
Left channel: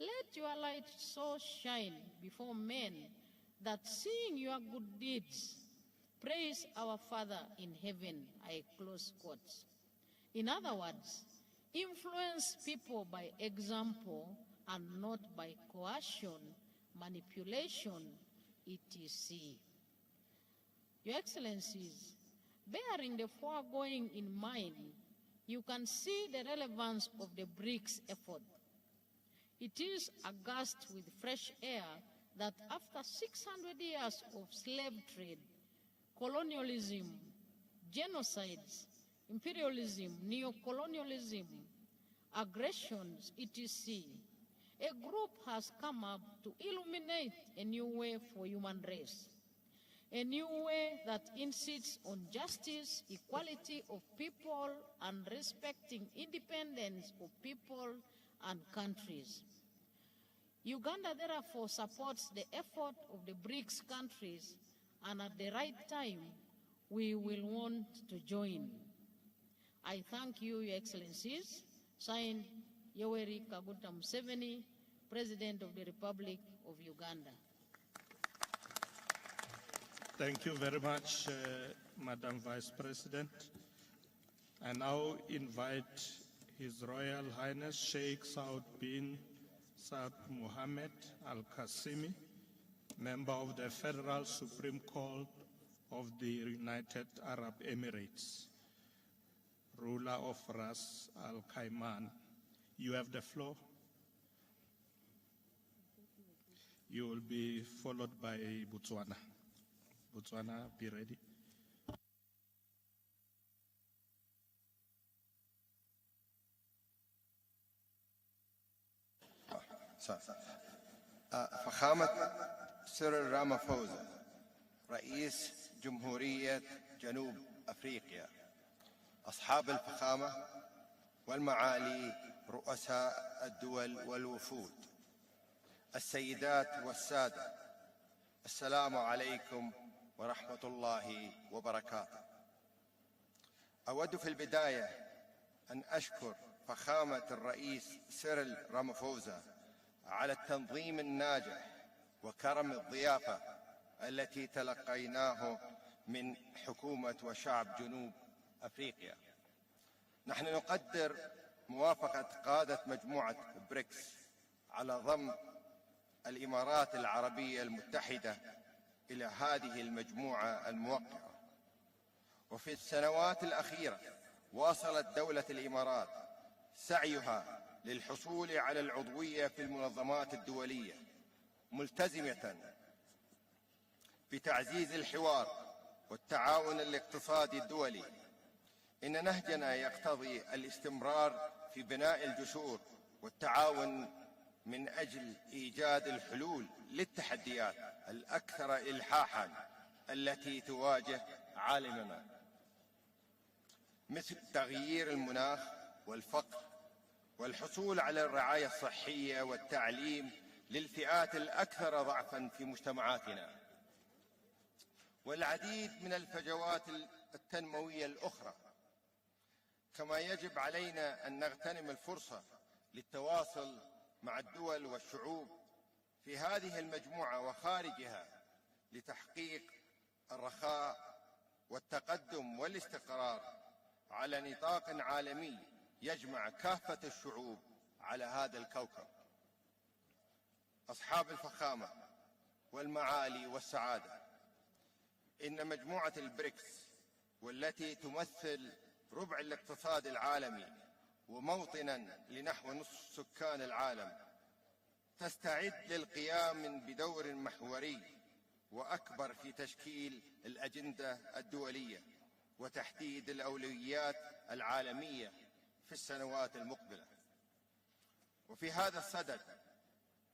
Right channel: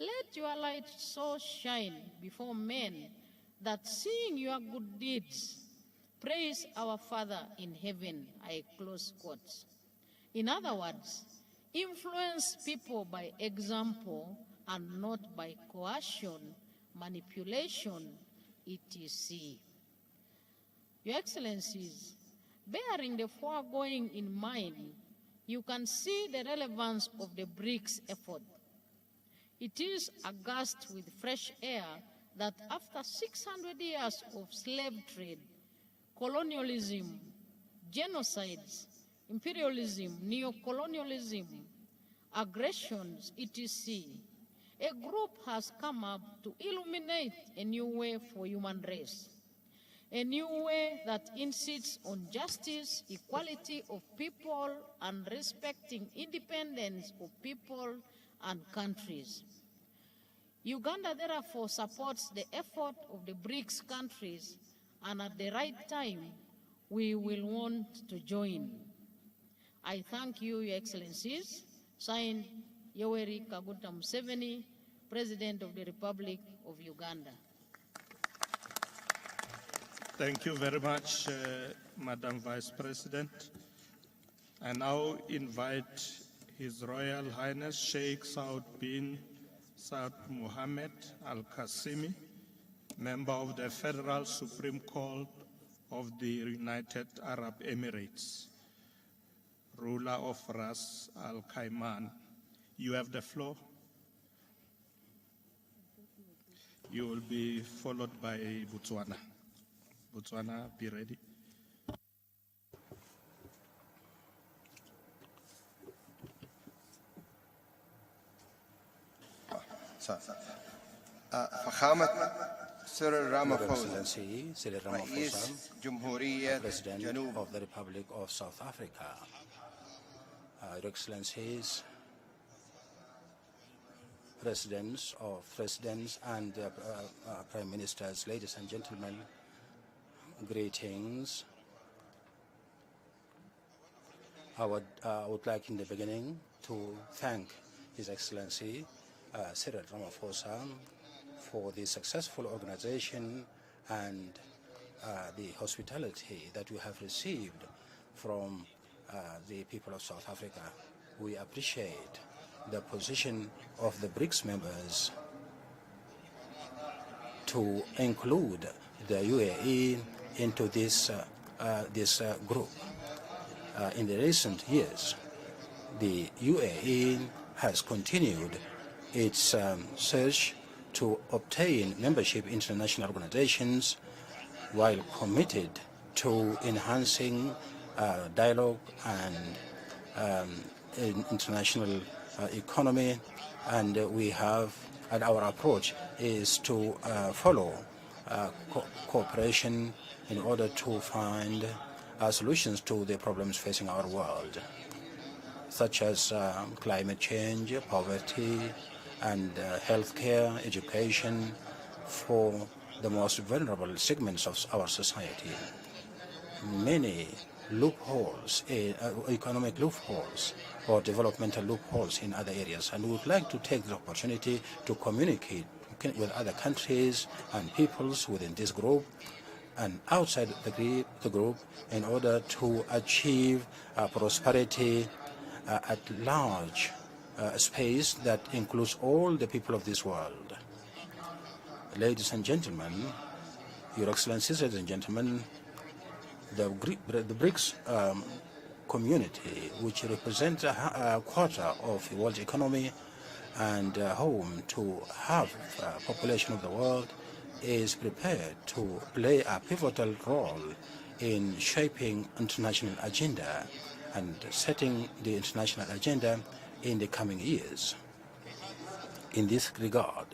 "Let your light so shine before men that seeing your good deeds, praise our Father in heaven," I close quotes. In other words, influence people by example and not by coercion, manipulation, etc. Your Excellencies, bearing the foregoing in mind, you can see the relevance of the BRICS effort. It is aghast with fresh air that after 600 years of slave trade, colonialism, genocides, imperialism, neocolonialism, aggressions, etc., a group has come up to illuminate a new way for human race, a new way that insists on justice, equality of people, and respecting independence of people and countries. Uganda therefore supports the effort of the BRICS countries, and at the right time, we will want to join. I thank you, Your Excellencies. Signed, Yoweri Kaguta Museveni, President of the Republic of Uganda. Thank you very much, Madam Vice President. I now invite His Royal Highness Sheikh Saud bin Saud Mohammed Al-Qasimi, member of the Federal Supreme Court of the United Arab Emirates, ruler of Ras Al Khaimah. You have the floor. You will be followed by Botswana. Botswana, be ready. فخامة سيريل رامافوزا رئيس جمهورية جنوب of the Republic of South Africa, أصحاب الفخامة والمعالي presidents and prime ministers, ladies and gentlemen, greetings. I would like in the beginning to thank His Excellency Cyril Ramaphosa for the successful organization and the hospitality that we have received from the people of South Africa. We appreciate the position of the BRICS members to include the UAE into this group. In the recent years, the UAE has continued its search to obtain membership in international organizations while committed to enhancing dialogue and international economy, and our approach is to follow cooperation in order to find solutions to the problems facing our world, such as climate change, poverty, and healthcare, education for the most vulnerable segments of our society. Many loopholes, economic loopholes or developmental loopholes in other areas, and we would like to take the opportunity to communicate with other countries and peoples within this group and outside the group in order to achieve prosperity at large space that includes all the people of this world. Ladies and gentlemen, Your Excellencies, ladies and gentlemen, the BRICS community, which represents a quarter of the world economy and home to half the population of the world, is prepared to play a pivotal role in shaping international agenda and setting the international agenda in the coming years. In this regard,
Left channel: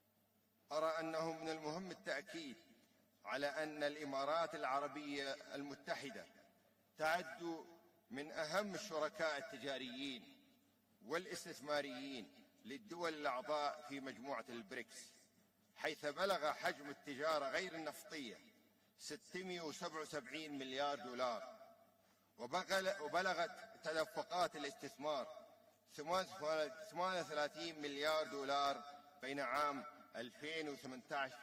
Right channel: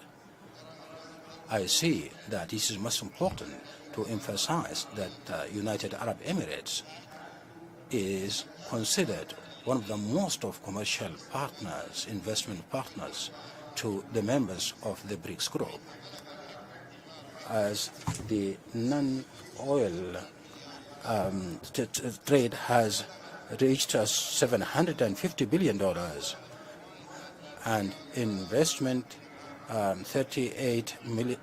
I see that it is most important to emphasize that the United Arab Emirates is considered one of the most of commercial partners, investment partners to the members of the BRICS group, as the non-oil trade has reached $750 billion and investment $38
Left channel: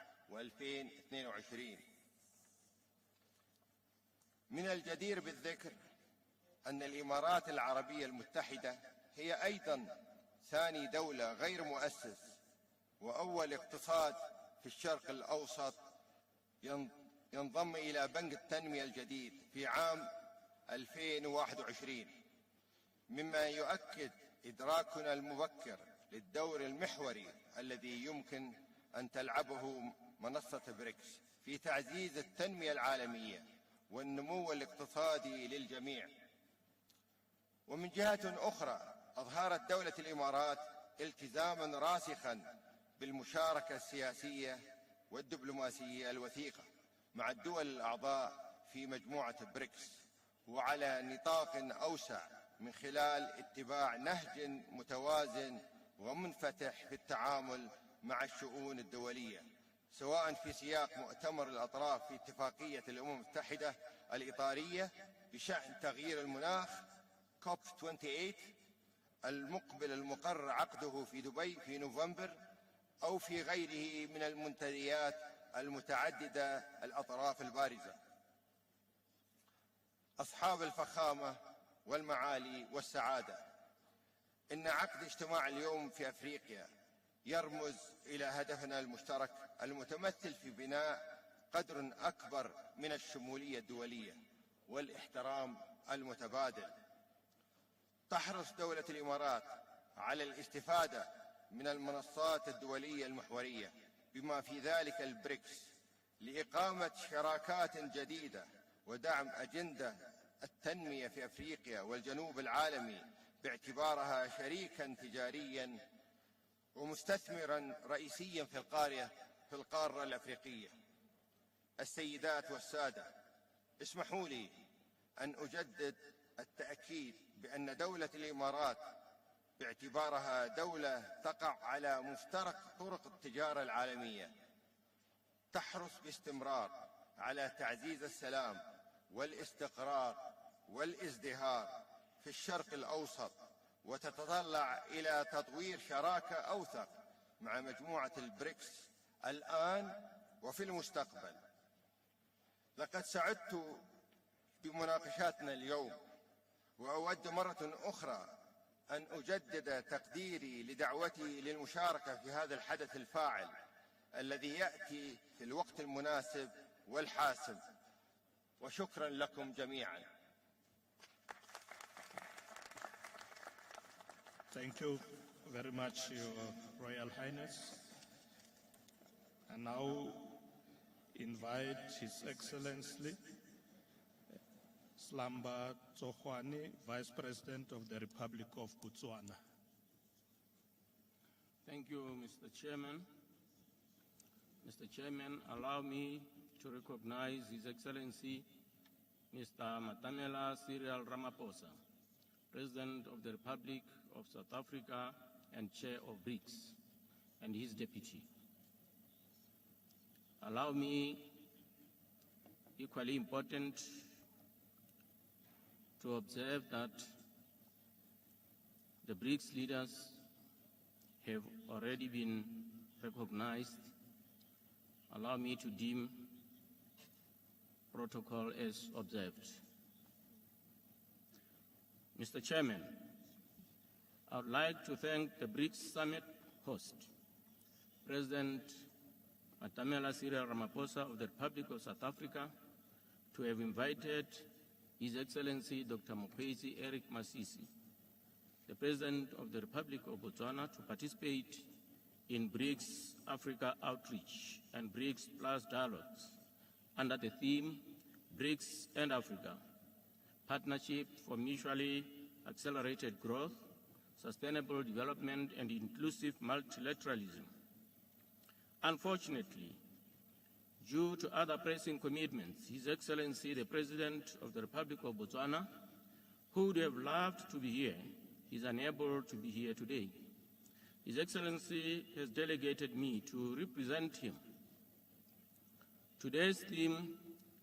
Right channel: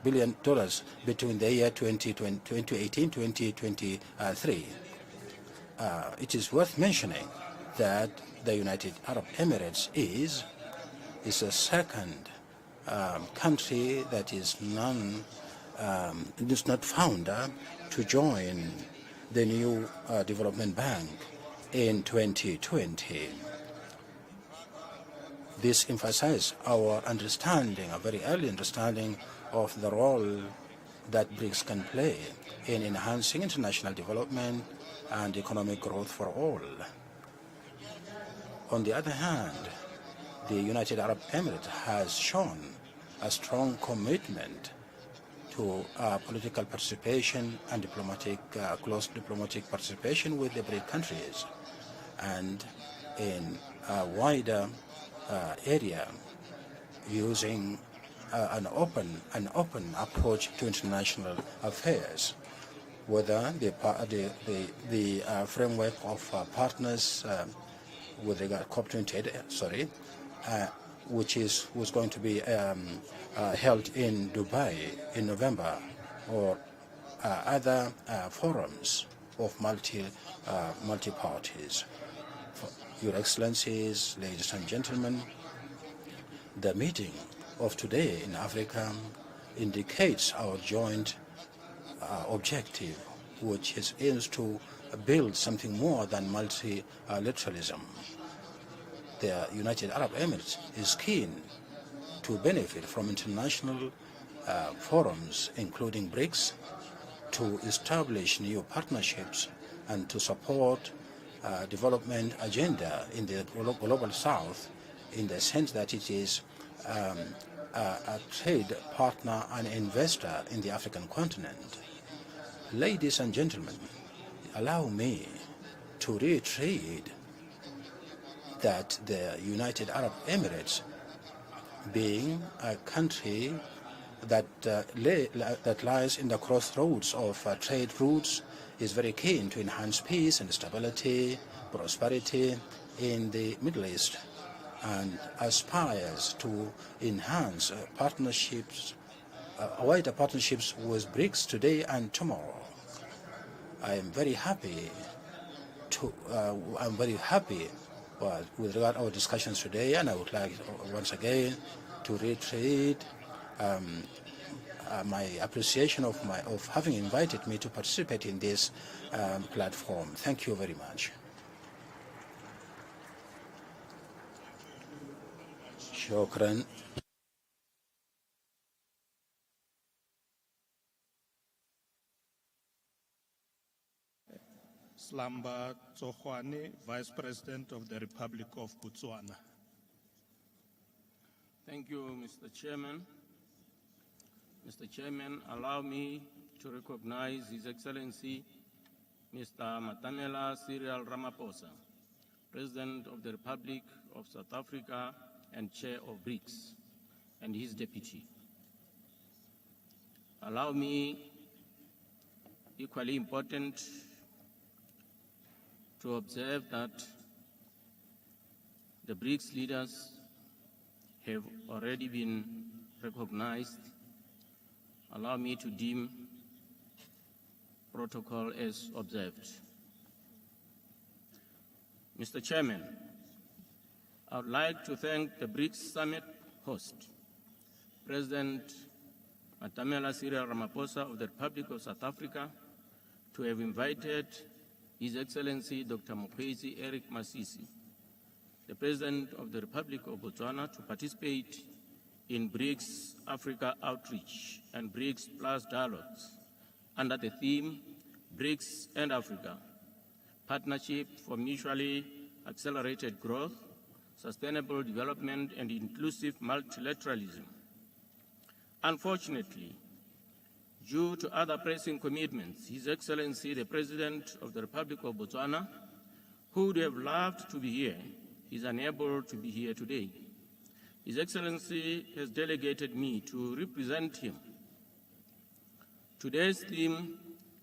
billion between the year 2018-2023. It is worth mentioning that the United Arab Emirates is the second country that is not founder to join the new development bank in 2020. This emphasizes our understanding, a very early understanding of the role that BRICS can play in enhancing international development and economic growth for all. On the other hand, the United Arab Emirates has shown a strong commitment to political participation and close diplomatic participation with the BRICS countries, and in a wider area using an open approach to international affairs, whether the framework of partners with the COP28, which was going to be held in Dubai in November, or other forums of multi-parties. Your Excellencies, ladies and gentlemen, the meeting of today in Africa indicates our joint objective, which aims to build something more than multilateralism. The United Arab Emirates is keen to benefit from international forums, including BRICS, to establish new partnerships and to support development agenda in the global south, in the sense that it is a trade partner and investor in the African continent. Ladies and gentlemen, allow me to reiterate that the United Arab Emirates, being a country that lies in the crossroads of trade routes, is very keen to enhance peace and stability, prosperity in the Middle East, and aspires to enhance wider partnerships with BRICS today and tomorrow. I am very happy with regard to our discussions today, and I would like once again to reiterate my appreciation of having invited me to participate in this platform. Thank you very much. Thank you very much, Shukran. Royal Highness. And now invite His Excellency Slamba Tsohwane, Vice President of the Republic of Botswana. Thank you, Mr. Chairman. Mr. Chairman, allow me to recognize His Excellency Mr. Matamela Cyril Ramaphosa, President of the Republic of South Africa and Chair of BRICS, and his deputy. Allow me, equally important, to observe that the BRICS leaders have already been recognized. Allow me to deem protocol as observed. Mr. Chairman, I would like to thank the BRICS Summit host, President Matamela Cyril Ramaphosa of the Republic of South Africa, to have invited His Excellency Dr. Mokgweetsi Eric Masisi, the President of the Republic of Botswana, to participate in BRICS Africa Outreach and BRICS Plus Dialogues under the theme BRICS and Africa, Partnership for Mutually Accelerated Growth, Sustainable Development and Inclusive Multilateralism. Unfortunately, due to other pressing commitments, His Excellency the President of the Republic of Botswana, who would have loved to be here, is unable to be here today. His Excellency has delegated me to represent him. Today's theme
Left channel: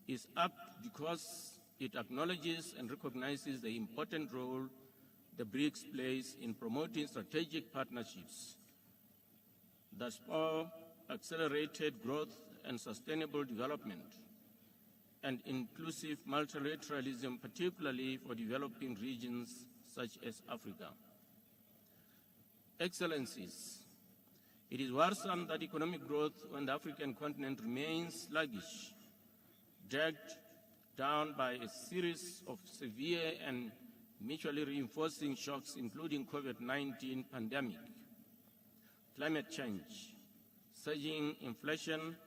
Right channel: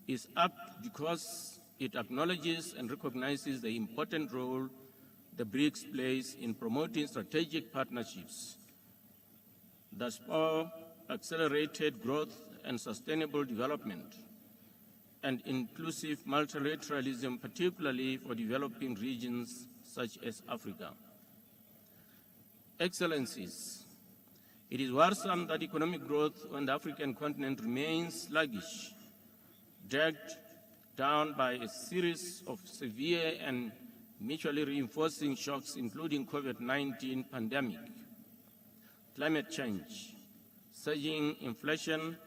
is apt because it acknowledges and recognizes the important role the BRICS plays in promoting strategic partnerships that spur accelerated growth and sustainable development and inclusive multilateralism, particularly for developing regions such as Africa. Excellencies, it is worrisome that economic growth on the African continent remains sluggish, dragged down by a series of severe and mutually reinforcing shocks, including COVID-19 pandemic, climate change, surging inflation,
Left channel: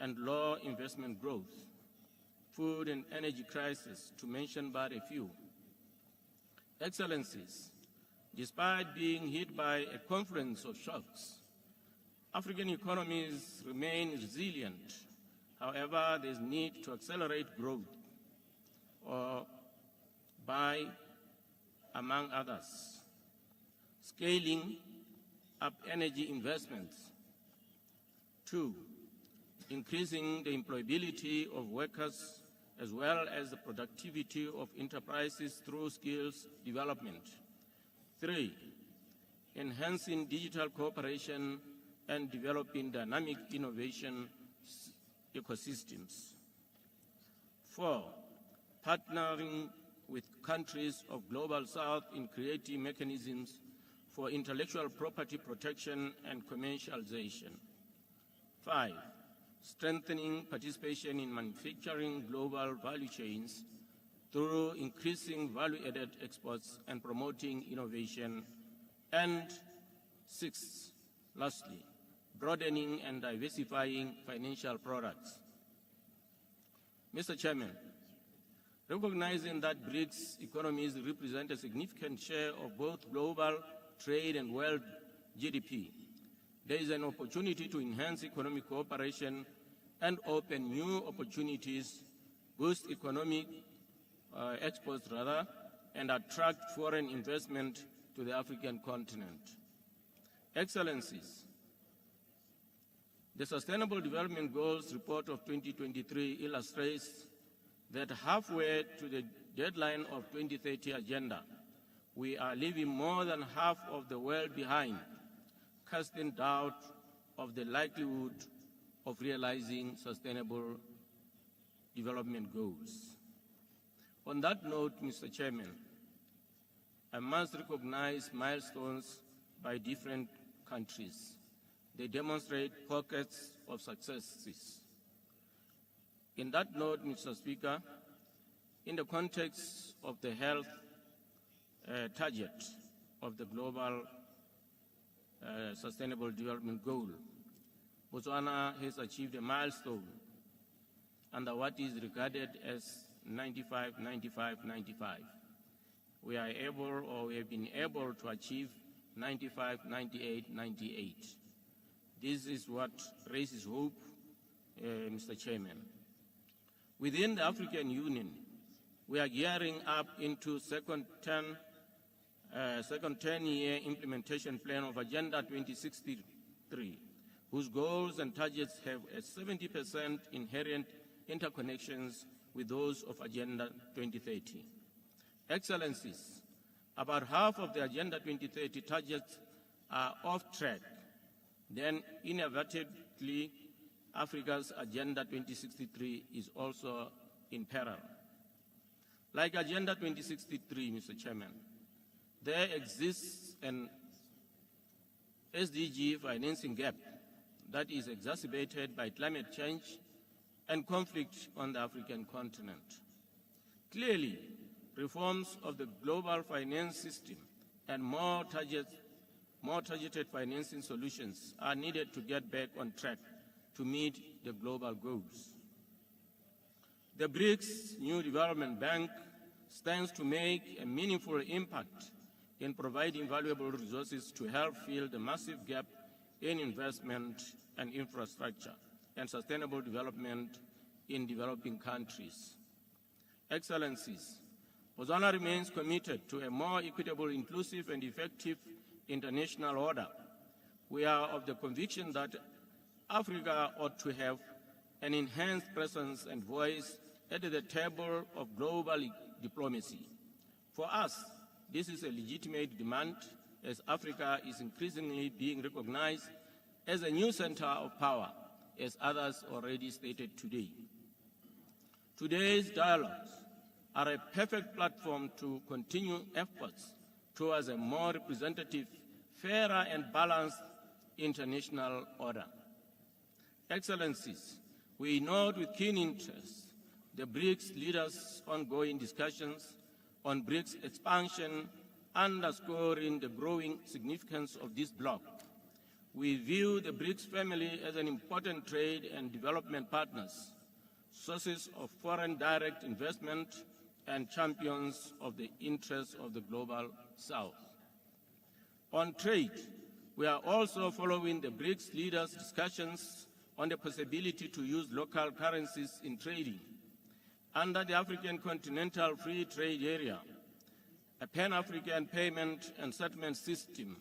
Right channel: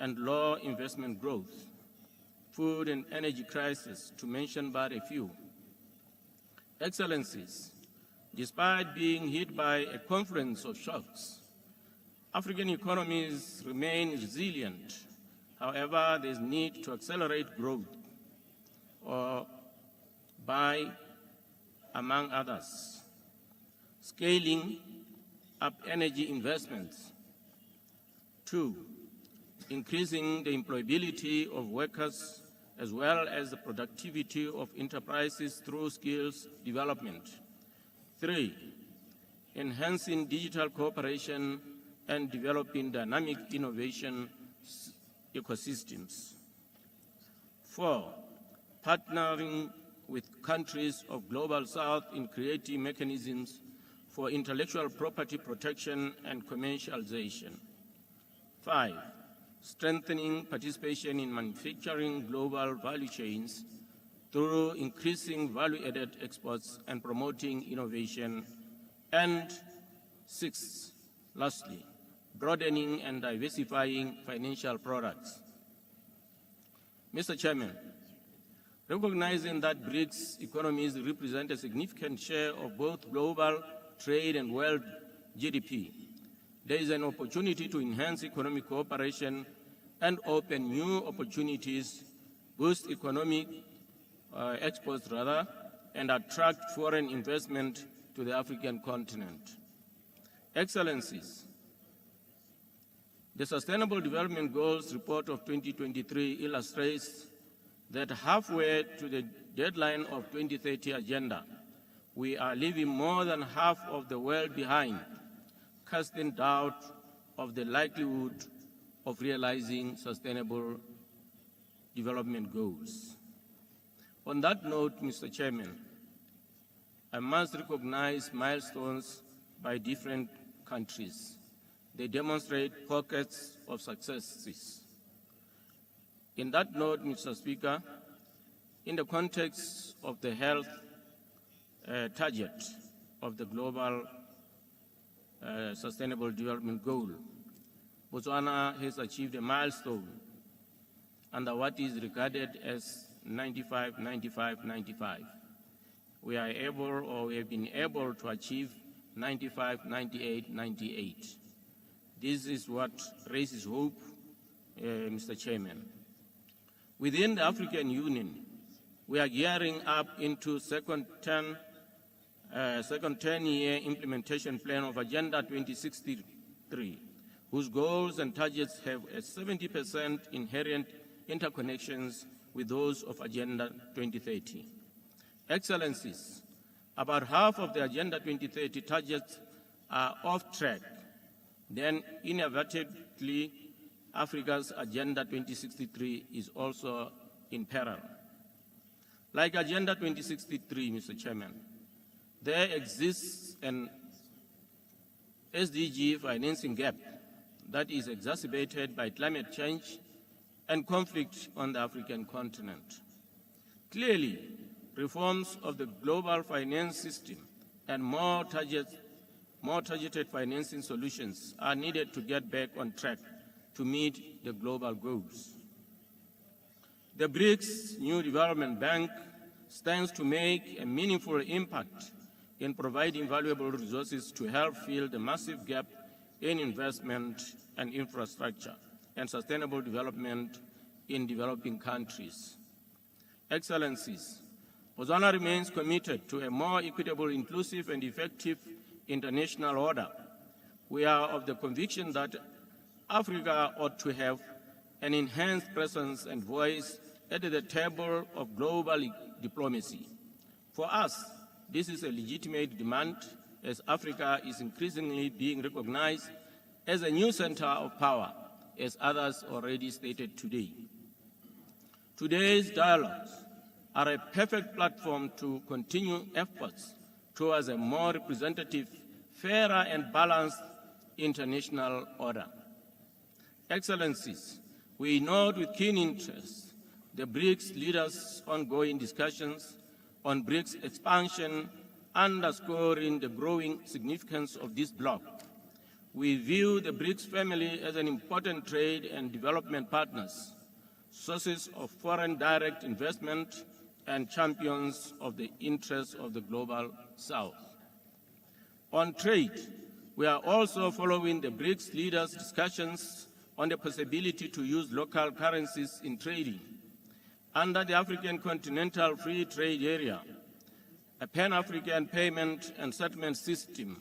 and low investment growth, food and energy crisis, to mention but a few. Excellencies, despite being hit by a confluence of shocks, African economies remain resilient. However, there is need to accelerate growth by, among others, scaling up energy investments. 2, increasing the employability of workers as well as the productivity of enterprises through skills development. 3, enhancing digital cooperation and developing dynamic innovation ecosystems. 4, partnering with countries of Global South in creating mechanisms for intellectual property protection and commercialization. 5, strengthening participation in manufacturing global value chains through increasing value-added exports and promoting innovation. And 6, lastly, broadening and diversifying financial products. Mr. Chairman, recognizing that BRICS economies represent a significant share of both global trade and world GDP, there is an opportunity to enhance economic cooperation and open new opportunities, boost economic exports and attract foreign investment to the African continent. Excellencies, the Sustainable Development Goals report of 2023 illustrates that halfway to the deadline of 2030 agenda, we are leaving more than half of the world behind, casting doubt of the likelihood of realizing sustainable development goals. On that note, Mr. Chairman, I must recognize milestones by different countries. They demonstrate pockets of successes. In that note, Mr. Speaker, in the context of the health target of the Global Sustainable Development Goal, Botswana has achieved a milestone under what is regarded as 95-95-95. We are able, or we have been able to achieve 95-98-98. This is what raises hope, Mr. Chairman. Within the African Union, we are gearing up into second 10-year implementation plan of Agenda 2063, whose goals and targets have a 70% inherent interconnections with those of Agenda 2030. Excellencies, about half of the Agenda 2030 targets are off track. Then inevitably, Africa's Agenda 2063 is also in peril. Like Agenda 2063, Mr. Chairman, there exists an SDG financing gap that is exacerbated by climate change and conflict on the African continent. Clearly, reforms of the global finance system and more targeted financing solutions are needed to get back on track to meet the global goals. The BRICS New Development Bank stands to make a meaningful impact in providing valuable resources to help fill the massive gap in investment and infrastructure and sustainable development in developing countries. Excellencies, Botswana remains committed to a more equitable, inclusive, and effective international order. We are of the conviction that Africa ought to have an enhanced presence and voice at the table of global diplomacy. For us, this is a legitimate demand, as Africa is increasingly being recognized as a new center of power, as others already stated today. Today's dialogues are a perfect platform to continue efforts towards a more representative, fairer, and balanced international order. Excellencies, we note with keen interest the BRICS leaders' ongoing discussions on BRICS expansion, underscoring the growing significance of this bloc. We view the BRICS family as an important trade and development partners, sources of foreign direct investment, and champions of the interests of the global South. On trade, we are also following the BRICS leaders' discussions on the possibility to use local currencies in trading. Under the African Continental Free Trade Area, a Pan-African payment and settlement system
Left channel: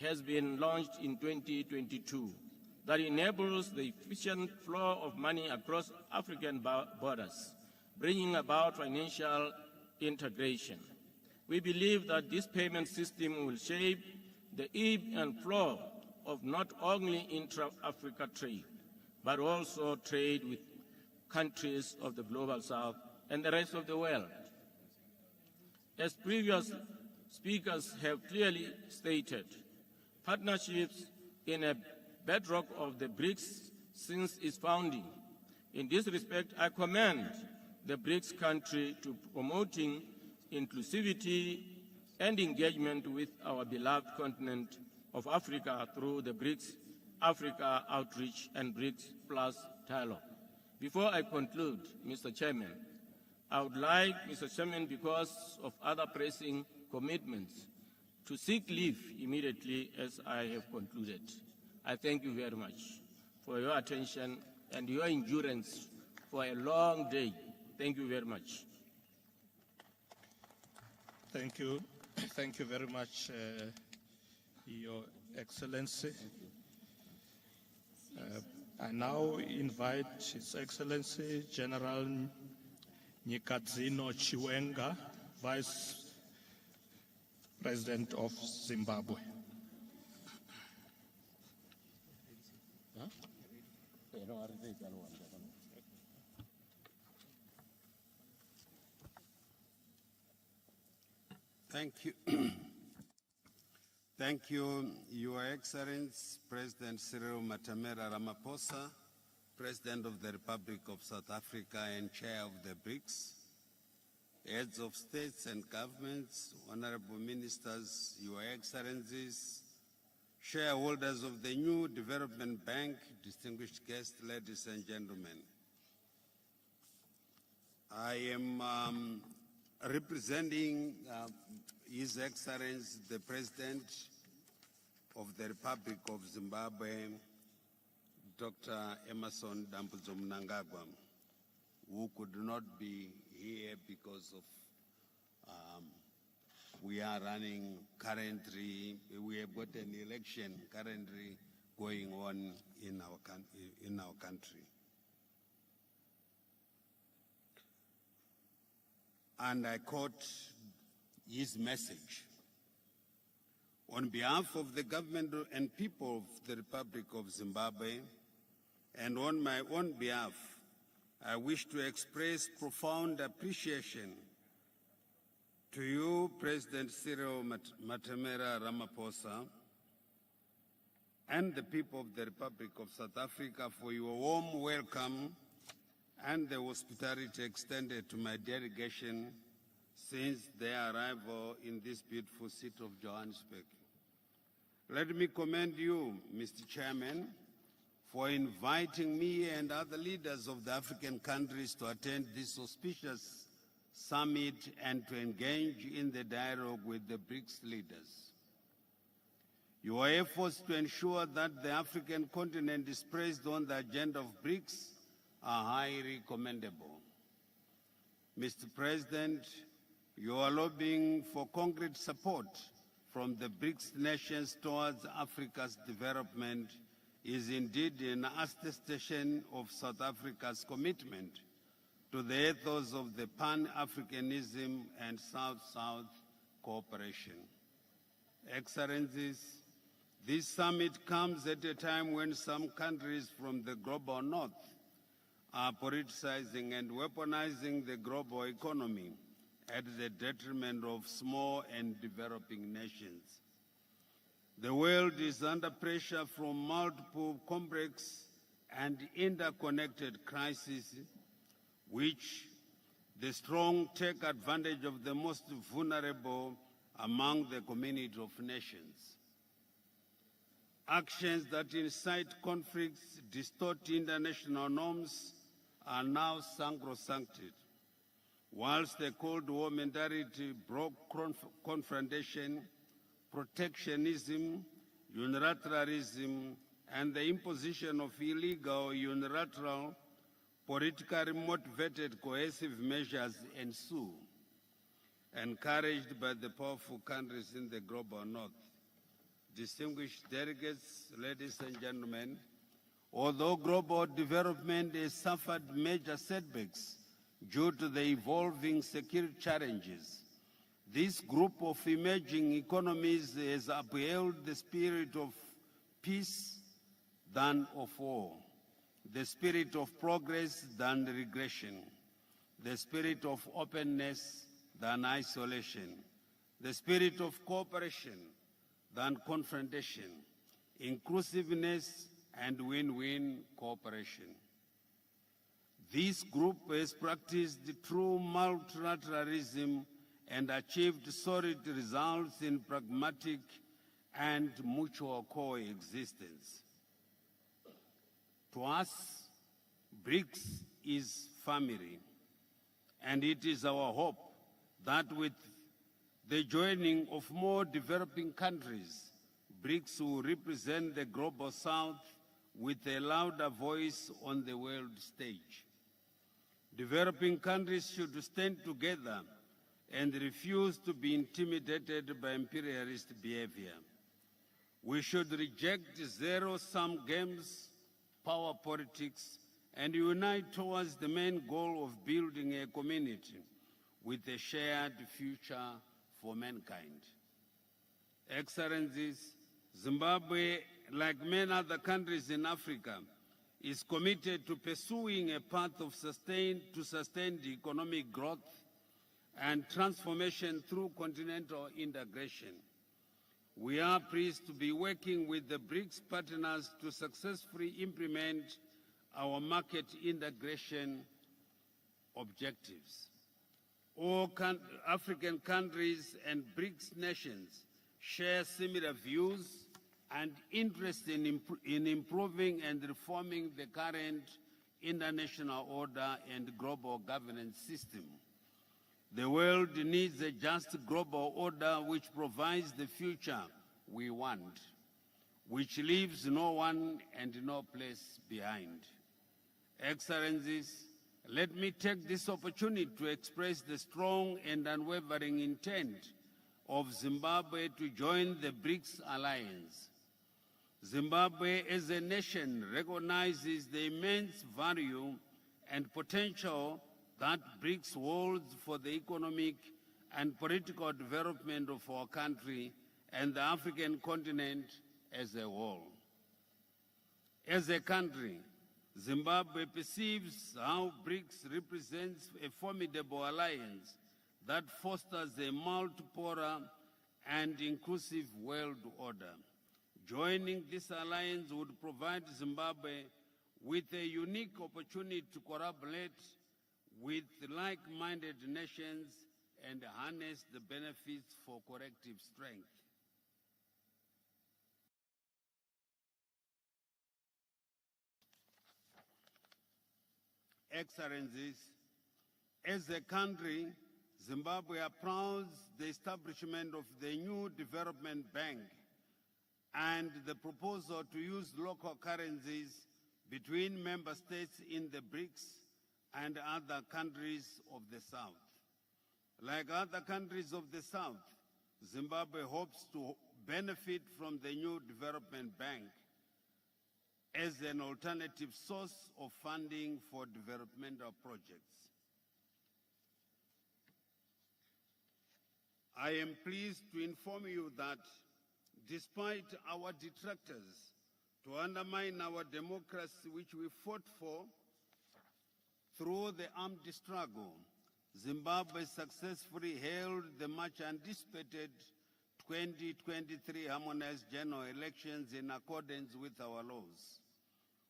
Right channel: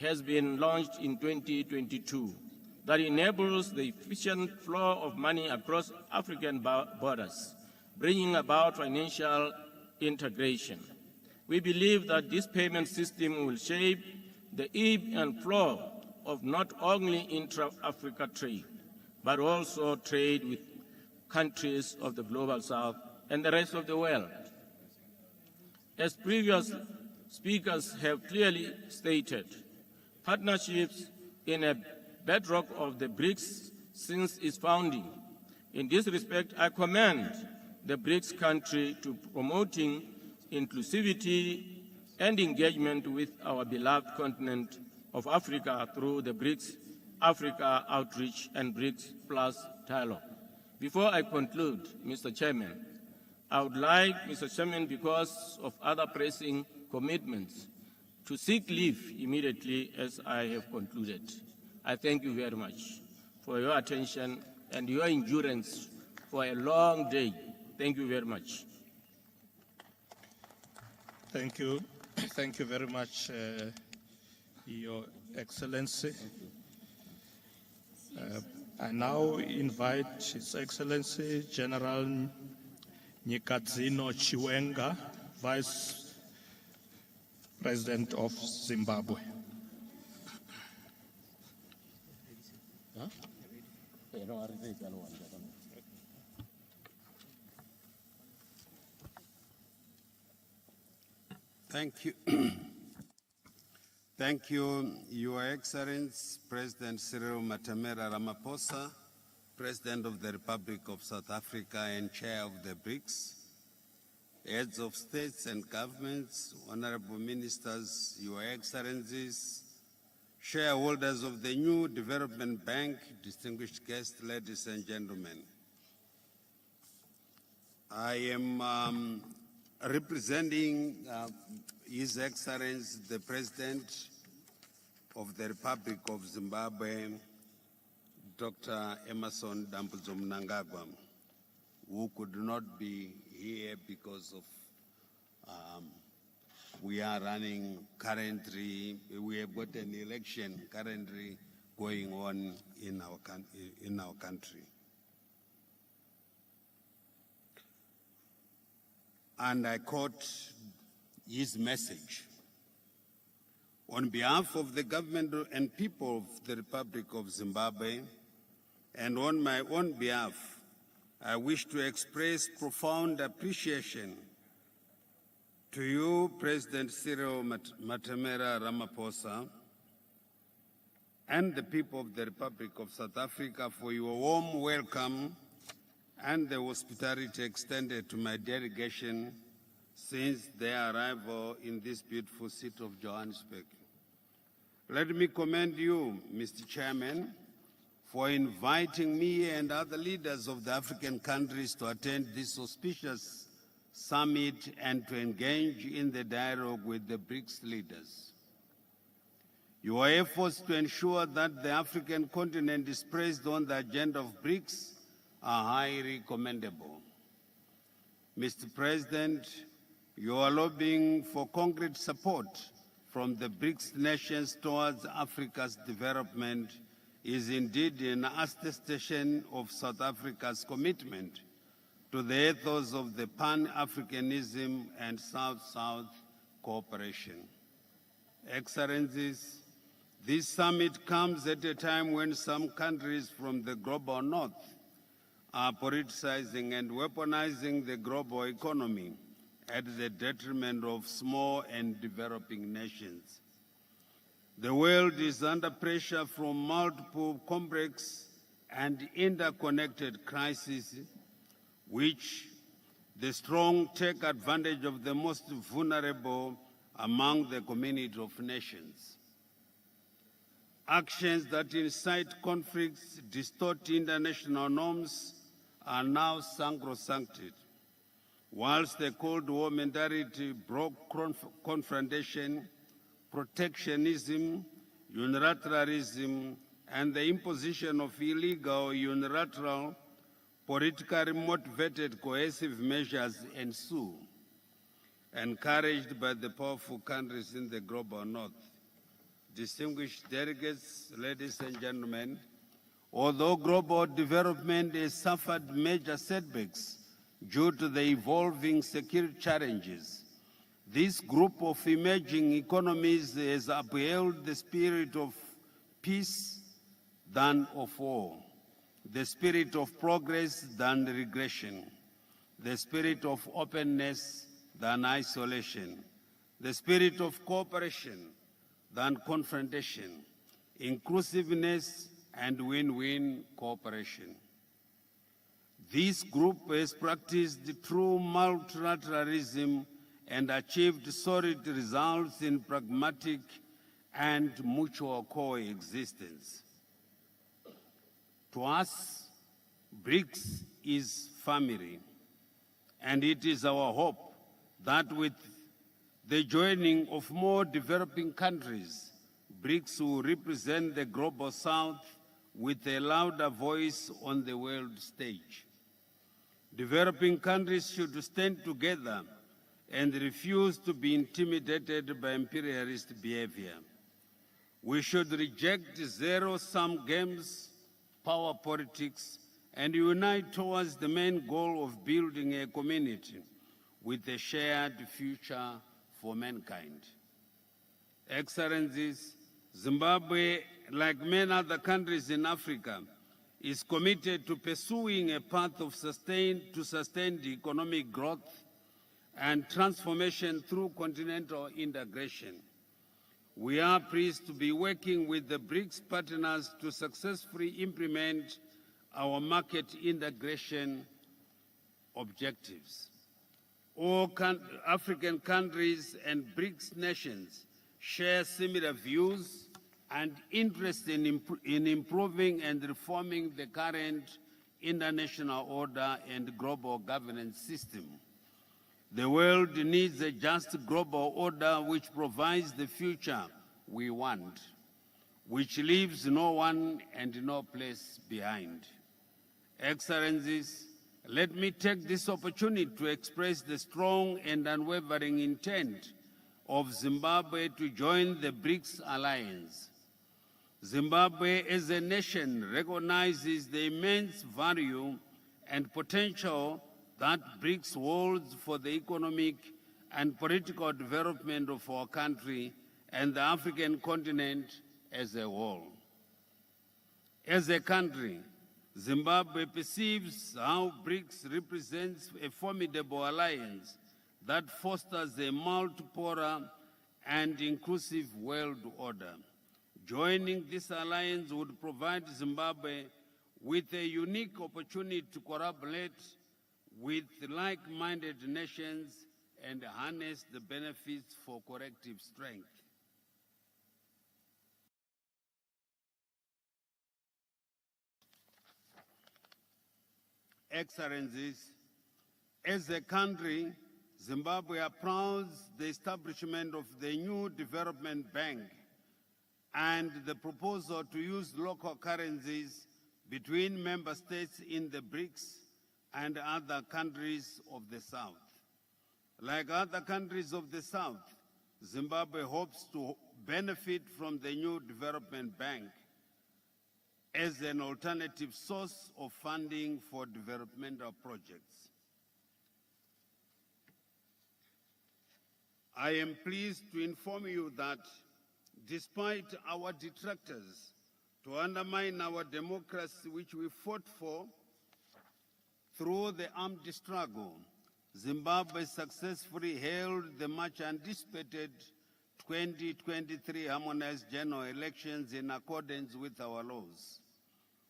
has been launched in 2022 that enables the efficient flow of money across African borders, bringing about financial integration. We believe that this payment system will shape the ebb and flow of not only intra-Africa trade, but also trade with countries of the Global South and the rest of the world. As previous speakers have clearly stated, partnerships in a bedrock of the BRICS since its founding. In this respect, I commend the BRICS country to promoting inclusivity and engagement with our beloved continent of Africa through the BRICS Africa Outreach and BRICS Plus dialogue. Before I conclude, Mr. Chairman, I would like, Mr. Chairman, because of other pressing commitments, to seek leave immediately as I have concluded. I thank you very much for your attention and your endurance for a long day. Thank you very much. Thank you. Thank you very much, Your Excellency. I now invite His Excellency General Nyikadzino Chiwenga, Vice President of Zimbabwe. Thank you. Thank you, Your Excellency, President Cyril Matamela Ramaphosa, President of the Republic of South Africa and Chair of the BRICS, Heads of States and Governments, Honorable Ministers, Your Excellencies, Shareholders of the new Development Bank, distinguished guests, ladies and gentlemen. I am representing His Excellency, the President of the Republic of Zimbabwe, Dr. Emmerson Dambudzo Mnangagwa, who could not be here because of we are running currently, we have got an election currently going on in our country. And I quote his message. On behalf of the government and people of the Republic of Zimbabwe, and on my own behalf, I wish to express profound appreciation to you, President Cyril Matamela Ramaphosa, and the people of the Republic of South Africa for your warm welcome and the hospitality extended to my delegation since their arrival in this beautiful city of Johannesburg. Let me commend you, Mr. Chairman, for inviting me and other leaders of the African countries to attend this auspicious summit and to engage in the dialogue with the BRICS leaders. Your efforts to ensure that the African continent is placed on the agenda of BRICS are highly commendable. Mr. President, your lobbying for concrete support from the BRICS nations towards Africa's development is indeed an attestation of South Africa's commitment to the ethos of the Pan-Africanism and South-South cooperation. Excellencies, this summit comes at a time when some countries from the global north are politicizing and weaponizing the global economy at the detriment of small and developing nations. The world is under pressure from multiple complex and interconnected crises, which the strong take advantage of the most vulnerable among the community of nations. Actions that incite conflicts, distort international norms, are now sacrosancted, whilst the Cold War mentality broke confrontation, protectionism, unilateralism, and the imposition of illegal, unilateral, politically motivated coercive measures ensue, encouraged by the powerful countries in the global north. Distinguished delegates, ladies and gentlemen, although global development has suffered major setbacks due to the evolving security challenges, this group of emerging economies has upheld the spirit of peace than of war, the spirit of progress than regression, the spirit of openness than isolation, the spirit of cooperation than confrontation, inclusiveness and win-win cooperation. This group has practiced true multilateralism and achieved solid results in pragmatic and mutual coexistence. To us, BRICS is family, and it is our hope that with the joining of more developing countries, BRICS will represent the global south with a louder voice on the world stage. Developing countries should stand together and refuse to be intimidated by imperialist behavior. We should reject zero-sum games, power politics, and unite towards the main goal of building a community with a shared future for mankind. Excellencies, Zimbabwe, like many other countries in Africa, is committed to pursuing a path of sustained economic growth and transformation through continental integration. We are pleased to be working with the BRICS partners to successfully implement our market integration objectives. All African countries and BRICS nations share similar views and interest in improving and reforming the current international order and global governance system. The world needs a just global order which provides the future we want, which leaves no one and no place behind. Excellencies, let me take this opportunity to express the strong and unwavering intent of Zimbabwe to join the BRICS alliance. Zimbabwe as a nation recognizes the immense value and potential that BRICS holds for the economic and political development of our country and the African continent as a whole. As a country, Zimbabwe perceives how BRICS represents a formidable alliance that fosters a multipolar and inclusive world order. Joining this alliance would provide Zimbabwe with a unique opportunity to collaborate with like-minded nations and harness the benefits for collective strength. Excellencies, as a country, Zimbabwe applauds the establishment of the new development bank and the proposal to use local currencies between member states in the BRICS and other countries of the South. Like other countries of the South, Zimbabwe hopes to benefit from the new development bank as an alternative source of funding for developmental projects. I am pleased to inform you that despite our detractors to undermine our democracy, which we fought for through the armed struggle, Zimbabwe successfully held the much anticipated 2023 harmonized general elections in accordance with our laws.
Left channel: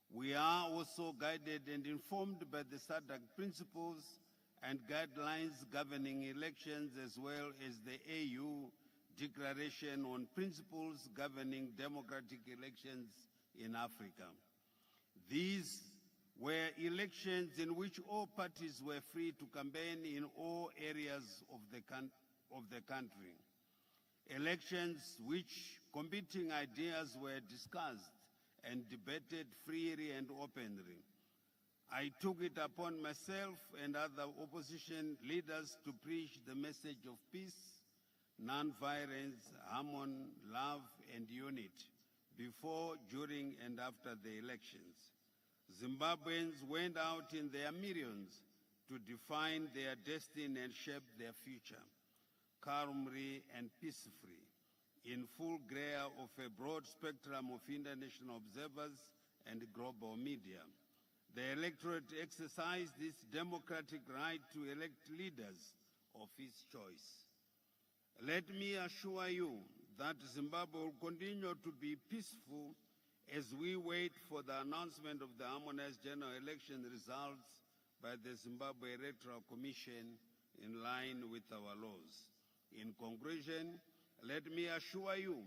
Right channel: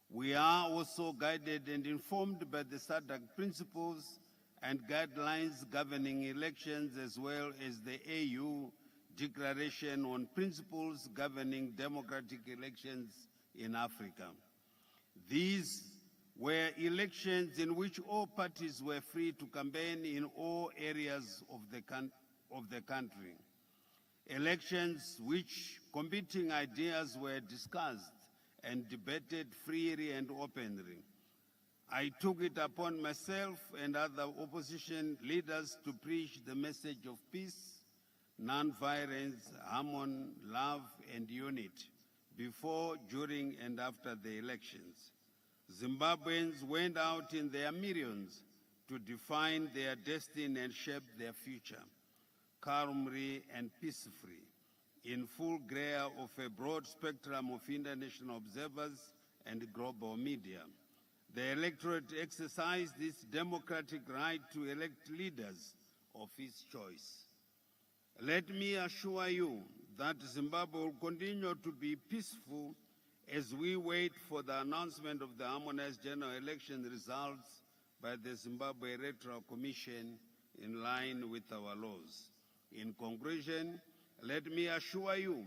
We are also guided and informed by the SADC principles and guidelines governing elections, as well as the AU Declaration on Principles Governing Democratic Elections in Africa. These were elections in which all parties were free to campaign in all areas of the country. Elections which competing ideas were discussed and debated freely and openly. I took it upon myself and other opposition leaders to preach the message of peace, non-violence, harmony, love, and unity before, during, and after the elections. Zimbabweans went out in their millions to define their destiny and shape their future, calmly and peacefully, in full glare of a broad spectrum of international observers and global media. The electorate exercised its democratic right to elect leaders of its choice. Let me assure you that Zimbabwe will continue to be peaceful as we wait for the announcement of the harmonized general election results by the Zimbabwe Electoral Commission in line with our laws. In conclusion, let me assure you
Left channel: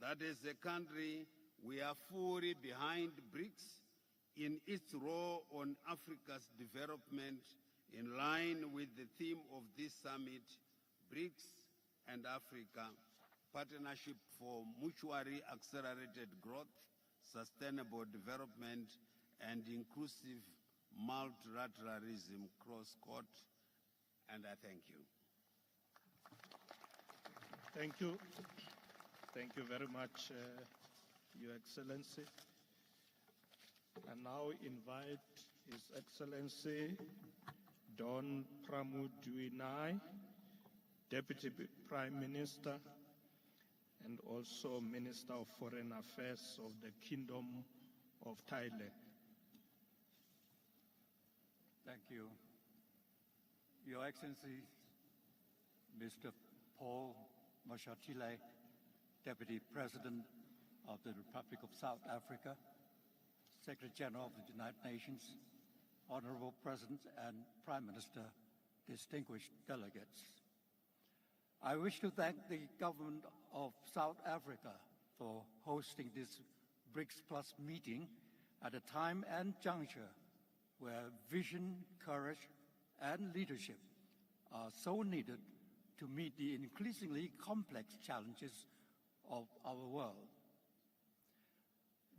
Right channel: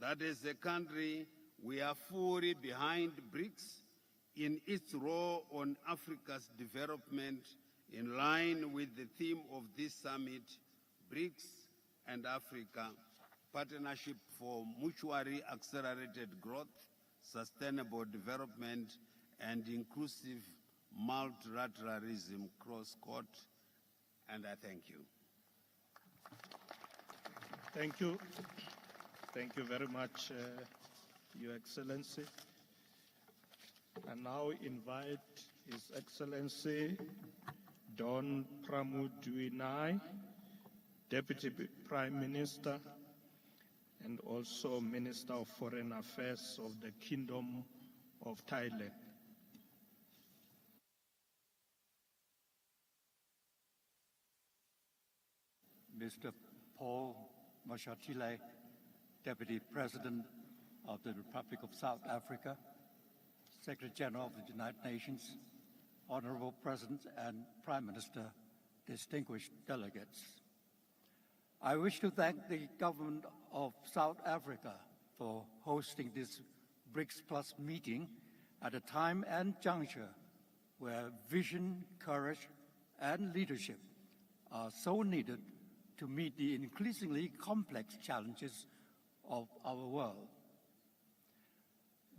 that as a country, we are fully behind BRICS in its role on Africa's development, in line with the theme of this summit, BRICS and Africa, Partnership for Mutually Accelerated Growth, Sustainable Development, and Inclusive Multilateralism, cross-court, and I thank you. Thank you. Thank you very much, Your Excellency. I now invite His Excellency Don Pramudwinai, Deputy Prime Minister and also Minister of Foreign Affairs of the Kingdom of Thailand. Thank you. Your Excellency, Mr. Paul Mashatile, Deputy President of the Republic of South Africa, Secretary General of the United Nations, Honorable President and Prime Minister, distinguished delegates. I wish to thank the government of South Africa for hosting this BRICS Plus meeting at a time and juncture where vision, courage, and leadership are so needed to meet the increasingly complex challenges of our world.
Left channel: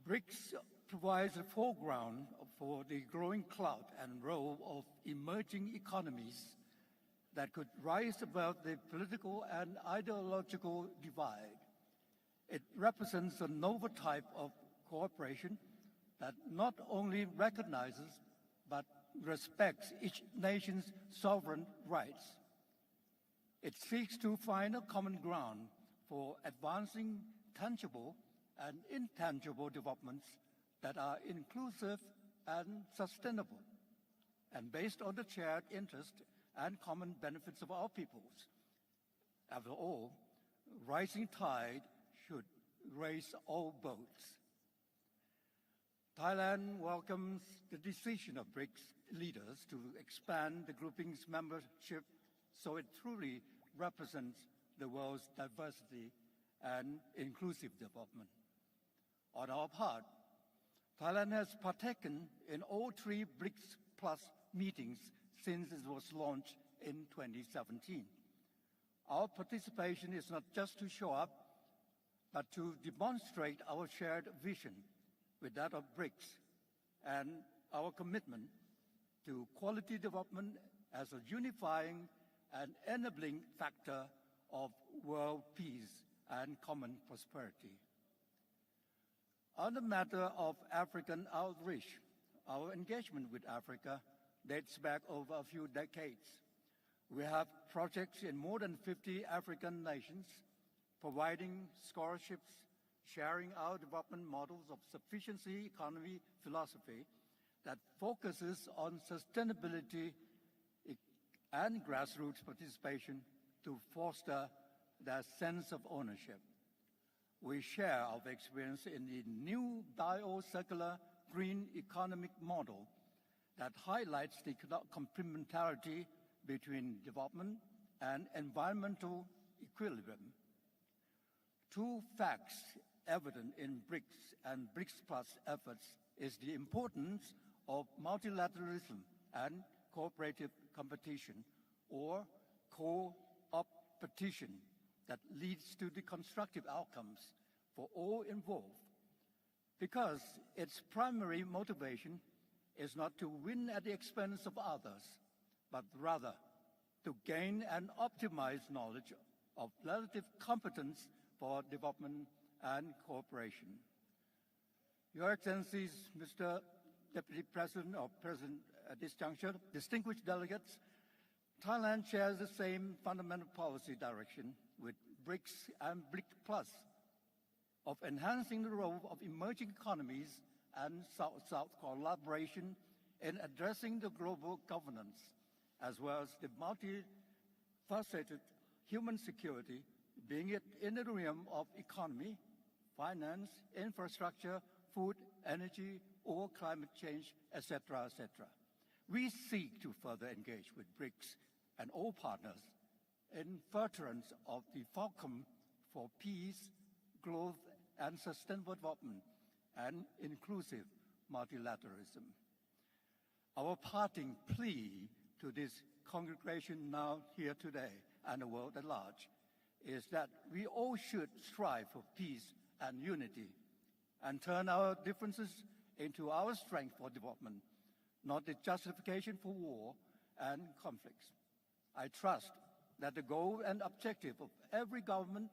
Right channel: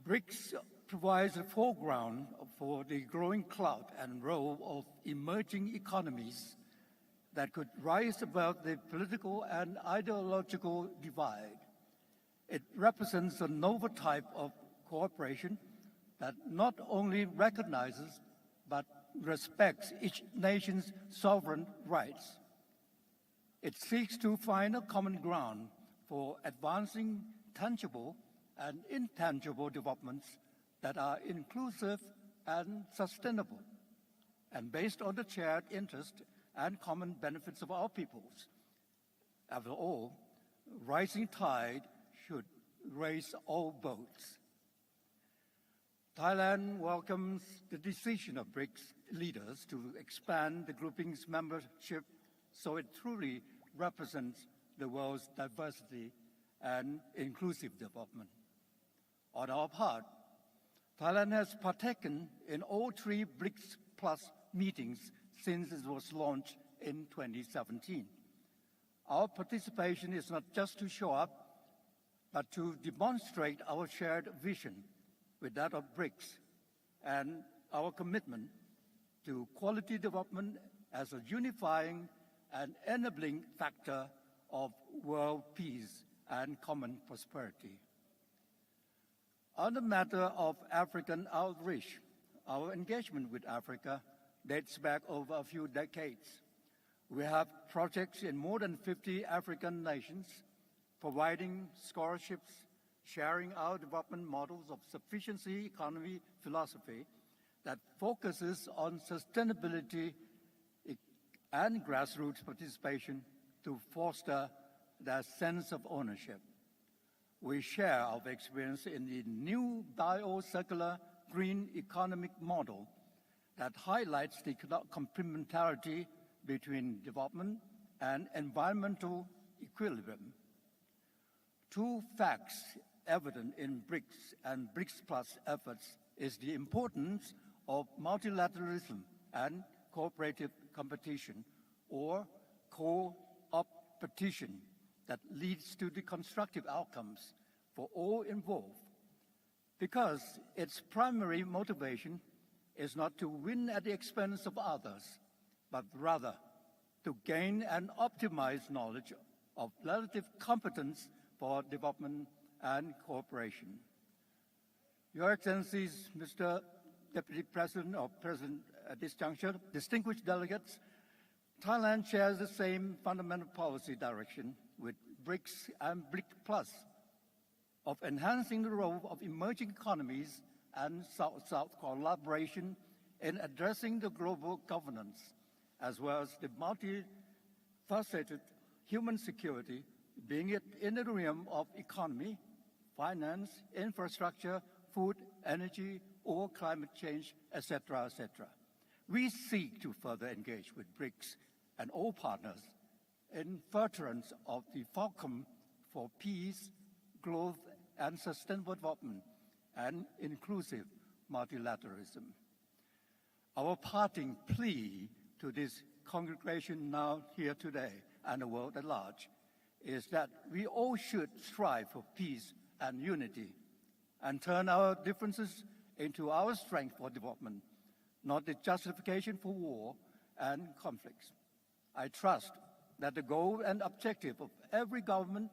BRICS provides a foreground for the growing clout and role of emerging economies that could rise above the political and ideological divide. It represents a novel type of cooperation that not only recognizes but respects each nation's sovereign rights. It seeks to find a common ground for advancing tangible and intangible developments that are inclusive and sustainable, and based on the shared interest and common benefits of our peoples. After all, rising tide should raise all boats. Thailand welcomes the decision of BRICS leaders to expand the grouping's membership so it truly represents the world's diversity and inclusive development. On our part, Thailand has partaken in all three BRICS Plus meetings since it was launched in 2017. Our participation is not just to show up, but to demonstrate our shared vision with that of BRICS and our commitment to quality development as a unifying and enabling factor of world peace and common prosperity. On the matter of African outreach, our engagement with Africa dates back over a few decades. We have projects in more than 50 African nations, providing scholarships, sharing our development models of sufficiency economy philosophy that focuses on sustainability and grassroots participation to foster that sense of ownership. We share our experience in the new bio-circular green economic model that highlights the complementarity between development and environmental equilibrium. Two facts evident in BRICS and BRICS Plus efforts is the importance of multilateralism and cooperative competition, or co-opetition, that leads to the constructive outcomes for all involved, because its primary motivation is not to win at the expense of others, but rather to gain and optimize knowledge of relative competence for development and cooperation. Your Excellencies, Mr. Deputy President or President at this juncture, distinguished delegates, Thailand shares the same fundamental policy direction with BRICS and BRICS Plus of enhancing the role of emerging economies and South-South collaboration in addressing the global governance, as well as the multifaceted human security, being it in the realm of economy, finance, infrastructure, food, energy, or climate change, etc., etc. We seek to further engage with BRICS and all partners in furtherance of the fulcrum for peace, growth, and sustainable development and inclusive multilateralism. Our parting plea to this congregation now here today and the world at large is that we all should strive for peace and unity and turn our differences into our strength for development, not the justification for war and conflicts. I trust that the goal and objective of every government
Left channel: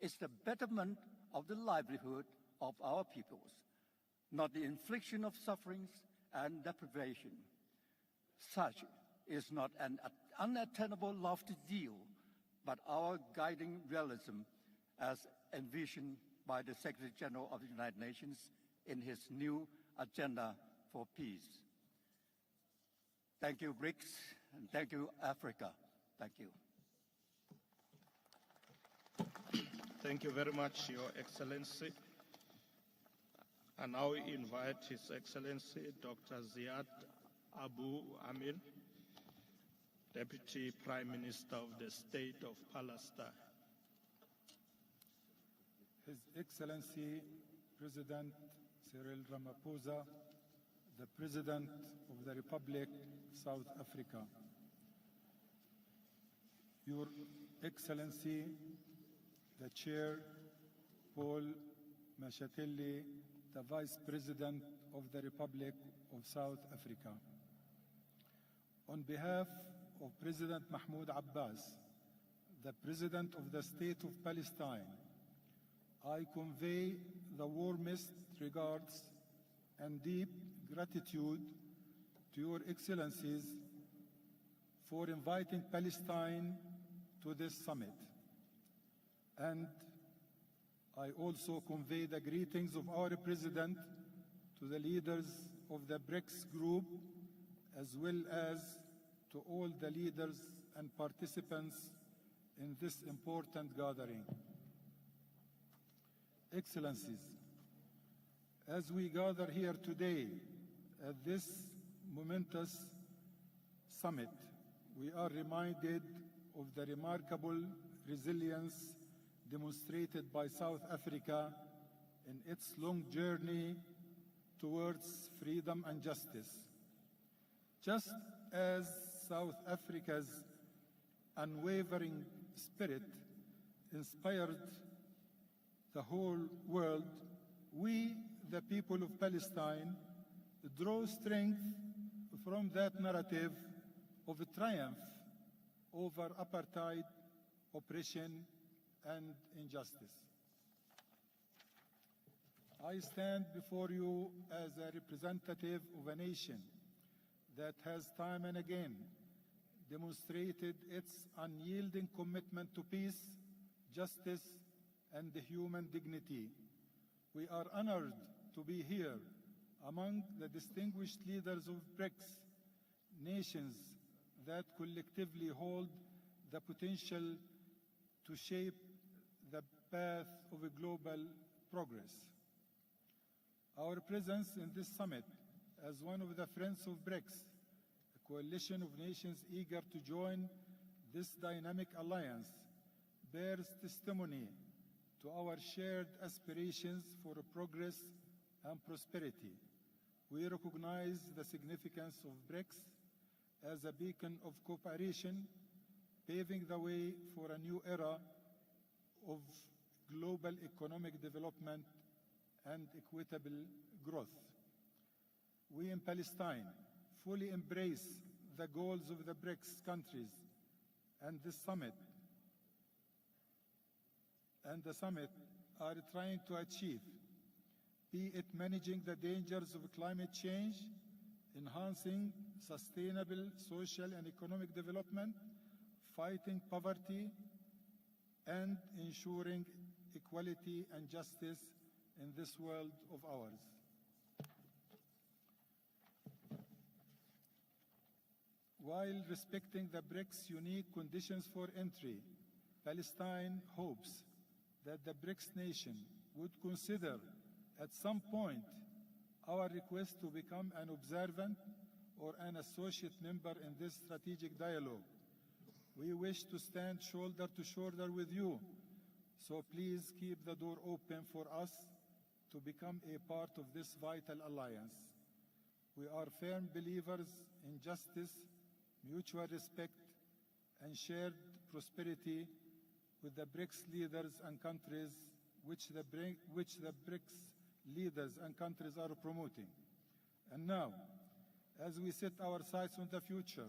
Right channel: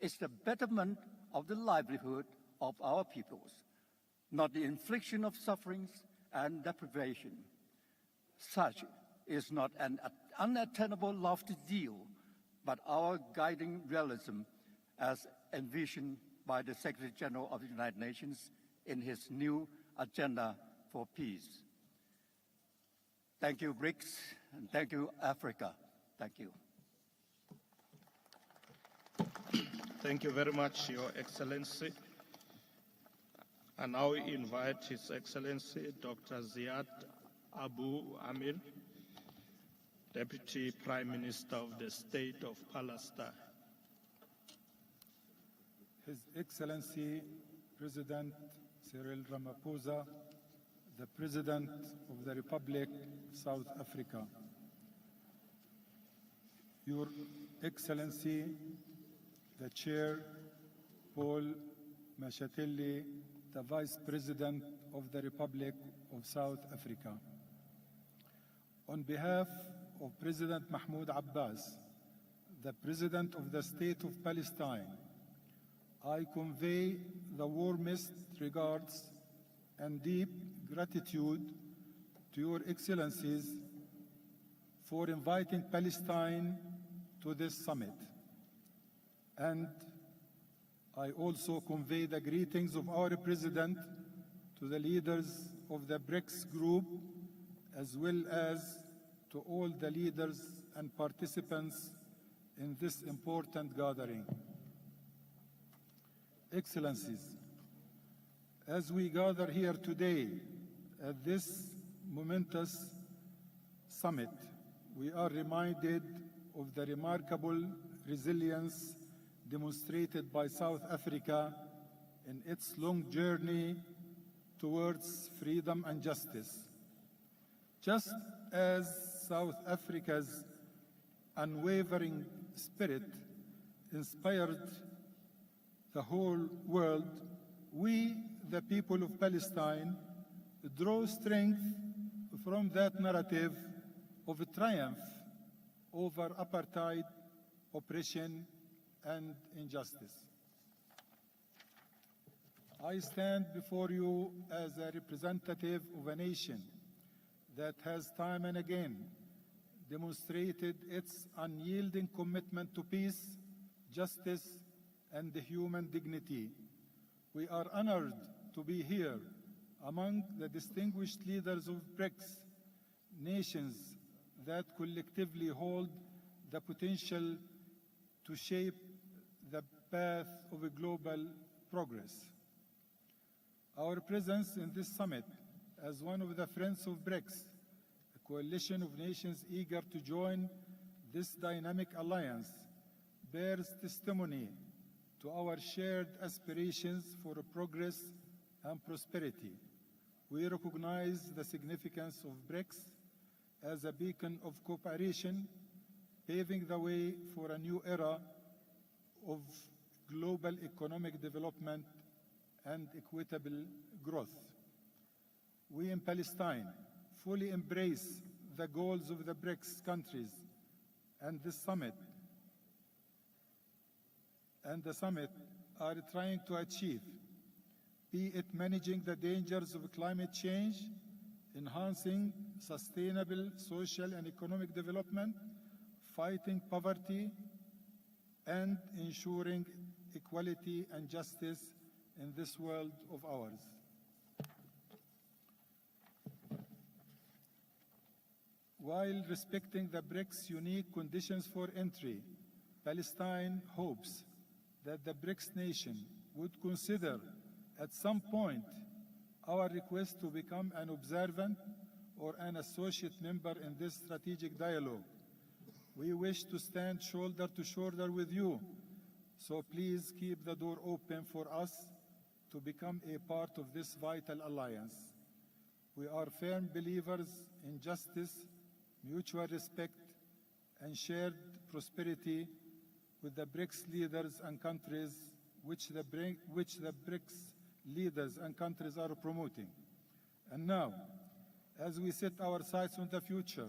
is the betterment of the livelihood of our peoples, not the infliction of sufferings and deprivation. Such is not an unattainable lofty ideal, but our guiding realism as envisioned by the Secretary General of the United Nations in his new agenda for peace. Thank you, BRICS, and thank you, Africa. Thank you. Thank you very much, Your Excellency. And now we invite His Excellency Dr. Ziad Abu Amir, Deputy Prime Minister of the State of Palestine. His Excellency President Cyril Ramaphosa, the President of the Republic of South Africa. Your Excellency, the Chair, Paul Mashatelli, the Vice President of the Republic of South Africa. On behalf of President Mahmoud Abbas, the President of the State of Palestine, I convey the warmest regards and deep gratitude to Your Excellencies for inviting Palestine to this summit. And I also convey the greetings of our President to the leaders of the BRICS group, as well as to all the leaders and participants in this important gathering. Excellencies, as we gather here today at this momentous summit, we are reminded of the remarkable resilience demonstrated by South Africa in its long journey towards freedom and justice. Just as South Africa's unwavering spirit inspired the whole world, we, the people of Palestine, draw strength from that narrative of triumph over apartheid, oppression, and injustice. I stand before you as a representative of a nation that has time and again demonstrated its unyielding commitment to peace, justice, and human dignity. We are honored to be here among the distinguished leaders of BRICS, nations that collectively hold the potential to shape the path of a global progress. Our presence in this summit as one of the friends of BRICS, a coalition of nations eager to join this dynamic alliance, bears testimony to our shared aspirations for progress and prosperity. We recognize the significance of BRICS as a beacon of cooperation, paving the way for a new era of global economic development and equitable growth. We in Palestine fully embrace the goals of the BRICS countries and the summit are trying to achieve, be it managing the dangers of climate change, enhancing sustainable social and economic development, fighting poverty, and ensuring equality and justice in this world of ours. While respecting the BRICS' unique conditions for entry, Palestine hopes that the BRICS nation would consider at some point our request to become an observant or an associate member in this strategic dialogue. We wish to stand shoulder to shoulder with you, so please keep the door open for us to become a part of this vital alliance. We are firm believers in justice, mutual respect, and shared prosperity with the BRICS leaders and countries which the BRICS leaders and countries are promoting. And now, as we set our sights on the future,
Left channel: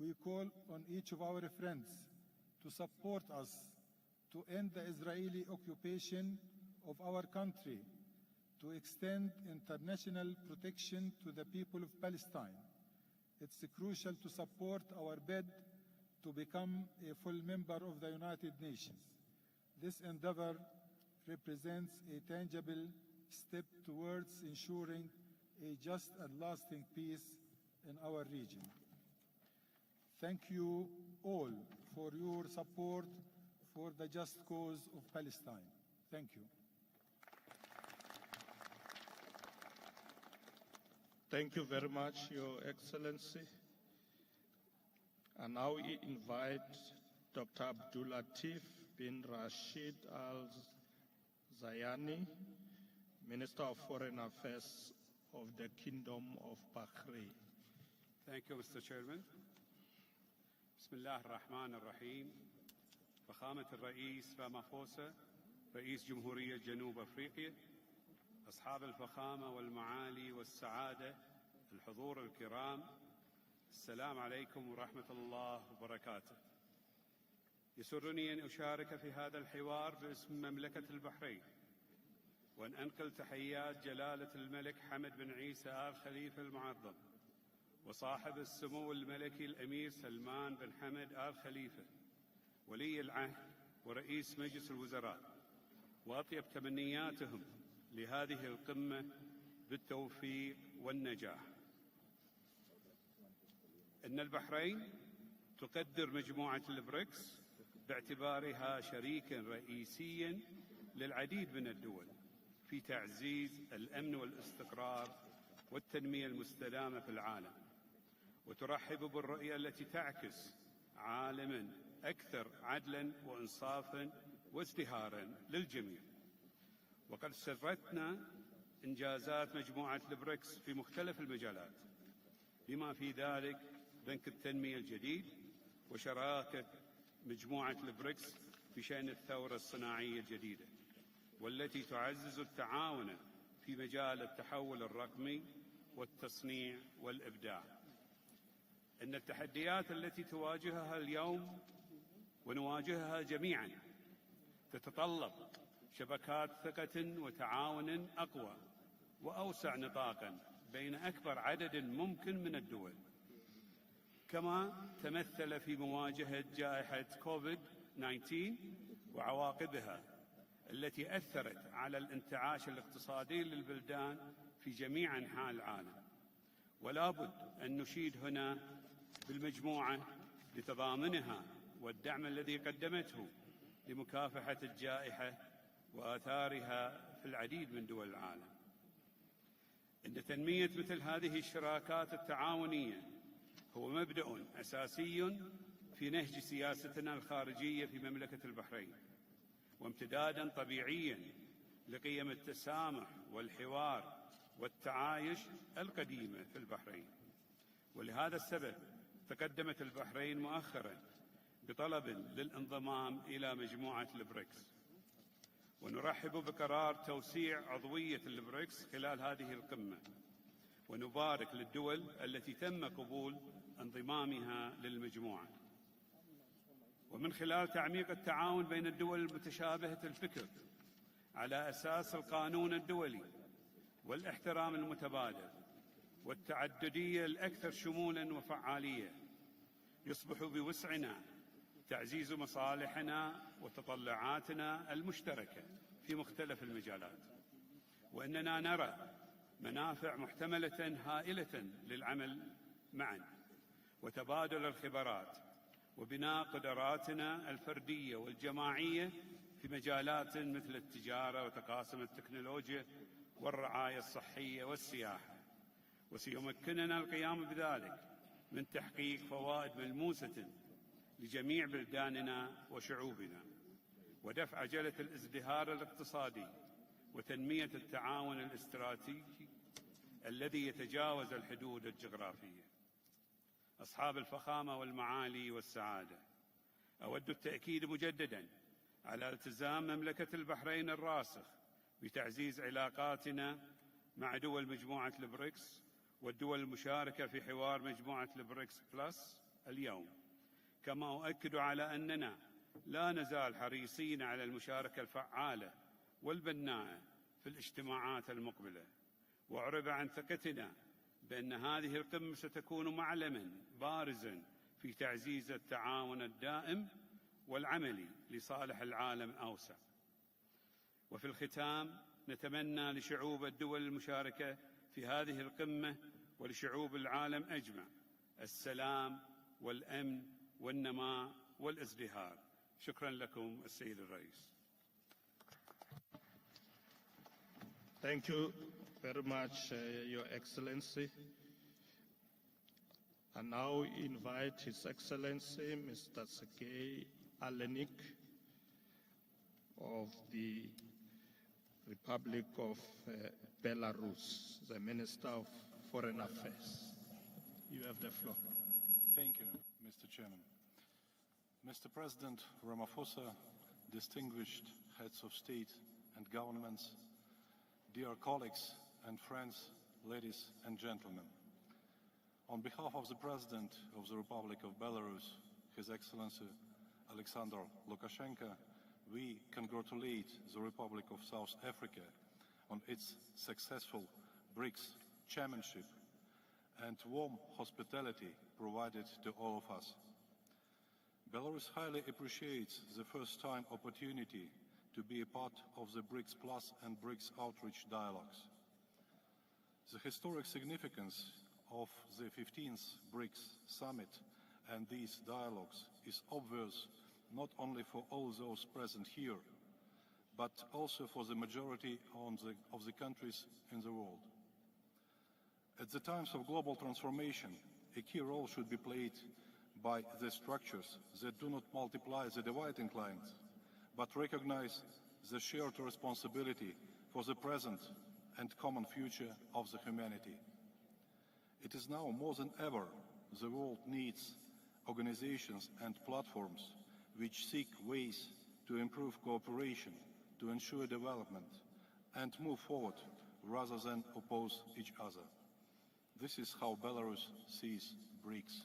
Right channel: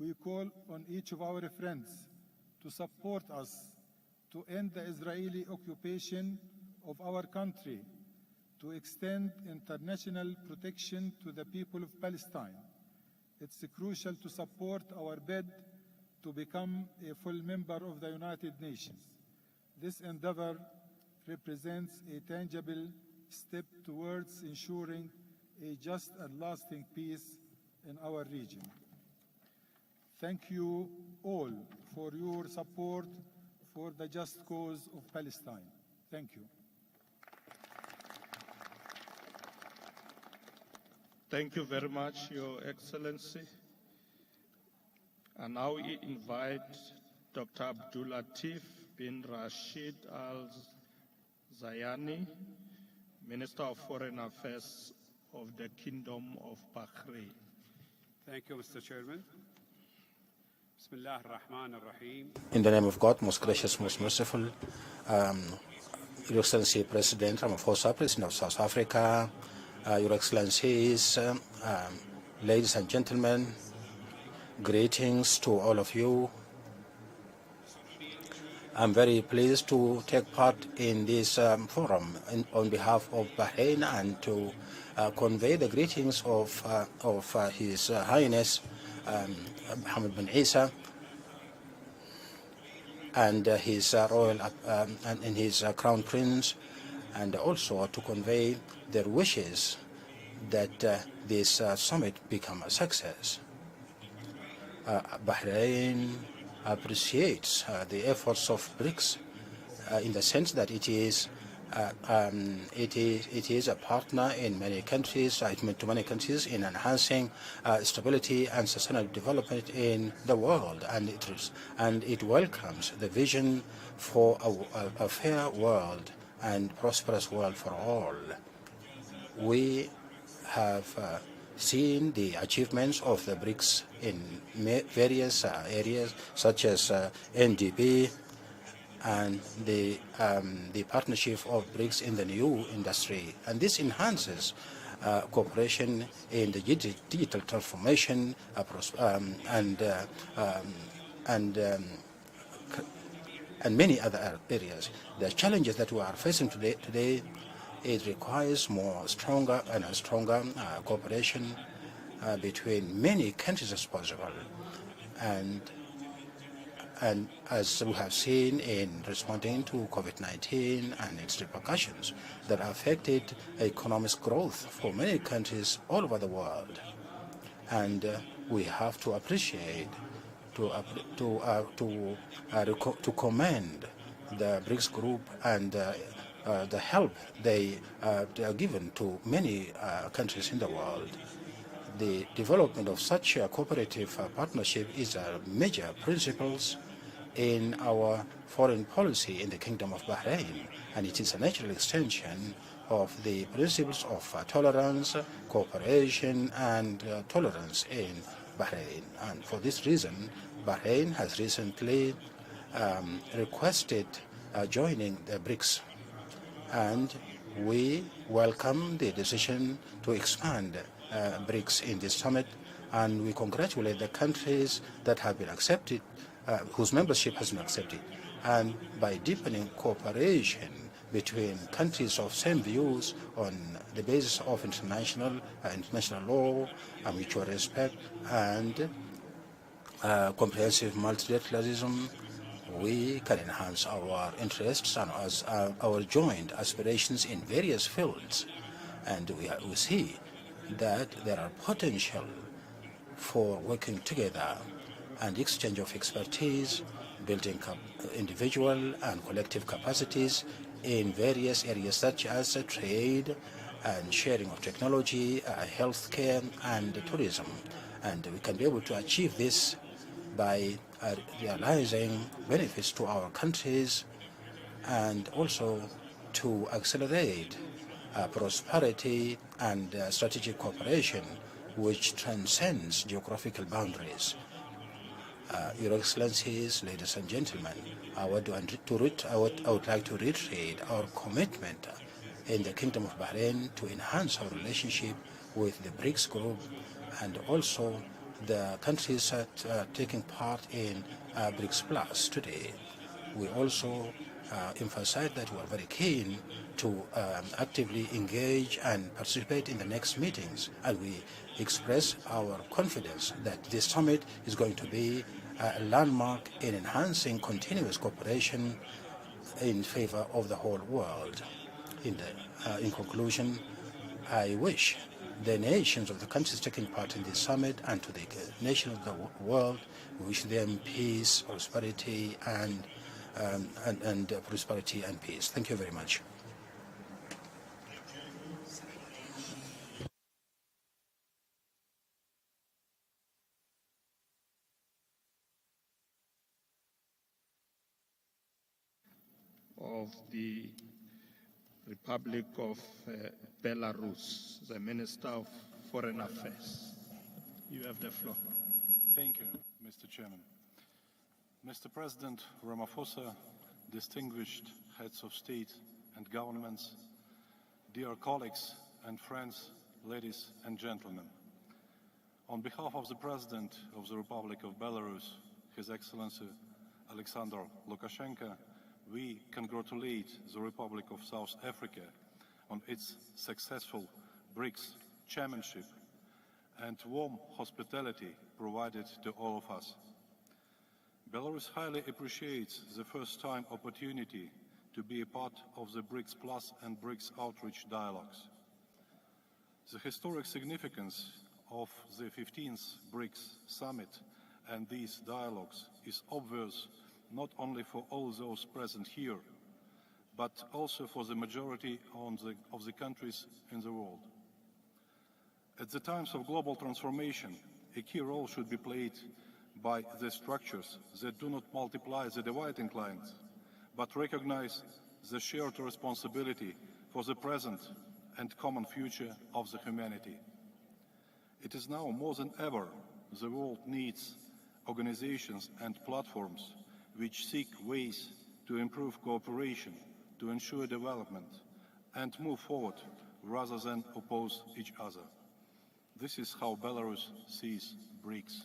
we call on each of our friends to support us to end the Israeli occupation of our country, to extend international protection to the people of Palestine. It's crucial to support our bid to become a full member of the United Nations. This endeavor represents a tangible step towards ensuring a just and lasting peace in our region. Thank you all for your support for the just cause of Palestine. Thank you. Thank you very much, Your Excellency. And now we invite Dr. Abdul Latif bin Rashid Al Zayani, Minister of Foreign Affairs of the Kingdom of Bahrain. Thank you, Mr. Chairman. In the name of God, most gracious, most merciful, Your Excellency President Ramaphosa, President of South Africa, Your Excellencies, ladies and gentlemen, greetings to all of you. I'm very pleased to take part in this forum on behalf of Bahrain and to convey the greetings of His Highness Mohammed bin Isa and his royal and his crown prince, and also to convey their wishes that this summit become a success. Bahrain appreciates the efforts of BRICS in the sense that it is a partner in many countries, to many countries, in enhancing stability and sustainable development in the world, and it welcomes the vision for a fair world and prosperous world for all. We have seen the achievements of the BRICS in various areas, such as NDP and the partnership of BRICS in the new industry. And this enhances cooperation in the digital transformation and many other areas. The challenges that we are facing today, it requires stronger cooperation between many countries as possible. And as we have seen in responding to COVID-19 and its repercussions that affected economic growth for many countries all over the world. And we have to appreciate, to commend the BRICS group and the help they are given to many countries in the world. The development of such a cooperative partnership is a major principles in our foreign policy in the Kingdom of Bahrain, and it is a natural extension of the principles of tolerance, cooperation, and tolerance in Bahrain. And for this reason, Bahrain has recently requested joining the BRICS, and we welcome the decision to expand BRICS in this summit, and we congratulate the countries that have been accepted, whose membership has been accepted. And by deepening cooperation between countries of same views on the basis of international law, mutual respect, and comprehensive multilateralism, we can enhance our interests and our joint aspirations in various fields. And we see that there are potential for working together and exchange of expertise, building individual and collective capacities in various areas such as trade and sharing of technology, healthcare, and tourism. And we can be able to achieve this by realizing benefits to our countries and also to accelerate prosperity and strategic cooperation which transcends geographical boundaries. Your Excellencies, ladies and gentlemen, I would like to reiterate our commitment in the Kingdom of Bahrain to enhance our relationship with the BRICS group and also the countries that are taking part in BRICS Plus today. We also emphasize that we are very keen to actively engage and participate in the next meetings, and we express our confidence that this summit is going to be a landmark in enhancing continuous cooperation in favor of the whole world. In conclusion, I wish the nations of the countries taking part in this summit and to the nations of the world, we wish them peace, prosperity, and prosperity and peace. Thank you very much. Thank you very much, Your Excellency. I now invite His Excellency, Mr. Sergei Alenik of the Republic of Belarus, the Minister of Foreign Affairs. You have the floor. Thank you, Mr. Chairman. Mr. President Ramaphosa, distinguished heads of state and governments, dear colleagues and friends, ladies and gentlemen. On behalf of the President of the Republic of Belarus, His Excellency Alexander Lukashenko, we congratulate the Republic of South Africa on its successful BRICS chairmanship and warm hospitality provided to all of us. Belarus highly appreciates the first-time opportunity to be a part of the BRICS Plus and BRICS Outreach dialogues. The historic significance of the 15th BRICS Summit and these dialogues is obvious not only for all those present here, but also for the majority of the countries in the world. At the times of global transformation, a key role should be played by the structures that do not multiply the dividing lines, but recognize the shared responsibility for the present and common future of the humanity. It is now more than ever the world needs organizations and platforms which seek ways to improve cooperation, to ensure development, and move forward rather than oppose each other. This is how Belarus sees BRICS.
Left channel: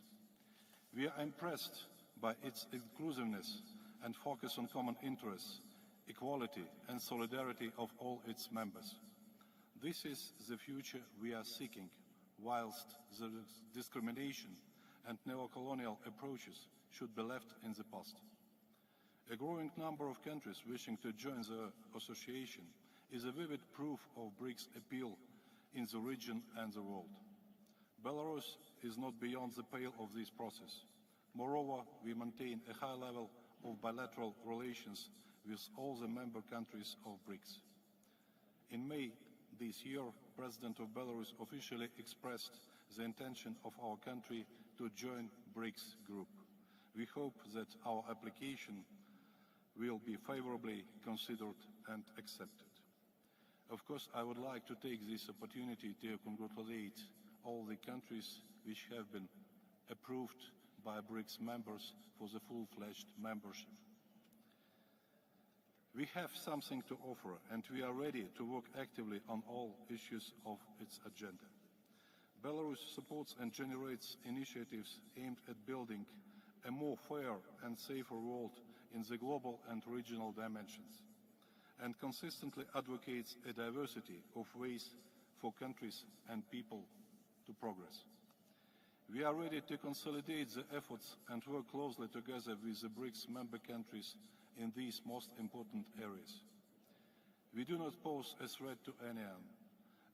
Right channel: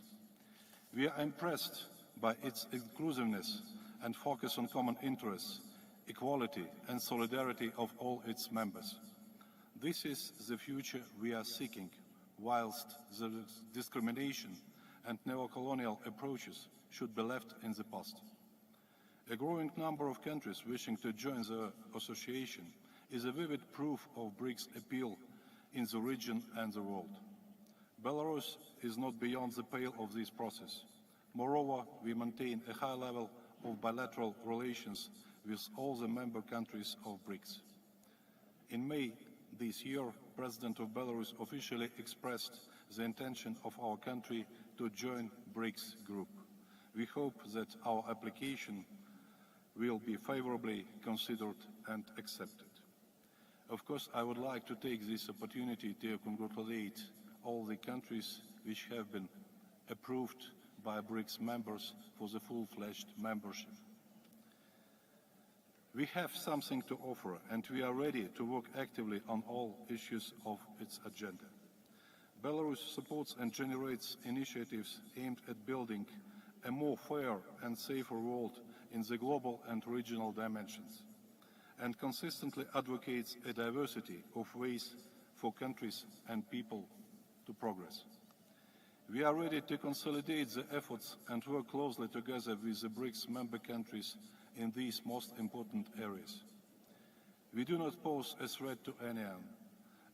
We are impressed by its inclusiveness and focus on common interests, equality and solidarity of all its members. This is the future we are seeking, whilst the discrimination and neo-colonial approaches should be left in the past. A growing number of countries wishing to join the association is a vivid proof of BRICS' appeal in the region and the world. Belarus is not beyond the pale of this process. Moreover, we maintain a high level of bilateral relations with all the member countries of BRICS. In May this year, President of Belarus officially expressed the intention of our country to join BRICS group. We hope that our application will be favorably considered and accepted. Of course, I would like to take this opportunity to congratulate all the countries which have been approved by BRICS members for the full-fledged membership. We have something to offer, and we are ready to work actively on all issues of its agenda. Belarus supports and generates initiatives aimed at building a more fair and safer world in the global and regional dimensions, and consistently advocates a diversity of ways for countries and people to progress. We are ready to consolidate the efforts and work closely together with the BRICS member countries in these most important areas. We do not pose a threat to anyone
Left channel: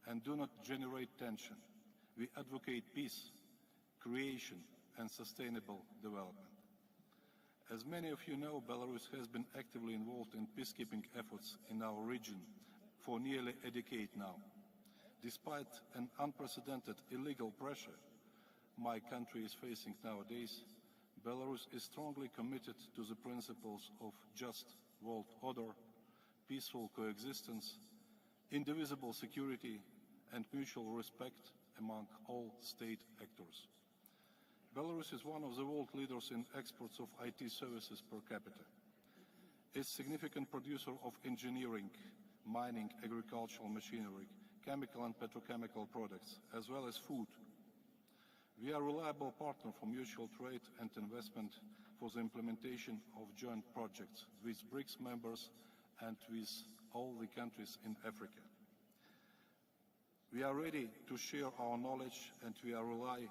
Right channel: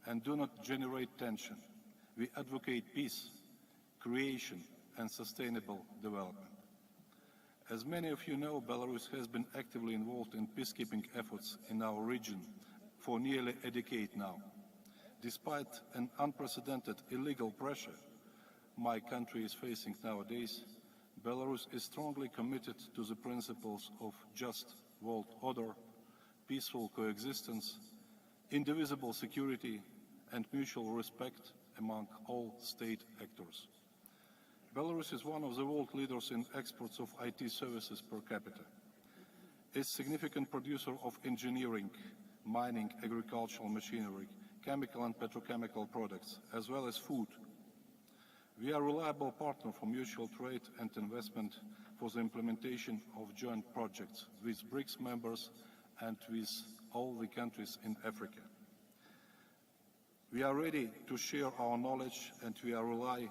and do not generate tension. We advocate peace, creation, and sustainable development. As many of you know, Belarus has been actively involved in peacekeeping efforts in our region for nearly a decade now. Despite an unprecedented illegal pressure my country is facing nowadays, Belarus is strongly committed to the principles of just world order, peaceful coexistence, indivisible security, and mutual respect among all state actors. Belarus is one of the world leaders in exports of IT services per capita. It's a significant producer of engineering, mining, agricultural machinery, chemical and petrochemical products, as well as food. We are a reliable partner for mutual trade and investment for the implementation of joint projects with BRICS members and with all the countries in Africa. We are ready to share our knowledge, and we are rely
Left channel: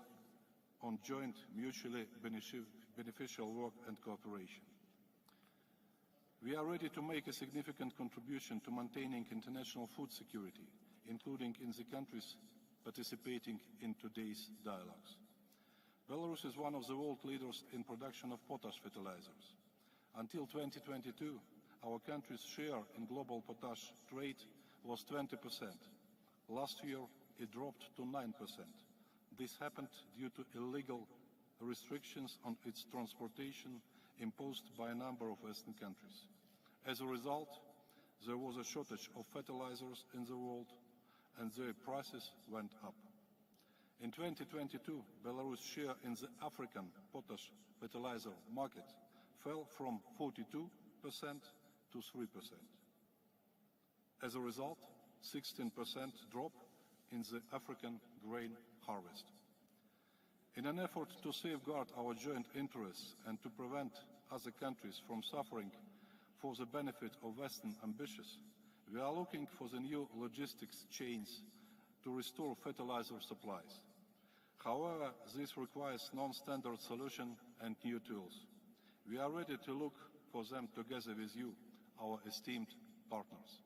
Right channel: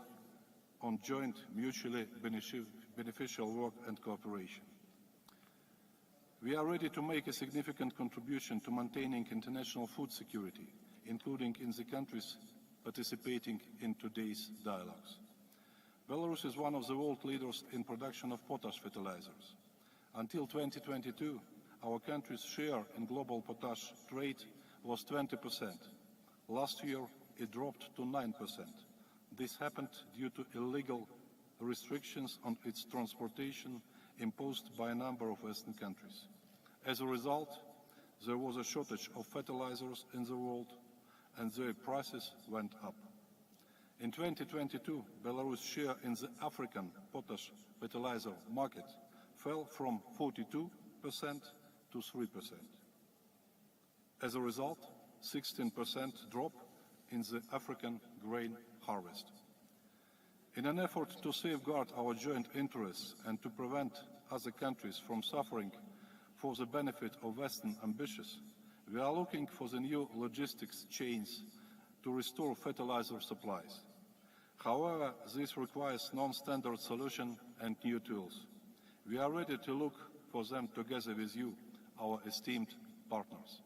on joint mutually beneficial work and cooperation. We are ready to make a significant contribution to maintaining international food security, including in the countries participating in today's dialogues. Belarus is one of the world leaders in production of potash fertilizers. Until 2022, our country's share in global potash trade was 20%. Last year, it dropped to 9%. This happened due to illegal restrictions on its transportation imposed by a number of Western countries. As a result, there was a shortage of fertilizers in the world, and their prices went up. In 2022, Belarus' share in the African potash fertilizer market fell from 42% to 3%. As a result, 16% drop in the African grain harvest. In an effort to safeguard our joint interests and to prevent other countries from suffering for the benefit of Western ambitions, we are looking for the new logistics chains to restore fertilizer supplies. However, this requires non-standard solutions and new tools. We are ready to look for them together with you, our esteemed partners.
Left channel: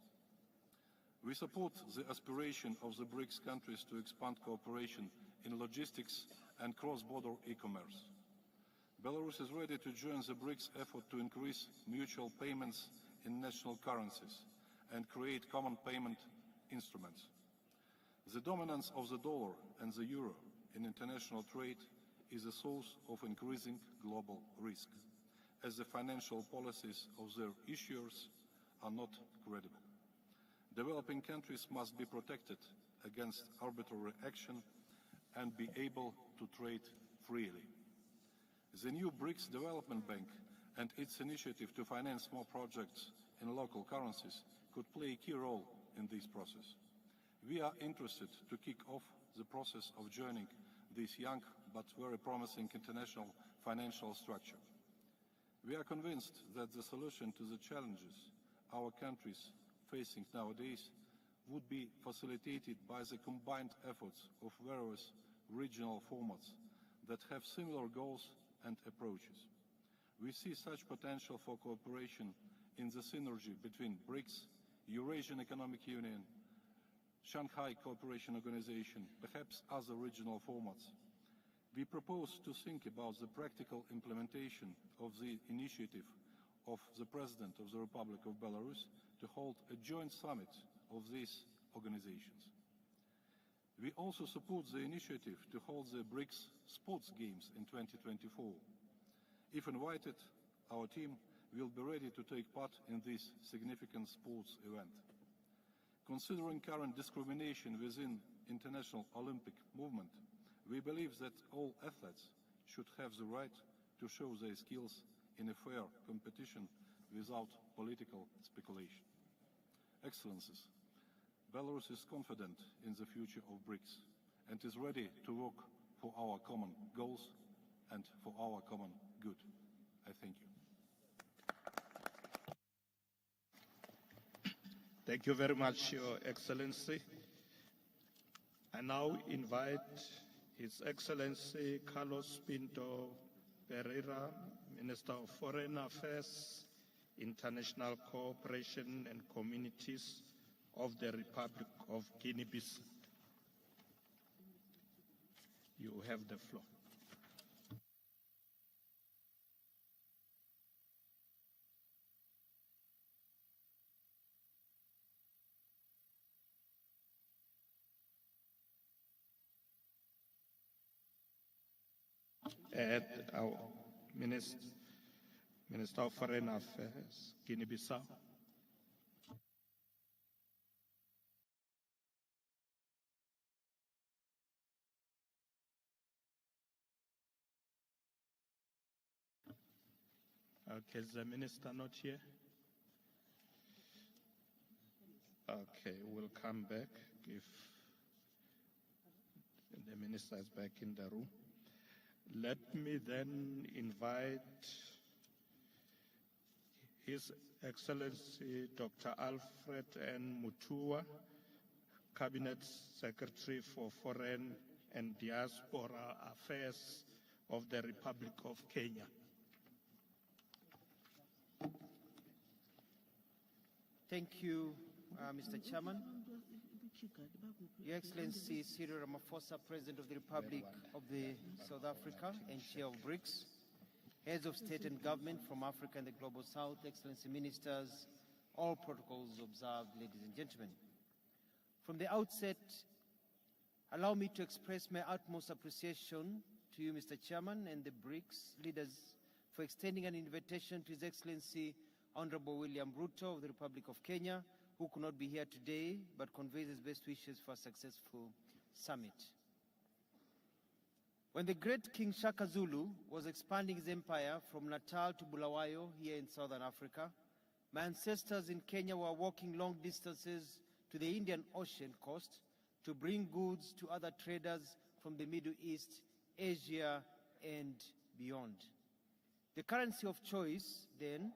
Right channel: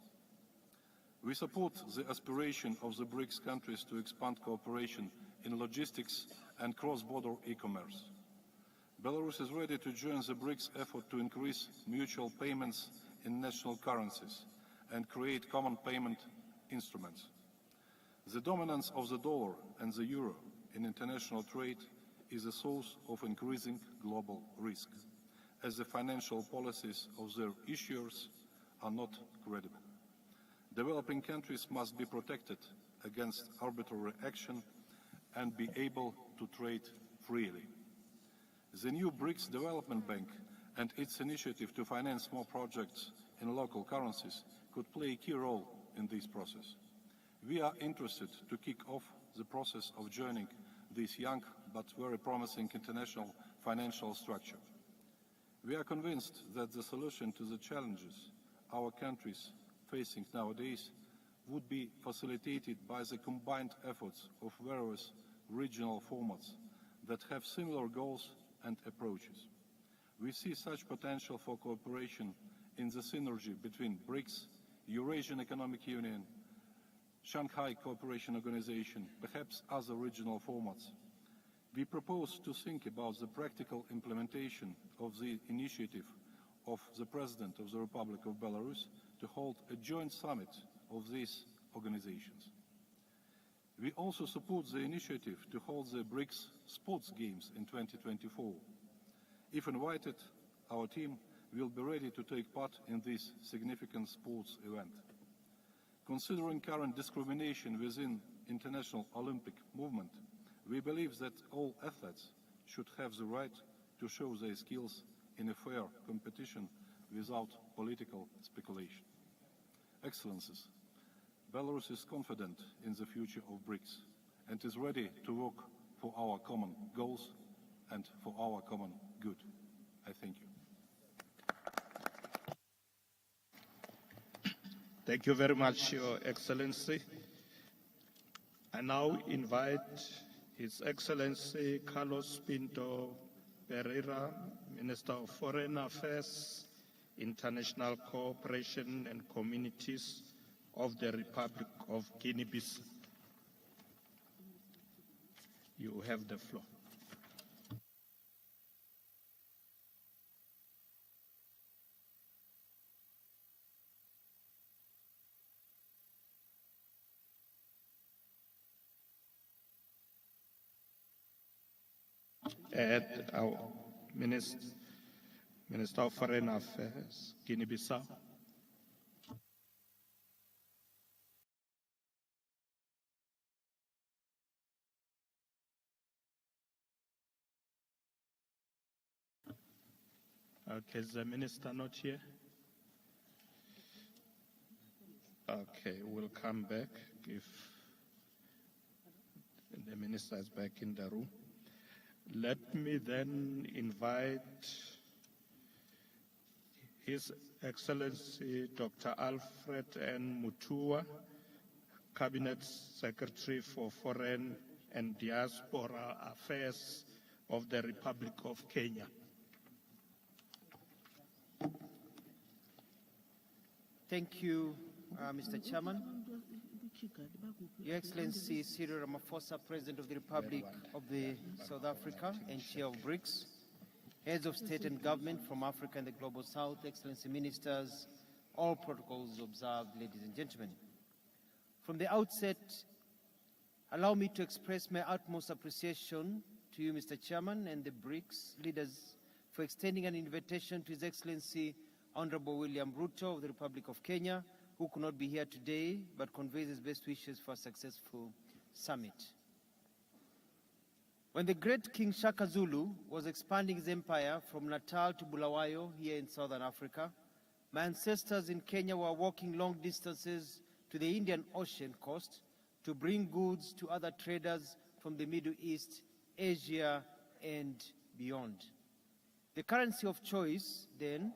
We support the aspiration of the BRICS countries to expand cooperation in logistics and cross-border e-commerce. Belarus is ready to join the BRICS effort to increase mutual payments in national currencies and create common payment instruments. The dominance of the dollar and the euro in international trade is a source of increasing global risk, as the financial policies of their issuers are not credible. Developing countries must be protected against arbitrary action and be able to trade freely. The new BRICS Development Bank and its initiative to finance more projects in local currencies could play a key role in this process. We are interested to kick off the process of joining this young but very promising international financial structure. We are convinced that the solution to the challenges our countries facing nowadays would be facilitated by the combined efforts of various regional formats that have similar goals and approaches. We see such potential for cooperation in the synergy between BRICS, Eurasian Economic Union, Shanghai Cooperation Organization, perhaps other regional formats. We propose to think about the practical implementation of the initiative of the President of the Republic of Belarus to hold a joint summit of these organizations. We also support the initiative to hold the BRICS Sports Games in 2024. If invited, our team will be ready to take part in this significant sports event. Considering current discrimination within international Olympic movement, we believe that all athletes should have the right to show their skills in a fair competition without political speculation. Excellencies, Belarus is confident in the future of BRICS and is ready to work for our common goals and for our common good. I thank you. Thank you very much, Your Excellency. I now invite His Excellency Carlos Pinto Pereira, Minister of Foreign Affairs, International Cooperation and Communities of the Republic of Guinea-Bissau. You have the floor. At our Minister of Foreign Affairs, Guinea-Bissau. Okay, is the minister not here? Okay, we'll come back if the minister is back in the room. Let me then invite His Excellency Dr. Alfred N. Mutua, Cabinet Secretary for Foreign and Diaspora Affairs of the Republic of Kenya. Thank you, Mr. Chairman. Your Excellency Cyril Ramaphosa, President of the Republic of South Africa and Chair of BRICS, Heads of State and Government from Africa and the Global South, Excellency Ministers, all protocols observed, ladies and gentlemen. From the outset, allow me to express my utmost appreciation to you, Mr. Chairman, and the BRICS leaders for extending an invitation to His Excellency Honorable William Ruto of the Republic of Kenya, who could not be here today, but conveys his best wishes for a successful summit. When the great King Shaka Zulu was expanding his empire from Natal to Bulawayo here in southern Africa, my ancestors in Kenya were walking long distances to the Indian Ocean coast to bring goods to other traders from the Middle East, Asia, and beyond. The currency of choice then,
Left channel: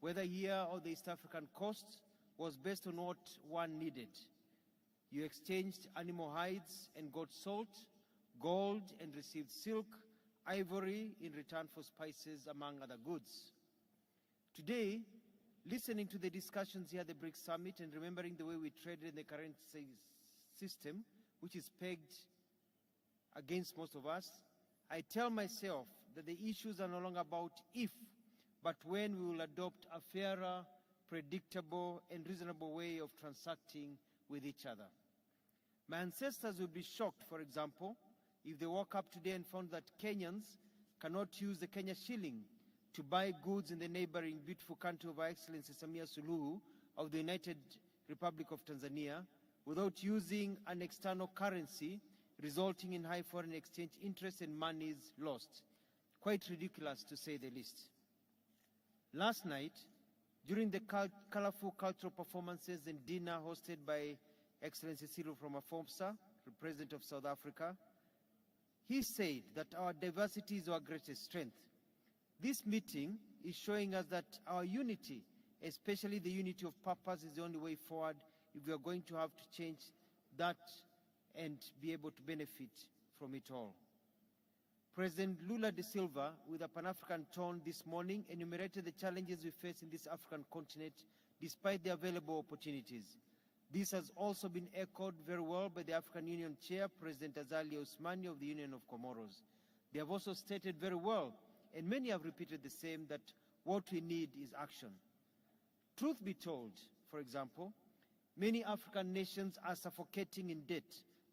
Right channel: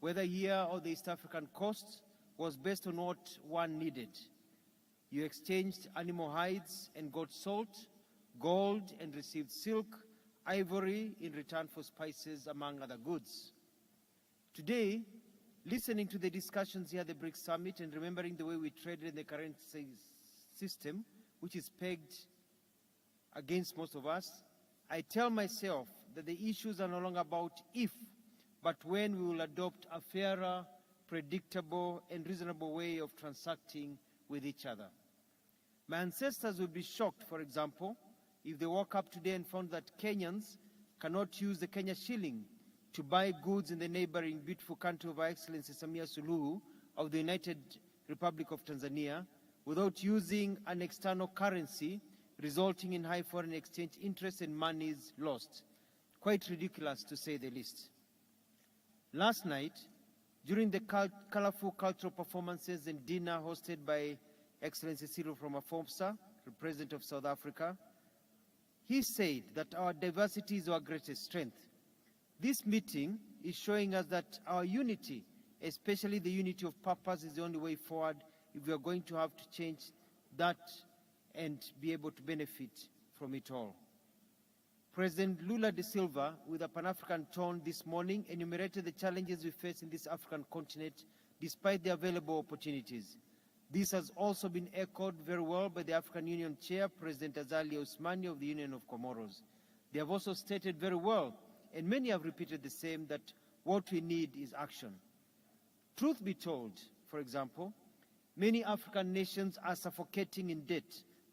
whether here or the East African coast, was based on what one needed. You exchanged animal hides and got salt, gold and received silk, ivory in return for spices, among other goods. Today, listening to the discussions here at the BRICS Summit and remembering the way we traded in the current system, which is pegged against most of us, I tell myself that the issues are no longer about if, but when we will adopt a fairer, predictable, and reasonable way of transacting with each other. My ancestors would be shocked, for example, if they woke up today and found that Kenyans cannot use the Kenya shilling to buy goods in the neighboring beautiful country of Her Excellency Samia Suluhu of the United Republic of Tanzania without using an external currency, resulting in high foreign exchange interest and monies lost. Quite ridiculous, to say the least. Last night, during the colorful cultural performances and dinner hosted by Excellency Cyril Ramaphosa, the President of South Africa, he said that our diversity is our greatest strength. This meeting is showing us that our unity, especially the unity of purpose, is the only way forward if we are going to have to change that and be able to benefit from it all. President Lula da Silva, with a Pan-African tone this morning, enumerated the challenges we face in this African continent despite the available opportunities. This has also been echoed very well by the African Union Chair, President Azali Ousmane of the Union of Comoros. They have also stated very well, and many have repeated the same, that what we need is action. Truth be told, for example, many African nations are suffocating in debt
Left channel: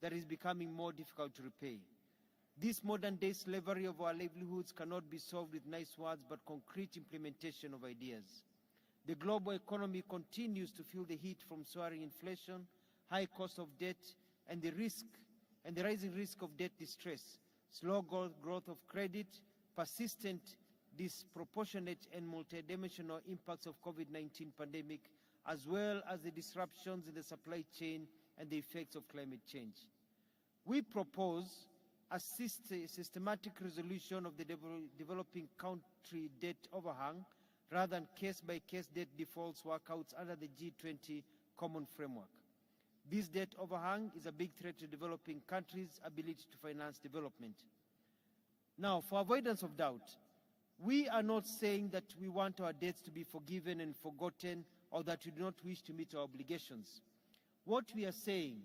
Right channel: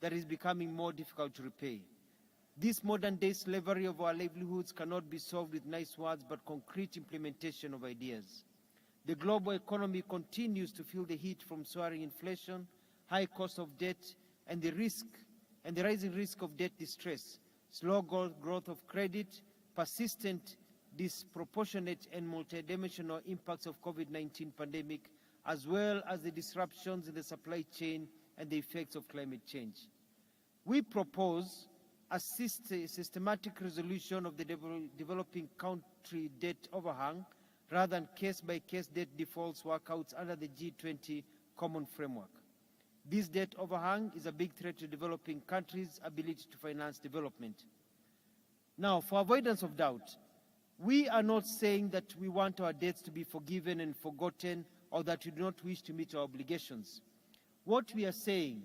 that is becoming more difficult to repay. This modern-day slavery of our livelihoods cannot be solved with nice words, but concrete implementation of ideas. The global economy continues to feel the heat from soaring inflation, high cost of debt, and the rising risk of debt distress, slow growth of credit, persistent, disproportionate, and multidimensional impacts of COVID-19 pandemic, as well as the disruptions in the supply chain and the effects of climate change. We propose a systematic resolution of the developing country debt overhang rather than case-by-case debt defaults workouts under the G20 common framework. This debt overhang is a big threat to developing countries' ability to finance development. Now, for avoidance of doubt, we are not saying that we want our debts to be forgiven and forgotten or that we do not wish to meet our obligations. What we are saying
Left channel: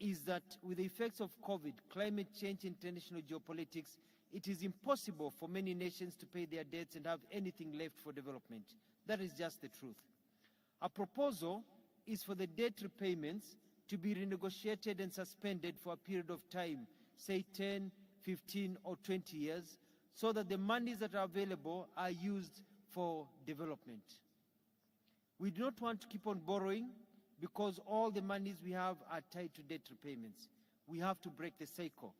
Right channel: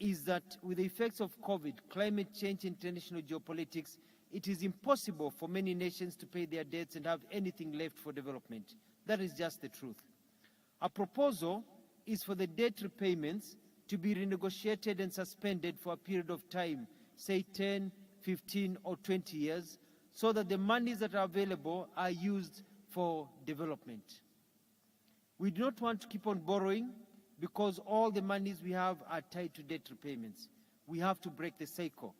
is that with the effects of COVID, climate change, international geopolitics, it is impossible for many nations to pay their debts and have anything left for development. That is just the truth. Our proposal is for the debt repayments to be renegotiated and suspended for a period of time, say 10, 15, or 20 years, so that the monies that are available are used for development. We do not want to keep on borrowing because all the monies we have are tied to debt repayments. We have to break the cycle.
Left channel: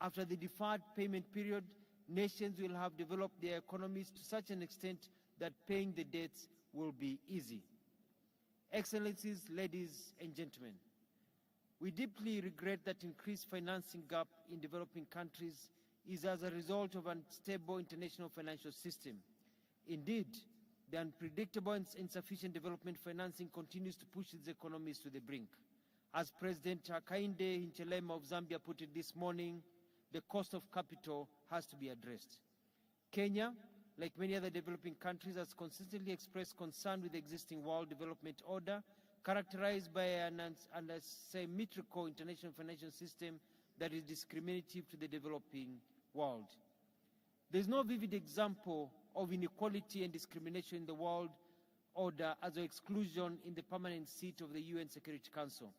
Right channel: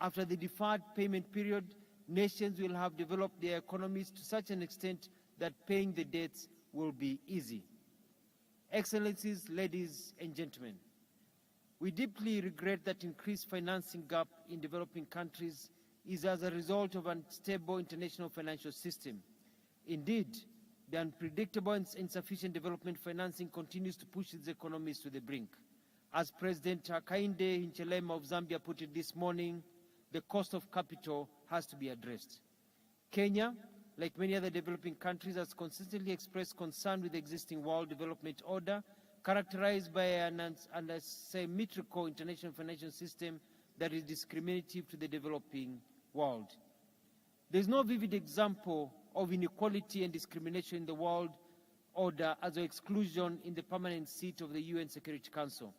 After the deferred payment period, nations will have developed their economies to such an extent that paying the debts will be easy. Excellencies, ladies and gentlemen, we deeply regret that increased financing gap in developing countries is as a result of an unstable international financial system. Indeed, the unpredictable and insufficient development financing continues to push its economies to the brink. As President Hakainde Hichilema of Zambia put it this morning, the cost of capital has to be addressed. Kenya, like many other developing countries, has consistently expressed concern with the existing world development order, characterized by an asymmetrical international financial system that is discriminative to the developing world. There is no vivid example of inequality and discrimination in the world order as an exclusion in the permanent seat of the UN Security Council.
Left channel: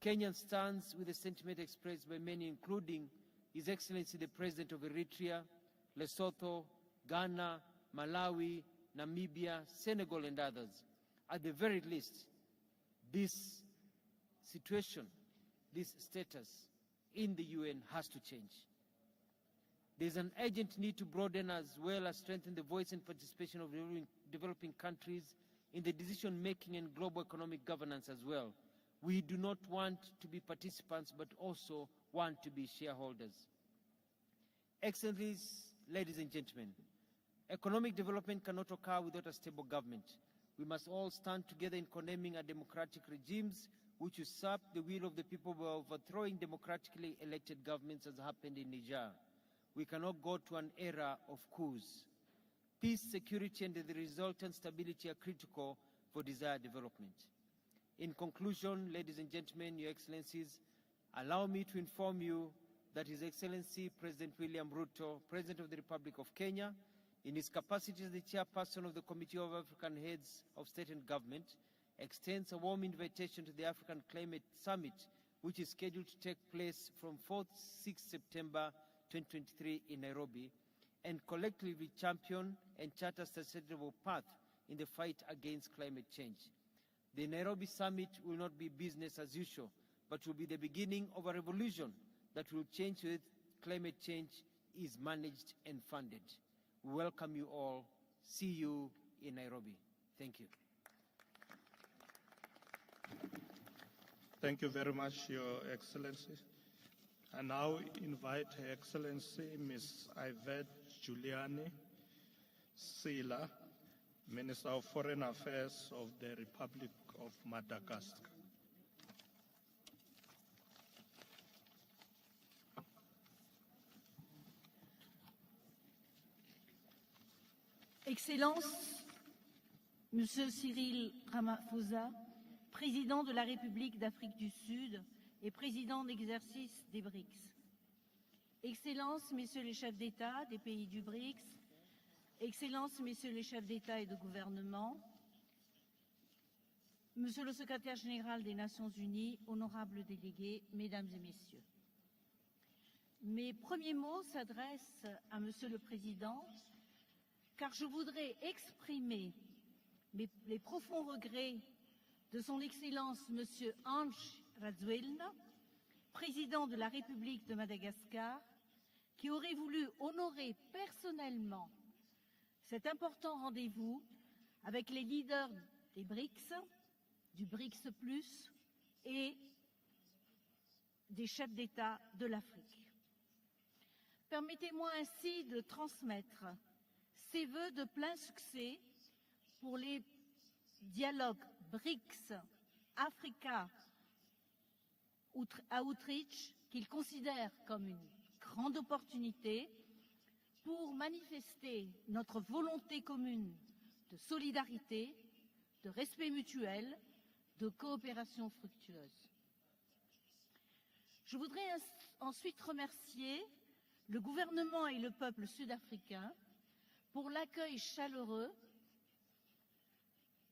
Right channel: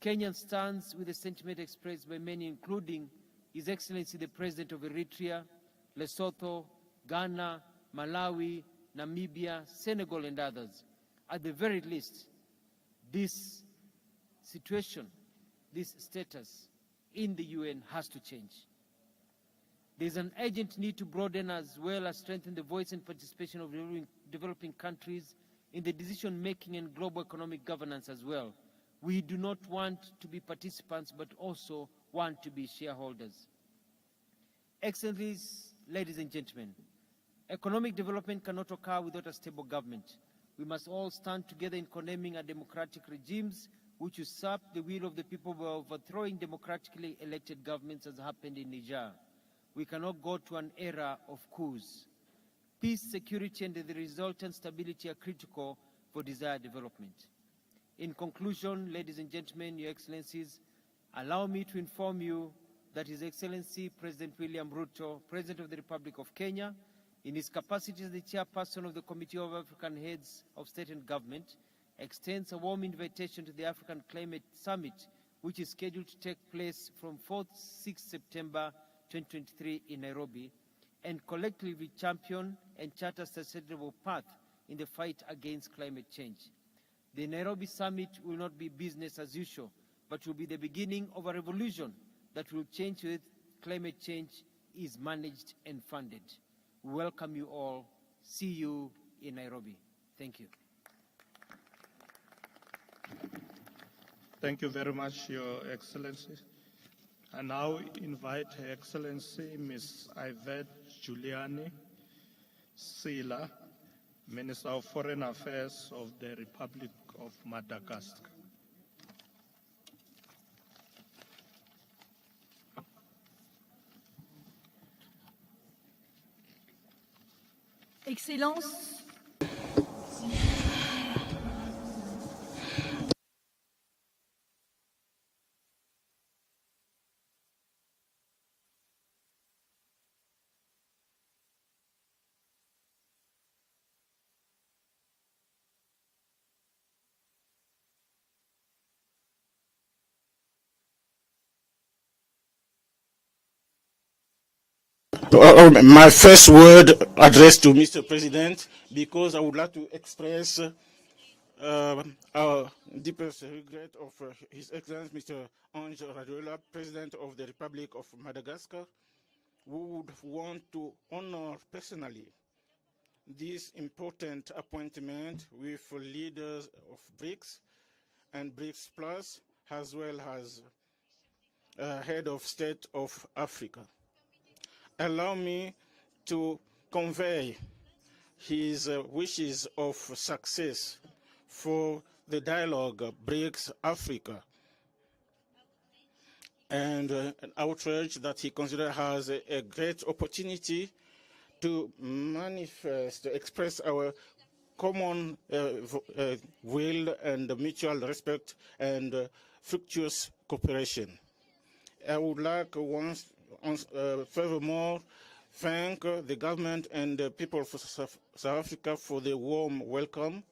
Kenya stands with the sentiment expressed by many, including His Excellency the President of Eritrea, Lesotho, Ghana, Malawi, Namibia, Senegal, and others. At the very least, this situation, this status in the UN has to change. There is an urgent need to broaden as well as strengthen the voice and participation of developing countries in the decision-making and global economic governance as well. We do not want to be participants, but also want to be shareholders. Excellencies, ladies and gentlemen, economic development cannot occur without a stable government. We must all stand together in condemning democratic regimes which usurp the will of the people by overthrowing democratically elected governments, as happened in Niger. We cannot go to an era of coups. Peace, security, and the resultant stability are critical for desired development. In conclusion, ladies and gentlemen, Your Excellencies, allow me to inform you that His Excellency President William Ruto, President of the Republic of Kenya, in his capacity as the chairperson of the Committee of African Heads of State and Government, extends a warm invitation to the African Climate Summit, which is scheduled to take place from 4th-6th September 2023 in Nairobi, and collectively champion and chart a sustainable path in the fight against climate change. The Nairobi Summit will not be business as usual, but will be the beginning of a revolution that will change with climate change is managed and funded. We welcome you all. See you in Nairobi. Thank you. Thank you very much, Your Excellency. I now invite Her Excellency Ms. Yvette Giuliani Sila, Minister of Foreign Affairs of the Republic of Madagascar. Excellences, président de la République d'Afrique du Sud et président d'exercice des BRICS. Excellences, Messieurs les chefs d'État des pays du BRICS, Excellences, Messieurs les chefs d'État et de gouvernement, Monsieur le secrétaire général des Nations Unies, honorables délégués, Mesdames et Messieurs. Mes premiers mots s'adressent... My first word addressed to Mr. President, because I would like to express our deepest regret of His Excellency Mr. Ange Rajoelina, President of the Republic of Madagascar, who would want to honor personally this important appointment with leaders of BRICS and BRICS Plus, as well as head of state of Africa. Allow me to convey his wishes of success for the dialogue BRICS Africa and an outreach that he considers as a great opportunity to manifest, to express our common will and mutual respect and fructuous cooperation. I would like furthermore thank the government and the people of South Africa for the warm welcome,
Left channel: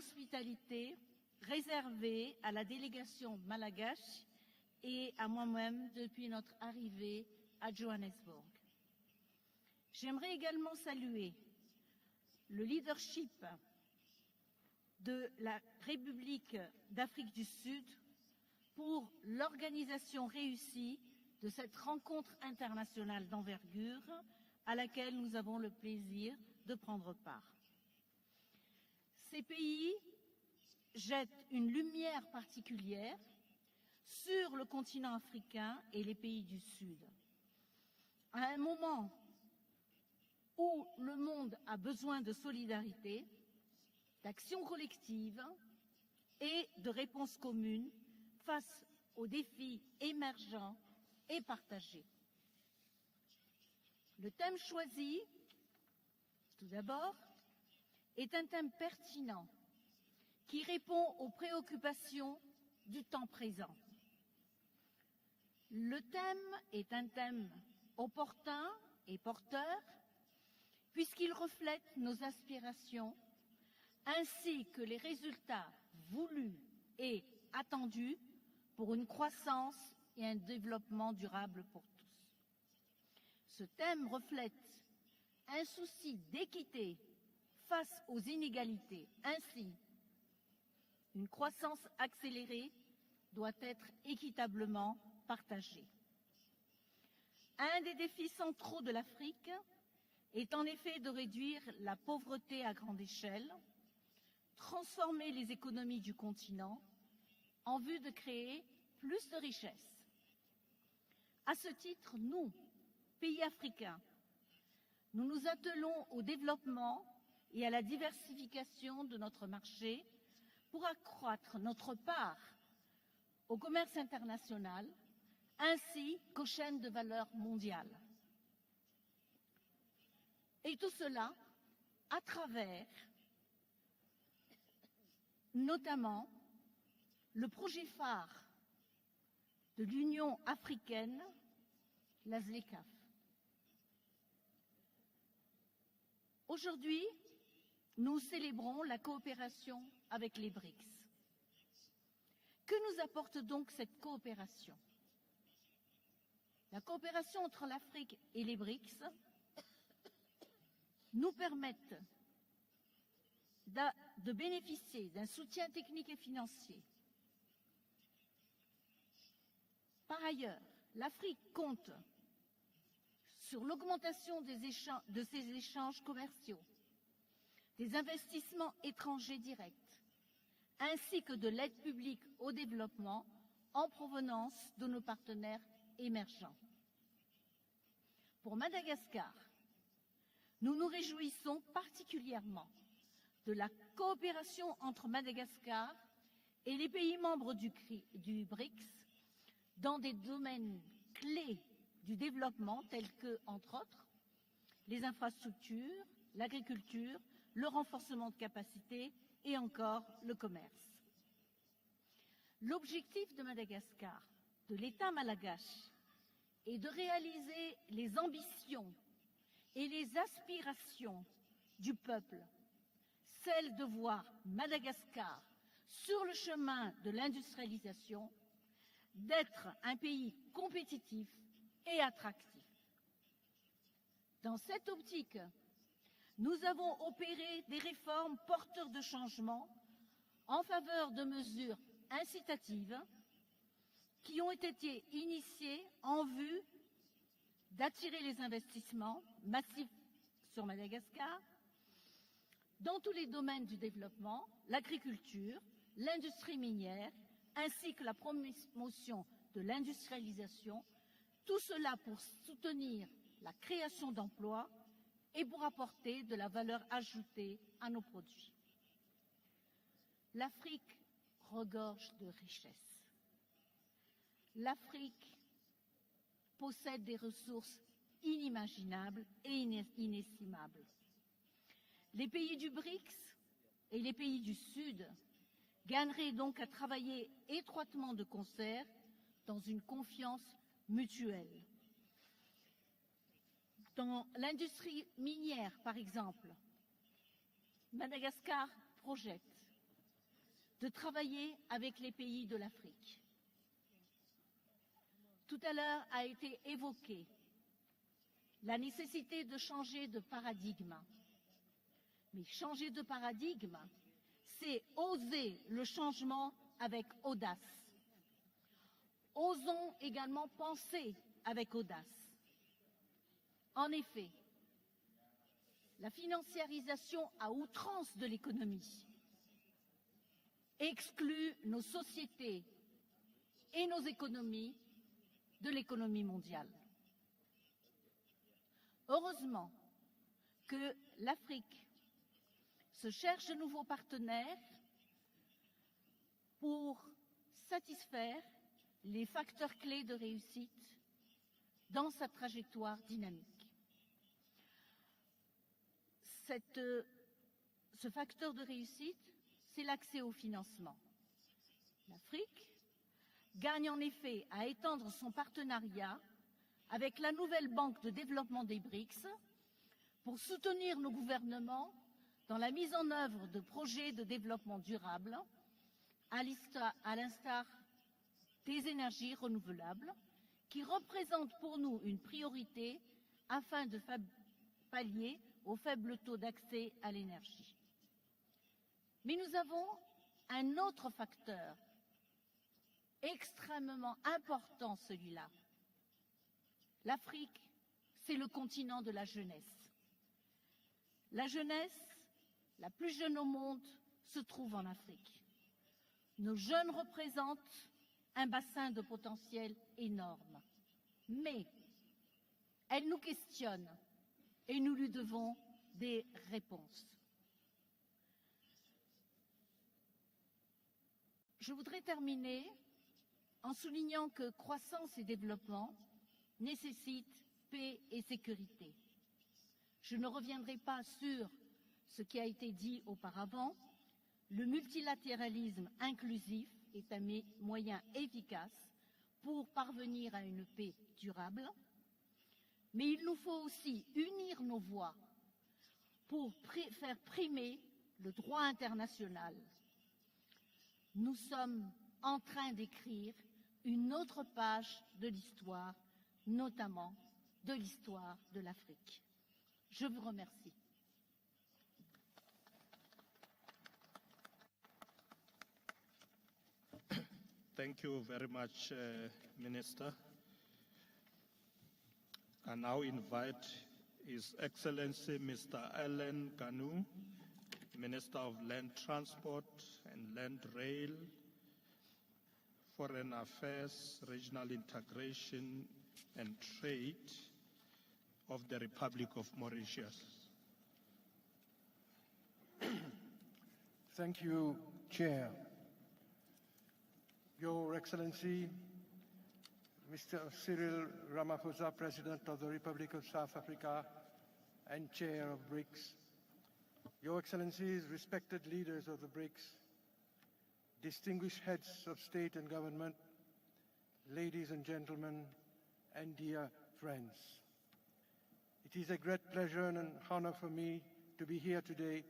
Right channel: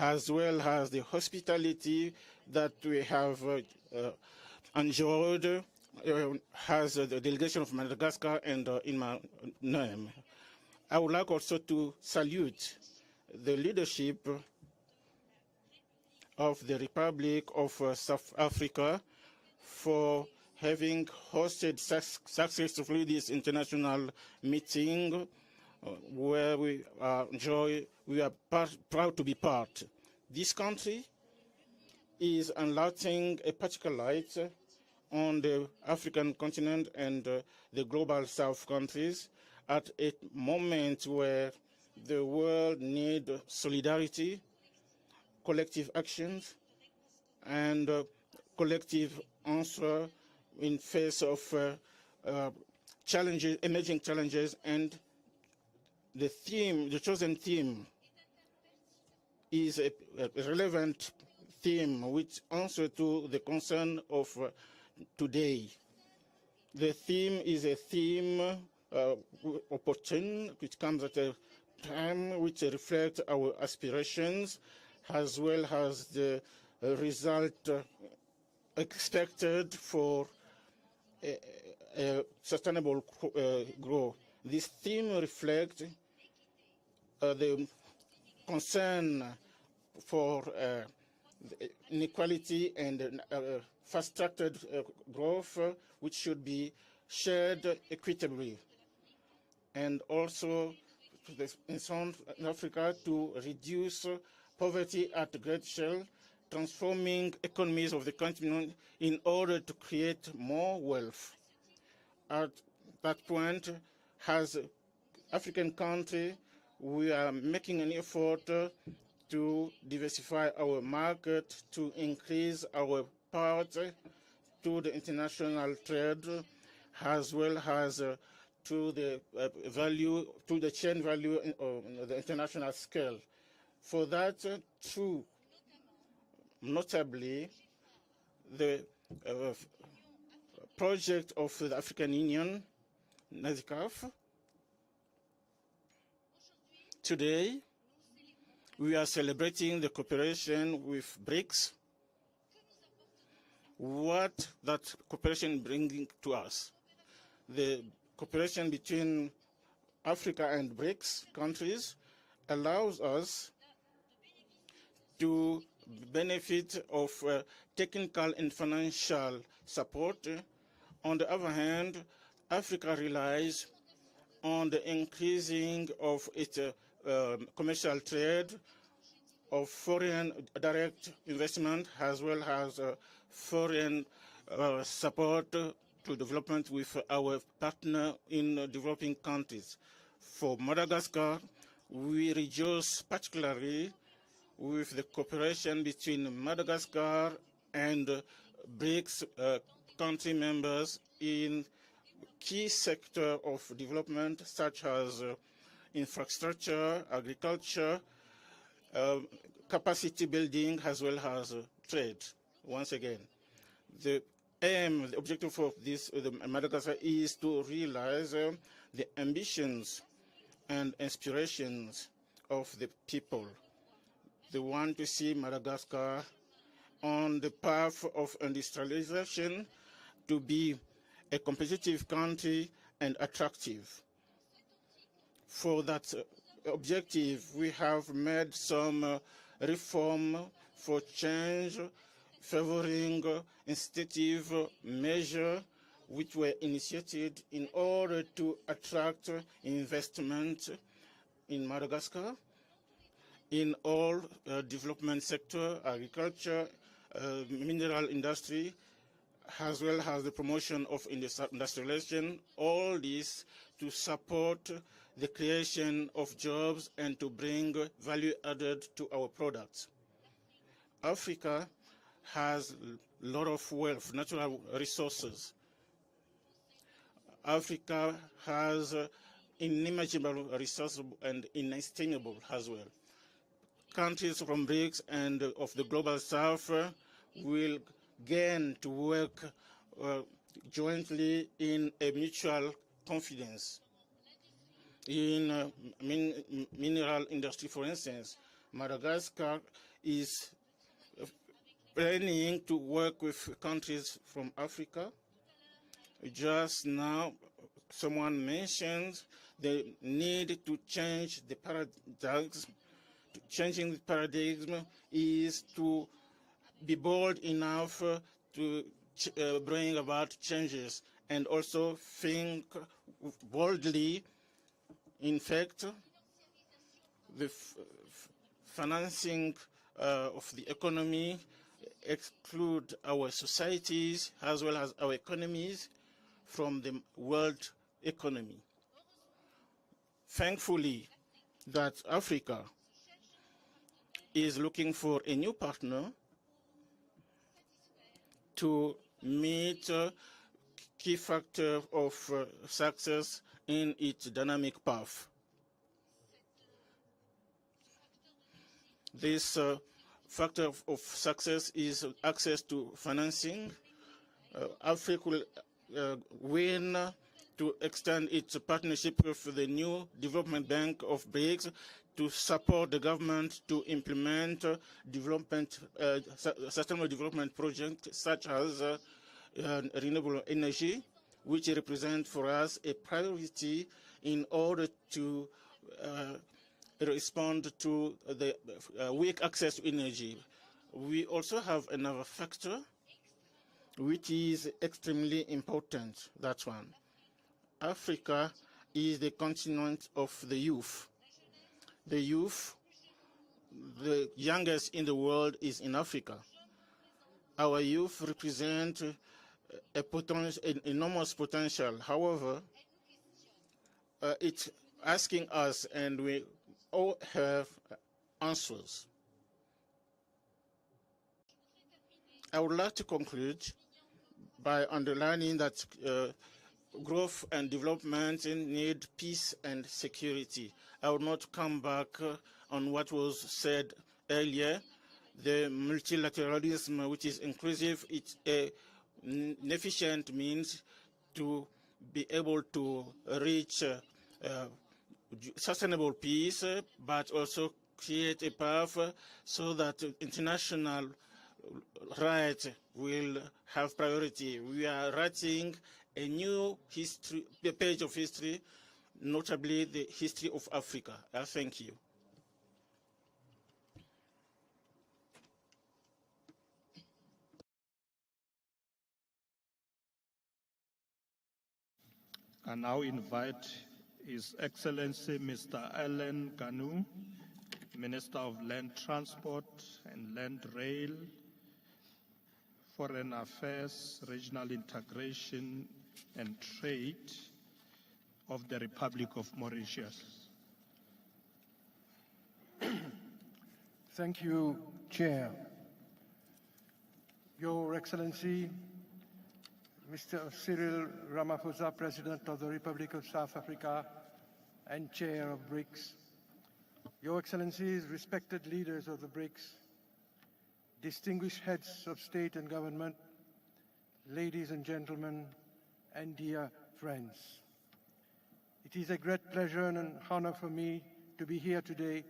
as well as the hospitality that we have enjoyed as the delegation of Madagascar and in my name. I would like also to salute the leadership of the Republic of South Africa for having hosted successfully this international meeting where we are proud to be part. This country is enlightening a particular light on the African continent and the global South countries at a moment where the world needs solidarity, collective actions, and collective answer in face of challenges, emerging challenges, and the chosen theme is a relevant theme which answers to the concern of today. The theme is a theme opportune, which comes at a time which reflects our aspirations as well as the result expected for sustainable growth. This theme reflects the concern for inequality and fast-tracked growth, which should be shared equitably, and also in South Africa to reduce poverty at great scale, transforming economies of the continent in order to create more wealth. At that point, as African countries, we are making an effort to diversify our market, to increase our part to the international trade, as well as to the value, to the chain value on the international scale. For that, through notably the project of the African Union, NASCAF. Today, we are celebrating the cooperation with BRICS. What that cooperation bringing to us? The cooperation between Africa and BRICS countries allows us to benefit of technical and financial support. On the other hand, Africa relies on the increasing of its commercial trade, of foreign direct investment, as well as foreign support to development with our partner in developing countries. For Madagascar, we rejoice particularly with the cooperation between Madagascar and BRICS country members in key sectors of development such as infrastructure, agriculture, capacity building, as well as trade. Once again, the aim, the objective of this Madagascar is to realize the ambitions and aspirations of the people. They want to see Madagascar on the path of industrialization, to be a competitive country and attractive. For that objective, we have made some reform for change, favoring institutive measures which were initiated in order to attract investment in Madagascar in all development sector, agriculture, mineral industry, as well as the promotion of industrialization, all this to support the creation of jobs and to bring value added to our products. Africa has a lot of wealth, natural resources. Africa has inimaginable resources and inestimable as well. Countries from BRICS and of the Global South will gain to work jointly in a mutual confidence. In mineral industry, for instance, Madagascar is planning to work with countries from Africa. Just now, someone mentioned the need to change the paradigm. Changing the paradigm is to be bold enough to bring about changes and also think boldly. In fact, the financing of the economy exclude our societies as well as our economies from the world economy. Thankfully, that Africa is looking for a new partner to meet key factors of success in its dynamic path. This factor of success is access to financing. Africa will win to extend its partnership with the new development bank of BRICS to support the government to implement sustainable development projects such as renewable energy, which represent for us a priority in order to respond to the weak access to energy. We also have another factor which is extremely important. That's one. Africa is the continent of the youth. The youth, the youngest in the world, is in Africa. Our youth represent an enormous potential. However, it's asking us, and we all have answers. I would like to conclude by underlining that growth and development need peace and security. I will not come back on what was said earlier. The multilateralism, which is inclusive, is an efficient means to be able to reach sustainable peace, but also create a path so that international rights will have priority. We are writing a new history, a page of history, notably the history of Africa. I thank you. Thank you very much, Minister. I now invite His Excellency Mr. Alain Ganou, Minister of Land Transport and Land Rail, Foreign Affairs, Regional Integration and Trade of the Republic of Mauritius. Thank you, Chair. Your Excellency, Mr. Cyril Ramaphosa, President of the Republic of South Africa and Chair of BRICS, Your Excellencies, respected leaders of the BRICS, distinguished heads of state and government, ladies and gentlemen, and dear friends. It is a great pleasure and an honor for me to be here today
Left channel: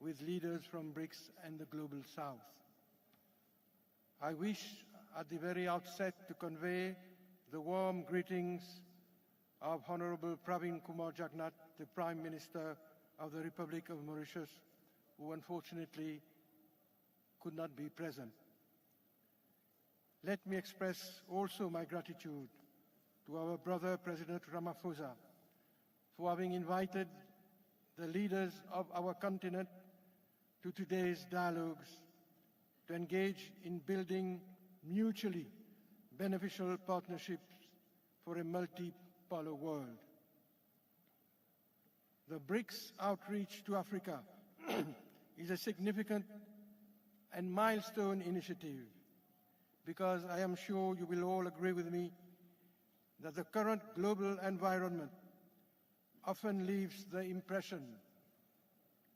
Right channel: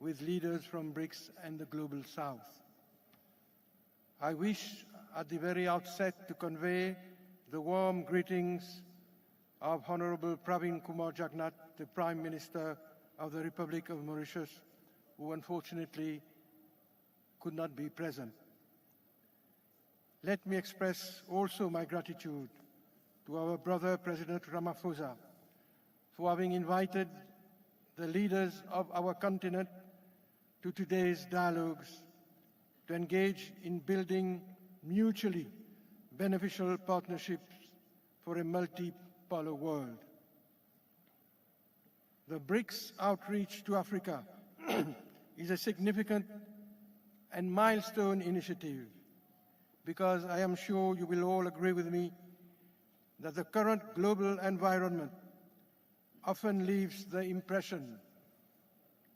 with leaders from BRICS and the Global South. I wish at the very outset to convey the warm greetings of Honorable Pravin Kumar Jagnnath, the Prime Minister of the Republic of Mauritius, who unfortunately could not be present. Let me express also my gratitude to our brother President Ramaphosa for having invited the leaders of our continent to today's dialogues to engage in building mutually beneficial partnerships for a multipolar world. The BRICS outreach to Africa is a significant and milestone initiative because I am sure you will all agree with me that the current global environment often leaves the impression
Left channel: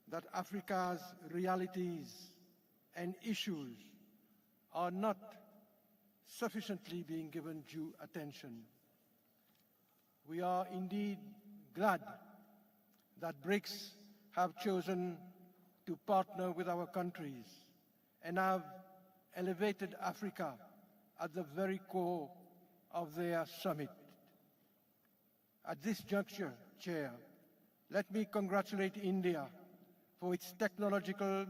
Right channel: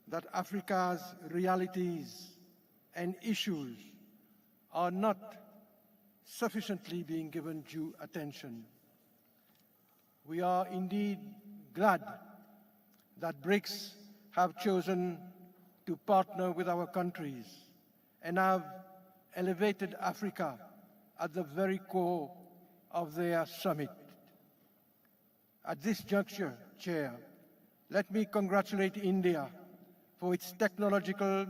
that Africa's realities and issues are not sufficiently being given due attention. We are indeed glad that BRICS have chosen to partner with our countries and have elevated Africa at the very core of their summit. At this juncture, Chair, let me congratulate India for its technological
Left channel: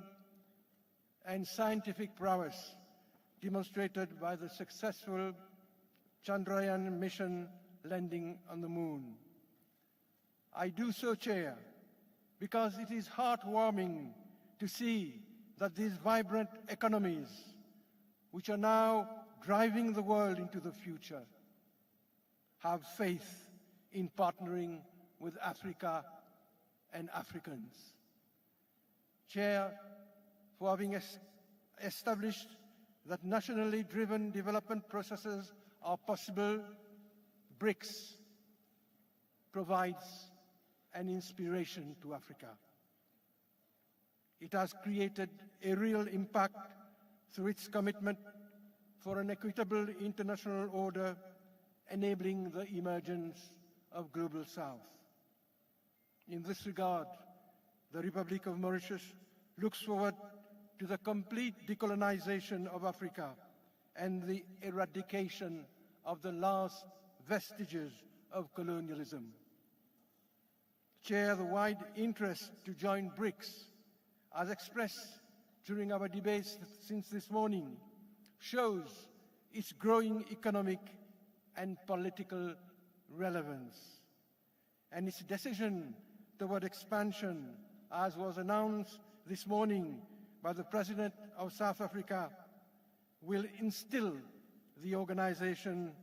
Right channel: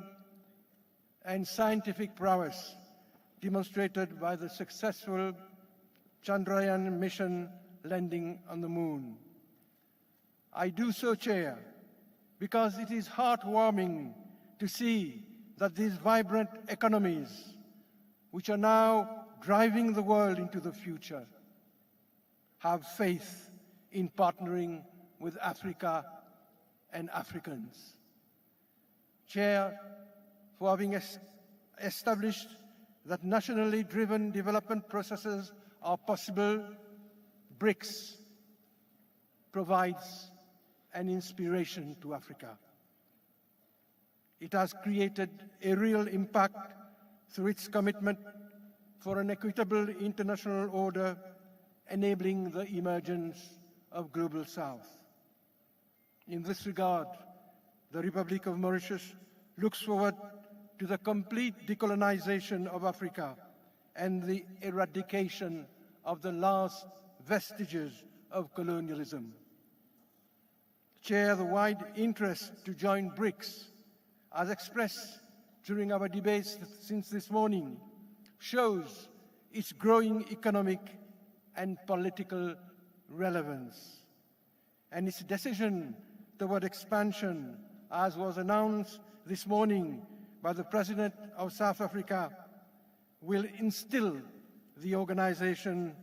and scientific prowess demonstrated by the successful Chandrayaan mission landing on the moon. I do so, Chair, because it is heartwarming to see that these vibrant economies, which are now driving the world into the future, have faith in partnering with Africa and Africans. Chair, for having established that nationally driven development processes are possible, BRICS provides an inspiration to Africa. It has created a real impact through its commitment for an equitable international order, enabling the emergence of Global South. In this regard, the Republic of Mauritius looks forward to the complete decolonization of Africa and the eradication of the last vestiges of colonialism. Chair, the wide interest to join BRICS, as expressed during our debates since this morning, shows its growing economic and political relevance. And its decision toward expansion, as was announced this morning by the President of South Africa, will instill the organization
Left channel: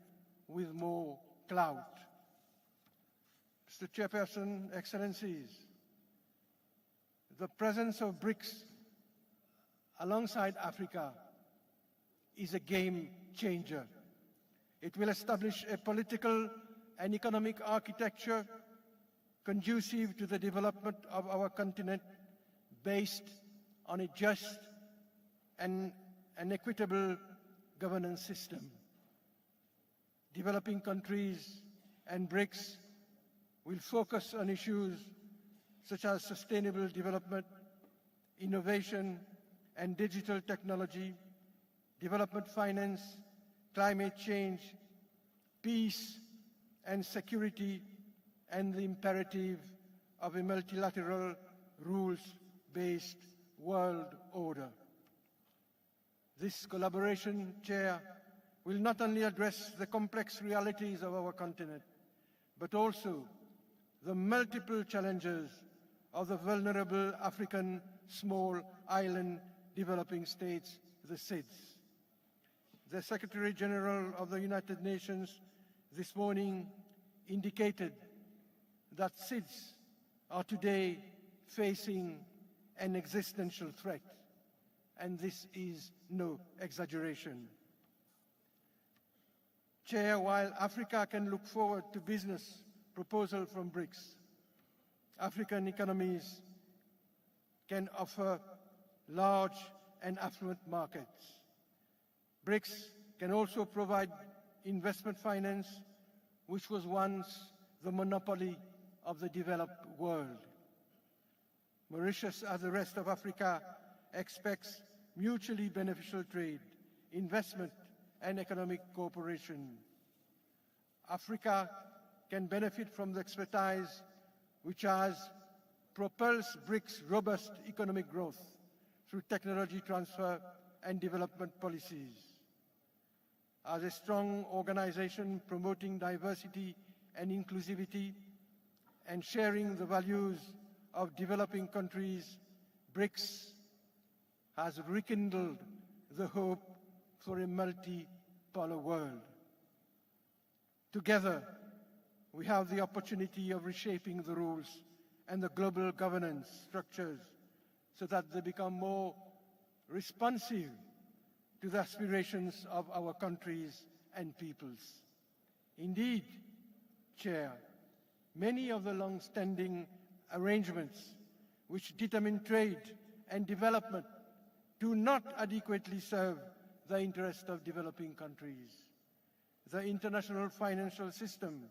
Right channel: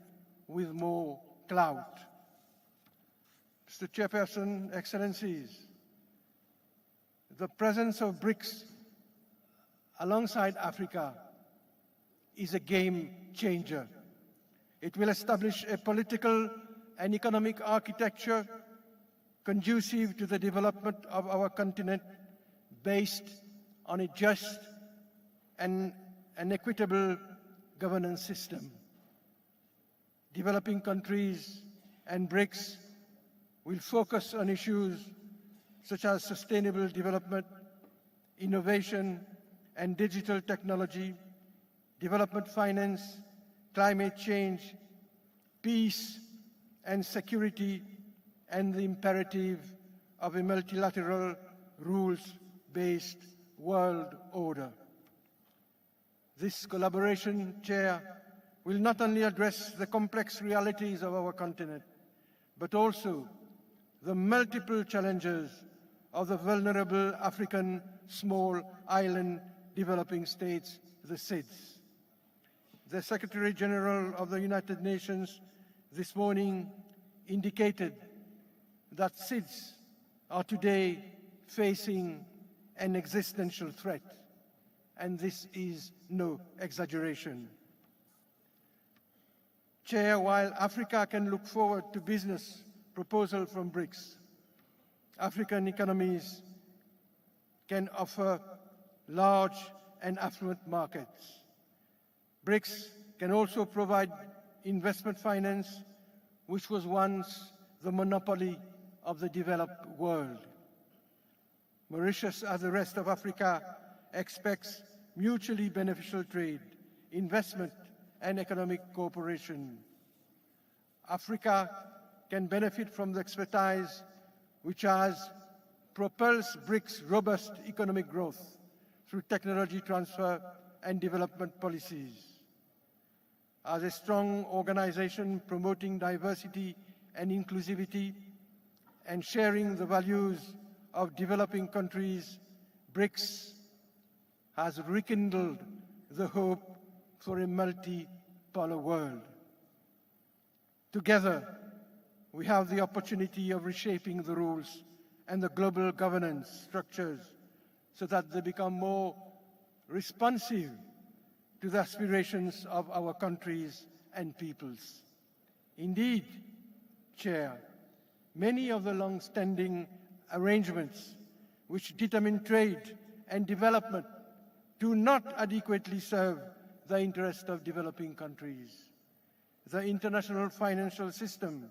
with more clout. Mr. Chairperson, Excellencies, the presence of BRICS alongside Africa is a game changer. It will establish a political and economic architecture conducive to the development of our continent based on a just and an equitable governance system. Developing countries and BRICS will focus on issues such as sustainable development, innovation and digital technology, development finance, climate change, peace and security, and the imperative of a multilateral, rules-based world order. This collaboration, Chair, will not only address the complex realities of our continent, but also the multiple challenges of the vulnerable African small island developing states, the SIDS. The Secretary General of the United Nations this morning indicated that SIDS are today facing an existential threat, and this is no exaggeration. Chair, while Africa can look forward to business proposals from BRICS, African economies can offer large and affluent markets. BRICS can also provide investment finance, which was once the monopoly of the developed world. Mauritius, as the rest of Africa, expects mutually beneficial trade, investment, and economic cooperation. Africa can benefit from the expertise which has propelled BRICS' robust economic growth through technology transfer and development policies. As a strong organization promoting diversity and inclusivity and sharing the values of developing countries, BRICS has rekindled the hope for a multipolar world. Together, we have the opportunity of reshaping the rules and the global governance structures so that they become more responsive to the aspirations of our countries and peoples. Indeed, Chair, many of the long-standing arrangements which determine trade and development do not adequately serve the interest of developing countries. The international financial system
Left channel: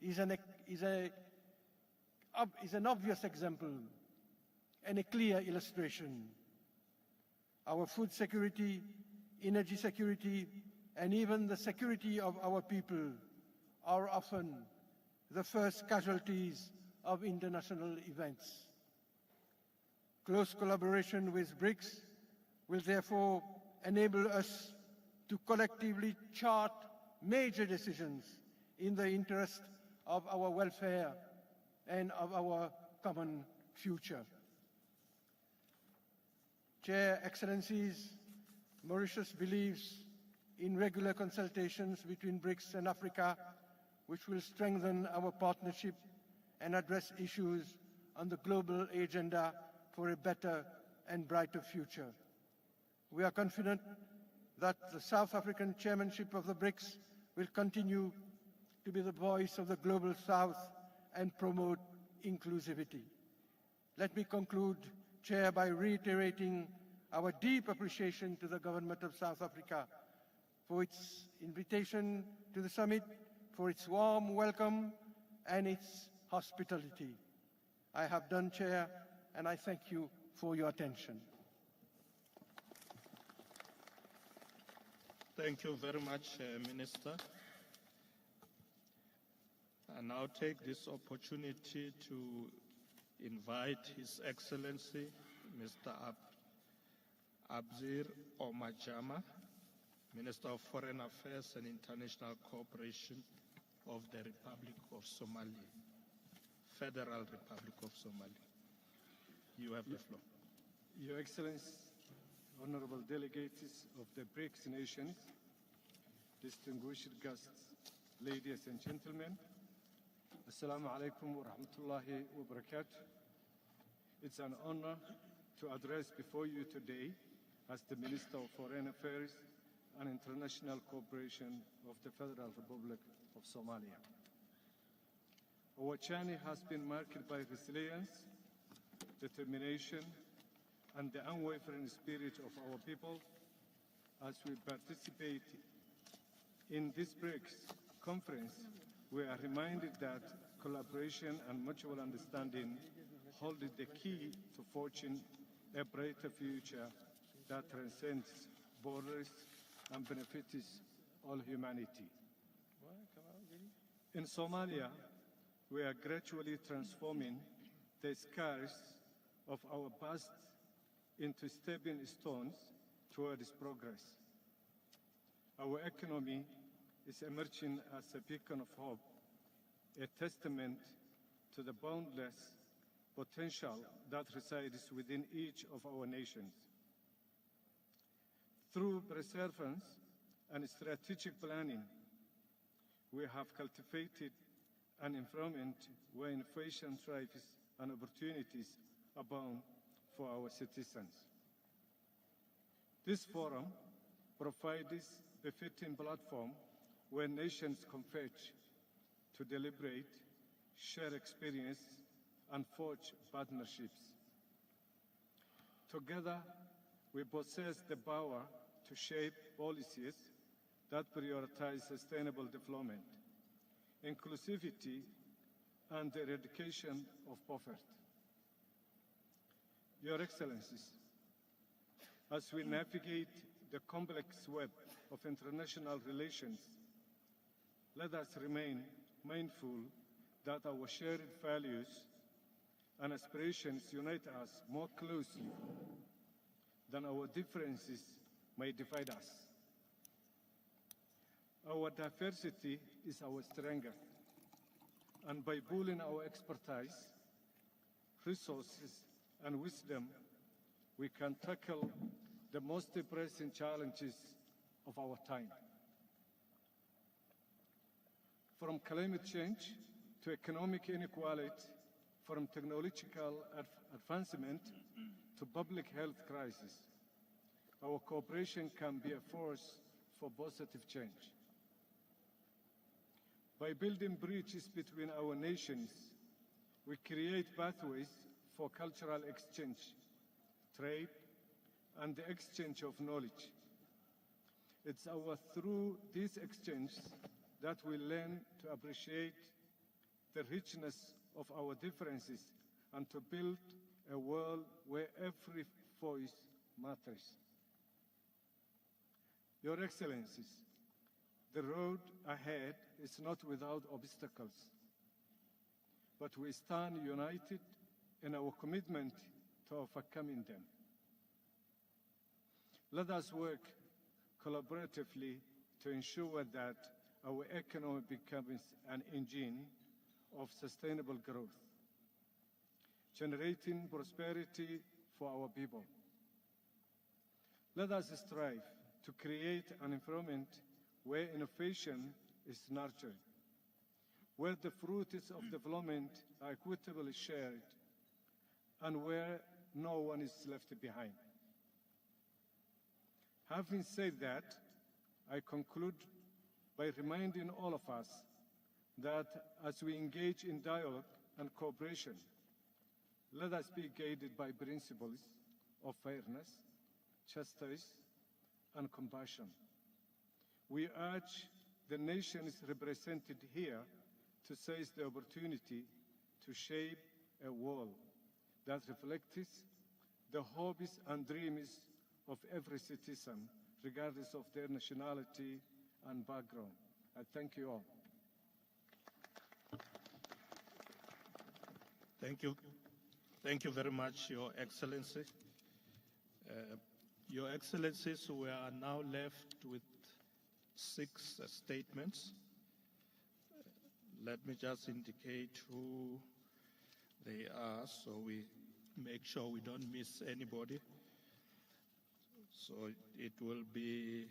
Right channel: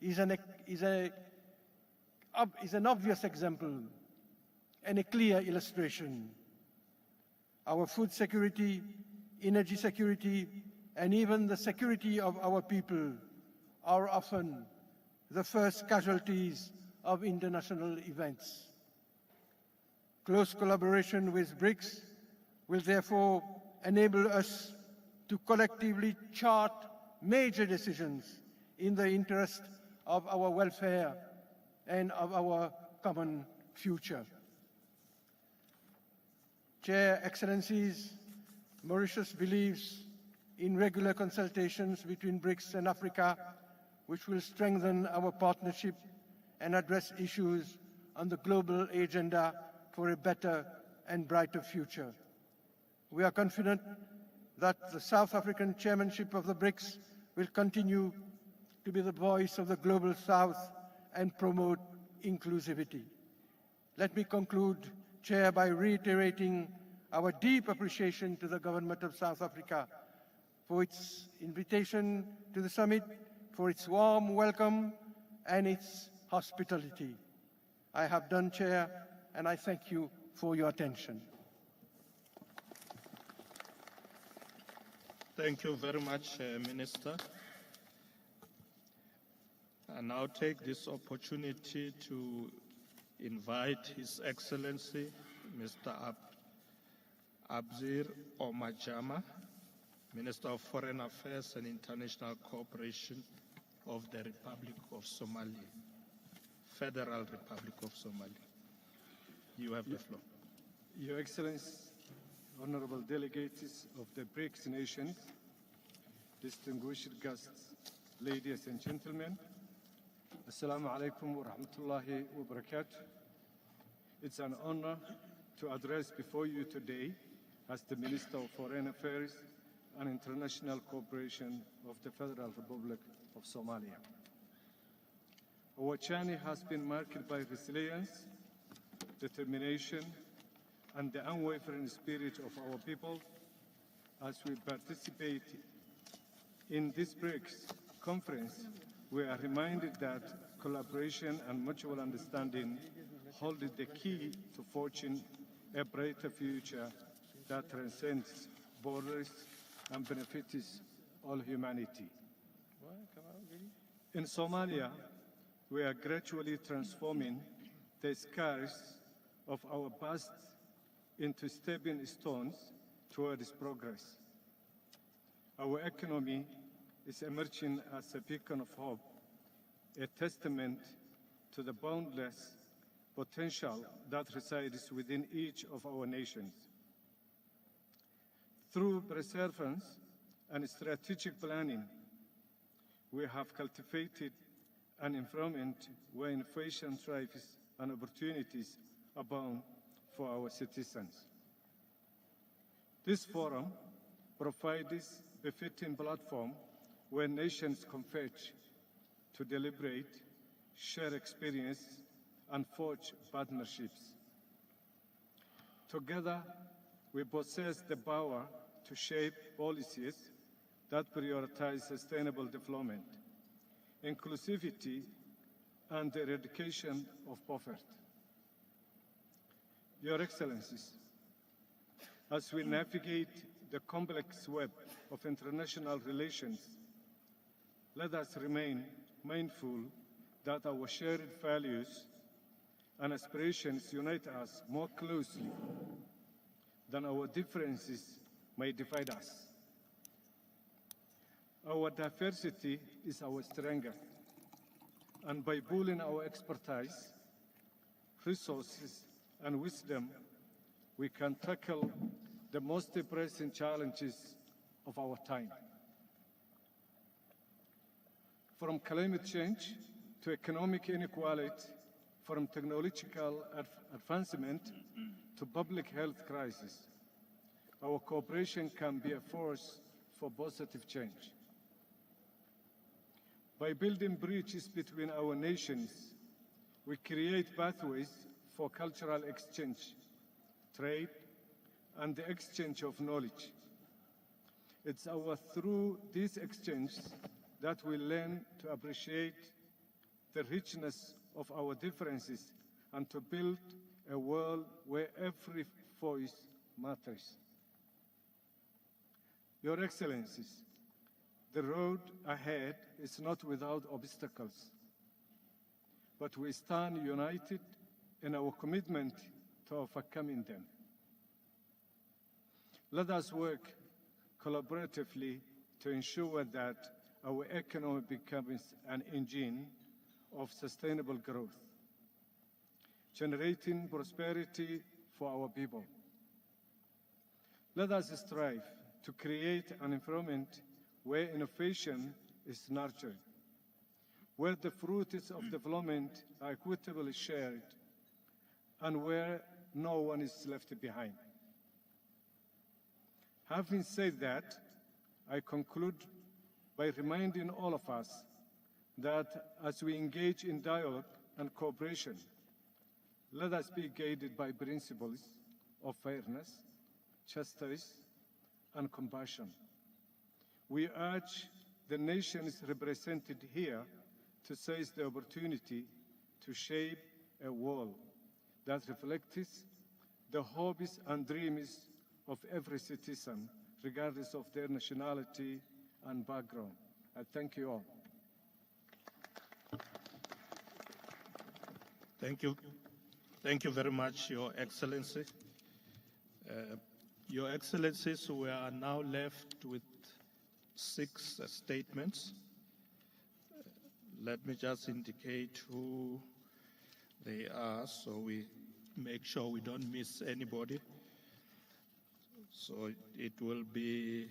is an obvious example and a clear illustration. Our food security, energy security, and even the security of our people are often the first casualties of international events. Close collaboration with BRICS will therefore enable us to collectively chart major decisions in the interest of our welfare and of our common future. Chair, Excellencies, Mauritius believes in regular consultations between BRICS and Africa, which will strengthen our partnership and address issues on the global agenda for a better and brighter future. We are confident that the South African chairmanship of the BRICS will continue to be the voice of the global South and promote inclusivity. Let me conclude, Chair, by reiterating our deep appreciation to the government of South Africa for its invitation to the summit, for its warm welcome and its hospitality. I have done, Chair, and I thank you for your attention. Thank you very much, Minister. I now take this opportunity to invite His Excellency, Mr. Abzir Omajama, Minister of Foreign Affairs and International Cooperation of the Republic of Somalia, Federal Republic of Somalia. You have the floor. Your Excellency, honorable delegates of the BRICS nations, distinguished guests, ladies and gentlemen, Assalamu alaikum wa rahmatullahi wa barakatuh. It's an honor to address before you today as the Minister of Foreign Affairs and International Cooperation of the Federal Republic of Somalia. Our journey has been marked by resilience, determination, and the unwavering spirit of our people as we participate in this BRICS conference. We are reminded that collaboration and mutual understanding hold the key to forging a brighter future that transcends borders and benefits all humanity. In Somalia, we are gradually transforming the scars of our past into stepping stones towards progress. Our economy is emerging as a beacon of hope, a testament to the boundless potential that resides within each of our nations. Through perseverance and strategic planning, we have cultivated an environment where innovation thrives and opportunities abound for our citizens. This forum provides a fitting platform where nations converge to deliberate, share experience, and forge partnerships. Together, we possess the power to shape policies that prioritize sustainable development, inclusivity, and the eradication of poverty. Your Excellencies, as we navigate the complex web of international relations, let us remain mindful that our shared values and aspirations unite us more closely than our differences may divide us. Our diversity is our strength, and by pooling our expertise, resources, and wisdom, we can tackle the most pressing challenges of our time. From climate change to economic inequality, from technological advancement to public health crisis, our cooperation can be a force for positive change. By building bridges between our nations, we create pathways for cultural exchange, trade, and the exchange of knowledge. It's through these exchanges that we learn to appreciate the richness of our differences and to build a world where every voice matters. Your Excellencies, the road ahead is not without obstacles, but we stand united in our commitment to overcoming them. Let us work collaboratively to ensure that our economy becomes an engine of sustainable growth, generating prosperity for our people. Let us strive to create an environment where innovation is nurtured, where the fruits of development are equitably shared, and where no one is left behind. Having said that, I conclude by reminding all of us that as we engage in dialogue and cooperation, let us be guided by principles of fairness, justice, and compassion. We urge the nations represented here to seize the opportunity to shape a world that reflects the hopes and dreams of every citizen, regardless of their nationality and background. I thank you all. Thank you. Thank you very much, Your Excellency. Your Excellencies, we are now left with 6 statements. Let me just indicate who they are so we make sure we don't miss anybody. So it will be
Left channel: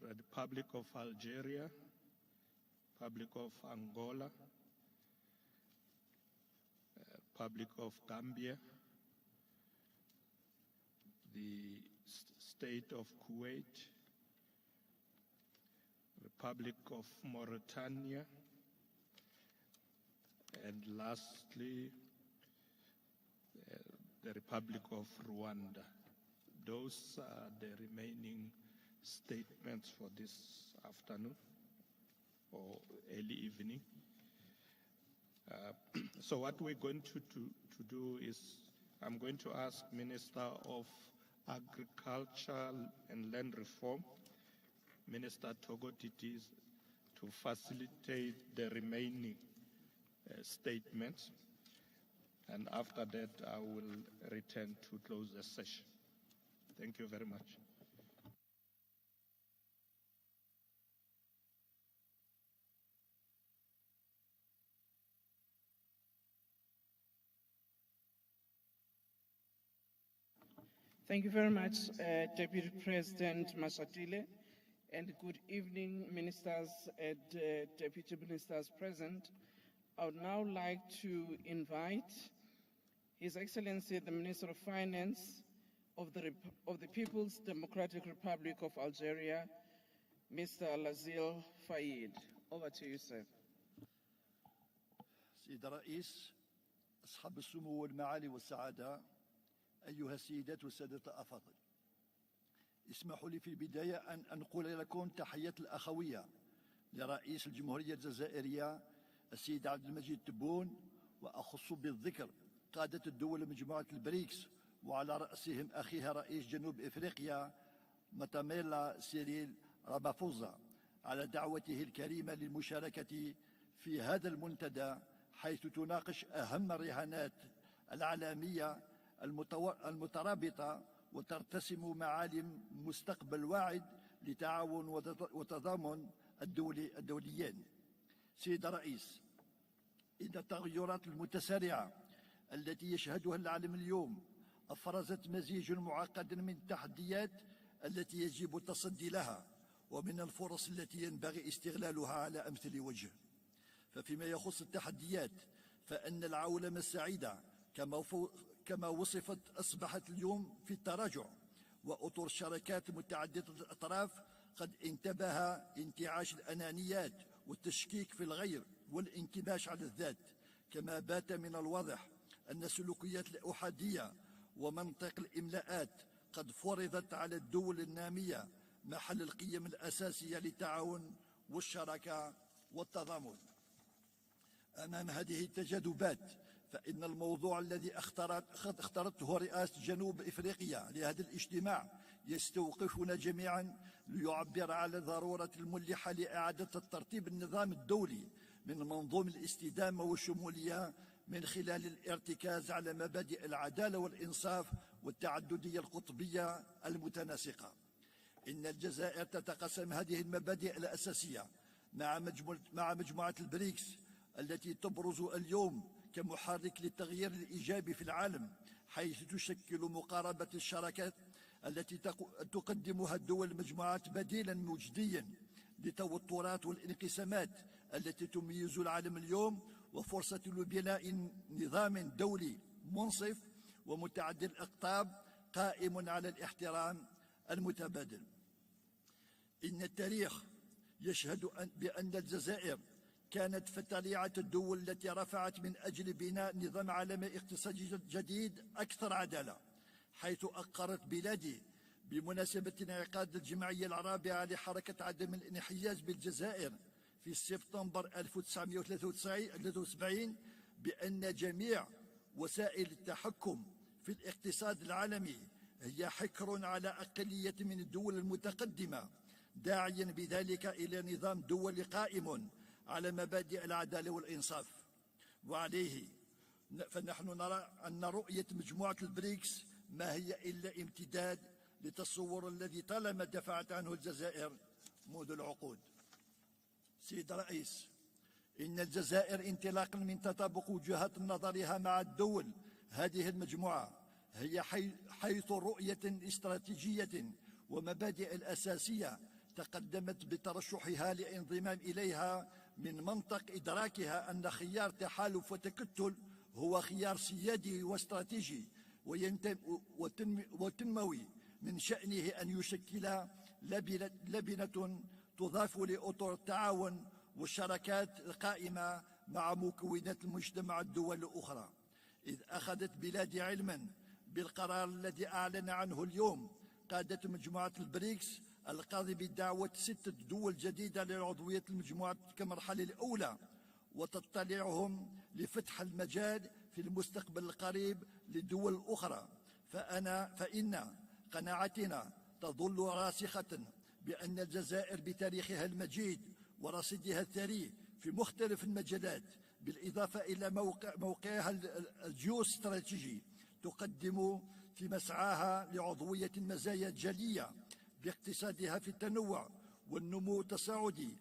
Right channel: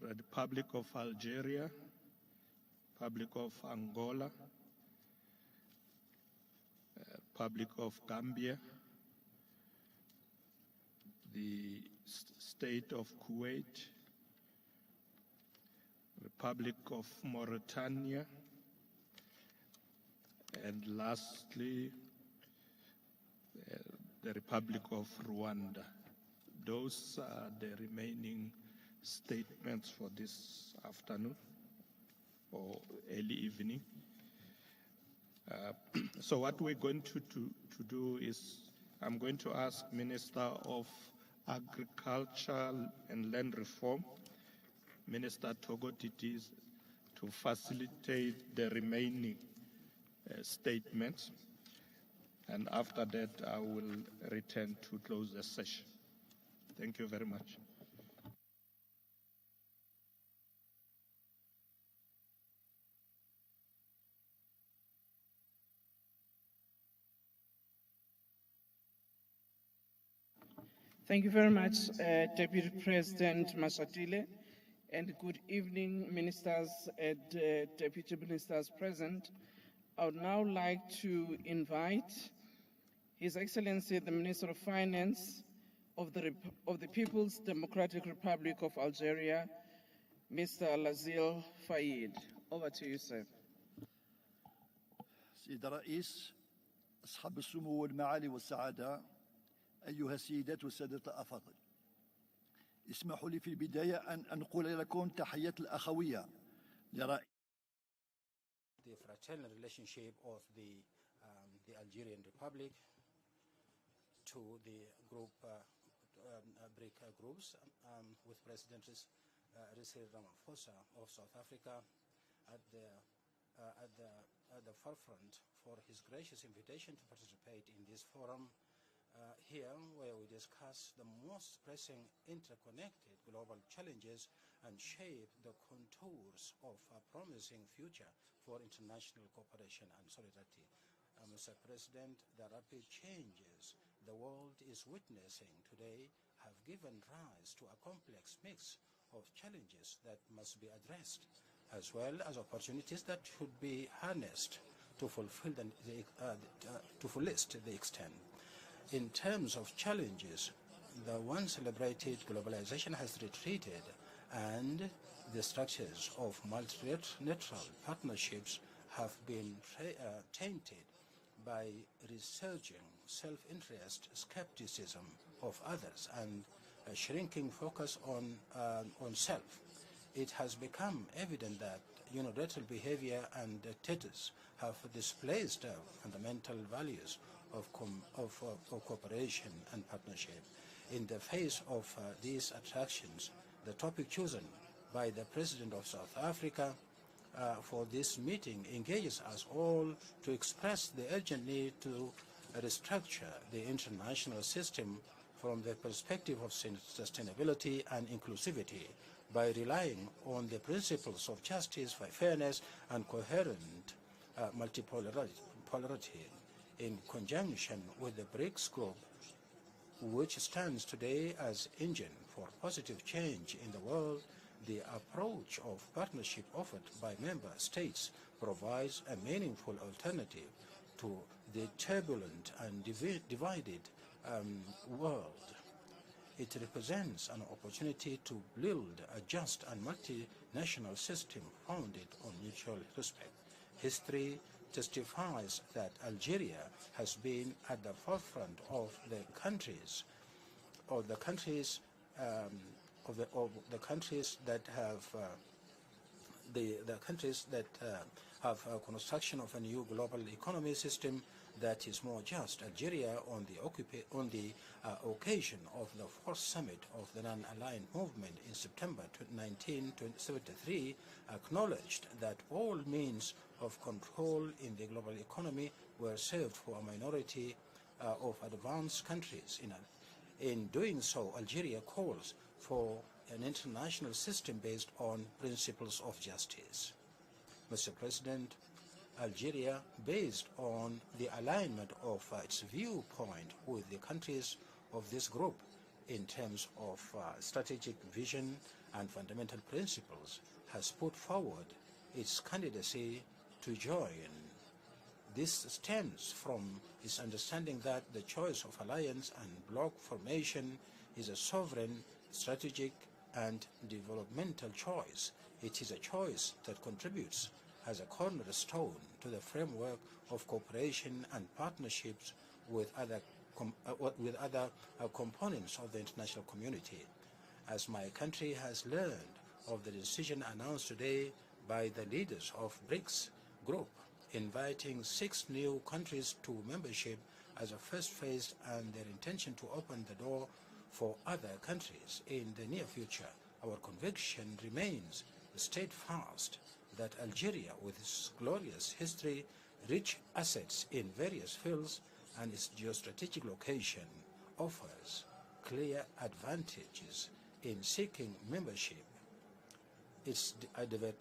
the Republic of Algeria, Republic of Angola, Republic of Gambia, the State of Kuwait, Republic of Mauritania, and lastly, the Republic of Rwanda. Those are the remaining statements for this afternoon or early evening. So what we're going to do is I'm going to ask Minister of Agriculture and Land Reform, Minister Togo Titis, to facilitate the remaining statements. And after that, I will return to close the session. Thank you very much. Thank you very much, Deputy President Mashatile, and good evening, ministers and deputy ministers present. I would now like to invite His Excellency, the Minister of Finance of the People's Democratic Republic of Algeria, Mr. Lazil Faid. Over to you, sir. سيد الرئيس، أصحاب السمو والمعالي والسعادة، أيها السيدات والسادة الأفاضل، اسمحوا لي في البداية أن أنقل لكم تحية الأخوية لرئيس الجمهورية الجزائرية السيد عبد المجيد تبون، وأخص بالذكر قادة الدول مجموعة البريكس وعلى رأسهم أخيها رئيس جنوب إفريقيا ماتاميلا سيريل رامافوزا على دعوته الكريمة للمشاركة في هذا المنتدى، حيث تناقش أهم الرهانات العالمية المترابطة وترتسم معالم مستقبل واعد لتعاون وتضامن الدوليين. سيد الرئيس، إن التغيرات المتسارعة التي يشهدها العالم اليوم أفرزت مزيج معقد من التحديات التي يجب التصدي لها ومن الفرص التي ينبغي استغلالها على أمثل وجه. وفيما يخص التحديات فإن العولمة السعيدة كما وصفت أصبحت اليوم في التراجع، وأطر الشركات متعددة الأطراف قد انتبه لانتعاش الأنانيات والتشكيك في الغير والانكماش على الذات، كما بات من الواضح أن السلوكيات الأحادية ومنطق الإملاءات قد فرضت على الدول النامية محل القيم الأساسية للتعاون والشراكة والتضامن. أمام هذه التجاذبات فإن الموضوع الذي اخترته رئاسة جنوب إفريقيا لهذا الاجتماع يستوقفنا جميعا ليعبر على ضرورة الملحة لإعادة الترتيب النظامي الدولي من منظومة الاستدامة والشمولية من خلال الارتكاز على مبادئ العدالة والإنصاف والتعددية القطبية المتناسقة. إن الجزائر تتقاسم هذه المبادئ الأساسية مع مجموعة البريكس التي تبرز اليوم multipolarity كمحرك in للتغيير conjunction الإيجابي في with the العالم، BRICS group, حيث تشكل which مقاربة stands الشراكات today as التي engine for positive تقدمها الدول change in the المجموعات world. بديلا The مجديا approach of partnership لتوترات offered by والانقسامات member states التي تميز provides العالم a اليوم meaningful وفرصة alternative لبناء to the نظام turbulent دولي and منصف divided ومتعدد الأقطاب world. قائم على It الاحترام represents an opportunity المتبادل. to build a just and إن التاريخ multinational system يشهد founded بأن on الجزائر mutual respect. كانت في History طليعة الدول التي رفعت testifies من that أجل بناء Algeria نظام has عالمي been at اقتصادي the جديد forefront of أكثر the عدالة، countries حيث أقرت بلادي بمناسبة انعقاد الجمعية الرابعة لحركة عدم الانحياز بالجزائر في سبتمبر 1993 بأن جميع وسائل التحكم في الاقتصاد العالمي هي حكر على أقلية من الدول المتقدمة، داعيا بذلك إلى نظام دولي قائم على مبادئ العدالة والإنصاف. وعليه فنحن نرى أن رؤية مجموعة البريكس ما هي إلا امتداد للتصور الذي طالما دفعت عنه الجزائر منذ العقود. سيد الرئيس، إن الجزائر انطلاقا من تطابق وجهات نظرها مع الدول هذه المجموعة هي حيث رؤية استراتيجية ومبادئ أساسية تقدمت بترشحها للانضمام إليها من منطق إدراكها أن خيار تحالف وتكتل هو خيار سيادي واستراتيجي وتنموي من شأنه أن يشكل لبنة تضاف لأطر التعاون والشراكات القائمة مع مكونات المجتمع الدول الأخرى، إذ أخذت بلادي علما بالقرار الذي أعلن عنه اليوم قادة مجموعة البريكس القائم بدعوة 6 دول جديدة لعضوية المجموعة كمرحلة الأولى، وتطلعهم لفتح المجال في المستقبل القريب للدول الأخرى. فإن قناعتنا تظل راسخة بأن الجزائر بتاريخها المجيد ورصيدها الثري في مختلف المجالات بالإضافة إلى موقعها الجيوستراتيجي تقدم في مسعاها لعضوية مزايا جلية باقتصادها في التنوع والنمو التصاعدي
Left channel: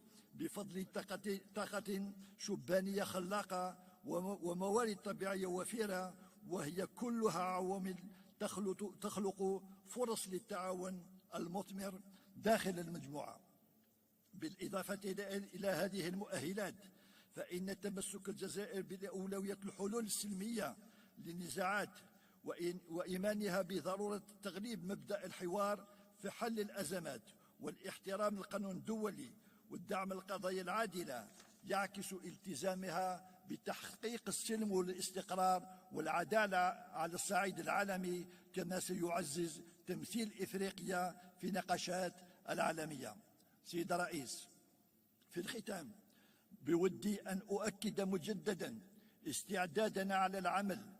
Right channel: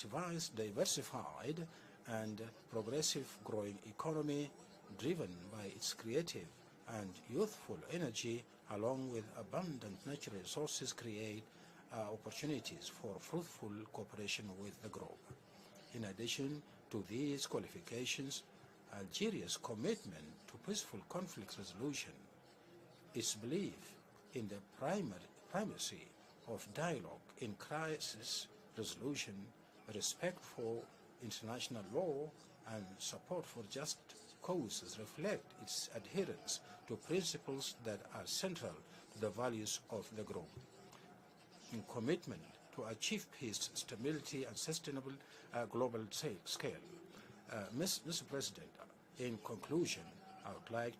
بفضل طاقة شبانية خلاقة وموارد طبيعية وفيرة، وهي كلها عوامل تخلق فرص للتعاون المثمر داخل المجموعة. بالإضافة إلى هذه المؤهلات فإن تمسك الجزائر بأولوية الحلول السلمية للنزاعات وإيمانها بضرورة تغليب مبدأ الحوار في حل الأزمات واحترام القانون الدولي والدعم القضايا العادلة يعكس التزامها بتحقيق السلم والاستقرار والعدالة على الصعيد العالمي، كما سيعزز تمثيل إفريقيا في نقاشات العالمية. سيد الرئيس، في الختام بودي أن أؤكد مجددا استعدادنا على العمل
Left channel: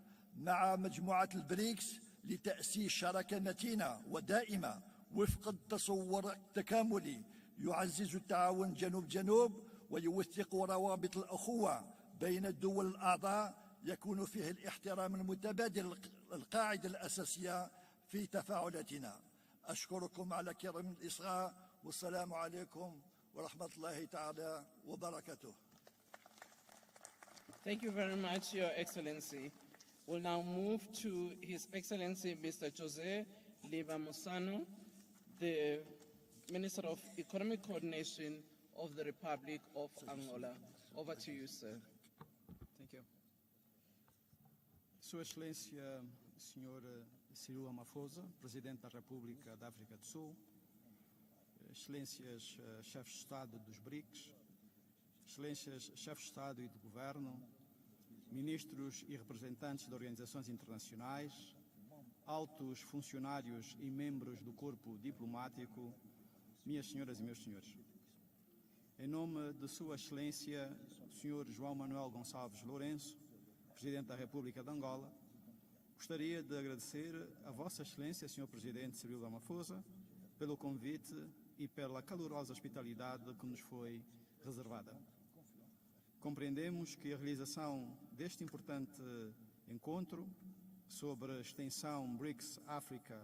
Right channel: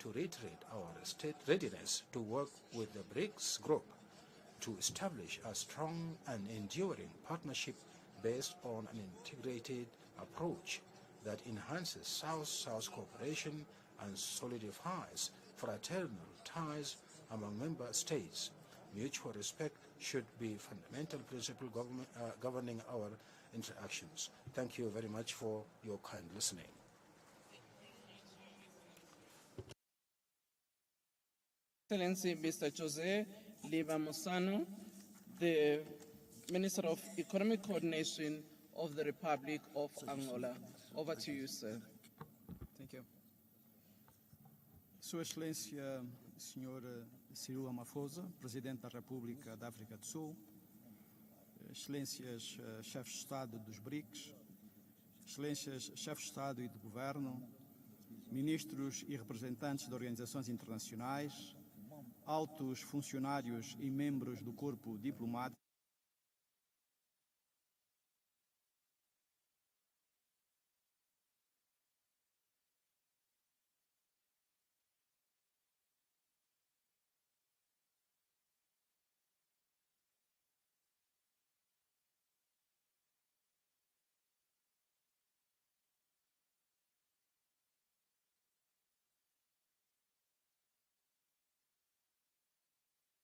مع مجموعة البريكس لتأسيس شراكة متينة ودائمة وفق التصور التكاملي يعزز التعاون جنوب ويوثق روابط الأخوة بين الدول الأعضاء يكون فيه الاحترام المتبادل القاعدة الأساسية في تفاعلاتنا. أشكركم على كرم الإصغاء والسلام عليكم ورحمة الله تعالى. Thank you very much for your kind listening. Thank you very much, Your Excellency. We'll now move to His Excellency Mr. Jose Liva-Mosano, the Minister of Economic Coordination of the Republic of Angola. Over to you, sir. Thank you. Sua Excelência, Sr. Cyril Ramaphosa, Presidente da República da África do Sul, Excelências Chefes de Estado dos BRICS, Excelências Chefes de Estado e de Governo, Ministros e representantes de organizações internacionais, altos funcionários e membros do corpo diplomático, minhas senhoras e meus senhores. Em nome de Sua Excelência, Sr. João Manuel Gonçalves Lourenço, Presidente da República de Angola, gostaria de agradecer a Vossa Excelência, Sr. Presidente Cyril Ramaphosa, pelo convite e pela calorosa hospitalidade que nos foi reservada. Compreendemos que a realização deste importante encontro sobre a extensão BRICS África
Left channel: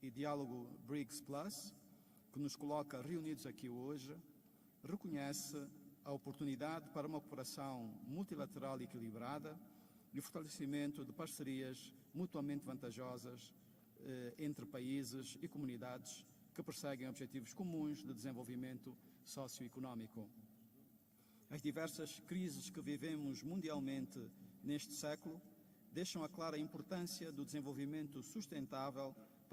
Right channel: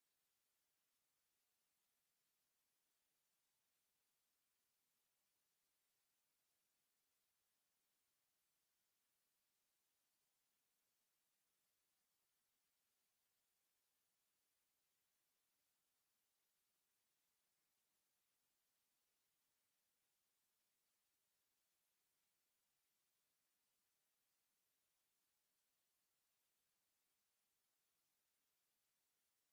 e diálogo BRICS Plus, que nos coloca reunidos aqui hoje, reconhece a oportunidade para uma cooperação multilateral equilibrada e o fortalecimento de parcerias mutuamente vantajosas entre países e comunidades que perseguem objetivos comuns de desenvolvimento socioeconómico. As diversas crises que vivemos mundialmente neste século deixam a clara importância do desenvolvimento sustentável